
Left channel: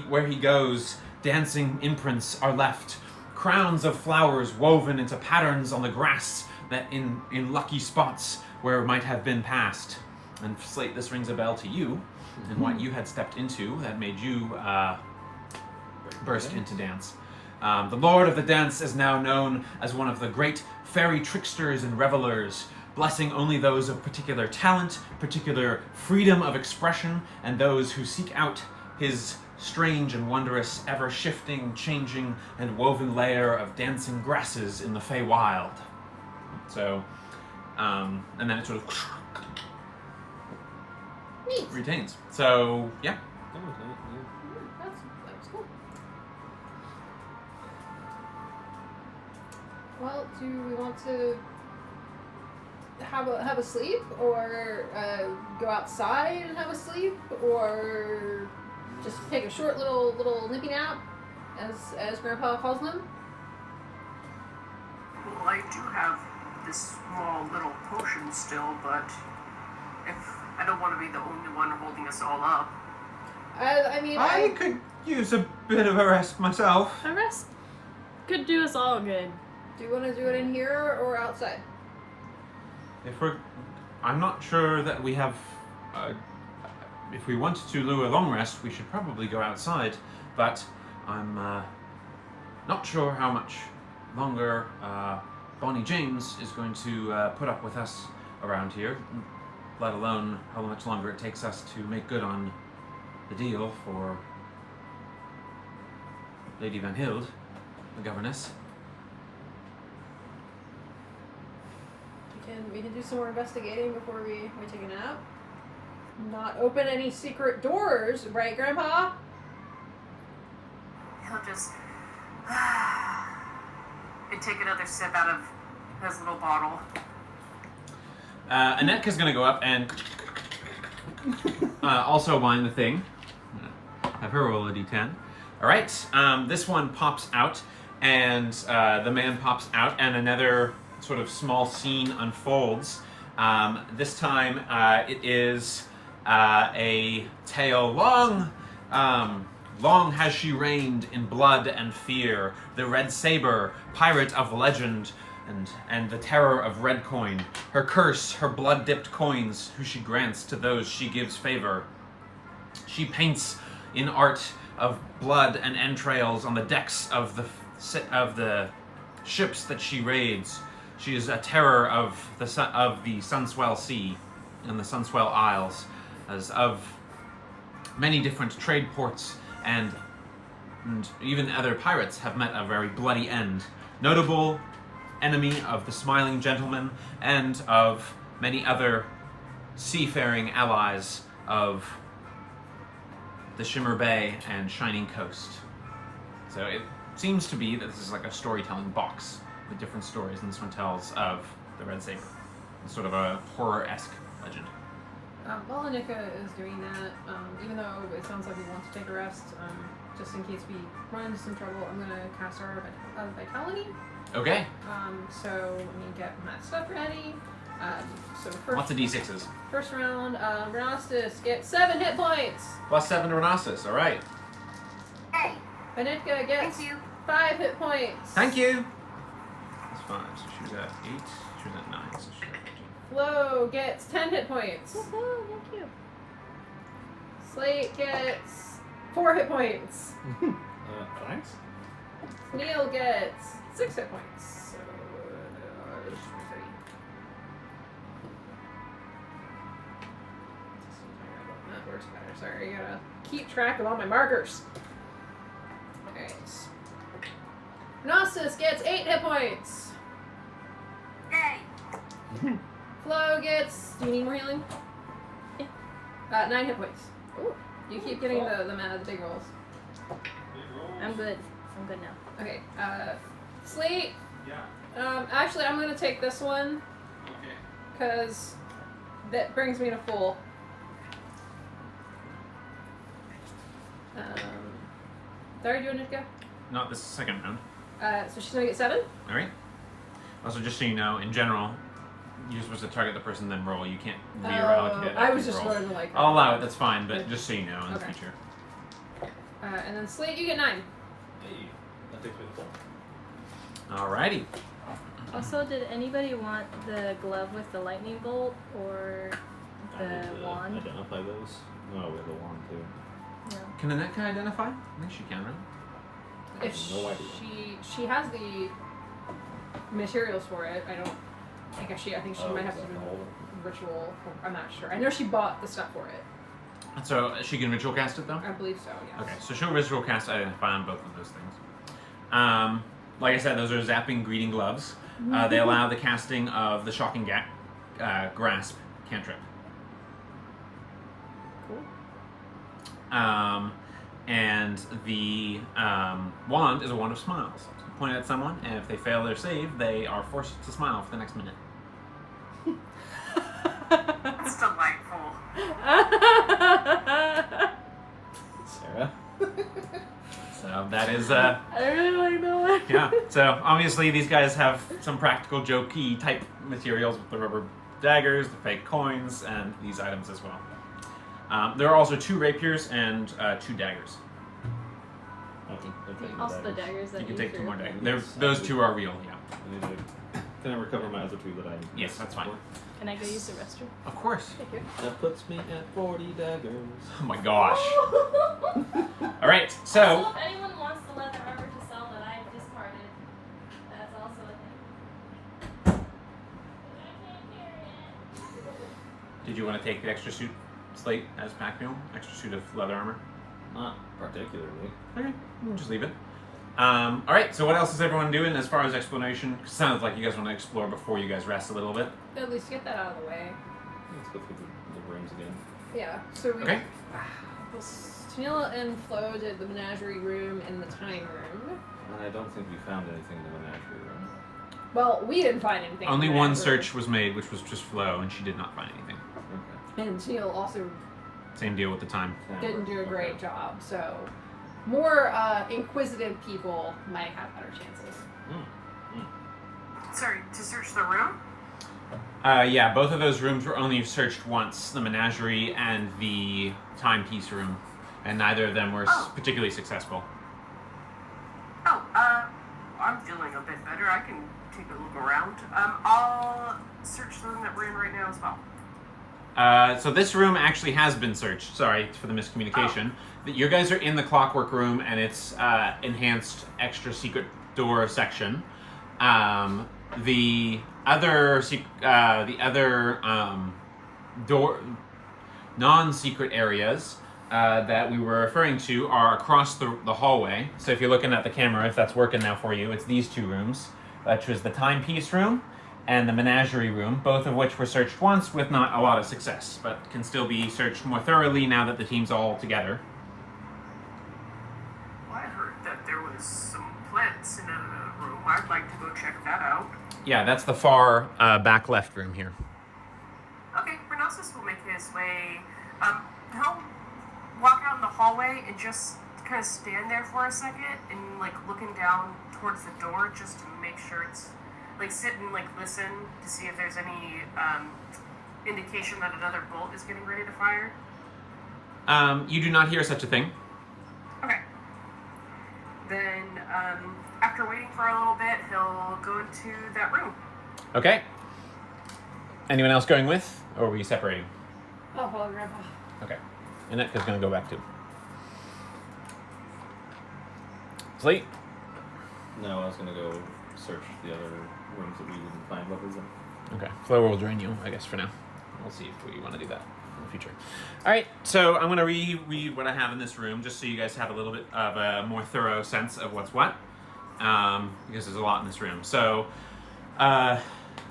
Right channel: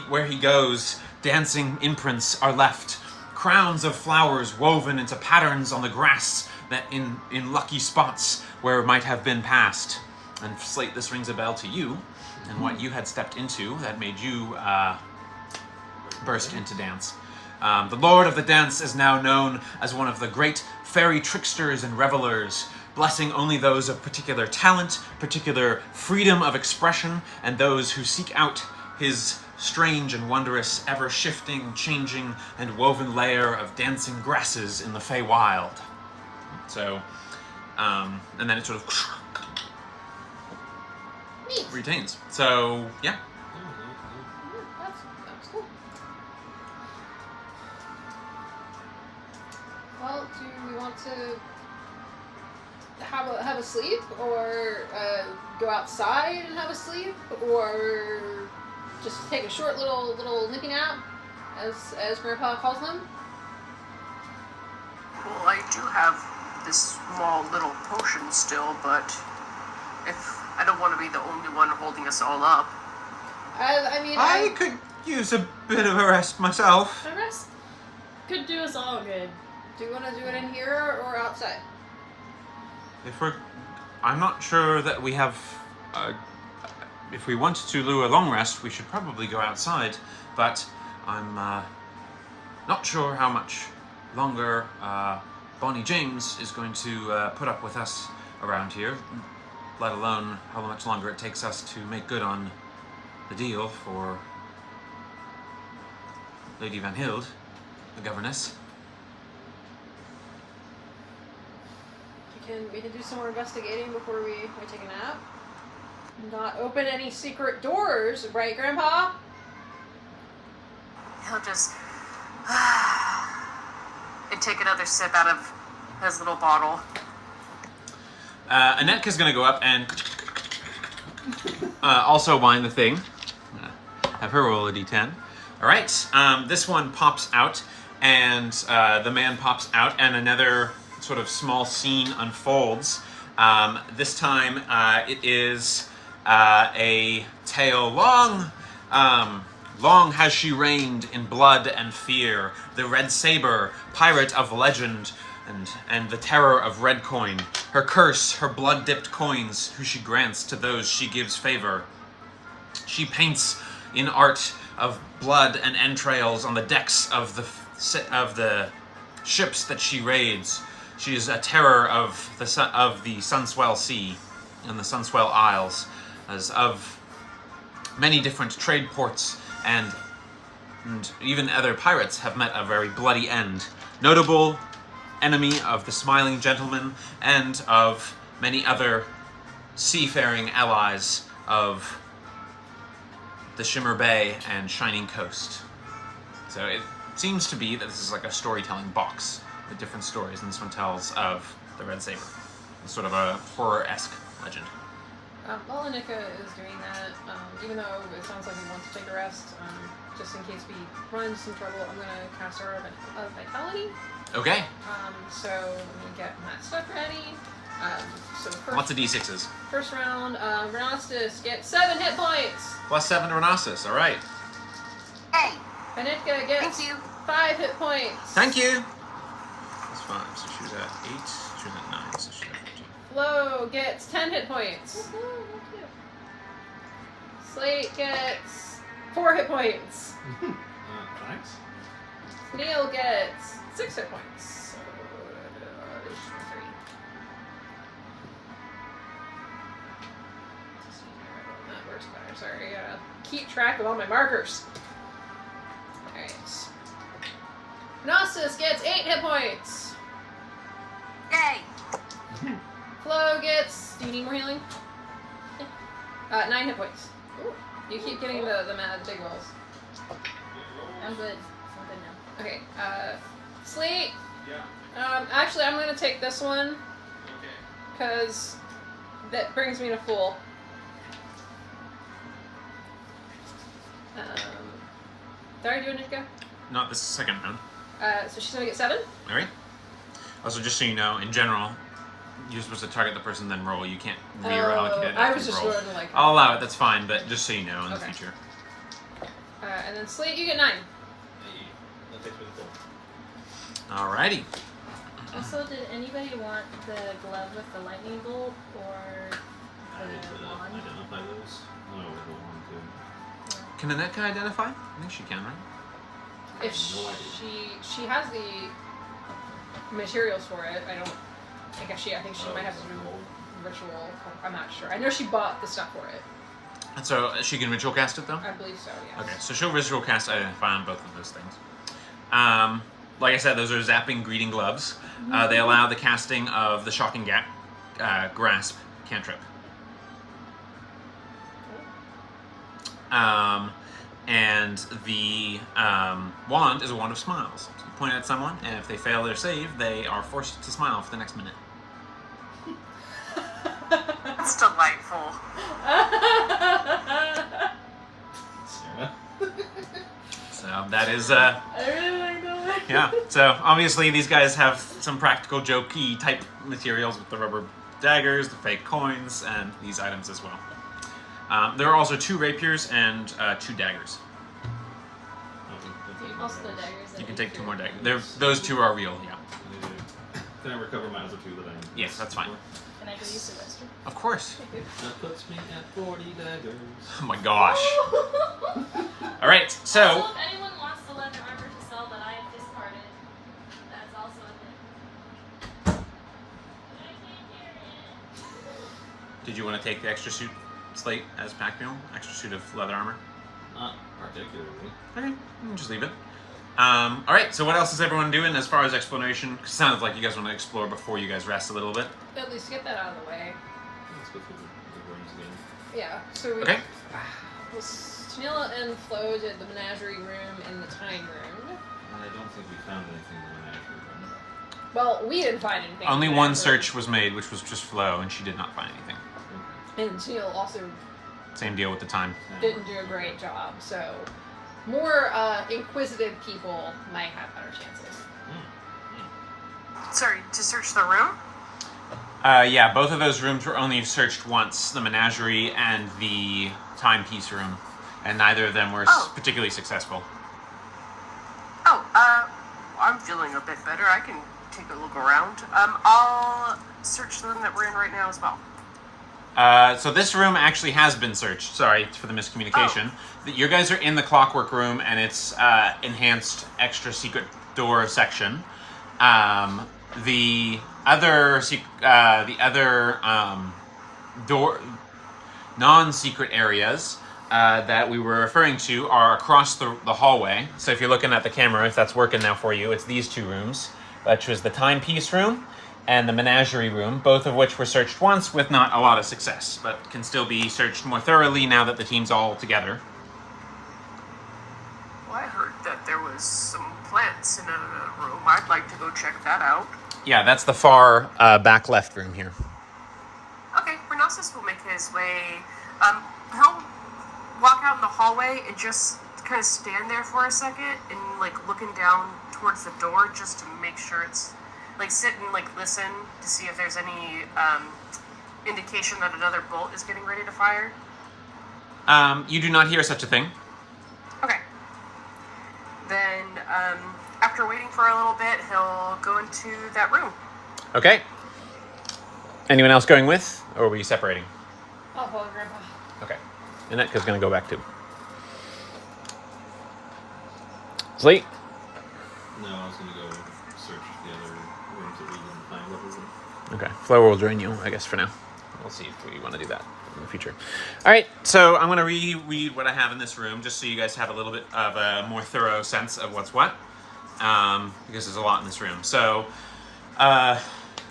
Where he goes, dancing imprints are left. Crowns of flowers woven into patterns on the grass that in lucky spots where it might have been passed. And Slate, this rings a bell to you, and what you had stepped into that made you burst into dance. The Lord of the Dance is now known as one of the great fairy tricksters and revelers, blessing only those of particular talent, particular freedom of expression, and those who seek out his strange and wondrous, ever-shifting, changing, and woven layer of dancing grasses in the Feywild. So, and then it sort of Neat. retains. So, yeah. That's cool. Well, do we want to have a sleep, or go outside and have a sleep, or just take a short little nippy nap, as Grandpa calls them? Well, I do have this small little potion still, but if I don't want to be the only one holding us all up. I could use a bit of a rest myself. The rest could do us all good. Do you want to do it in here or outside? I'm not sure that we have. If we wanted to lure a long rest, we should probably go outside. But I'm not sure how much longer Bonnie James is going to put up with us around here. Let alone how much longer it takes us to make good on the deal for Lady Van Hild, the governess. We can do some more investigating before we take a nap. Not open any secret doors, right, Grandpa? He'll just... and take another sip out of his little bottle. Anetka's gonna go up and also wind the thing. Have her roll a d10. All right, this one pops out, and the man pops out, and another sort of small scene unfolds. This time, it is a tale long. Long has she reigned in blood and fear, the Red Saber, pirate of legend, and the terror of red coin. Her curse, her blood-dipped coins, who she grants to those she gives favor. She paints in art of blood and entrails on the decks of the ships that she raids. She is a terror of the Sunswell Sea and the Sunswell Isles, as of many different trade ports and even other pirates have met a very bloody end. Notable enemy of the Smiling Gentleman and of many other seafaring allies of the Shimmer Bay and Shining Coast. So it seems to be that this is like a storytelling box with different stories, and this one tells of the Red Saber. It's sort of a horror-esque legend. While Anika is doing that, even though it sounds like we want to take a rest, just in case we run into some trouble, I'm going to cast our Vitality. Okay. So I'm going to get my stuff ready. Lots of d6s. First round, Renastus gets 7 hit points. Plus 7 to Renastus, all right. Hey, Anika gets thank you. 5 hit points. Thank you. That's 5, so she's at 8, she's at 9, so she's at 15. Flo gets 10 hit points. Thank you. Slate gets 4 hit points. Thanks. Neil gets 6 hit points. So, that works better. Sorry, I gotta keep track of all my markers. Alright. Gnosis gets 8 hit points. Yay! Flo gets. Do you need more healing? 9 hit points. Ooh. You keep getting the mad dig rolls. I'm good. I'm good now. Okay, Slate. Yeah. Actually, I'm gonna take this one Okay. because that brings me to full. Did I do a Nitka? Not this second round. So she's gonna get 7. All right. Also, just so you know, in general, you're supposed to target the person, then roll. You can't reallocate it. I after was you just roll. going like. I'll allow it. That's fine. But just so you know, in the Okay. future. And then Slate, you get 9. Hey, that takes me to 4. Alrighty. Also, did anybody want the glove with the lightning bolt or I need the to wand? identify those. Oh, we have the wand too. Can Anetka identify? I think she can, right? I have no idea. She has the materials for it. I think she might have some ritual. I'm not sure. I know she bought the stuff for it. And so she can ritual cast it though? I believe so, yes. Okay, so she'll ritual cast identify on both of those things. Like I said, those are zapping greeting gloves. They allow the casting of the shocking grasp cantrip. And the wand is a wand of smiles. So you point it at someone, and if they fail their save, they are forced to smile for the next minute. That's delightful. Sarah? So that is, I really like that. yeah. So obviously these guys have some practical jokey type materials with the rubber daggers, the fake coins, and these items as well. There are also 2 rapiers and 2 daggers. Also the daggers that You can lead take 2 through. more daggers. Those 2 are real, yeah. Can I recover my other 2 that I Yes, that's fine. Can I go use the restroom? Of course. That puts me at 40 daggers. Oh my gosh. All right, so if anyone wants the leather armor to sell that I discarded, that's also a thing. did you want to take the extra suit slate as pack mule? Extra suit of leather armor? Not particularly. Okay, we'll just leave it. All right, so what else is everyone doing as far as exploration? 'Cause it sounds like you guys want to explore before you guys rest a little bit. At least get that out of the way. Let's go through the rooms again. Yeah. So we. Okay. Tanilla and Flo did the menagerie room and the time room. And I don't think we found anything in the menagerie room. Well, we didn't find anything. Only in one that search was made, which was just Flo, and she did not find anything. Okay. room. And Teal also Same deal with the time. didn't do a great job, so more inquisitive people might have better chances. Sorry, to search the room? Yeah, both of those rooms were only searched once, the menagerie and the timepiece room, and neither of them were particularly successful. Oh, I'm feeling a bit better. I can take a look around. I'll search the room that we're in right now as well. So this room actually has been searched. Sorry for the miscommunication. You guys are in the clockwork room, and it's enhanced extra secret door section. The other door non-secret areas that we were referring to are across the hallway. So if you're looking at the camera, if that's working now for you, it's these two rooms, which was the timepiece room and the menagerie room, both of which were searched once with not a lot of success, but can still be searched more thoroughly now that the team's all together. Well, I heard that there was some plants in a room. I'd like to go check that out. Yeah, that's the far back left room here. Okay, Renasus will make his way. He'll walk out in the hallway and just kind of stand there for a second and like looking down towards the door just to make sure it's like sit and like listen to see if there's any indication that another bolt is getting ready to fire. You do not hear such a thing. Okay. Then after waiting for a little bit, he'll go into that room. Okay. Anyone else going with, or were you separating? I'll follow Grandpa. Okay. Annette's going to go back too. Sleep. No, I was gonna go search the other rooms that we didn't find. What was them? Okay. Flo will join you, I guess, for now. We'll see if we want to do that in the future. All right. So I'm going to reread what I have in this room, just so you guys have a little bit of a more thorough sense of what's what, because there's a lot in this room. So,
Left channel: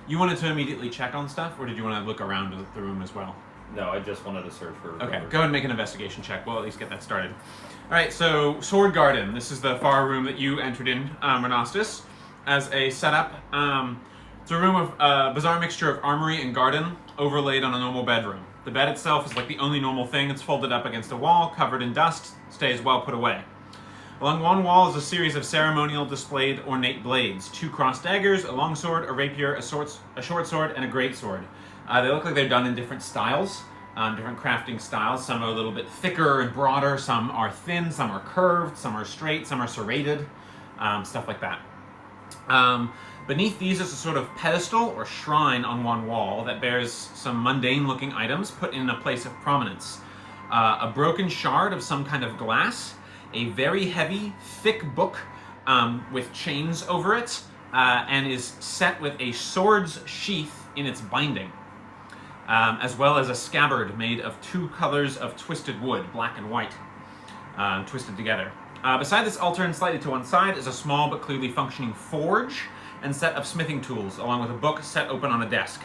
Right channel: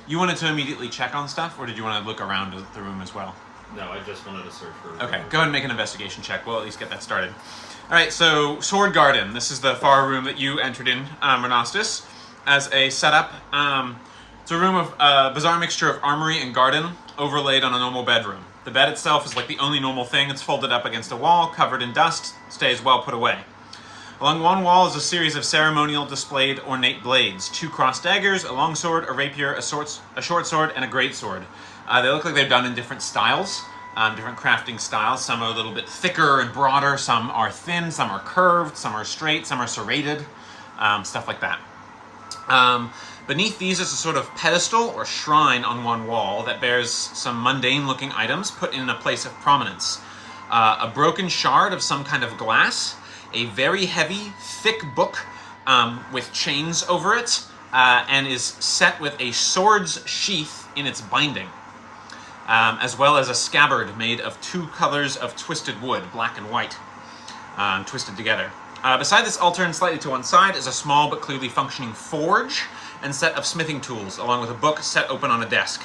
you wanted to immediately check on stuff, or did you want to look around the room as well? No, I just wanted to search for. Okay, go ahead and make an investigation check. We'll at least get that started. All right, so Sword Garden. This is the far room that you entered in, Renastus, as a setup. It's a room of a bizarre mixture of armory and garden overlaid on a normal bedroom. The bed itself is like the only normal thing. It's folded up against a wall, covered in dust, stays well put away. Along one wall is a series of ceremonial displayed ornate blades. 2 crossed daggers, a long sword, a rapier, a short sword, and a great sword. They look like they're done in different styles, different crafting styles. Some are a little bit thicker and broader, some are thin, some are curved, some are straight, some are serrated, stuff like that. Beneath these is a sort of pedestal or shrine on one wall that bears some mundane-looking items put in a place of prominence. A broken shard of some kind of glass, a very heavy, thick book with chains over it, and is set with a sword's sheath in its binding, as well as a scabbard made of 2 colors of twisted wood, black and white, twisted together. Beside this altar and slightly to one side is a small but clearly functioning forge and set of smithing tools, along with a book set open on a desk.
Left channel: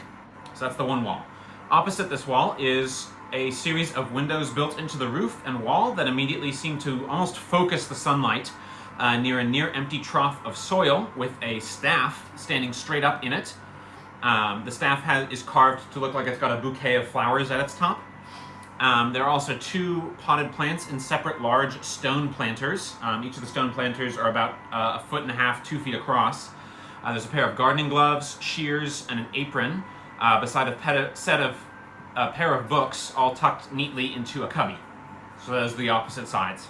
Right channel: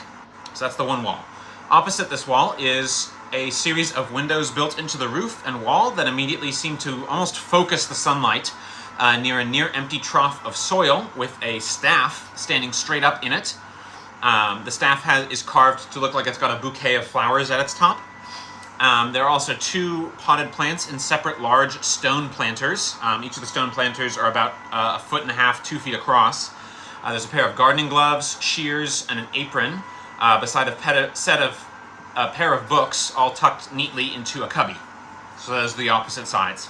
So that's the one wall. Opposite this wall is a series of windows built into the roof and wall that immediately seem to almost focus the sunlight near a near-empty trough of soil with a staff standing straight up in it. The staff is carved to look like it's got a bouquet of flowers at its top. There are also 2 potted plants in separate large stone planters. Each of the stone planters are about 1.5 feet, 2 feet across. There's a pair of gardening gloves, shears, and an apron beside a pair of books, all tucked neatly into a cubby. So those are the opposite sides.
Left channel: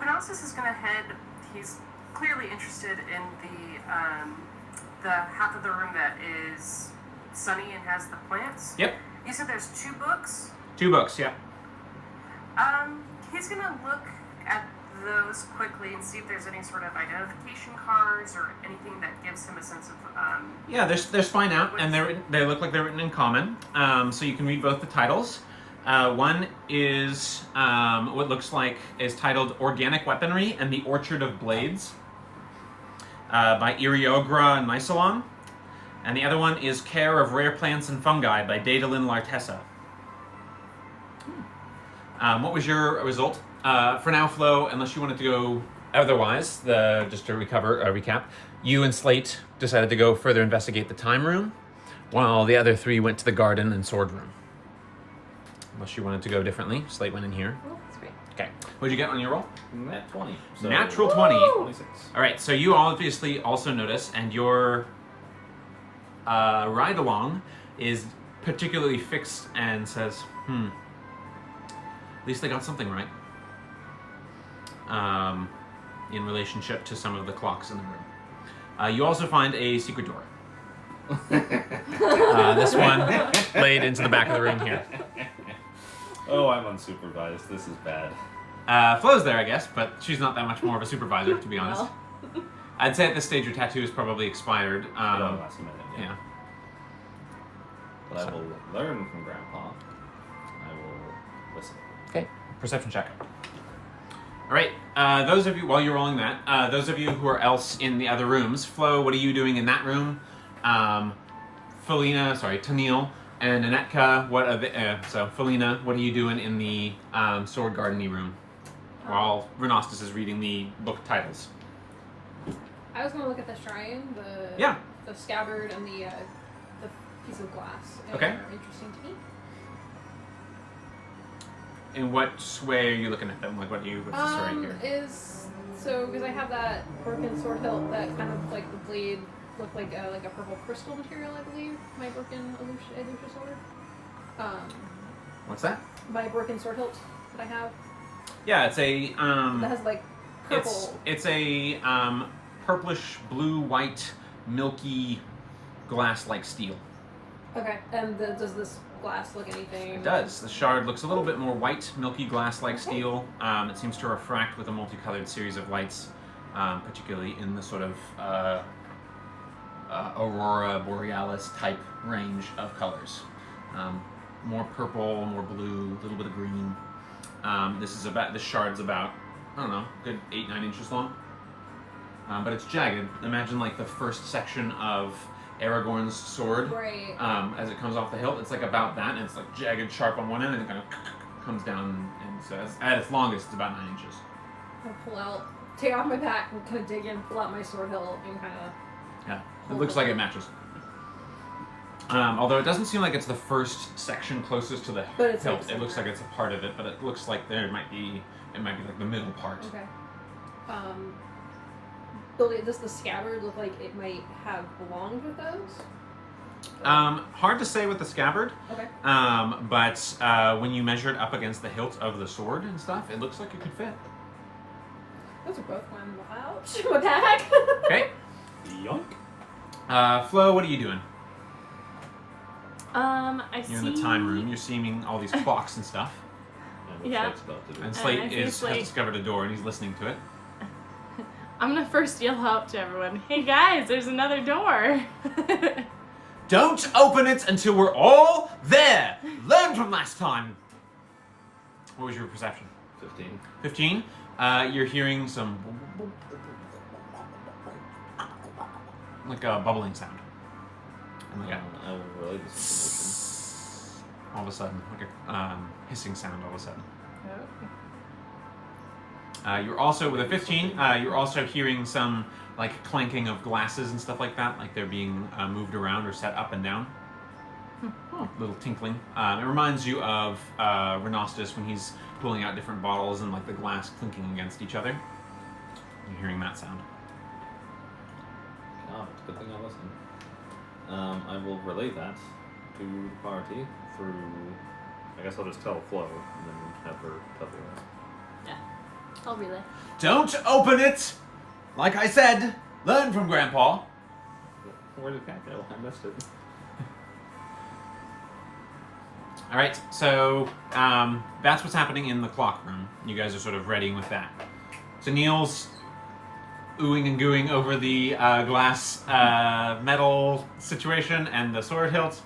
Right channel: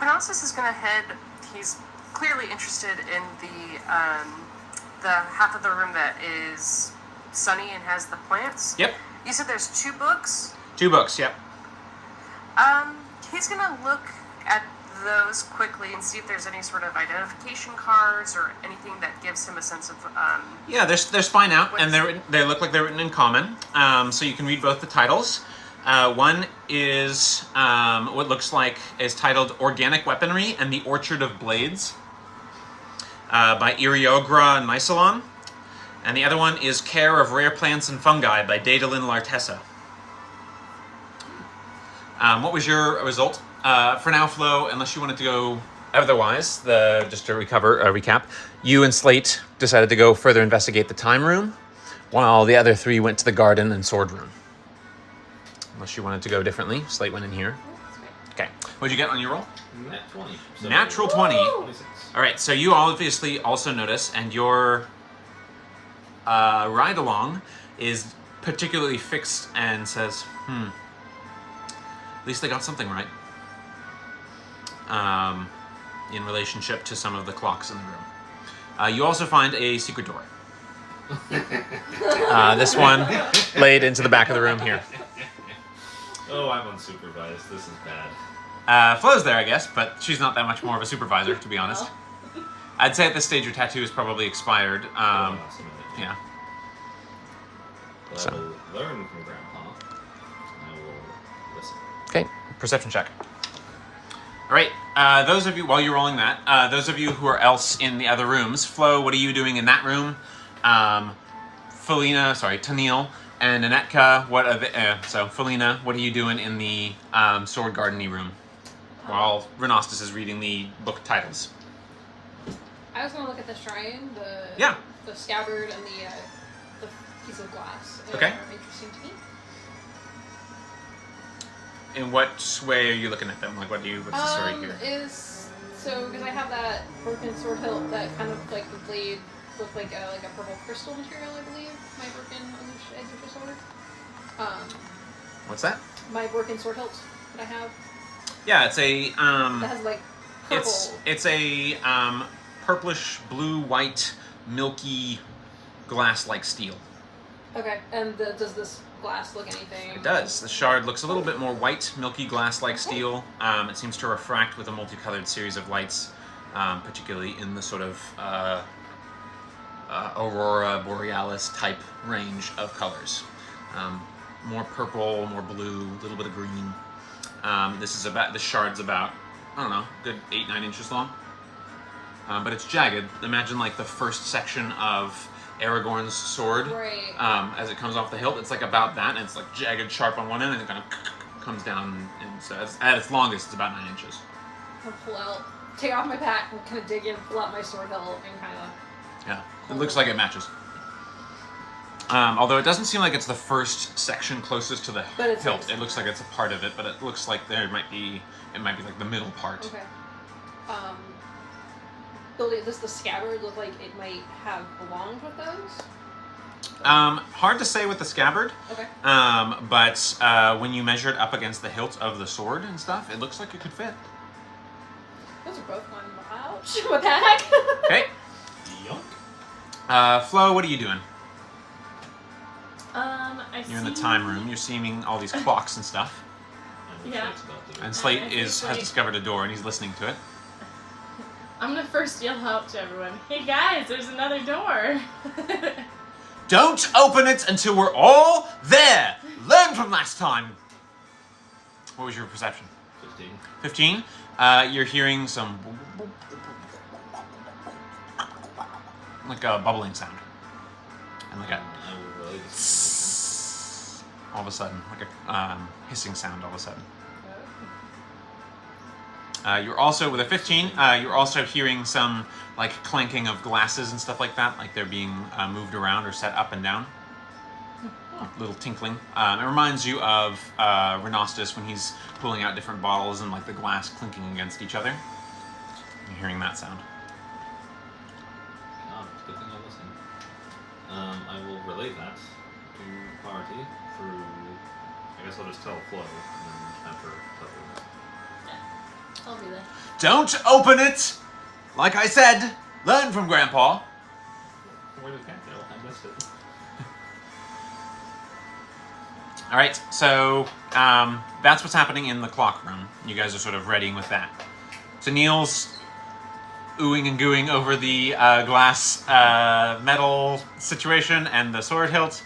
Renasus is gonna head. He's clearly interested in the half of the room that is sunny and has the plants. Yep. You said there's 2 books? 2 books, yep. He's gonna look at those quickly and see if there's any sort of identification cards or anything that gives him a sense of Yeah, they're spine out, and they look like they're written in common, so you can read both the titles. One is what looks like is titled Organic Weaponry and the Orchard of Blades by Iriogra Nysalon. And the other one is Care of Rare Plants and Fungi by Daedalin Lartessa. What was your result? For now, Flo, unless you wanted to go Otherwise, just to recap, you and Slate decided to go further investigate the time room, while the other three went to the garden and sword room. Unless you wanted to go differently, Slate went in here. Okay. What'd you get on your roll? Nat 20. So Natural 20. 26. All right, so you obviously also notice, and your ride along is particularly fixed and says, at least they got something right. In relationship to some of the clocks in the room. You also find a secret door. This one laid into the back of the room here. Oh, I'm unsupervised. This is bad. Flo's there, I guess, but she's not that much more of a supervisor, to be honest. I'd say at this stage your tattoo is probably expired. Last minute, Yeah. But So. I will learn from Grandpa. I will listen. Okay, perception check. All right, those of you, while you're rolling that, those of you who are else in the other rooms, Flo, what are you doing in that room? Tennille, and Anetka, what are Felina, what are you doing in the sword garden-y room? While Renostus is reading the book titles. I just want to look at the shrine, the scabbard, and the piece of glass. Okay. Interesting to me. In what way are you looking at them? Like, what's the story here? Because I have that broken sword hilt that kind of like the blade looked like a purple crystal material, I believe. My broken illusion sword. What's that? My broken sword hilt that I have. Yeah, it's a That has like purple. it's a purplish blue white milky glass-like steel. Okay, and does this glass look anything? It does. The shard looks a little bit more white, milky glass-like steel. It seems to refract with a multicolored series of lights, particularly in the sort of aurora borealis type range of colors. More purple, more blue, a little bit of green. The shard's about, I don't know, good 8-9 inches long. But it's jagged. Imagine like the first section of Aragorn's sword. Right. As it comes off the hilt, it's like about that, and it's like jagged, sharp on one end, and it kind of comes down, and so at its longest, it's about 9 inches. I'll take off my pack and kind of dig in, pull out my sword hilt, and kind of. Yeah, it looks like it matches. Although it doesn't seem like it's the first section closest to the hilt. It looks like it's a part of it, but it looks like it might be like the middle part. Okay. Does the scabbard look like it might have belonged with those? Hard to say with the scabbard. Okay. But when you measure it up against the hilt of the sword and stuff, it looks like it could fit. Those are both on my pack. Okay. Yunk. Flo, what are you doing? You're in the time room. You're seeing all these clocks and stuff. Yeah. And Slate I see has Slate. discovered a door and he's listening to it. I'm gonna first yell out to everyone, "Hey guys, there's another door!" Don't open it until we're all there! Learn from last time! What was your perception? 15. 15? You're hearing some like a bubbling sound. And like I will relay this information. all of a sudden, like a hissing sound all of a sudden. You're also, with a 15, you're also hearing some like clanking of glasses and stuff like that, like they're being moved around or set up and down. Little tinkling. It reminds you of Renostus when he's pulling out different bottles and like the glass clinking against each other. You're hearing that sound. God, it's a good thing I listened. I will relay that to the party through. I guess I'll just tell Flo and then have her tell her. I'll relay. Don't open it! Like I said, learn from Grandpa. Where did Cat go? I missed it. All right, so that's what's happening in the clock room. You guys are sort of readying with that. So Neil's oohing and gooing over the glass metal situation and the sword hilt.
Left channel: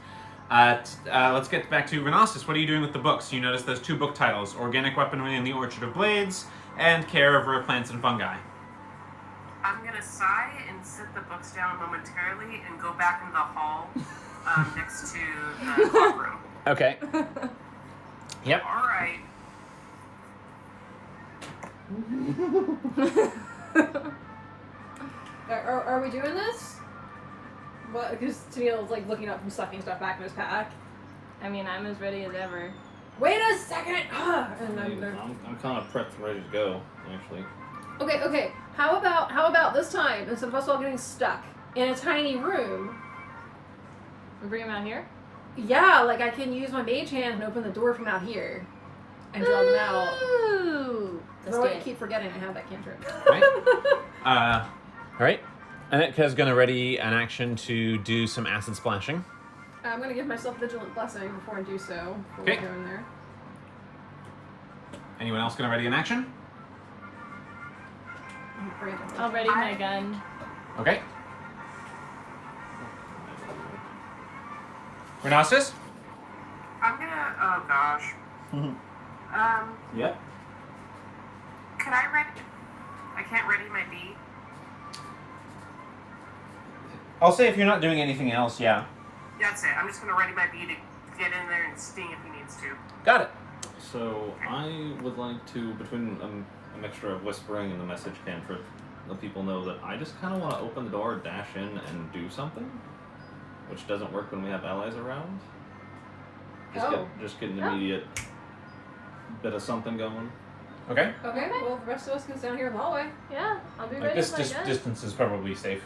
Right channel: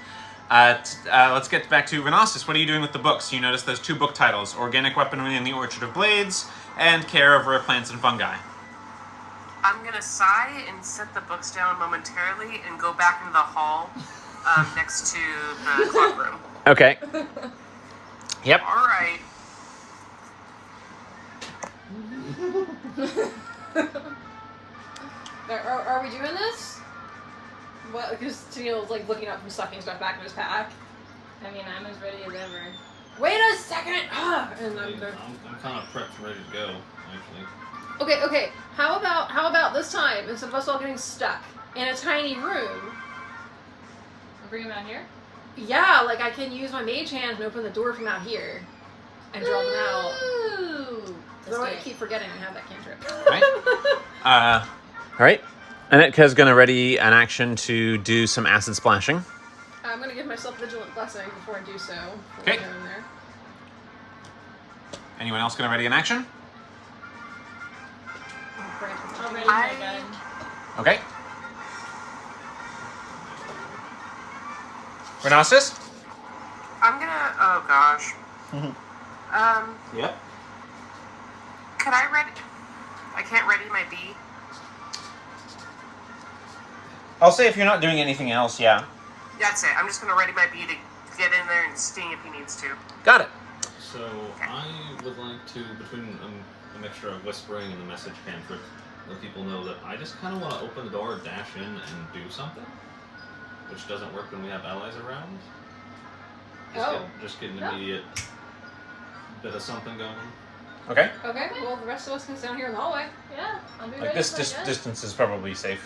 Let's get back to Renostus. What are you doing with the books? You notice there's 2 book titles: Organic Weaponry in the Orchard of Blades and Care of Rare Plants and Fungi. I'm gonna sigh and set the books down momentarily and go back into the hall next to the clock room. Okay. Yep. All right. Are we doing this? What? Because Steele's like looking up and stuffing stuff back in his pack. I mean, I'm as ready as ever. Wait a second! And I'm kind of prepped and ready to go, actually. Okay. How about this time, instead of us all getting stuck in a tiny room? We bring him out here? Yeah, like I can use my mage hand and open the door from out here. And draw them out. Ooh. Though I keep forgetting I have that cantrip. Right. Alright. Anitka's gonna ready an action to do some acid splashing. I'm gonna give myself Vigilant Blessing before I do so. Okay. In there. Anyone else gonna ready an action? I'll ready my gun. Okay. Renastus? I'm gonna. Oh gosh. Yep. Could I ready? I can't ready my bee. I'll say if you're not doing anything else, yeah. That's it. I'm just gonna ready my bee to get in there and sting if he needs to. Got it. So I would like to, between a mixture of whispering and the message cantrip, let people know that I just kind of want to open the door, dash in, and do something, which doesn't work when we have allies around. Just get an immediate bit of something going. Okay. Okay, well the rest of us can stand here in the hallway. Yeah, I'll be Like ready. this with my gun. distance is probably safe.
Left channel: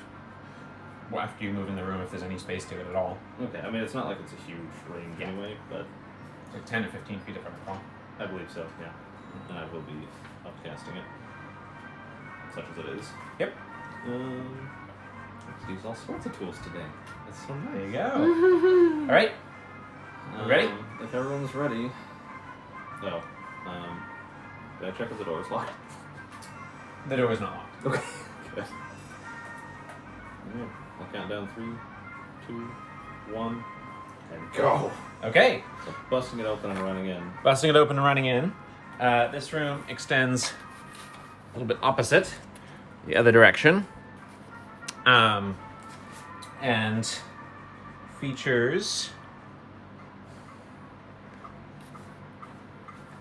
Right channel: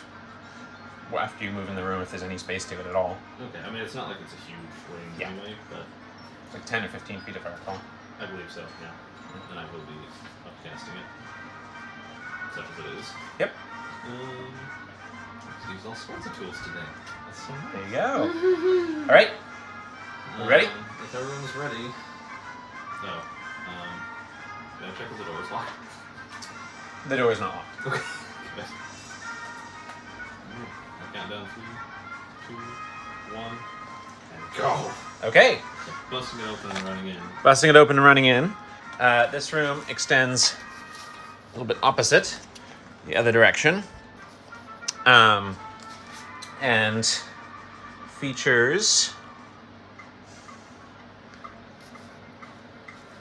Well, after you move in the room, if there's any space to it at all. Okay, I mean, it's not like it's a huge range Yeah. anyway, but Like 10 or 15 feet if I recall. I believe so, yeah. And I will be upcasting it, such as it is. Yep. Let's use all sorts of tools today. That's so There you nice. go. Alright. You ready? If everyone's ready. So, gotta check if the door is locked. The door is not locked. Okay. Good. I count down 3, 2, 1, and go. Okay. So busting it open and running in. Busting it open and running in. This room extends a little bit opposite, the other direction. And features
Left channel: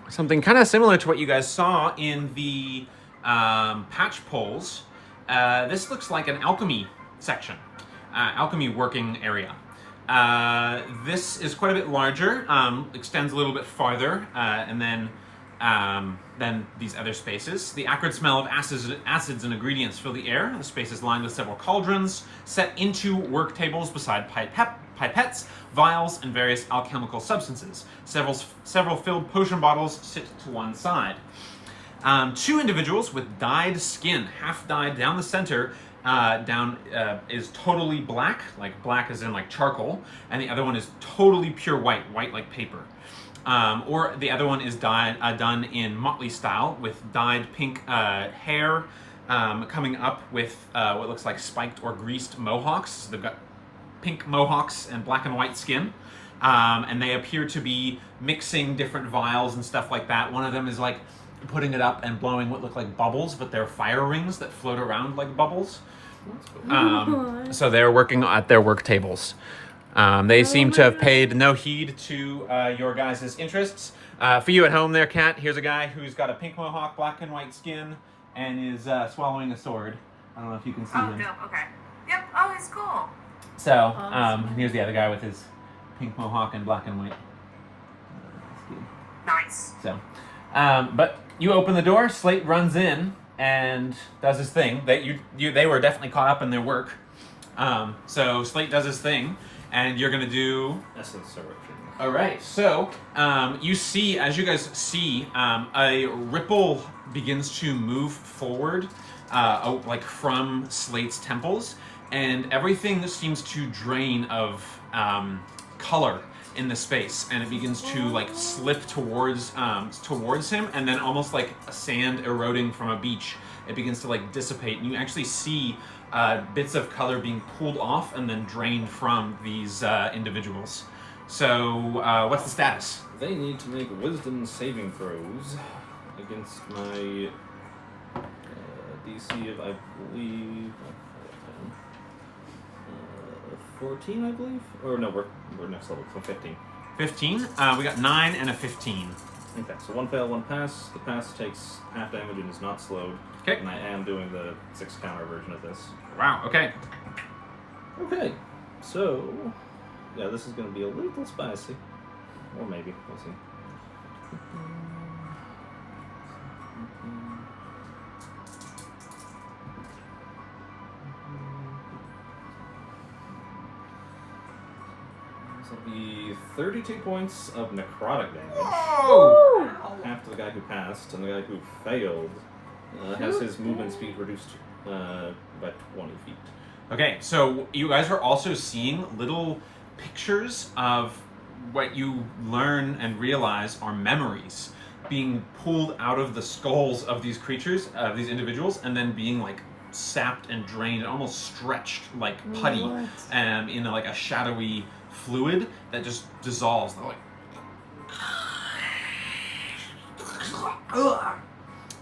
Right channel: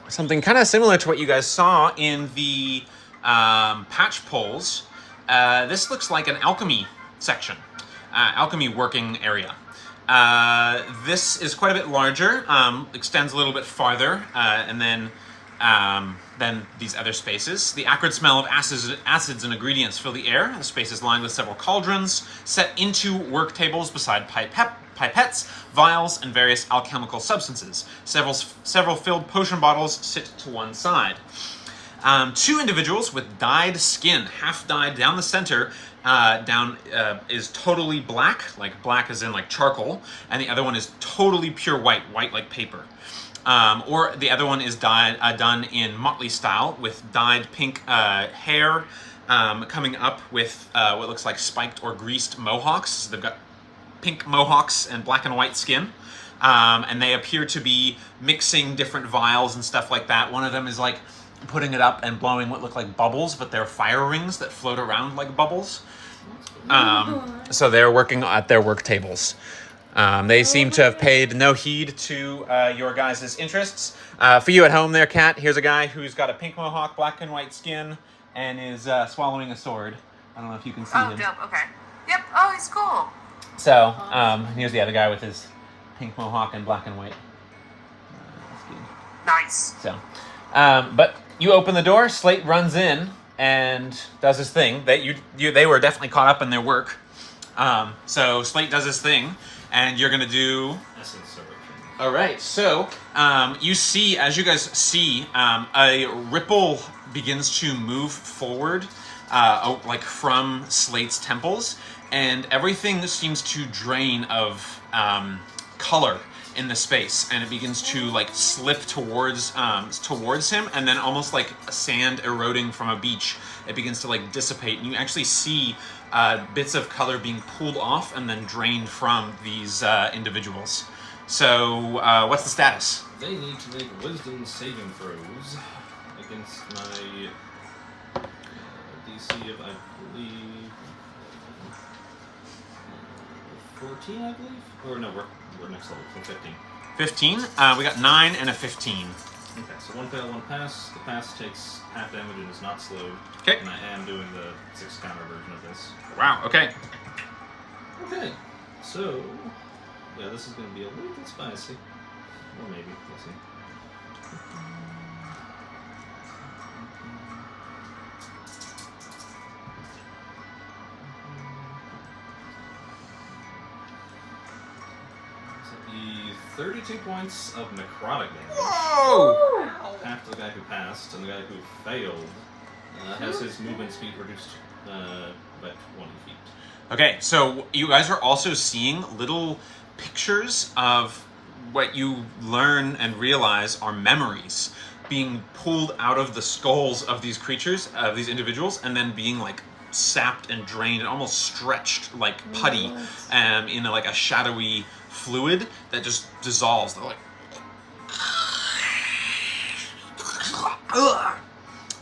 something kind of similar to what you guys saw in the patch poles. This looks like an alchemy section, alchemy working area. This is quite a bit larger, extends a little bit farther, and then these other spaces. The acrid smell of acids and ingredients fill the air. The space is lined with several cauldrons set into work tables beside pipettes, vials, and various alchemical substances. Several filled potion bottles sit to one side. Two individuals with dyed skin, half dyed down the center, is totally black, like black as in like charcoal, and the other one is totally pure white like paper. Or the other one is done in motley style with dyed pink hair, coming up with what looks like spiked or greased mohawks. So they've got pink mohawks and black and white skin. And they appear to be mixing different vials and stuff like that. One of them is like putting it up and blowing what look like bubbles, but they're fire rings that float around like bubbles. So they're working at their work tables. They seem to have paid no heed to your guys' interests. For you at home there, Kat, here's a guy who's got a pink mohawk, black and white skin, and is swallowing a sword. I don't know if you can see Oh, him. dope. Okay. Yep. Oh, he's cool. So, here's the other guy with his pink mohawk and black and white. Nice. So, but you open the door, Slate runs in and does his thing. They were definitely caught up in their work. So Slate does his thing, and you're gonna do. Essence direction. All right. So you see, as you guys see, a ripple begins to move forward, like from Slate's temples, and everything seems to drain of color in the space, and it begins to like slip towards him, and then almost like sand eroding from a beach, it begins to like dissipate, and you actually see bits of color being pulled off and then drained from these individuals. So what's the status? They need to make wisdom saving throws against my DC of, I believe, 14, I believe? Or no, we're next level, so 15. 15. We got 9 and a 15. Okay, so 1 fail, 1 pass. The pass takes half damage and is not slowed. Okay. And I am doing the 6 counter version of this. Wow, okay. Okay, so yeah, this is going to be a little spicy, or maybe we'll see. So it'll be 32 points of necrotic damage. Whoa! Half to the guy who passed, and the guy who failed has his movement speed reduced by 20 feet. Okay, so you guys are also seeing little pictures of what you learn and realize are memories being pulled out of the skulls of these creatures, of these individuals, and then being like sapped and drained and almost stretched like putty in like a shadowy fluid that just dissolves. They're like,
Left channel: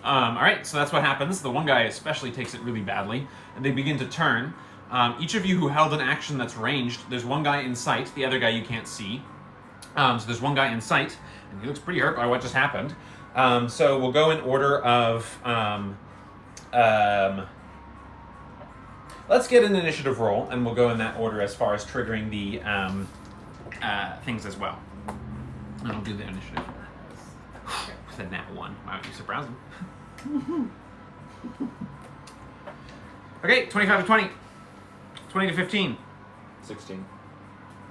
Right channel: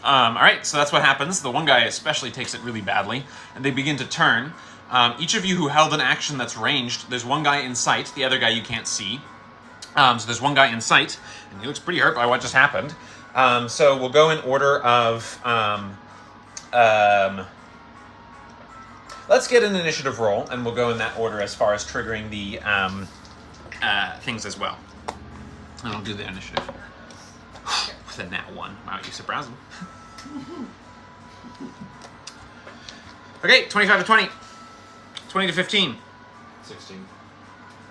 all right, so that's what happens. The one guy especially takes it really badly, and they begin to turn. Each of you who held an action that's ranged, there's one guy in sight, the other guy you can't see. So there's one guy in sight, and he looks pretty hurt by what just happened. So we'll go in order of... let's get an initiative roll, and we'll go in that order as far as triggering the things as well. And I'll do the initiative. With a nat 1. Wow, you surprised him. Okay, 25 to 20. 20 to 15. 16.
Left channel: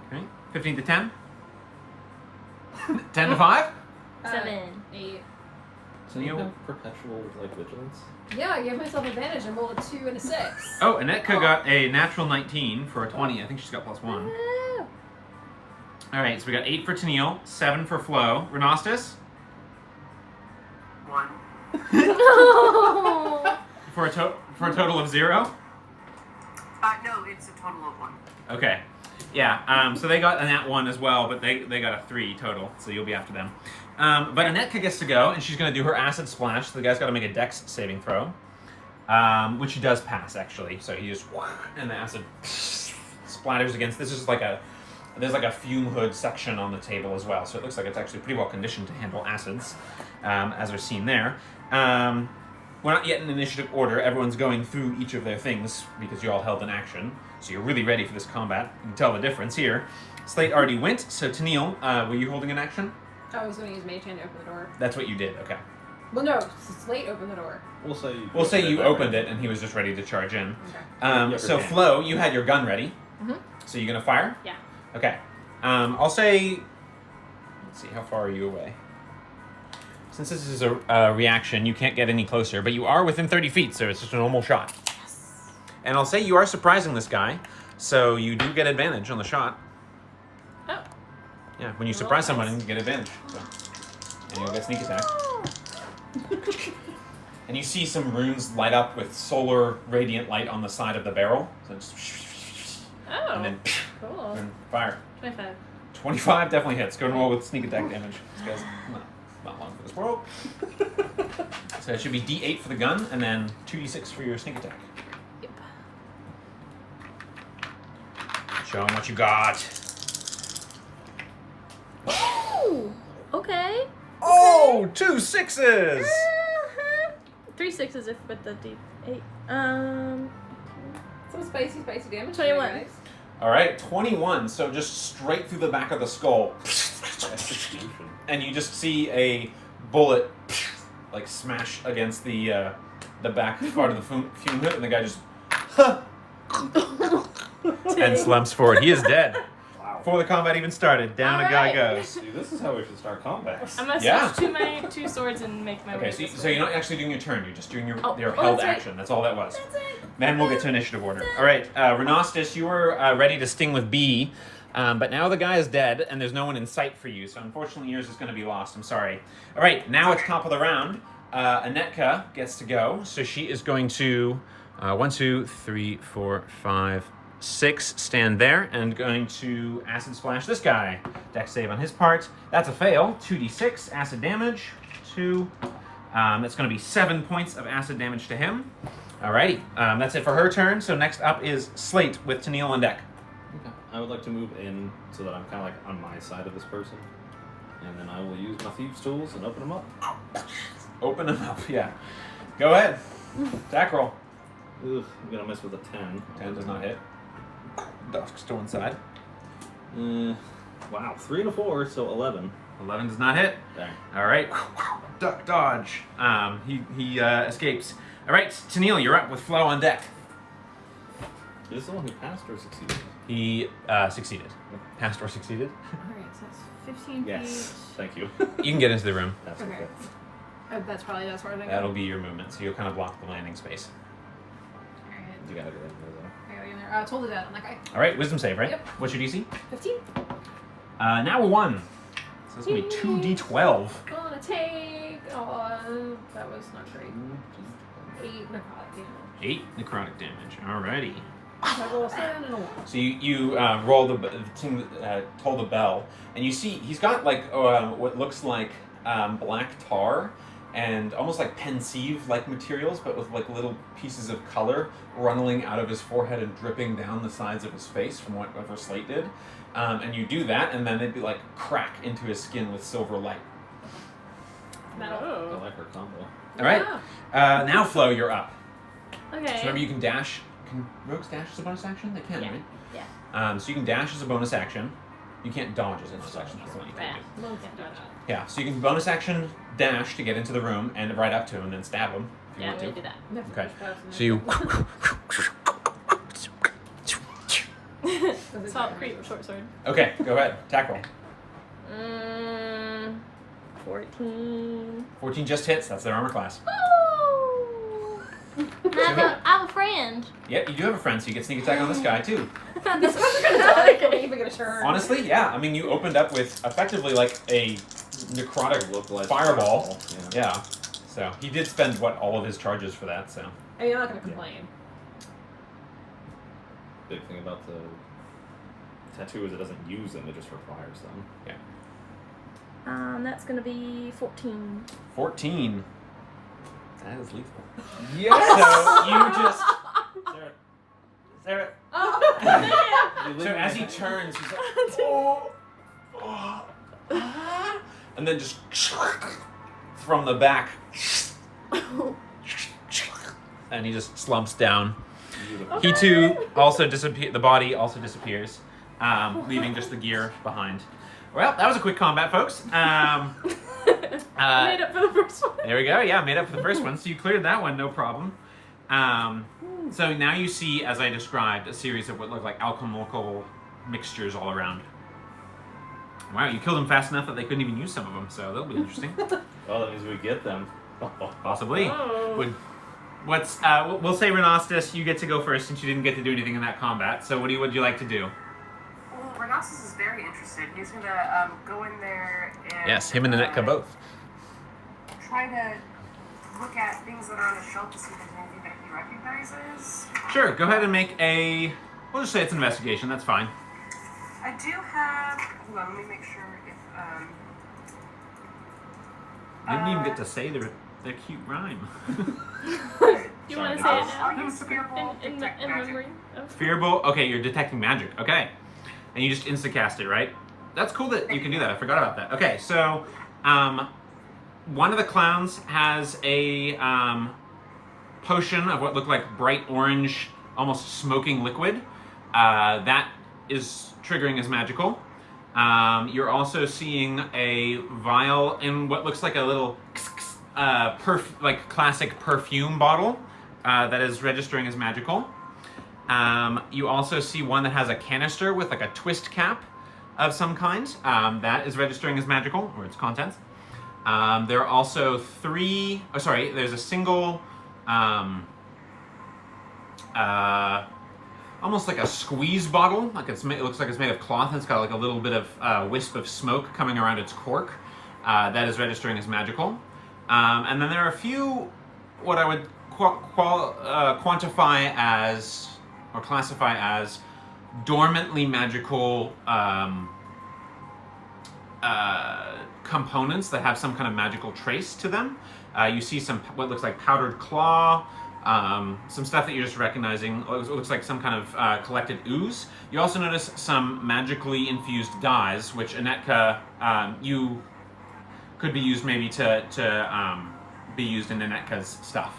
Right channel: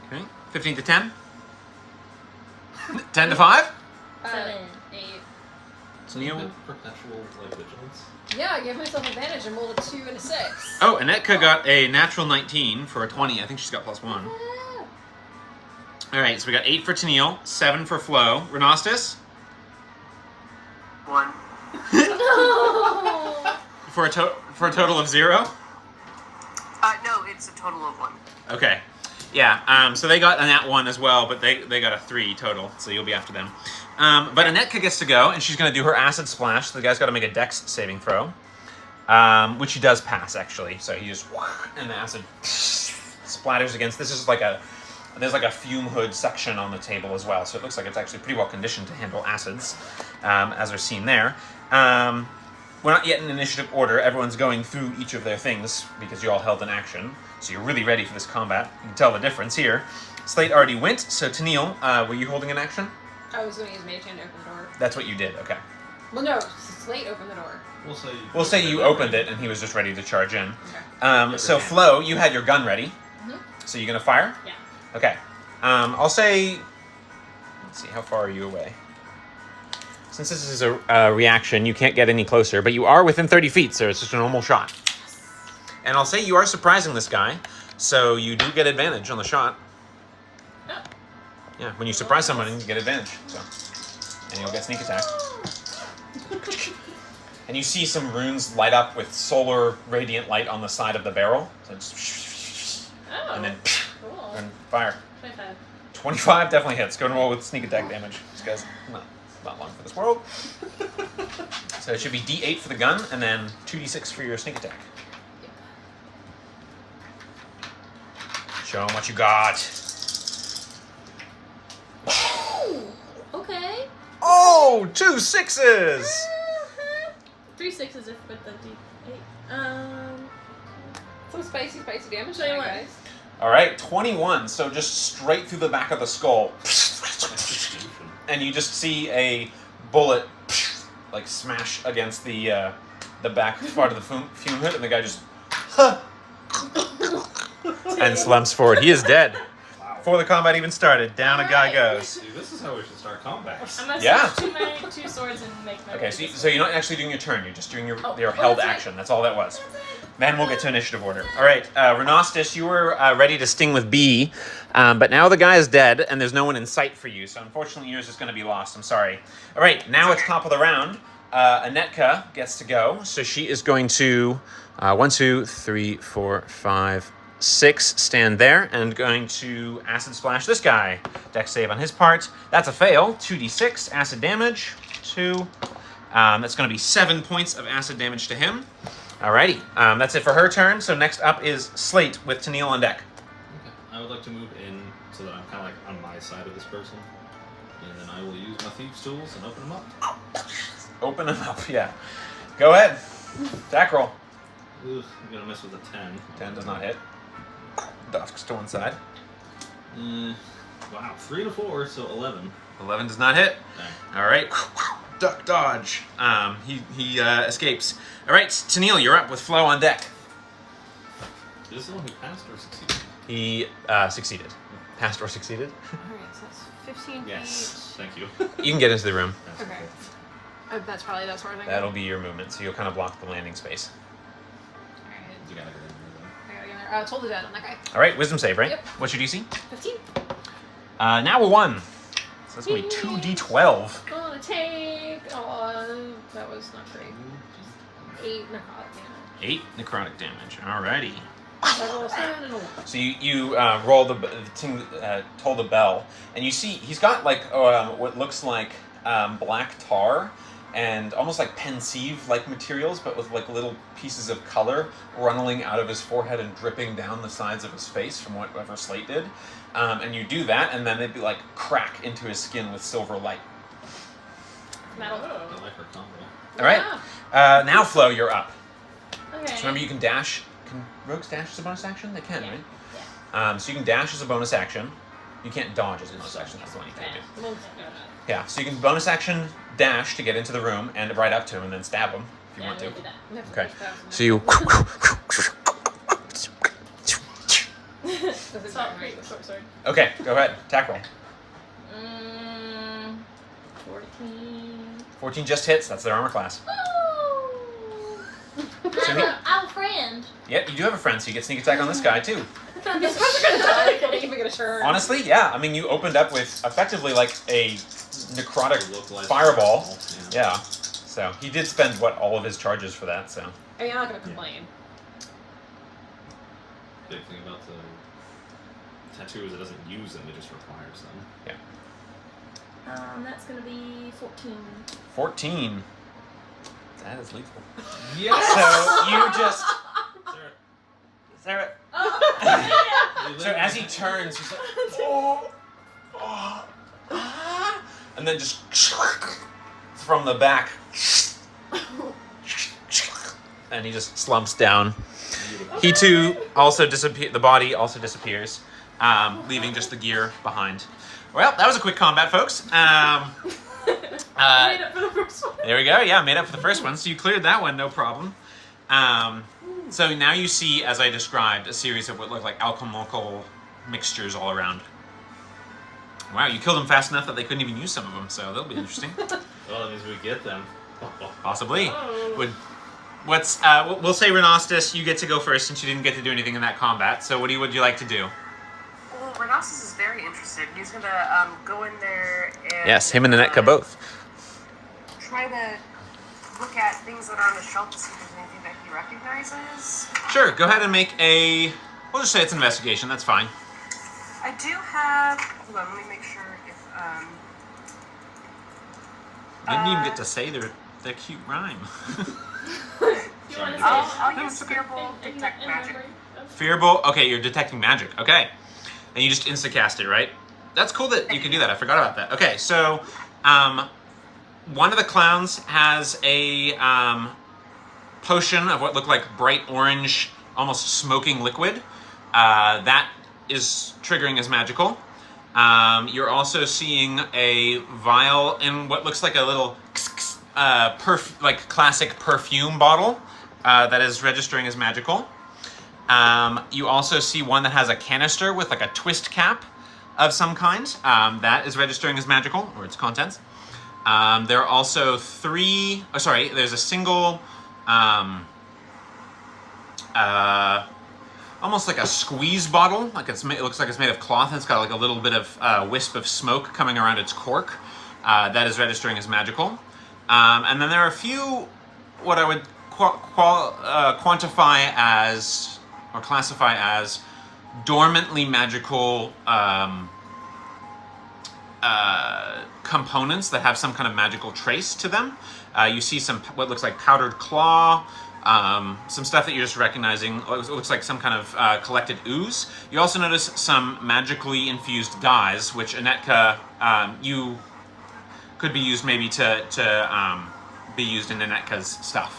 Okay, 15 to 10. 10 to 5. 7. 8. So Neil. Perpetual vigilance. Yeah, I gave myself advantage and rolled a 2 and a 6. Oh, Anetka got a natural 19 for a 20. I think she's got +1. Woo! All right, so we got 8 for Tennille, 7 for Flo. Renostis 1. for a total of 0. No, it's a total of 1. Okay, yeah. So they got a nat 1 as well, but they got a 3 total. So you'll be after them. But Anetka gets to go, and she's going to do her acid splash. So the guy's got to make a dex saving throw, which he does pass actually. So he just and the acid splatters against. This is like there's like a fume hood section on the table as well. So it looks like it's actually pretty well conditioned to handle acids, as are seen there. We're not yet in initiative order. Everyone's going through each of their things because you all held an action. So you're really ready for this combat. You can tell the difference here. Slate already went. So Tennille, were you holding an action? I was going to use Mage Hand to open the door. That's what you did. Okay. Well, no, Slate opened the door. We'll say you opened it and he was just ready to charge in. Okay. So Flo, you had your gun ready. Mhm. So you gonna fire? Yeah. Okay. I'll say. Let's see. How far are you away? Since this is a reaction, you can't get any closer, but you are within 30 feet, so it's just a normal shot. And I'll say you are surprising this guy, so you do get advantage on the shot. Oh. Yeah, when you surprise somebody, you get advantage. So, and you'll get sneak attack. And you see some runes light up with solar radiant light on the side of the barrel. So just, Oh. and then Cool. then fire. 25. 25 definitely hits. Go and roll with sneak attack damage. This guy's not long for this world. So it should be D8 for the gun, and then 2D6 for your sneak attack. Yep. Show him what you got. Okay. Oh, 2 6s! 3 6s if with the D8. Some spicy damage, 21. guys. All right, 21. So just straight through the back of the skull. Execution. And you just see a bullet like smash against the back part of the fume hood, and the guy just and slumps forward. He is dead. Wow. Before the combat even started, down a guy goes. See, this is how we should start combat. I'm gonna Yeah. switch to my 2 swords and make my Okay, way so, this so way. you're not actually doing your turn. You're just doing your Oh, held that's right. action. That's all that was. Then we'll get to initiative order. All right, Renostis, you were ready to sting with B, but now the guy is dead, and there's no one in sight for you. So unfortunately, yours is going to be lost. I'm sorry. All right, now it's top of the round. Anetka gets to go, so she is going to 1, 2, 3, 4, 5, 6 stand there, and going to acid splash this guy. Dex save on his part. That's a fail. 2d6 acid damage. 2. That's going to be 7 points of acid damage to him. Alrighty, that's it for her turn. So next up is Slate with Tennille on deck. Okay. I would like to move in so that I'm kind of like on my side of this person. And then I will use my thieves' tools and open them up. Open them up, yeah. Go ahead. Attack roll. Ugh, I'm gonna miss with a 10. 10 does not hit. Dusk's to one side. Wow, 3 and a 4, so 11. 11 does not hit. Dang. All right. Duck dodge. He escapes. All right, Tennille, you're up with Flo on deck. Is this the one who passed or succeeded? He succeeded. Passed or succeeded. Alright, so that's 15 Yes, thank you. You can get into the room. That's Okay. okay. That's probably that's where I think. That'll be your movement, so you'll kind of block the landing space. Alright, You gotta get in there, I gotta get in there. Told the dad on that guy. All right, wisdom save, right? Yep. What's your DC? 15. Now a 1. So that's going to be 2d12. Gonna take. That was not great. 8 necrotic damage. 8 necrotic damage. Alrighty. So I roll a 7 and a 1. So you roll the thing, toll the bell, and you see he's got like what looks like black tar and almost like pensieve-like materials, but with like little pieces of color runneling out of his forehead and dripping down the sides of his face from whatever Slate did. And you do that, and then they'd be like crack into his skin with silver light. Metal. I like her combo. All right. Now Flo, you're up. Okay. So remember, you can dash. Can rogues dash as a bonus action? They can, Yeah. right? Yeah. So you can dash as a bonus action. You can't dodge as a bonus action. That's the one you can do. Yeah. So you can bonus action dash to get into the room and right up to him and then stab him if you Yeah, want we to. do that. Okay. So you. It's all great with short sword. Okay. Go ahead. Attack roll. 14. 14 just hits. That's their armor class. I have a friend. Yep. You do have a friend, so you get sneak attack on this guy too. These guys are gonna die. I can't even get a turn. Honestly, yeah. I mean, you opened up with effectively like a necrotic Localized fireball. Yeah. Yeah. So he did spend all of his charges for that. So. I mean, I'm not gonna complain. Big thing about the tattoo is it doesn't use them, it just requires them. Yeah. That's gonna be 14. 14. That is lethal. Yeah. So you just. Sarah. So as he turns, he's like, and then just from the back, and he just slumps down. Beautiful. He too also disappears. The body also disappears, leaving just the gear behind. Well, that was a quick combat, folks. Made up for the first one. There we go. Yeah, made up for the first one. So you cleared that one, no problem. So now you see, as I described, a series of what look like alchemical mixtures all around. Wow, you killed them fast enough that they couldn't even use some of them, so that'll be interesting. Oh, that means we get them. Possibly. Oh. We'll say Renostus, you get to go first since you didn't get to do anything in that combat. So what would you like to do? Well, Renossus is very interested. He's gonna go in there and Yes, him and Anetka both. try to look at things that are on the shelf to see if there's anything that he recognizes. Sure, go ahead and make a. We'll just say it's an investigation. That's fine. I do have. Hold on, let me make sure if Didn't even get to say their cute rhyme. You wanna say I'll it? use Fearful Detect In Magic. memory of- Fearable. Okay, you're detecting magic. Okay, and you just instacast it, right? That's cool that you can do that. I forgot about that. Okay, so one of the clowns has a potion of what looked like bright orange, almost smoking liquid. That is triggering as magical. You're also seeing a vial in what looks like a little like classic perfume bottle that is registering as magical. You also see one that has a canister with like a twist cap of some kind. That is registering as magical, or its contents. There are also there's a single almost like a squeeze bottle, like it looks like it's made of cloth, and it's got like a little bit of wisp of smoke coming around its cork. That is registering as magical. And then there are a few what I would quantify as, or classify as, dormantly magical components that have some kind of magical trace to them. You see some what looks like powdered claw, some stuff that you're just recognizing. It looks like some kind of collected ooze. You also notice some magically infused dyes, which Anetka, you could be used maybe to be used in Anetka's stuff.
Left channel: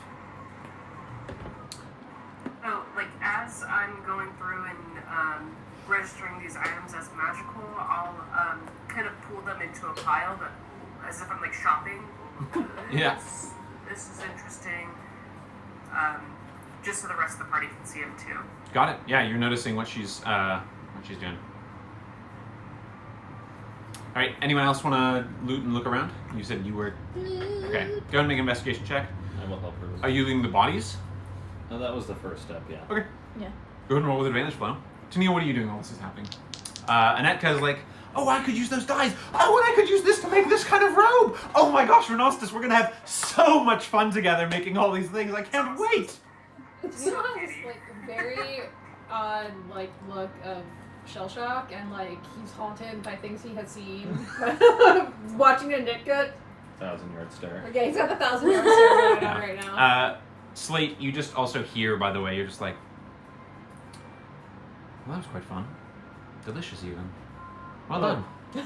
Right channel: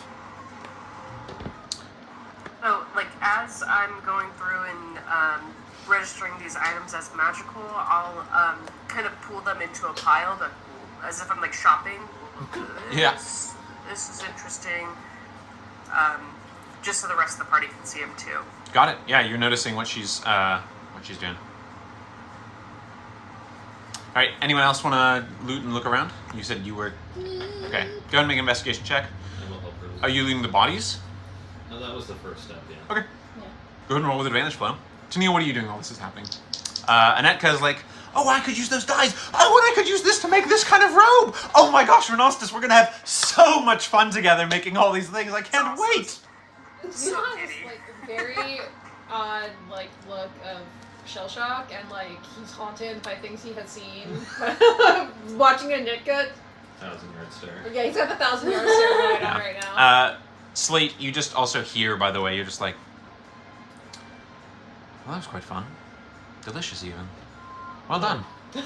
Oh, like as I'm going through and registering these items as magical, I'll kind of pull them into a pile as if I'm like shopping. Yeah. This is interesting. Just so the rest of the party can see them too. Got it. Yeah, you're noticing what she's doing. All right. Anyone else want to loot and look around? You said you were. Okay. Go ahead and make an investigation check. I will help her. Are you looting the bodies? Oh, that was the first step, yeah. Okay. Yeah. Go ahead and roll with advantage, Flo. Tania, what are you doing while this is happening? Anetka's like, oh, I could use those dyes. Oh, and I could use this to make this kind of robe. Oh my gosh, Renostus, we're gonna have so much fun together making all these things. I can't wait. You know, this like very odd like look of shell shock, and like he's haunted by things he has seen watching a Nitka. 1,000-yard stare. Okay, he's got the 1,000-yard stare going on right now. Slate, you just also hear, by the way, you're just like, well, that was quite fun. Delicious, even. Well done. Is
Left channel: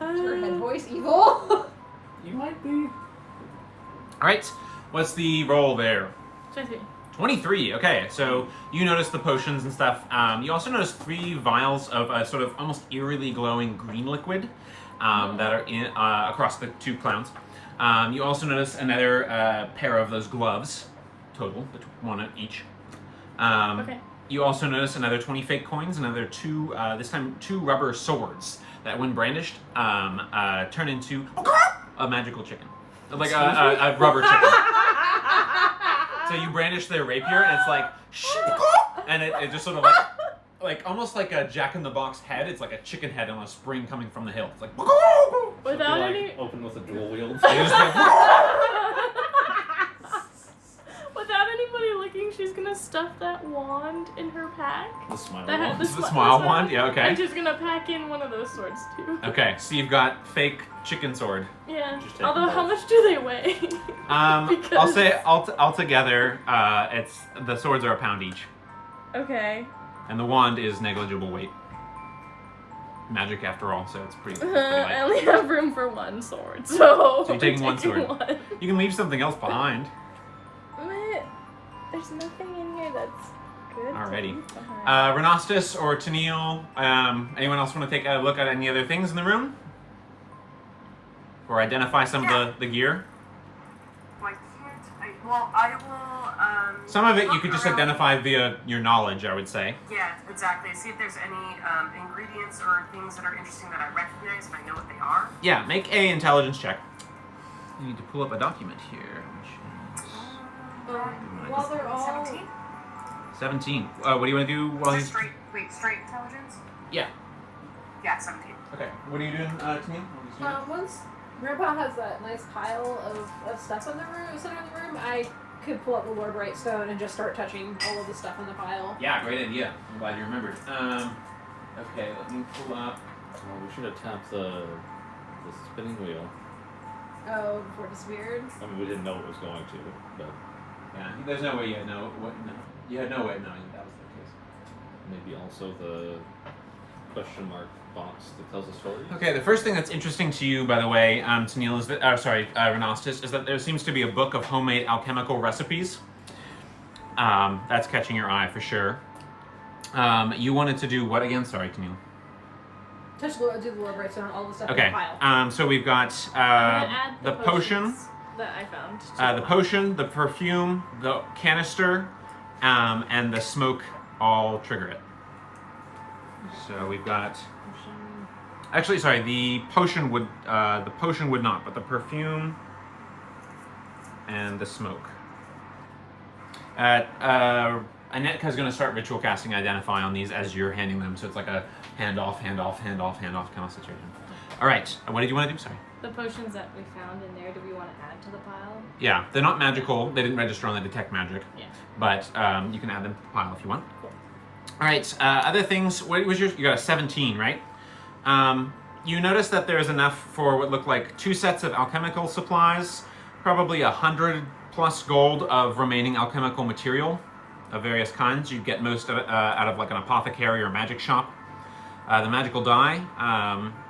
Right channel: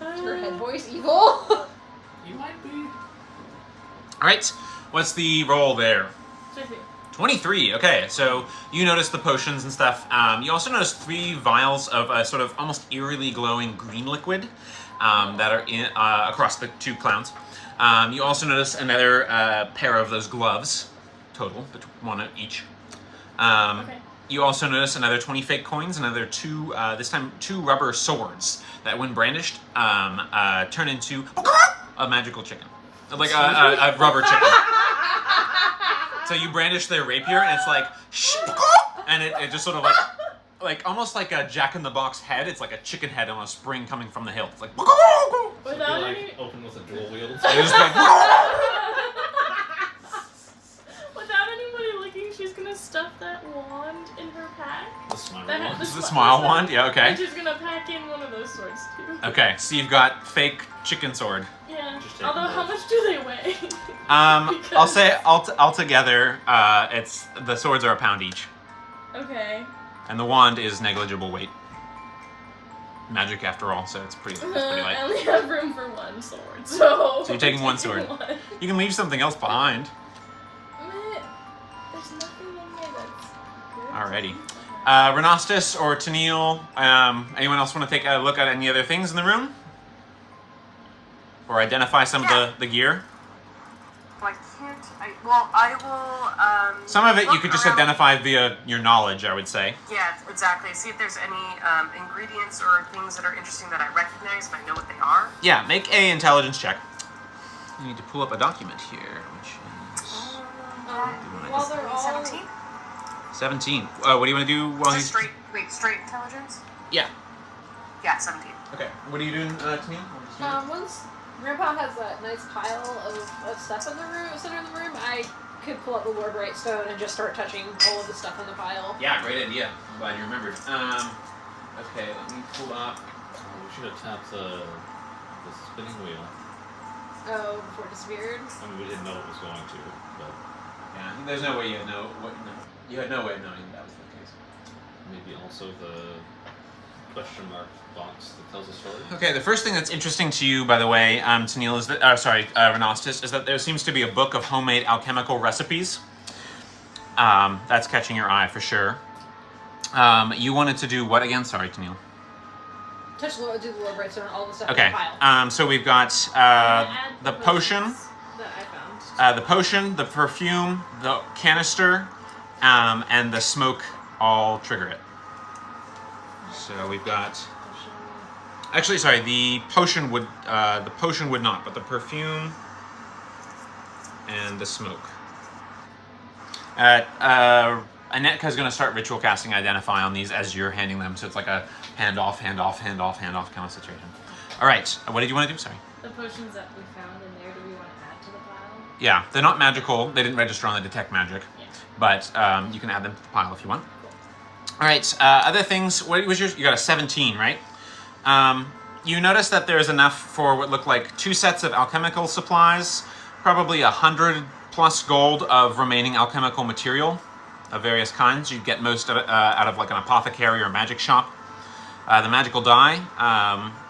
her head voice evil? You might be. All right, what's the roll there? 50. 23. Okay, so you notice the potions and stuff. You also notice 3 vials of a sort of almost eerily glowing green liquid that are in across the 2 clowns. You also notice another pair of those gloves, total, 1 each. Okay. You also notice another 20 fake coins, another 2, this time 2 rubber swords that, when brandished, turn into a magical chicken, like a rubber chicken. So you brandish their rapier, and it's like, and it just sort of like almost like a Jack-in-the-Box head. It's like a chicken head on a spring coming from the hill. It's like, So if you like open with a dual wield. and it's just like, Without anybody looking, she's gonna stuff that wand in her pack. The smile That wand. has this is the smile wand. Yeah, okay. And she's gonna pack in one of those swords too. Okay, so you've got fake chicken sword. Yeah. Just take Although, them how both. much do they weigh? I'll say altogether, it's the swords are a pound each, Okay. and the wand is negligible weight. Magic, after all, so it's pretty I light. only have room for 1 sword, so. So you're taking one sword. one. You can leave something else behind. Meh. There's nothing in here that's good. Alrighty. Okay. Renostus or Tennille, anyone else want to take a look at any other things in the room? Or identify some of the gear? Well, I will. Some of it you look could just around. identify via your knowledge, I would say. Yeah, exactly. See if there's any ingredients or things that are interesting that I recognize and I know what they are. Yeah, make a intelligence check. You need to pull up a document here, which is While they're all 17? 17. What do you want to do while Is he's... that straight intelligence? Yeah. Yeah, 17. Okay. What are you doing, Tennille? once Grandpa has that nice pile of stuff in the room, center of the room, I could pull up the Lord Brightstone and just start touching all of the stuff in the pile. Yeah, great idea. I'm glad you remembered. Okay, let me pull up... Oh, we should have tapped the spinning wheel. Oh, before it disappeared. I mean, we didn't know it was going to, but Yeah, there's no way you had you had no way of knowing that was the case. maybe also the question mark box that tells a story. Okay, the first thing that's interesting to you, by the way, Tennille, is that, Renostus, is that there seems to be a book of homemade alchemical recipes. That's catching your eye for sure. You wanted to do what again? Sorry, Tennille. Do the Lord Brightstone, all the stuff in Okay, the pile. so we've got Add the potion, potions that I found. the potion, the perfume, the canister, and the smoke all trigger it. So we've got... Actually, sorry, the potion would not, but the perfume and the smoke. Anetka's going to start ritual casting Identify on these as you're handing them, so it's like a hand off kind of situation. All right, what did you want to do? Sorry. The potions that we found in there, do we want to add to the pile? Yeah, they're not magical. They didn't register on the detect magic, Yeah. but you can add them to the pile if you want. All right, other things. What was yours? You got a 17, right? You notice that there's enough for what look like 2 sets of alchemical supplies, probably 100+ gold of remaining alchemical material of various kinds. You get most out of like an apothecary or magic shop. The magical die,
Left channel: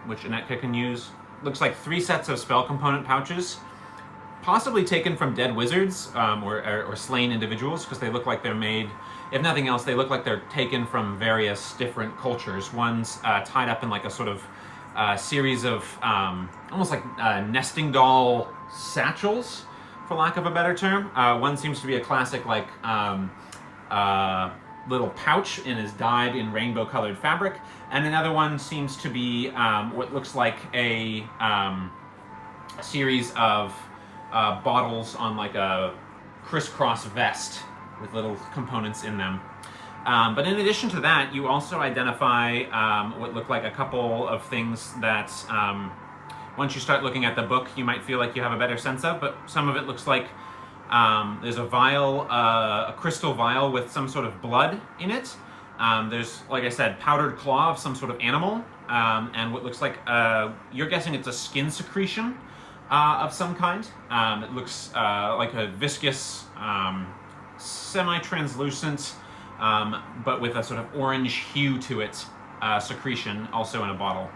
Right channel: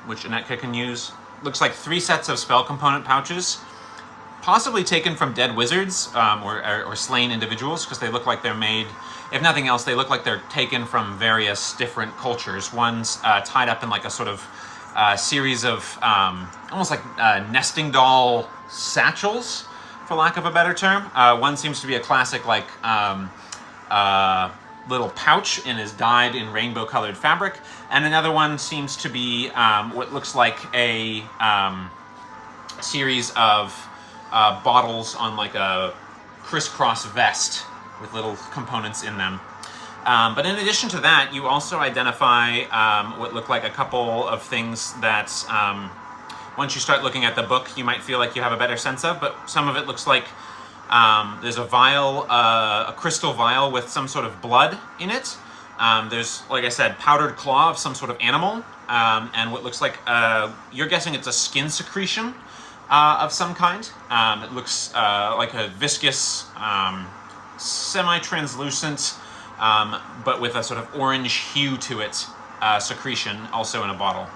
which Anetka can use, looks like 3 sets of spell component pouches, possibly taken from dead wizards or slain individuals, because they look like they're made, if nothing else, they look like they're taken from various different cultures. One's tied up in like a sort of series of almost like nesting doll satchels, for lack of a better term. One seems to be a classic like little pouch and is dyed in rainbow colored fabric, and another one seems to be what looks like a series of bottles on like a crisscross vest with little components in them. But in addition to that, you also identify what look like a couple of things that once you start looking at the book, you might feel like you have a better sense of, but some of it looks like there's a vial, a crystal vial with some sort of blood in it. There's, like I said, powdered claw of some sort of animal, and what looks like, you're guessing it's a skin secretion of some kind. It looks like a viscous, semi-translucent, but with a sort of orange hue to it, secretion, also in a bottle.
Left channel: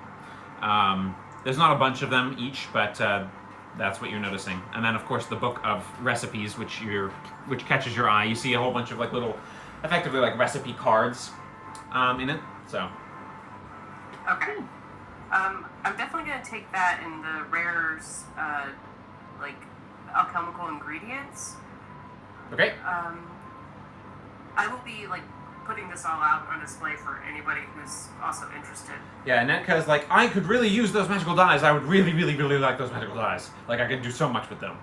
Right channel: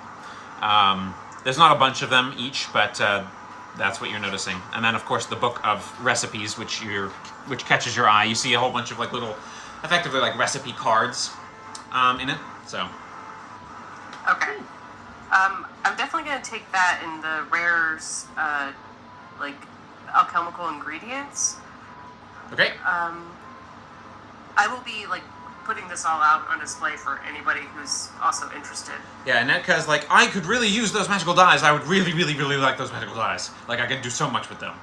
There's not a bunch of them each, but that's what you're noticing. And then, of course, the book of recipes, which catches your eye. You see a whole bunch of like little, effectively like recipe cards in it. So. Okay. I'm definitely gonna take that in the rares, like alchemical ingredients. Okay. I will be like putting this all out on display for anybody who's also interested. Yeah, Netka's like, I could really use those magical dyes. I would really, really, really like those magical dyes. Like, I could do so much with them.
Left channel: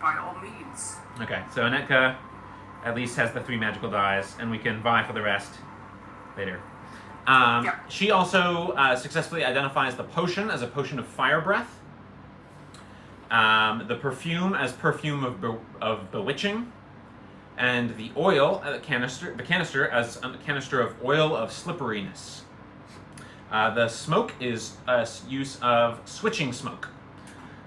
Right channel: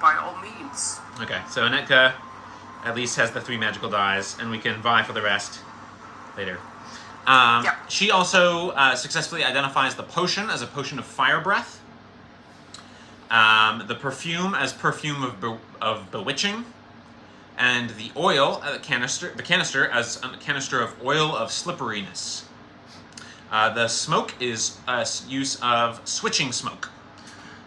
By all means. Okay, so Netka at least has the 3 magical dyes, and we can vie for the rest later. Yep. She also successfully identifies the potion as a potion of fire breath, the perfume as perfume of bewitching, and the oil, the canister as a canister of oil of slipperiness. The smoke is use of switching smoke.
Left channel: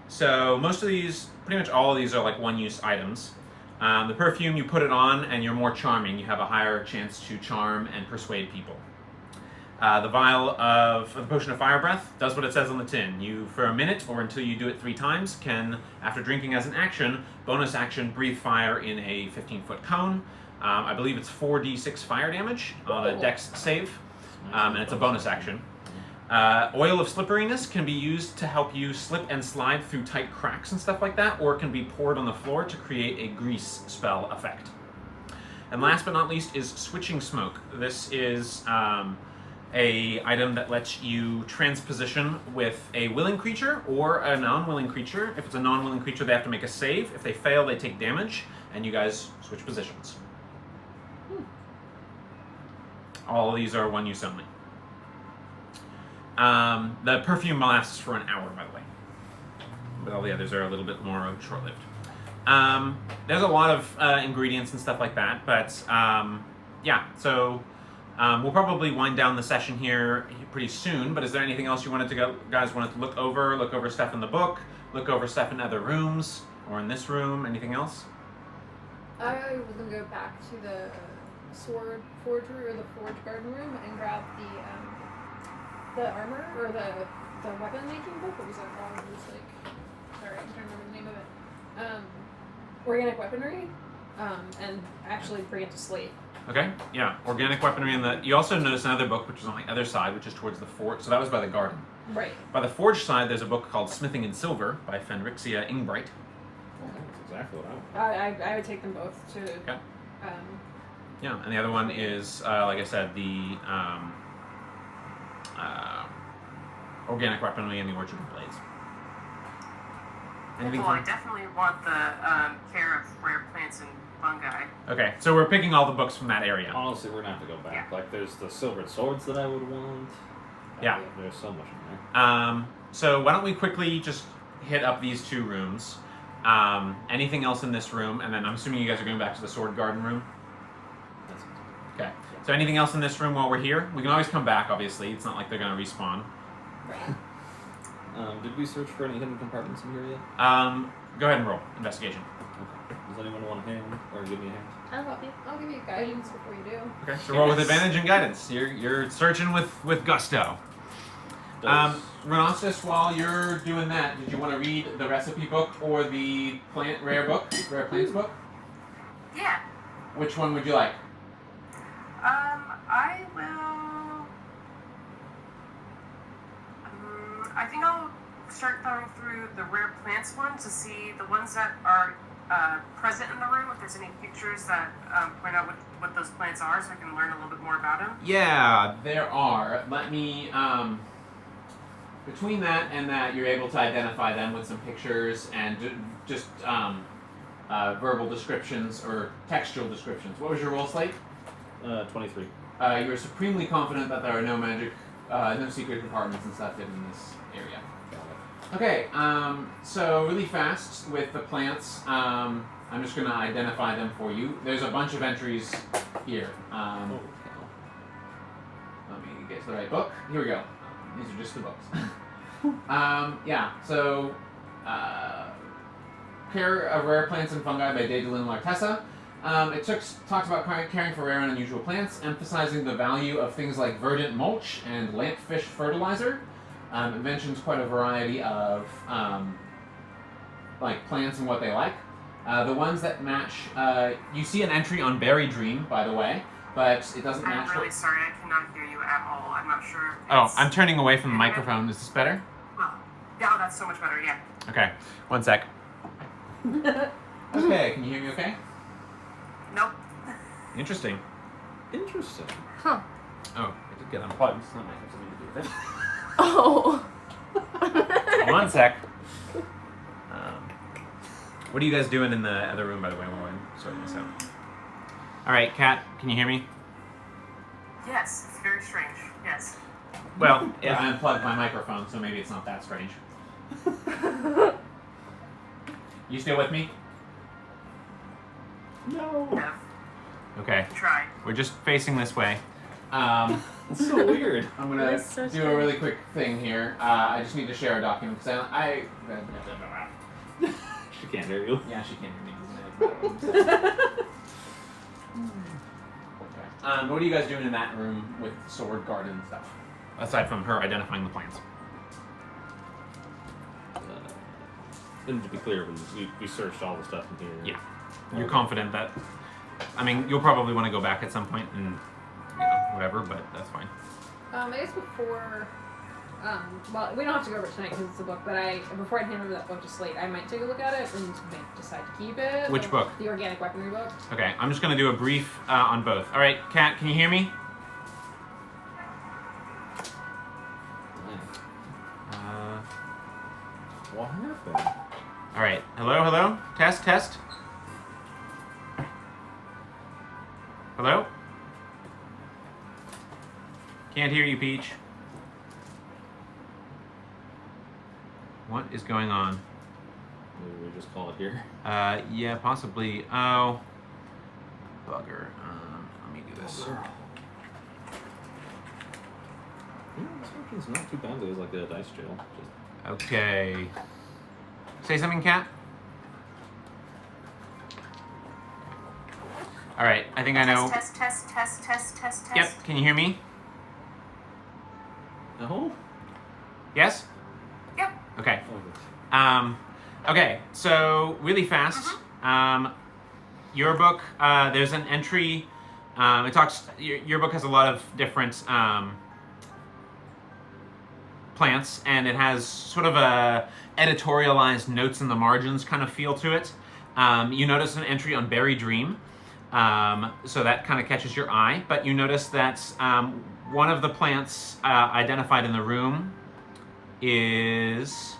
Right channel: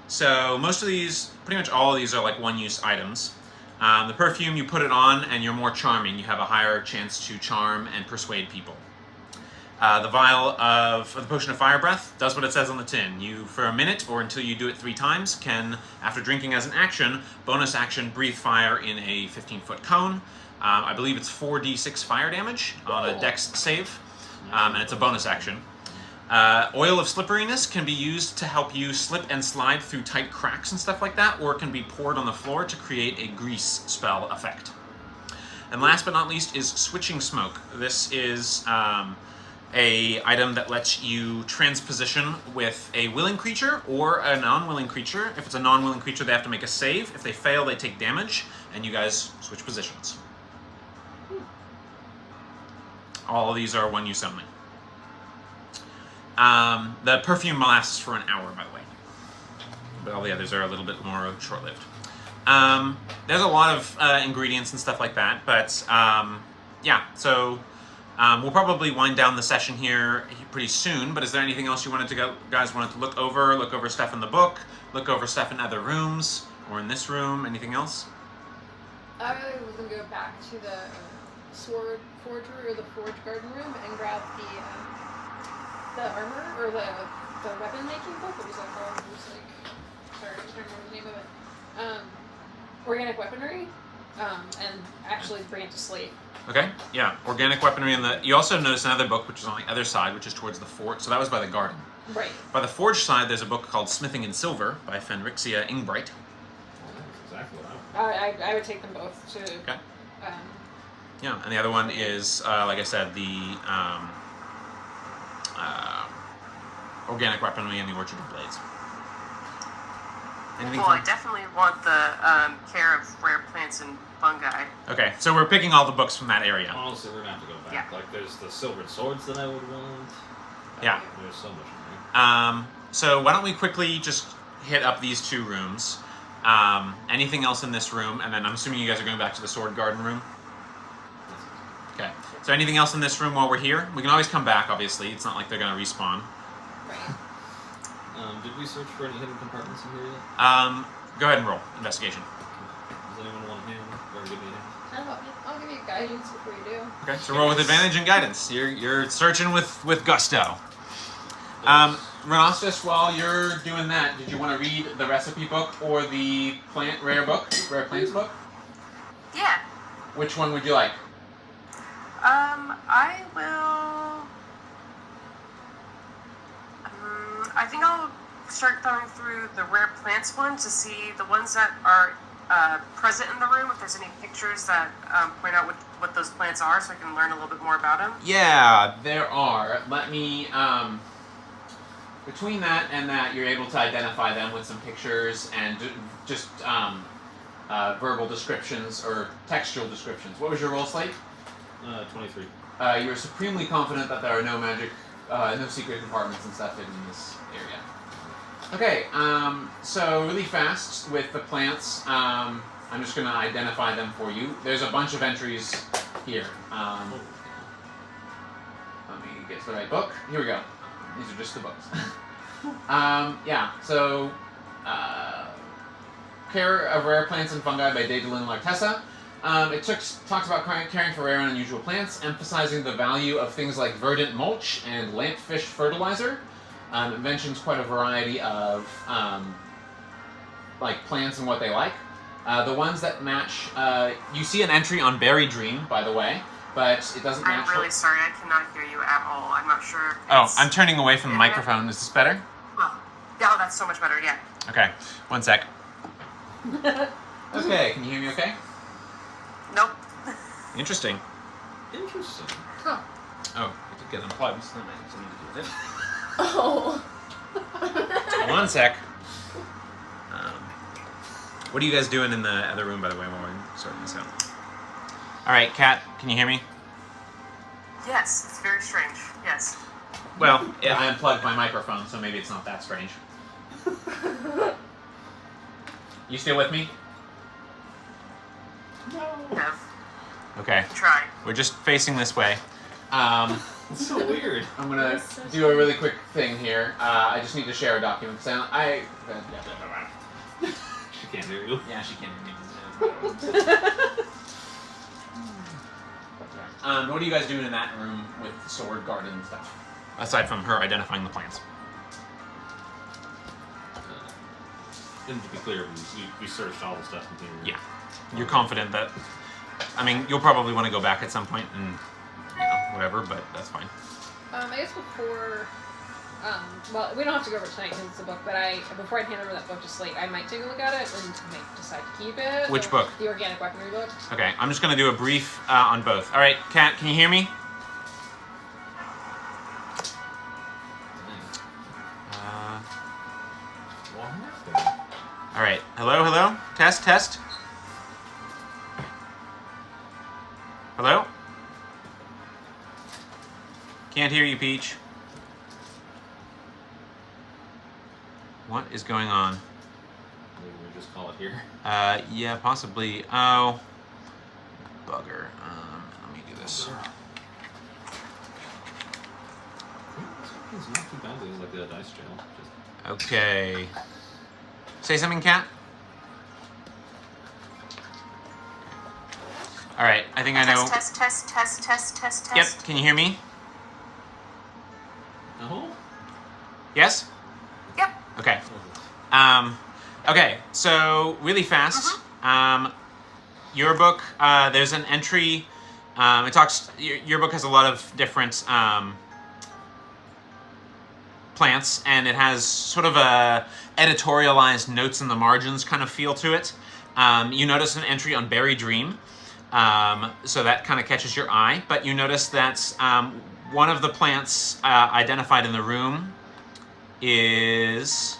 So most of these, pretty much all of these are like one-use items. The perfume, you put it on and you're more charming. You have a higher chance to charm and persuade people. The vial of the potion of fire breath does what it says on the tin. You, for a minute or until you do it 3 times, can, after drinking as an action, bonus action, breathe fire in a 15-foot cone. I believe it's 4d6 fire damage on a dex save, and it's a bonus action. Oil of slipperiness can be used to help you slip and slide through tight cracks and stuff like that, or it can be poured on the floor to create a grease spell effect. And last but not least is switching smoke. This is a item that lets you transposition with a willing creature or a non-willing creature. If it's a non-willing creature, they have to make a save. If they fail, they take damage, and you guys switch positions. All of these are one use only. The perfume lasts for an hour, by the way, but all the others are a little bit more short-lived. There's a lot of ingredients and stuff like that, but yeah, so we'll probably wind down the session here pretty soon, but is there anything else you guys wanted to look over stuff in the book, look over stuff in other rooms, or in this room, anything else? I was going to go back to the sword forger, or the forge garden room, and grab the armor, or the weapon making book. What was that called? It was like, sorry, I can't remember the name of it. Organic weaponry, and actually bring it to sleep. Okay, yeah, organic weaponry, and you also notice another book which is on the other side, which is towards the fort. So that was by the garden. Right. By the forge side, there's a book called Smithing in Silver by Fenrixia Ingbright. Well, that's exactly what I would take them both to. Okay. Yeah, and the other one is, like I said, the organic weaponry and the Orchard of Blades. Anything Well, I definitely want the care of rare plants and fungi. Okay, so we're picking all the books from that area. Honestly, we're gonna have to go back. Yeah. Like, there's the silvered swords that I would want. Yeah. There's so much in there. So why don't we quickly just hit up these 2 rooms. Anything else in this room? And then I'm assuming you guys are going back to the sword garden room? Okay. So anything else in this room while we're here? We can always come back, obviously. It's not like they're going to respawn. Did we search for any hidden compartments in here yet? Go ahead and roll. Investigation. Okay. Does anyone want a hand or give me a hand? I'll help you. I'll give you guidance before you do. Okay, so roll with advantage and guidance. You're searching with gusto. Rhinoceros, while you're doing that, did you want to read the recipe book or the rare plants book? Yeah. Which one would you like? I will. I think I'll start going through the rare plants one to see the ones that are present in the room. If there's any pictures that point out what those plants are, so I can learn a little bit more about them. Yeah, there are. Let me. Between that and that, you're able to identify them with some pictures and just verbal descriptions or textual descriptions. What was your roll, Slate? 23. You're supremely confident that there are no magic, no secret compartments and stuff hidden in this area. Okay, so really fast with the plants, I'm just going to identify them for you. There's a bunch of entries here. Let me get to the right book. Here we go. These are just the books. Yeah, so Care of Rare Plants and Fungi by Daedalin Lartessa. It talks about caring for rare and unusual plants, emphasizing the value of things like verdant mulch and lampfish fertilizer. It mentions quite a variety of like plants and what they like. The ones that match, you see an entry on Berry Dream, by the way, but it doesn't match. I'm really sorry, I cannot hear you at all. I'm not sure. Oh, I'm turning away from the microphone. Is this better? Oh, that's so much better. Yeah. Okay, one sec. Okay, can you hear me okay? Nope. Interesting. Interesting. Huh. Oh, I did get unplugged. So that might have something to do with it. Oh. One sec. What are you guys doing in the other room, by the way, while we're sorting this out? All right, Kat, can you hear me? Yes, it's very strange. Yes. Well, I unplugged my microphone, so maybe it's not that strange. You still with me? No. No. Okay. Try. We're just facing this way. It's so weird. I'm gonna That's so do a really quick thing here. I just need to share a document. So She can't hear you. yeah, she can't hear me. What are you guys doing in that room with sword, garden, and stuff? Aside from her identifying the plants. And to be clear, we searched all the stuff in here. Yeah. You're confident that. I mean, you'll probably want to go back at some point and whatever, but that's fine. I guess before, well, we don't have to go over it tonight because it's a book, but before I hand over that book to Slate, I might take a look at it and might decide to keep it. Which book? The organic weaponry book. Okay, I'm just gonna do a brief on both. All right, Kat, can you hear me? What happened? All right. Hello. Test. Hello. Can't hear you, Peach. What is going on? Maybe we just call it here. Yeah, possibly. Oh, bugger. Let me do this. Yeah, this functions not too badly as like a dice jail. Just Okay. Say something, Kat. All right. I think I know. Test. Yep. Can you hear me? no. Yes. Yep. Okay. Okay, so really fast. Your book, there's an entry. It talks. Your book has a lot of different plants, and it has sort of a editorialized notes in the margins kind of feel to it. You notice an entry on Berry Dream, so that kind of catches your eye. But you notice that one of the plants identified in the room is.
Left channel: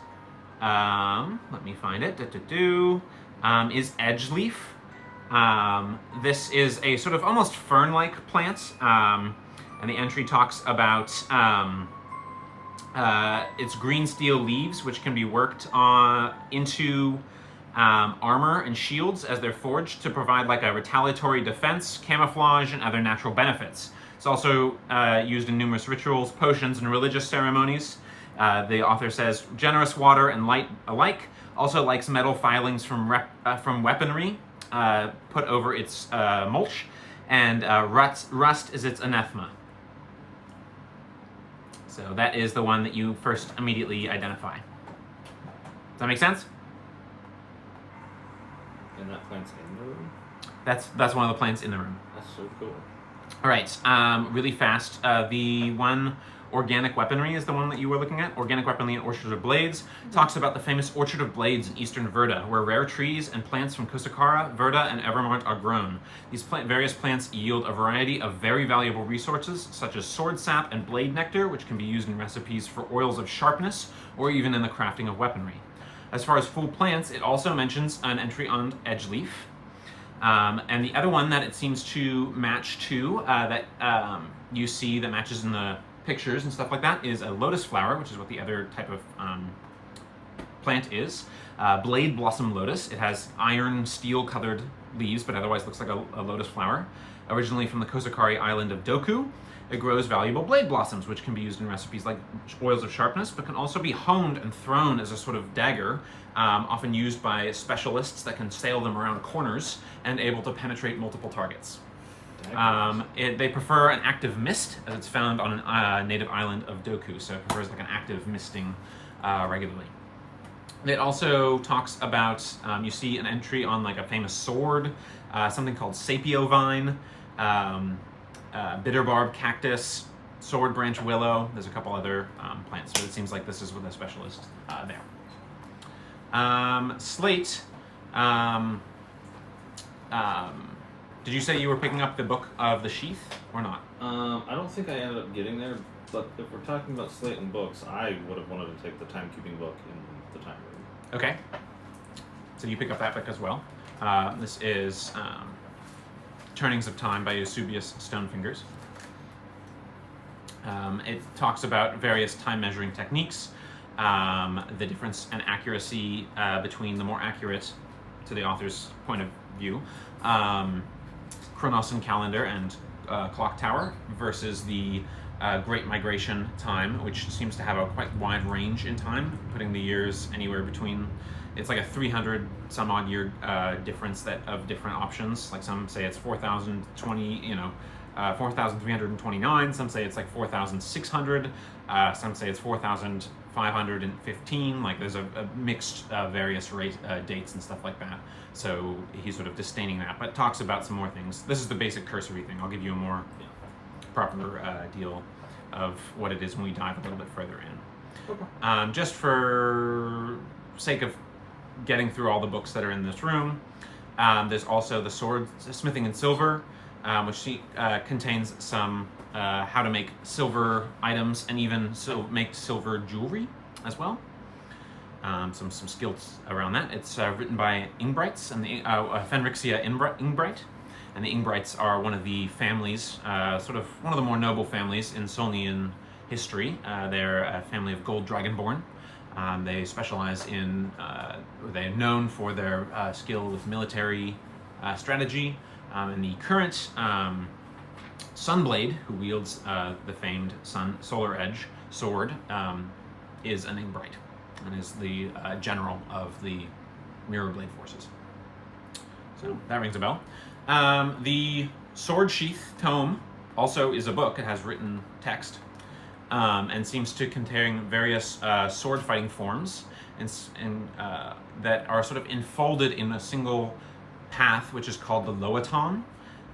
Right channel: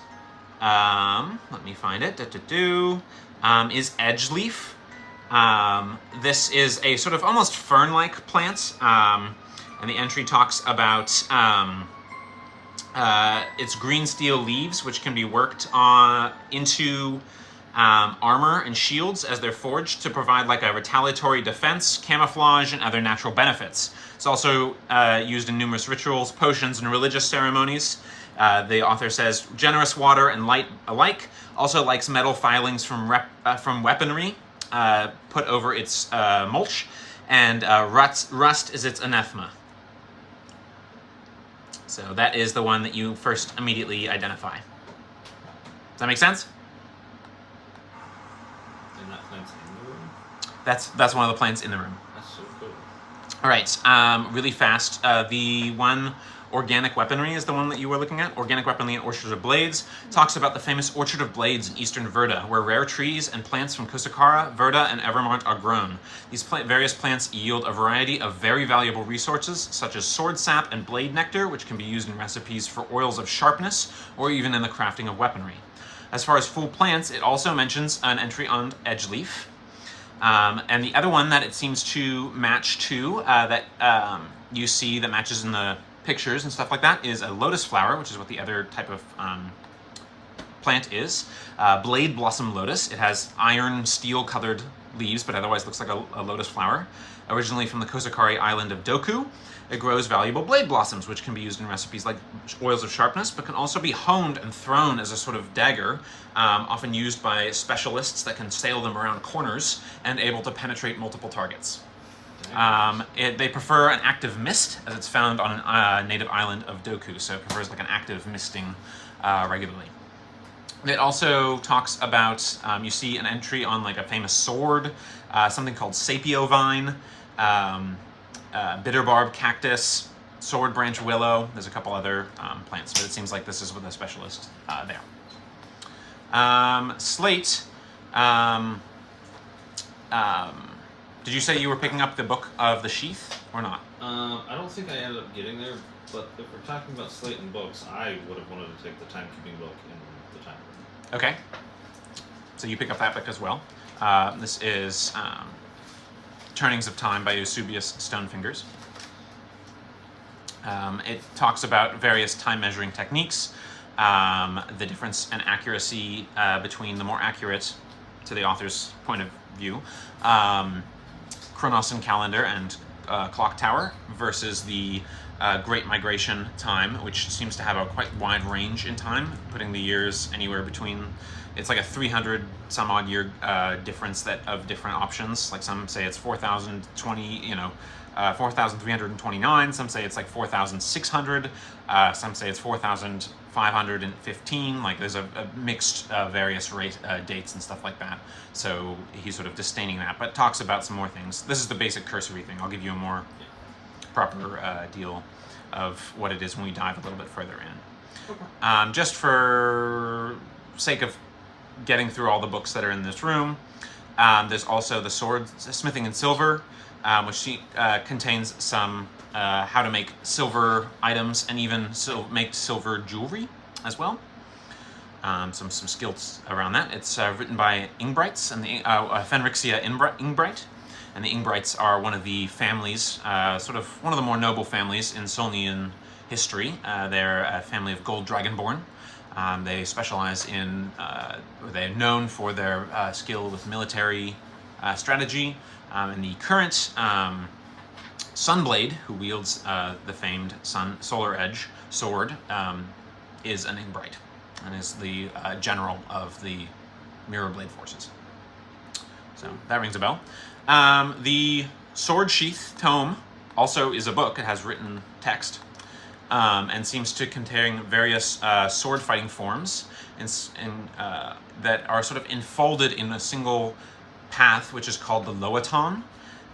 Let me find it. Is edgeleaf. This is a sort of almost fern-like plant, and the entry talks about its green steel leaves, which can be worked into armor and shields as they're forged to provide like a retaliatory defense, camouflage, and other natural benefits. It's also used in numerous rituals, potions, and religious ceremonies. The author says, generous water and light alike, also likes metal filings from weaponry, put over its mulch, and rust is its anathema. So that is the one that you first immediately identify. Does that make sense? And that plant's in the room? That's one of the plants in the room. That's so cool. All right, really fast. The one organic weaponry is the one that you were looking at. Organic weaponry and Orchard of Blades talks about the famous Orchard of Blades in eastern Verda, where rare trees and plants from Kusakara, Verda, and Evermont are grown. These various plants yield a variety of very valuable resources, such as sword sap and blade nectar, which can be used in recipes for oils of sharpness, or even in the crafting of weaponry. As far as full plants, it also mentions an entry on Edgeleaf. And the other one that it seems to match to, that you see that matches in the pictures and stuff like that, is a lotus flower, which is what the other type of plant is. Blade blossom lotus. It has iron steel colored leaves, but otherwise looks like a lotus flower. Originally from the Kosakari island of Doku, it grows valuable blade blossoms, which can be used in recipes like oils of sharpness, but can also be honed and thrown as a sort of dagger, often used by specialists that can sail them around corners and able to penetrate multiple targets. They prefer an active mist, as it's found on a native island of Doku, so it prefers like an active misting regularly. It also talks about, you see an entry on like a famous sword, something called sapio vine, bitterbarb cactus, sword branch willow. There's a couple other plants, but it seems like this is with a specialist there. Slate, did you say you were picking up the Book of the Sheath, or not? I don't think I ended up getting there, but if we're talking about slate and books, I would have wanted to take the timekeeping book in the time room. Okay. So you pick up that book as well. This is Turnings of Time by Eusebius Stonefingers. It talks about various time measuring techniques, the difference in accuracy between the more accurate, to the author's point of view, Chronos and Calendar and Clock Tower versus the Great Migration time, which seems to have a quite wide range in time, putting the years anywhere between, it's like a 300 some odd year difference of different options. Like some say it's 4,020, 4,329. Some say it's like 4,600. Some say it's 4,515. Like there's a mixed various dates and stuff like that. So he's sort of disdaining that, but talks about some more things. This is the basic cursory thing. I'll give you a more proper deal of what it is when we dive a little bit further in. Okay. Just for sake of getting through all the books that are in this room, there's also the Sword Smithing in Silver, which contains some how to make silver items and even make silver jewelry as well. Some skills around that. It's written by Ingbrights and the Fenrixia Ingbright. And the Ingbrights are one of the families, sort of one of the more noble families in Solnian history. They're a family of gold dragonborn. They specialize in, they're known for their skill with military strategy. And the current Sunblade, who wields the famed Solar Edge sword, is an Ingbright and is the general of the Mirror Blade forces. So that rings a bell. The Sword Sheath tome also is a book. It has written text and seems to contain various sword fighting forms that are sort of enfolded in a single path, which is called the Loaton.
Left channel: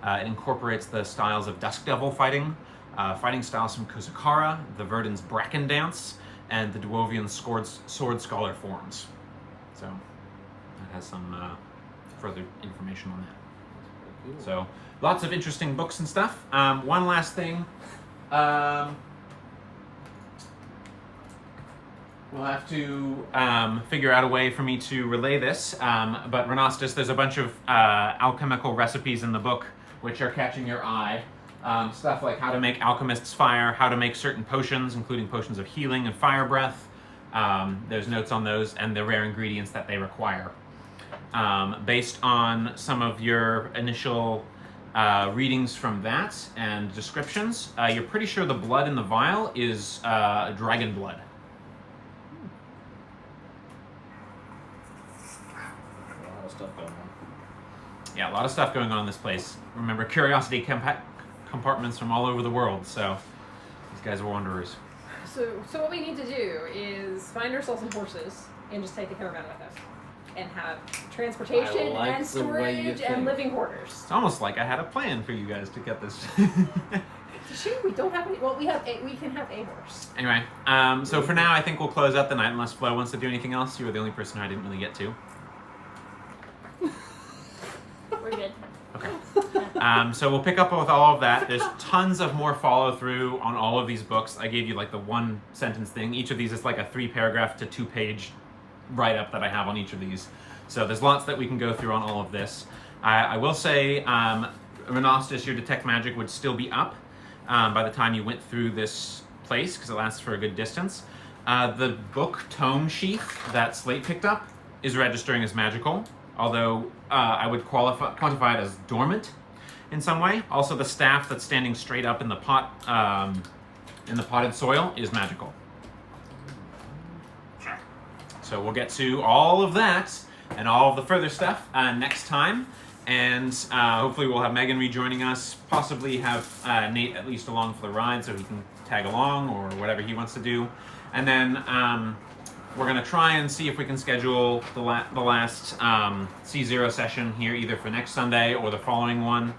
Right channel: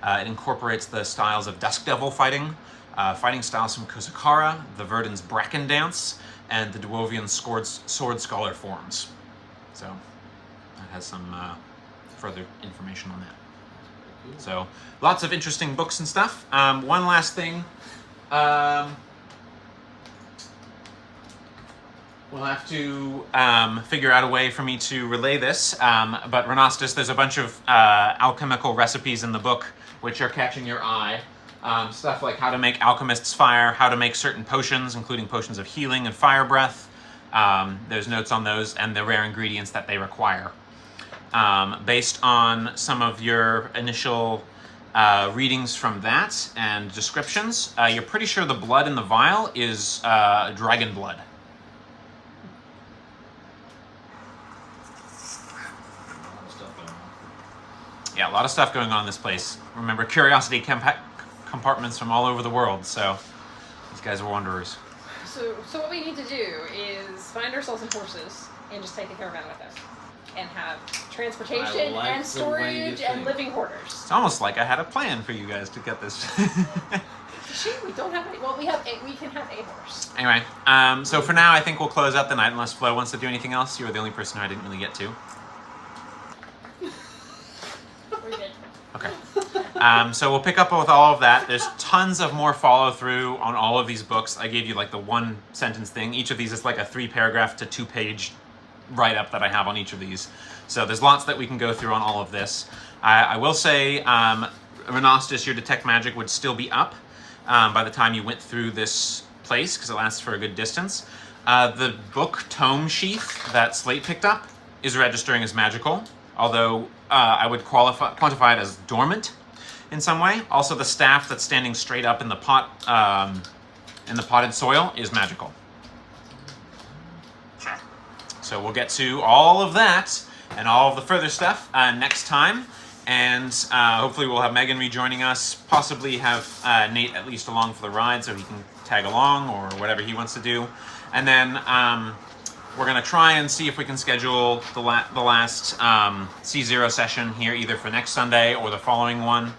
It incorporates the styles of Dusk Devil fighting, fighting styles from Kusakara, the Verdun's Bracken Dance, and the Dwovian Sword Scholar forms. So that has some further information on that. So lots of interesting books and stuff. One last thing. We'll have to figure out a way for me to relay this. But Renastus, there's a bunch of alchemical recipes in the book which are catching your eye. Stuff like how to make alchemist's fire, how to make certain potions, including potions of healing and fire breath. There's notes on those and the rare ingredients that they require. Based on some of your initial readings from that and descriptions, you're pretty sure the blood in the vial is dragon blood. A lot of stuff going on. Yeah, a lot of stuff going on in this place. Remember, curiosity compartments from all over the world, so these guys are wanderers. So what we need to do is find ourselves some horses and just take a caravan with us. And have transportation I like and the way you storage and think. living quarters. It's almost like I had a plan for you guys to get this. Shame we don't have any. Well, we can have a horse. Anyway, so for now, I think we'll close out the night unless Flo wants to do anything else. You were the only person who I didn't really get to. We're good. Okay. So we'll pick up with all of that. There's tons of more follow through on all of these books. I gave you like the 1 sentence thing. Each of these is like a 3-paragraph to 2-page write-up that I have on each of these. So there's lots that we can go through on all of this. I will say, Renostus, your Detect Magic would still be up by the time you went through this place, because it lasts for a good distance. The book tome sheath that Slate picked up is registering as magical, although I would quantify it as dormant in some way. Also, the staff that's standing straight up in the pot, in the potted soil, is magical. So we'll get to all of that and all of the further stuff next time. And hopefully we'll have Megan rejoining us, possibly have Nate at least along for the ride so he can tag along or whatever he wants to do. And then we're going to try and see if we can schedule the last C0 session here either for next Sunday or the following one.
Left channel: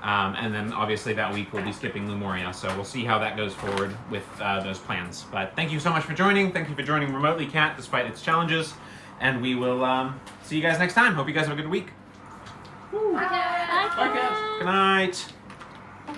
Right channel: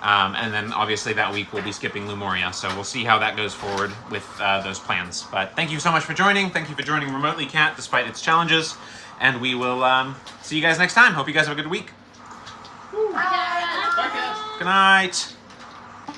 And then obviously that week we'll be skipping Lumoria. So we'll see how that goes forward with those plans. But thank you so much for joining. Thank you for joining remotely, Kat, despite its challenges. And we will see you guys next time. Hope you guys have a good week. Bye. Bye, Kat. Good night.